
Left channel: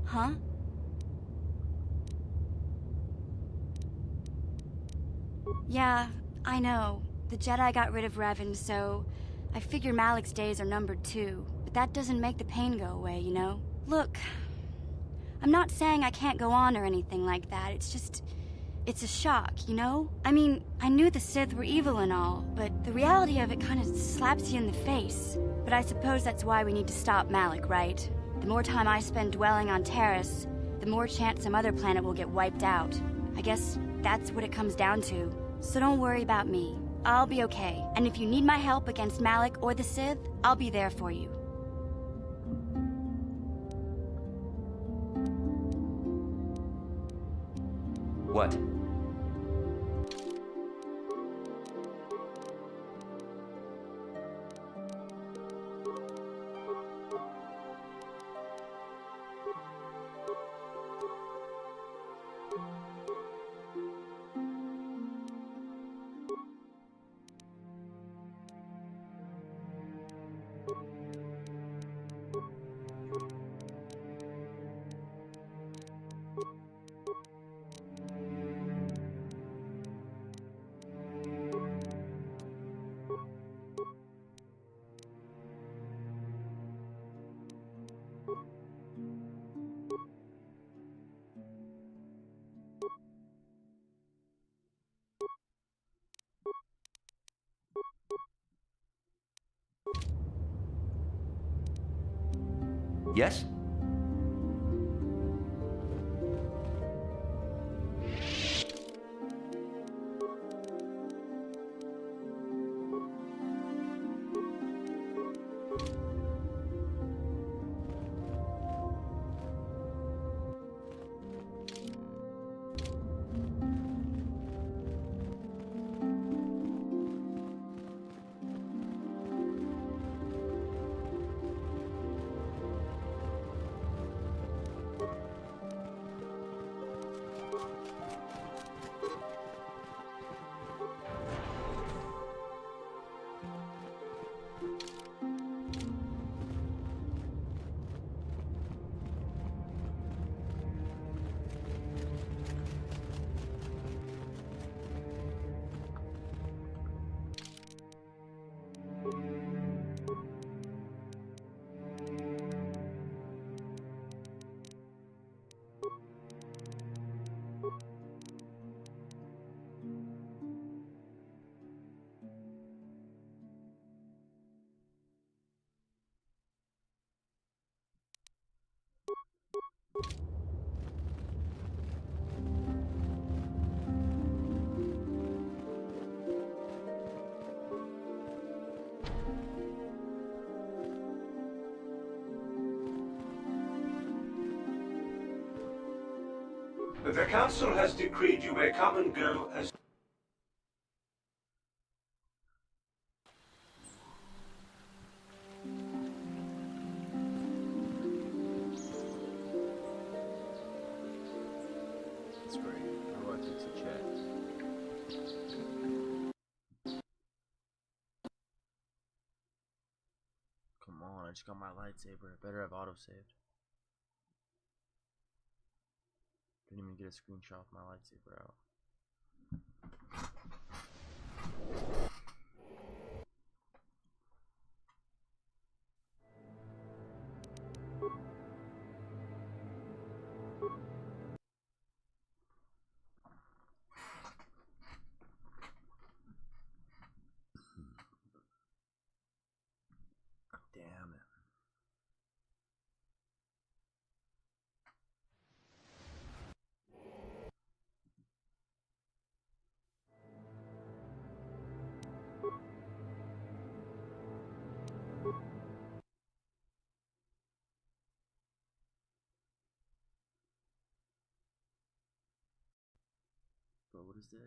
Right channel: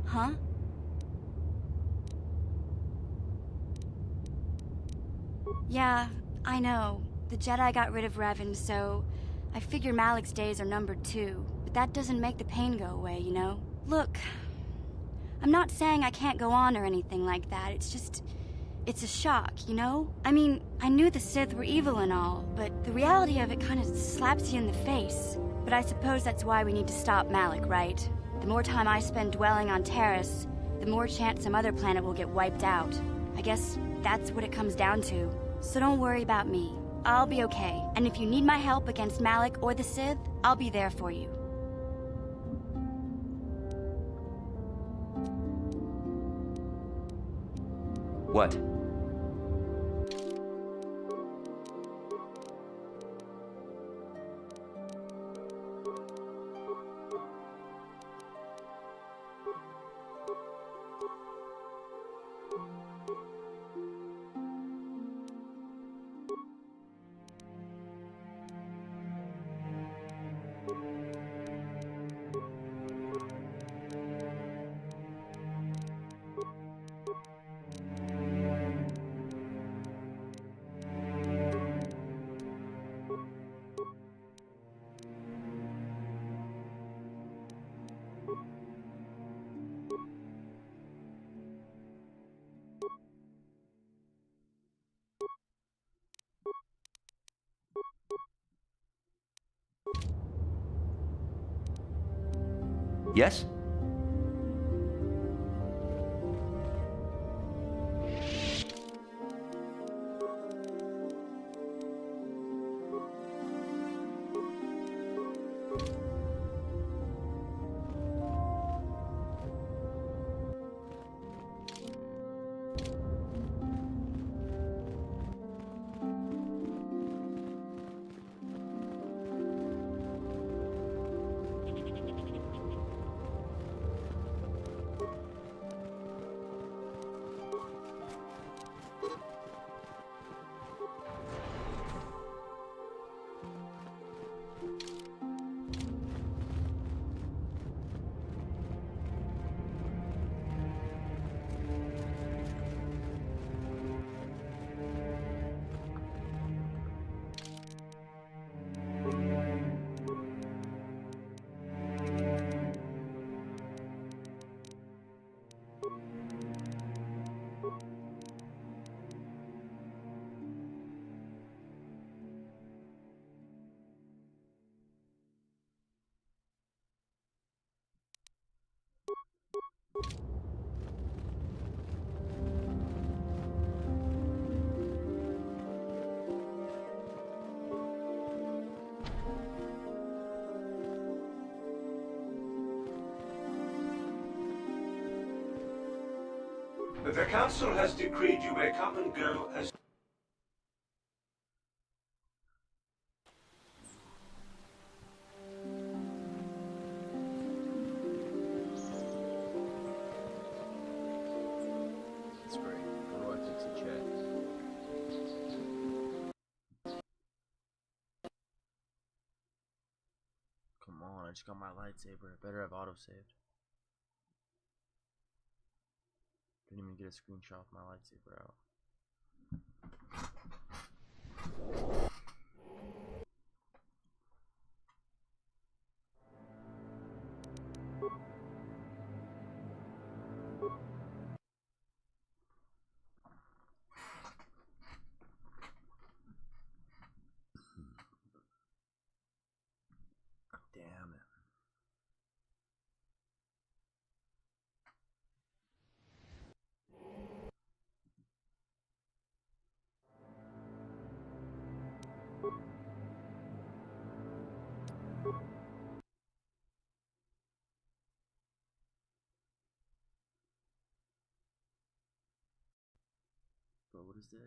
Huh? Yeah, I know. The Jedi got rid of Revan, so I figure Malik's days are numbered too. But that doesn't make the pain go away, you know? Look, I'm not saying I can't go on or anything like that. It's just, it's a shock, you know? I mean, I knew the Sith were evil and all, but the reality of it kind of slaps you in the face. But I suppose that's why we need to stop Malik, right? The more time I spend dwelling on Taris, the more chance some other planet will get wiped out. I guess that's what it comes down to. So don't worry about me. I'll be okay. And if you need my help against Malik or the Sith, I'll be there for you. What? Yes? The Council has decreed you may come and go as... That's great. How do I fix the chat? Come on, I just got my lightsaber. I better have autosaved. Didn't even get a screenshot of my lightsaber out. Damn it. Bro, what is this?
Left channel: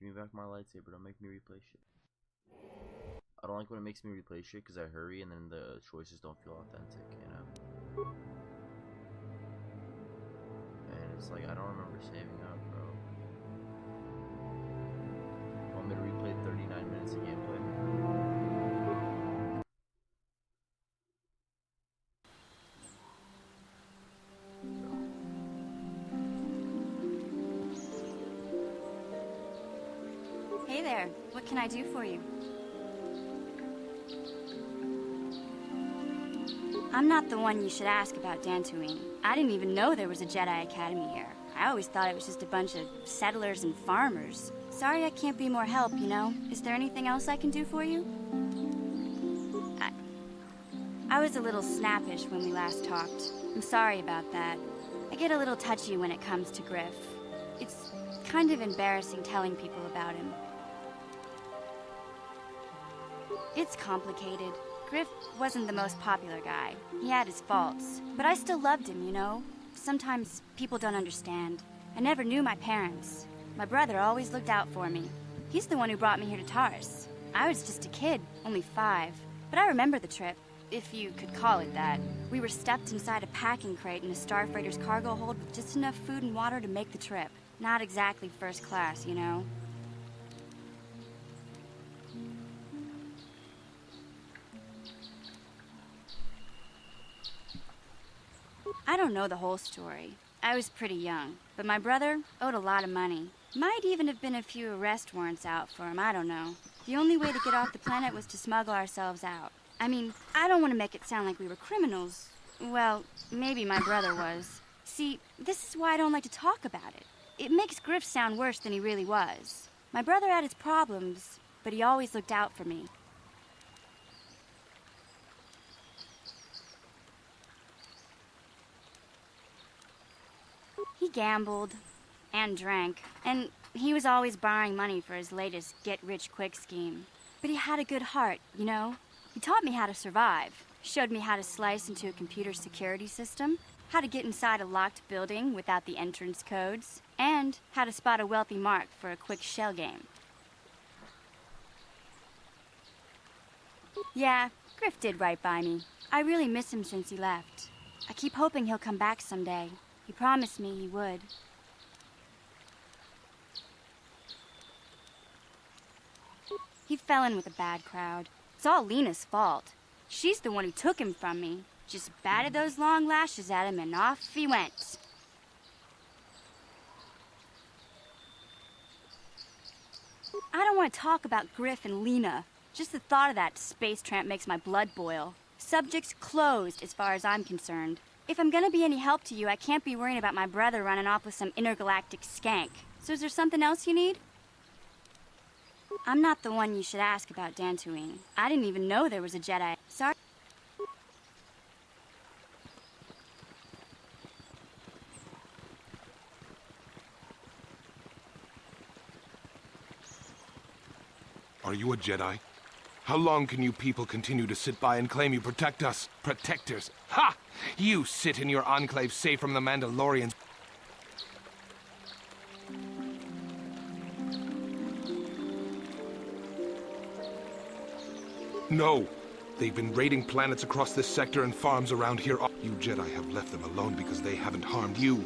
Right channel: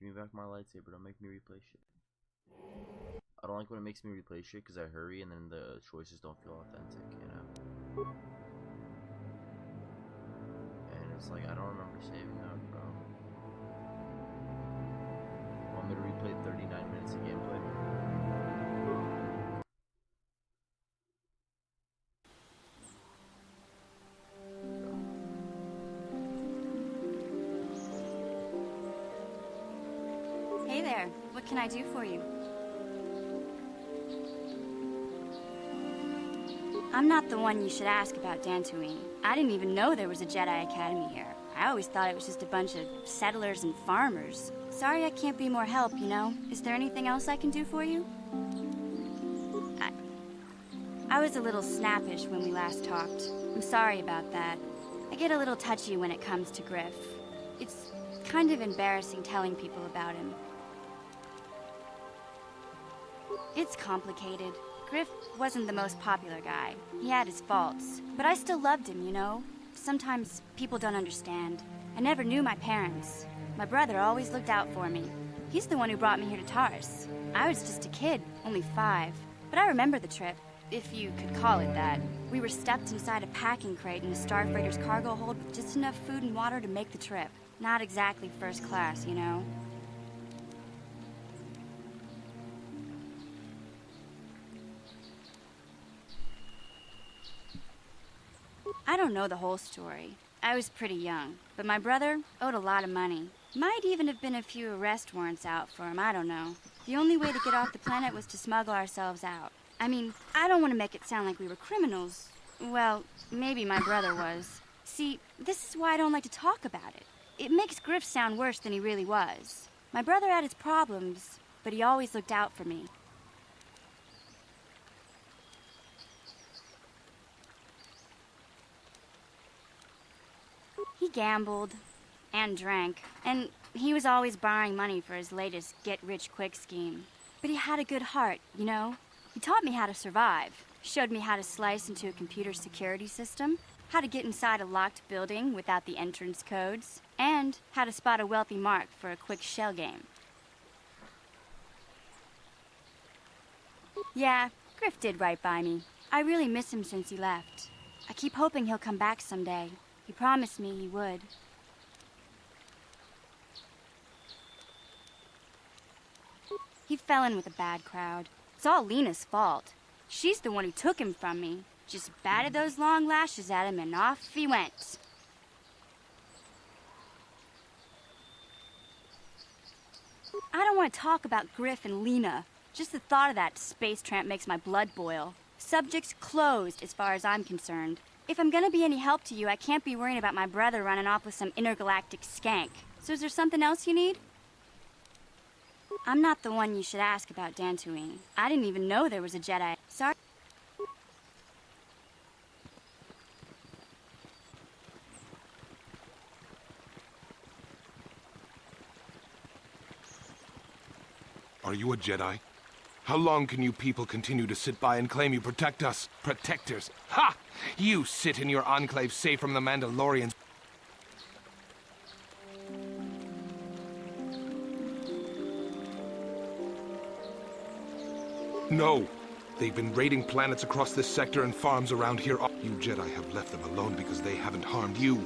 Give me back my lightsaber, don't make me replay shit. I don't like when it makes me replay shit because I hurry and then the choices don't feel authentic, you know? And it's like, I don't remember saving up, bro. You want me to replay 39 minutes of gameplay? Hey there, what can I do for you? I'm not the one you should ask about Dantooine. I didn't even know there was a Jedi Academy here. I always thought it was just a bunch of settlers and farmers. Sorry I can't be more help, you know? Is there anything else I can do for you? I was a little snappish when we last talked. I'm sorry about that. I get a little touchy when it comes to Griff. It's kind of embarrassing telling people about him. It's complicated. Griff wasn't the most popular guy. He had his faults. But I still loved him, you know? sometimes people don't understand. I never knew my parents. My brother always looked out for me. He's the one who brought me here to Taurus. I was just a kid, only 5. But I remember the trip, if you could call it that. We were stuffed inside a packing crate in a starfreighter's cargo hold with just enough food and water to make the trip. Not exactly first class, you know? I don't know the whole story. I was pretty young, but my brother owed a lot of money. Might even have been a few arrest warrants out for him, I don't know. The only way to get off the planet was to smuggle ourselves out. I mean, I don't want to make it sound like we were criminals. Well, maybe my brother was. See, this is why I don't like to talk about it. It makes Griff sound worse than he really was. My brother had his problems, but he always looked out for me. He gambled and drank, and he was always borrowing money for his latest get-rich-quick scheme. But he had a good heart, you know? He taught me how to survive, showed me how to slice into a computer security system, how to get inside a locked building without the entrance codes, and how to spot a wealthy mark for a quick shell game. Yeah, Griff did right by me. I really miss him since he left. I keep hoping he'll come back someday. He promised me he would. He fell in with a bad crowd. It's all Lena's fault. She's the one who took him from me. Just batted those long lashes at him and off he went. I don't want to talk about Griff and Lena. Just the thought of that space tramp makes my blood boil. Subject's closed as far as I'm concerned. If I'm gonna be any help to you, I can't be worrying about my brother running off with some intergalactic skank. So is there something else you need? I'm not the one you should ask about Dantooine. I didn't even know there was a Jedi. Sorry. Are you a Jedi? How long can you people continue to sit by and claim you protect us? Protectors? Ha! You sit in your enclave safe from the Mandalorians. No! They've been raiding planets across this sector and farms around here. You Jedi have left them alone because they haven't harmed you.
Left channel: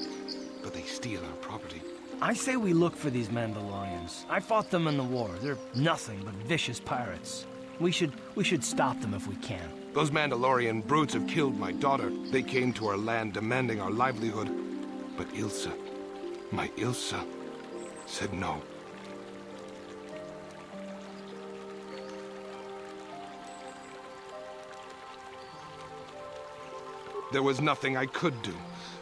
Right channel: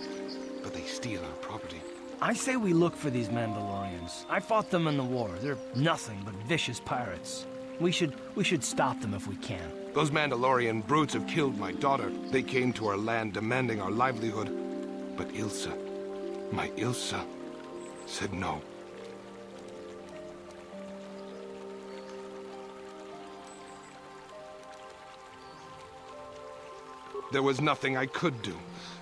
But they steal our property. I say we look for these Mandalorians. I fought them in the war. They're nothing but vicious pirates. We should stop them if we can. Those Mandalorian brutes have killed my daughter. They came to our land demanding our livelihood. But Ilsa, my Ilsa, said no. There was nothing I could do.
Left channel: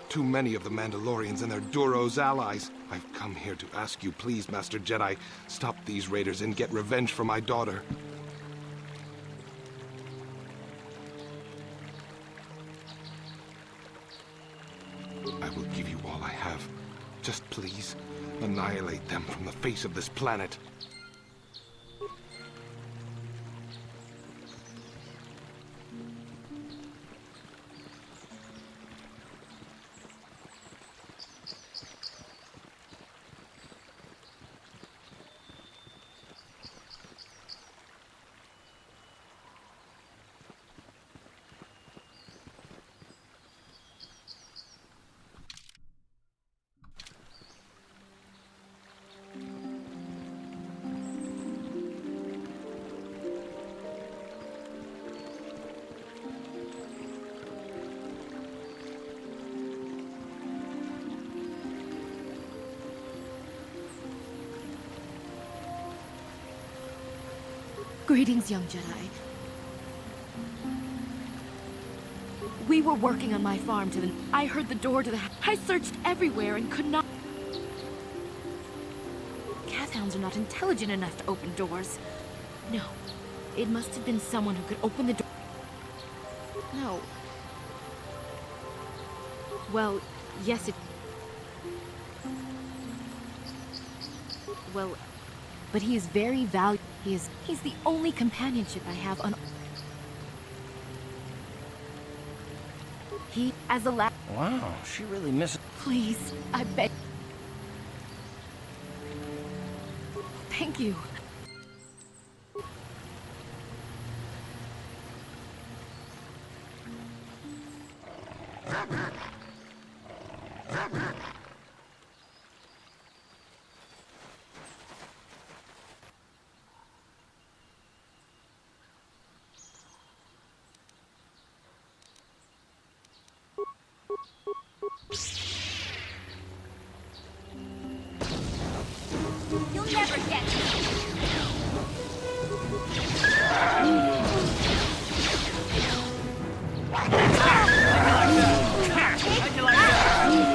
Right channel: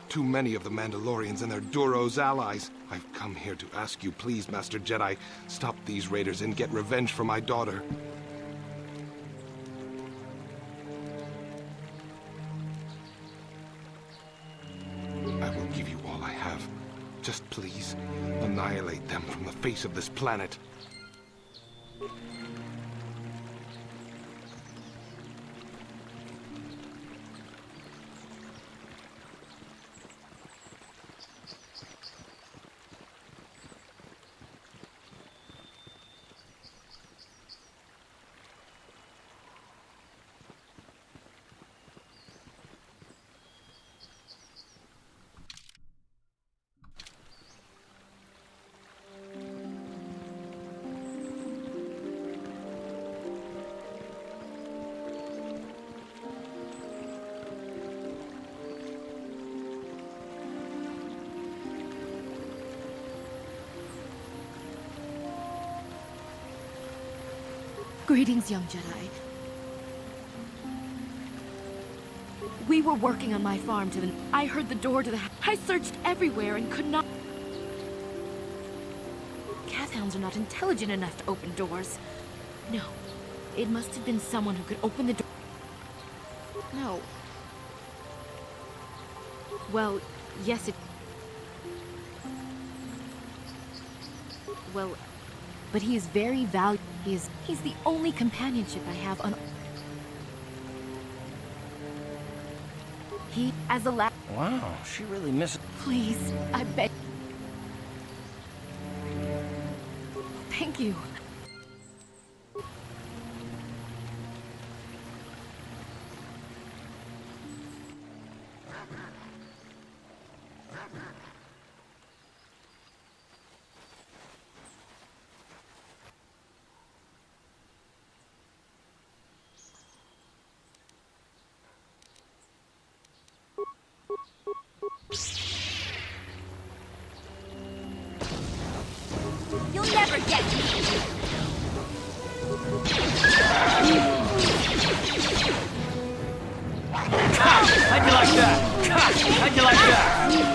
Too many of the Mandalorians and their Duros allies. I've come here to ask you, please, Master Jedi, stop these raiders and get revenge for my daughter. I will give you all I have. Just please, annihilate them from the face of this planet. Greetings, young Jedi. We were working on my farm to the... I heard the door to the... I searched everywhere and could not... Cathounds are not intelligent enough to open doors. No. It must have been someone who could open the door. No. Well, yes, it... Well, but he is very valuable. He's the only companionship I have on... He, as a last... Wow, she really misses... Please, I beg. Thank you. You'll never get me. How'd you like that? How'd you like that?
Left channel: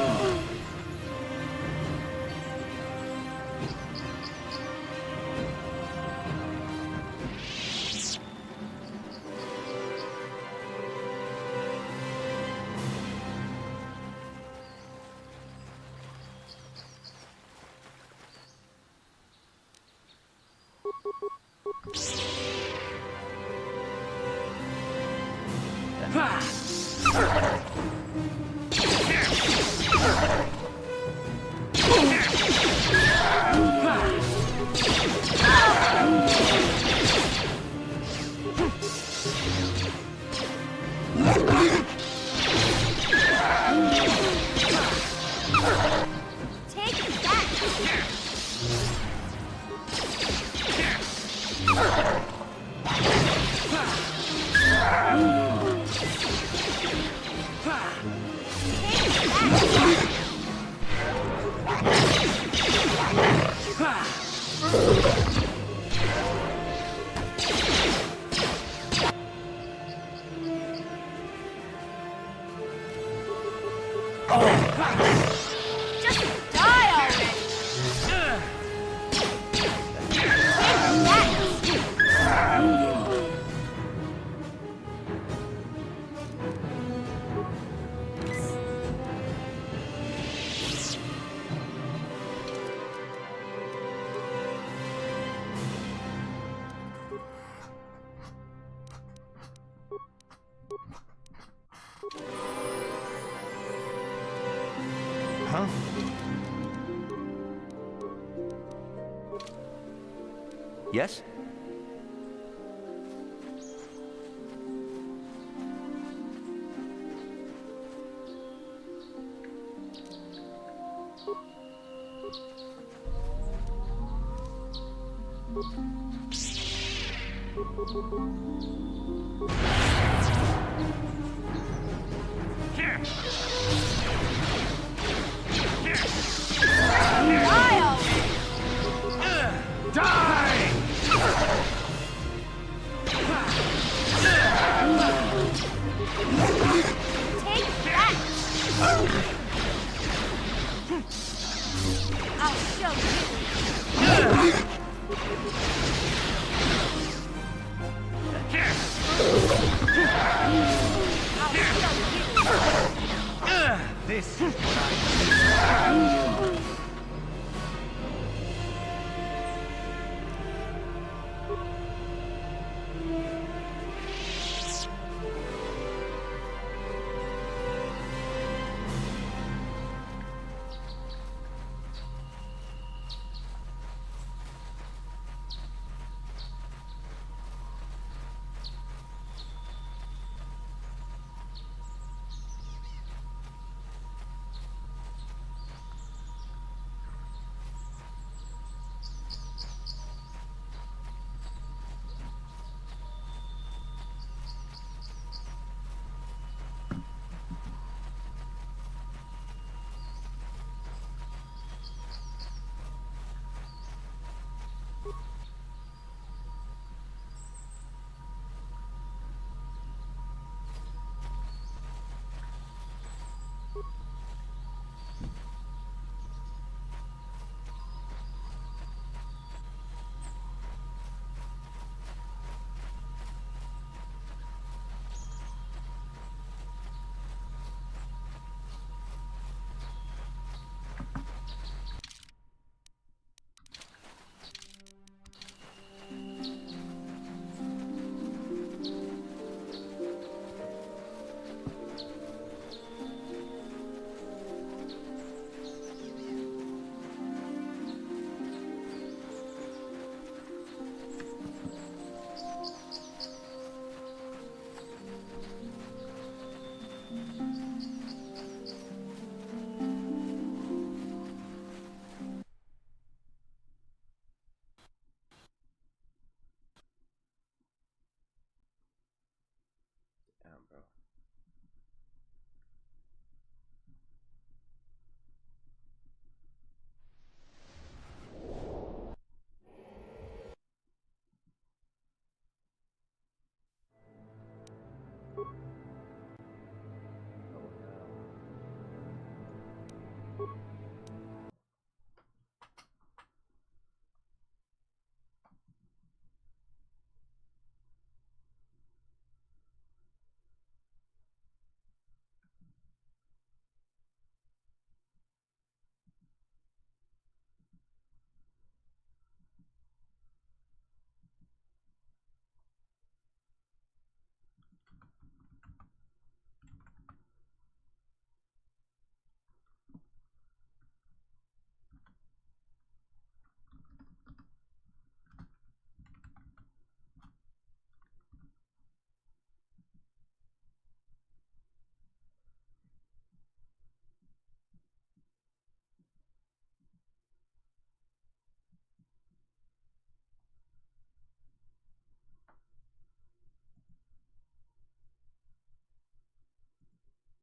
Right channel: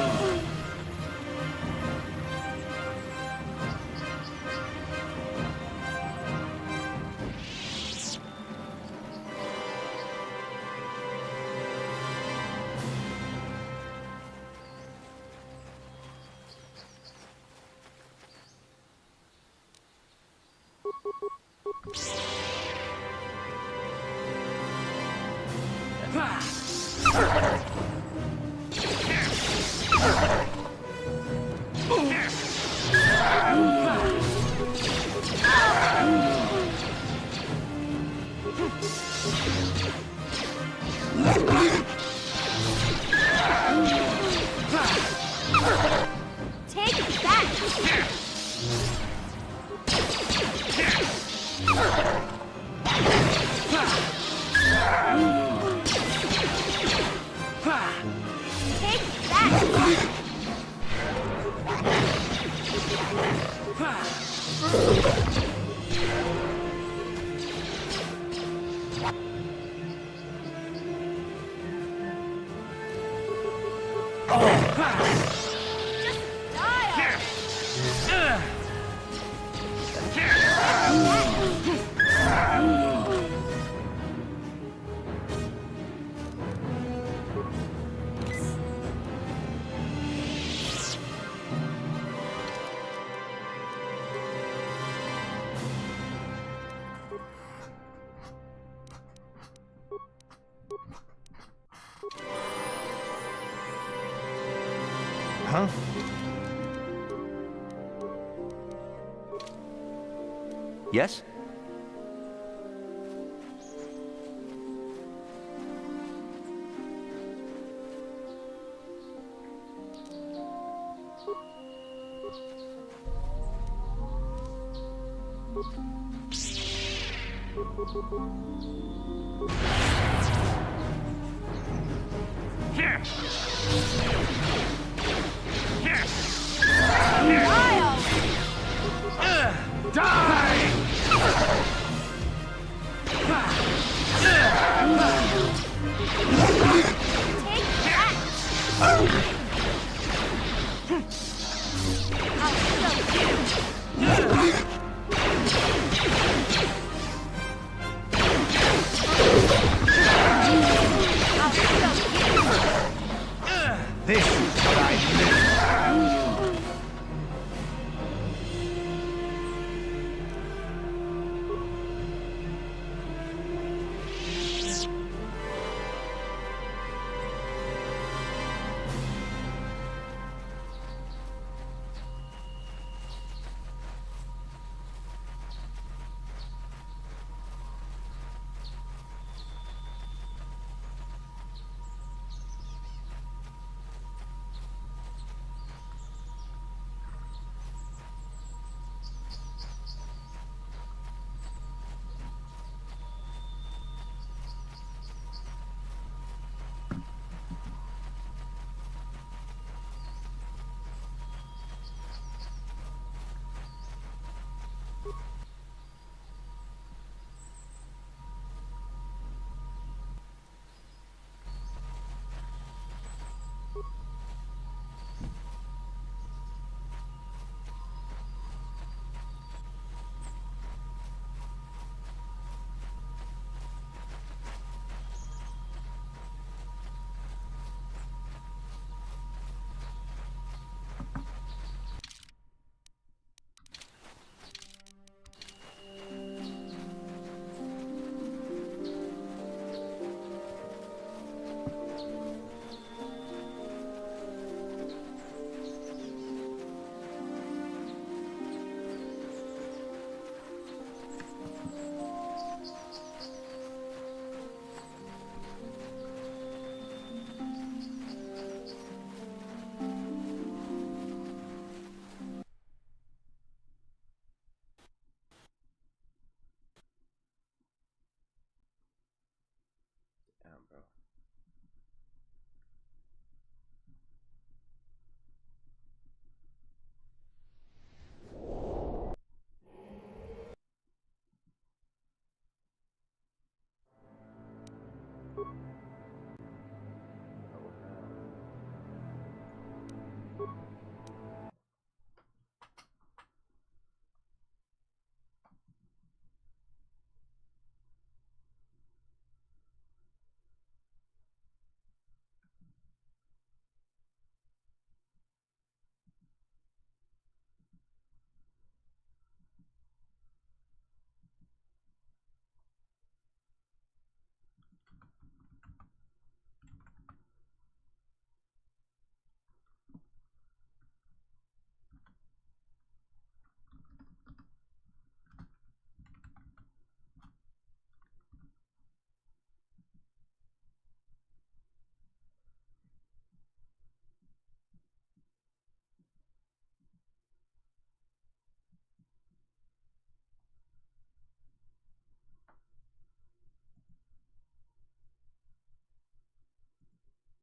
Take that! Just die already! Huh? Yes? This is what I do.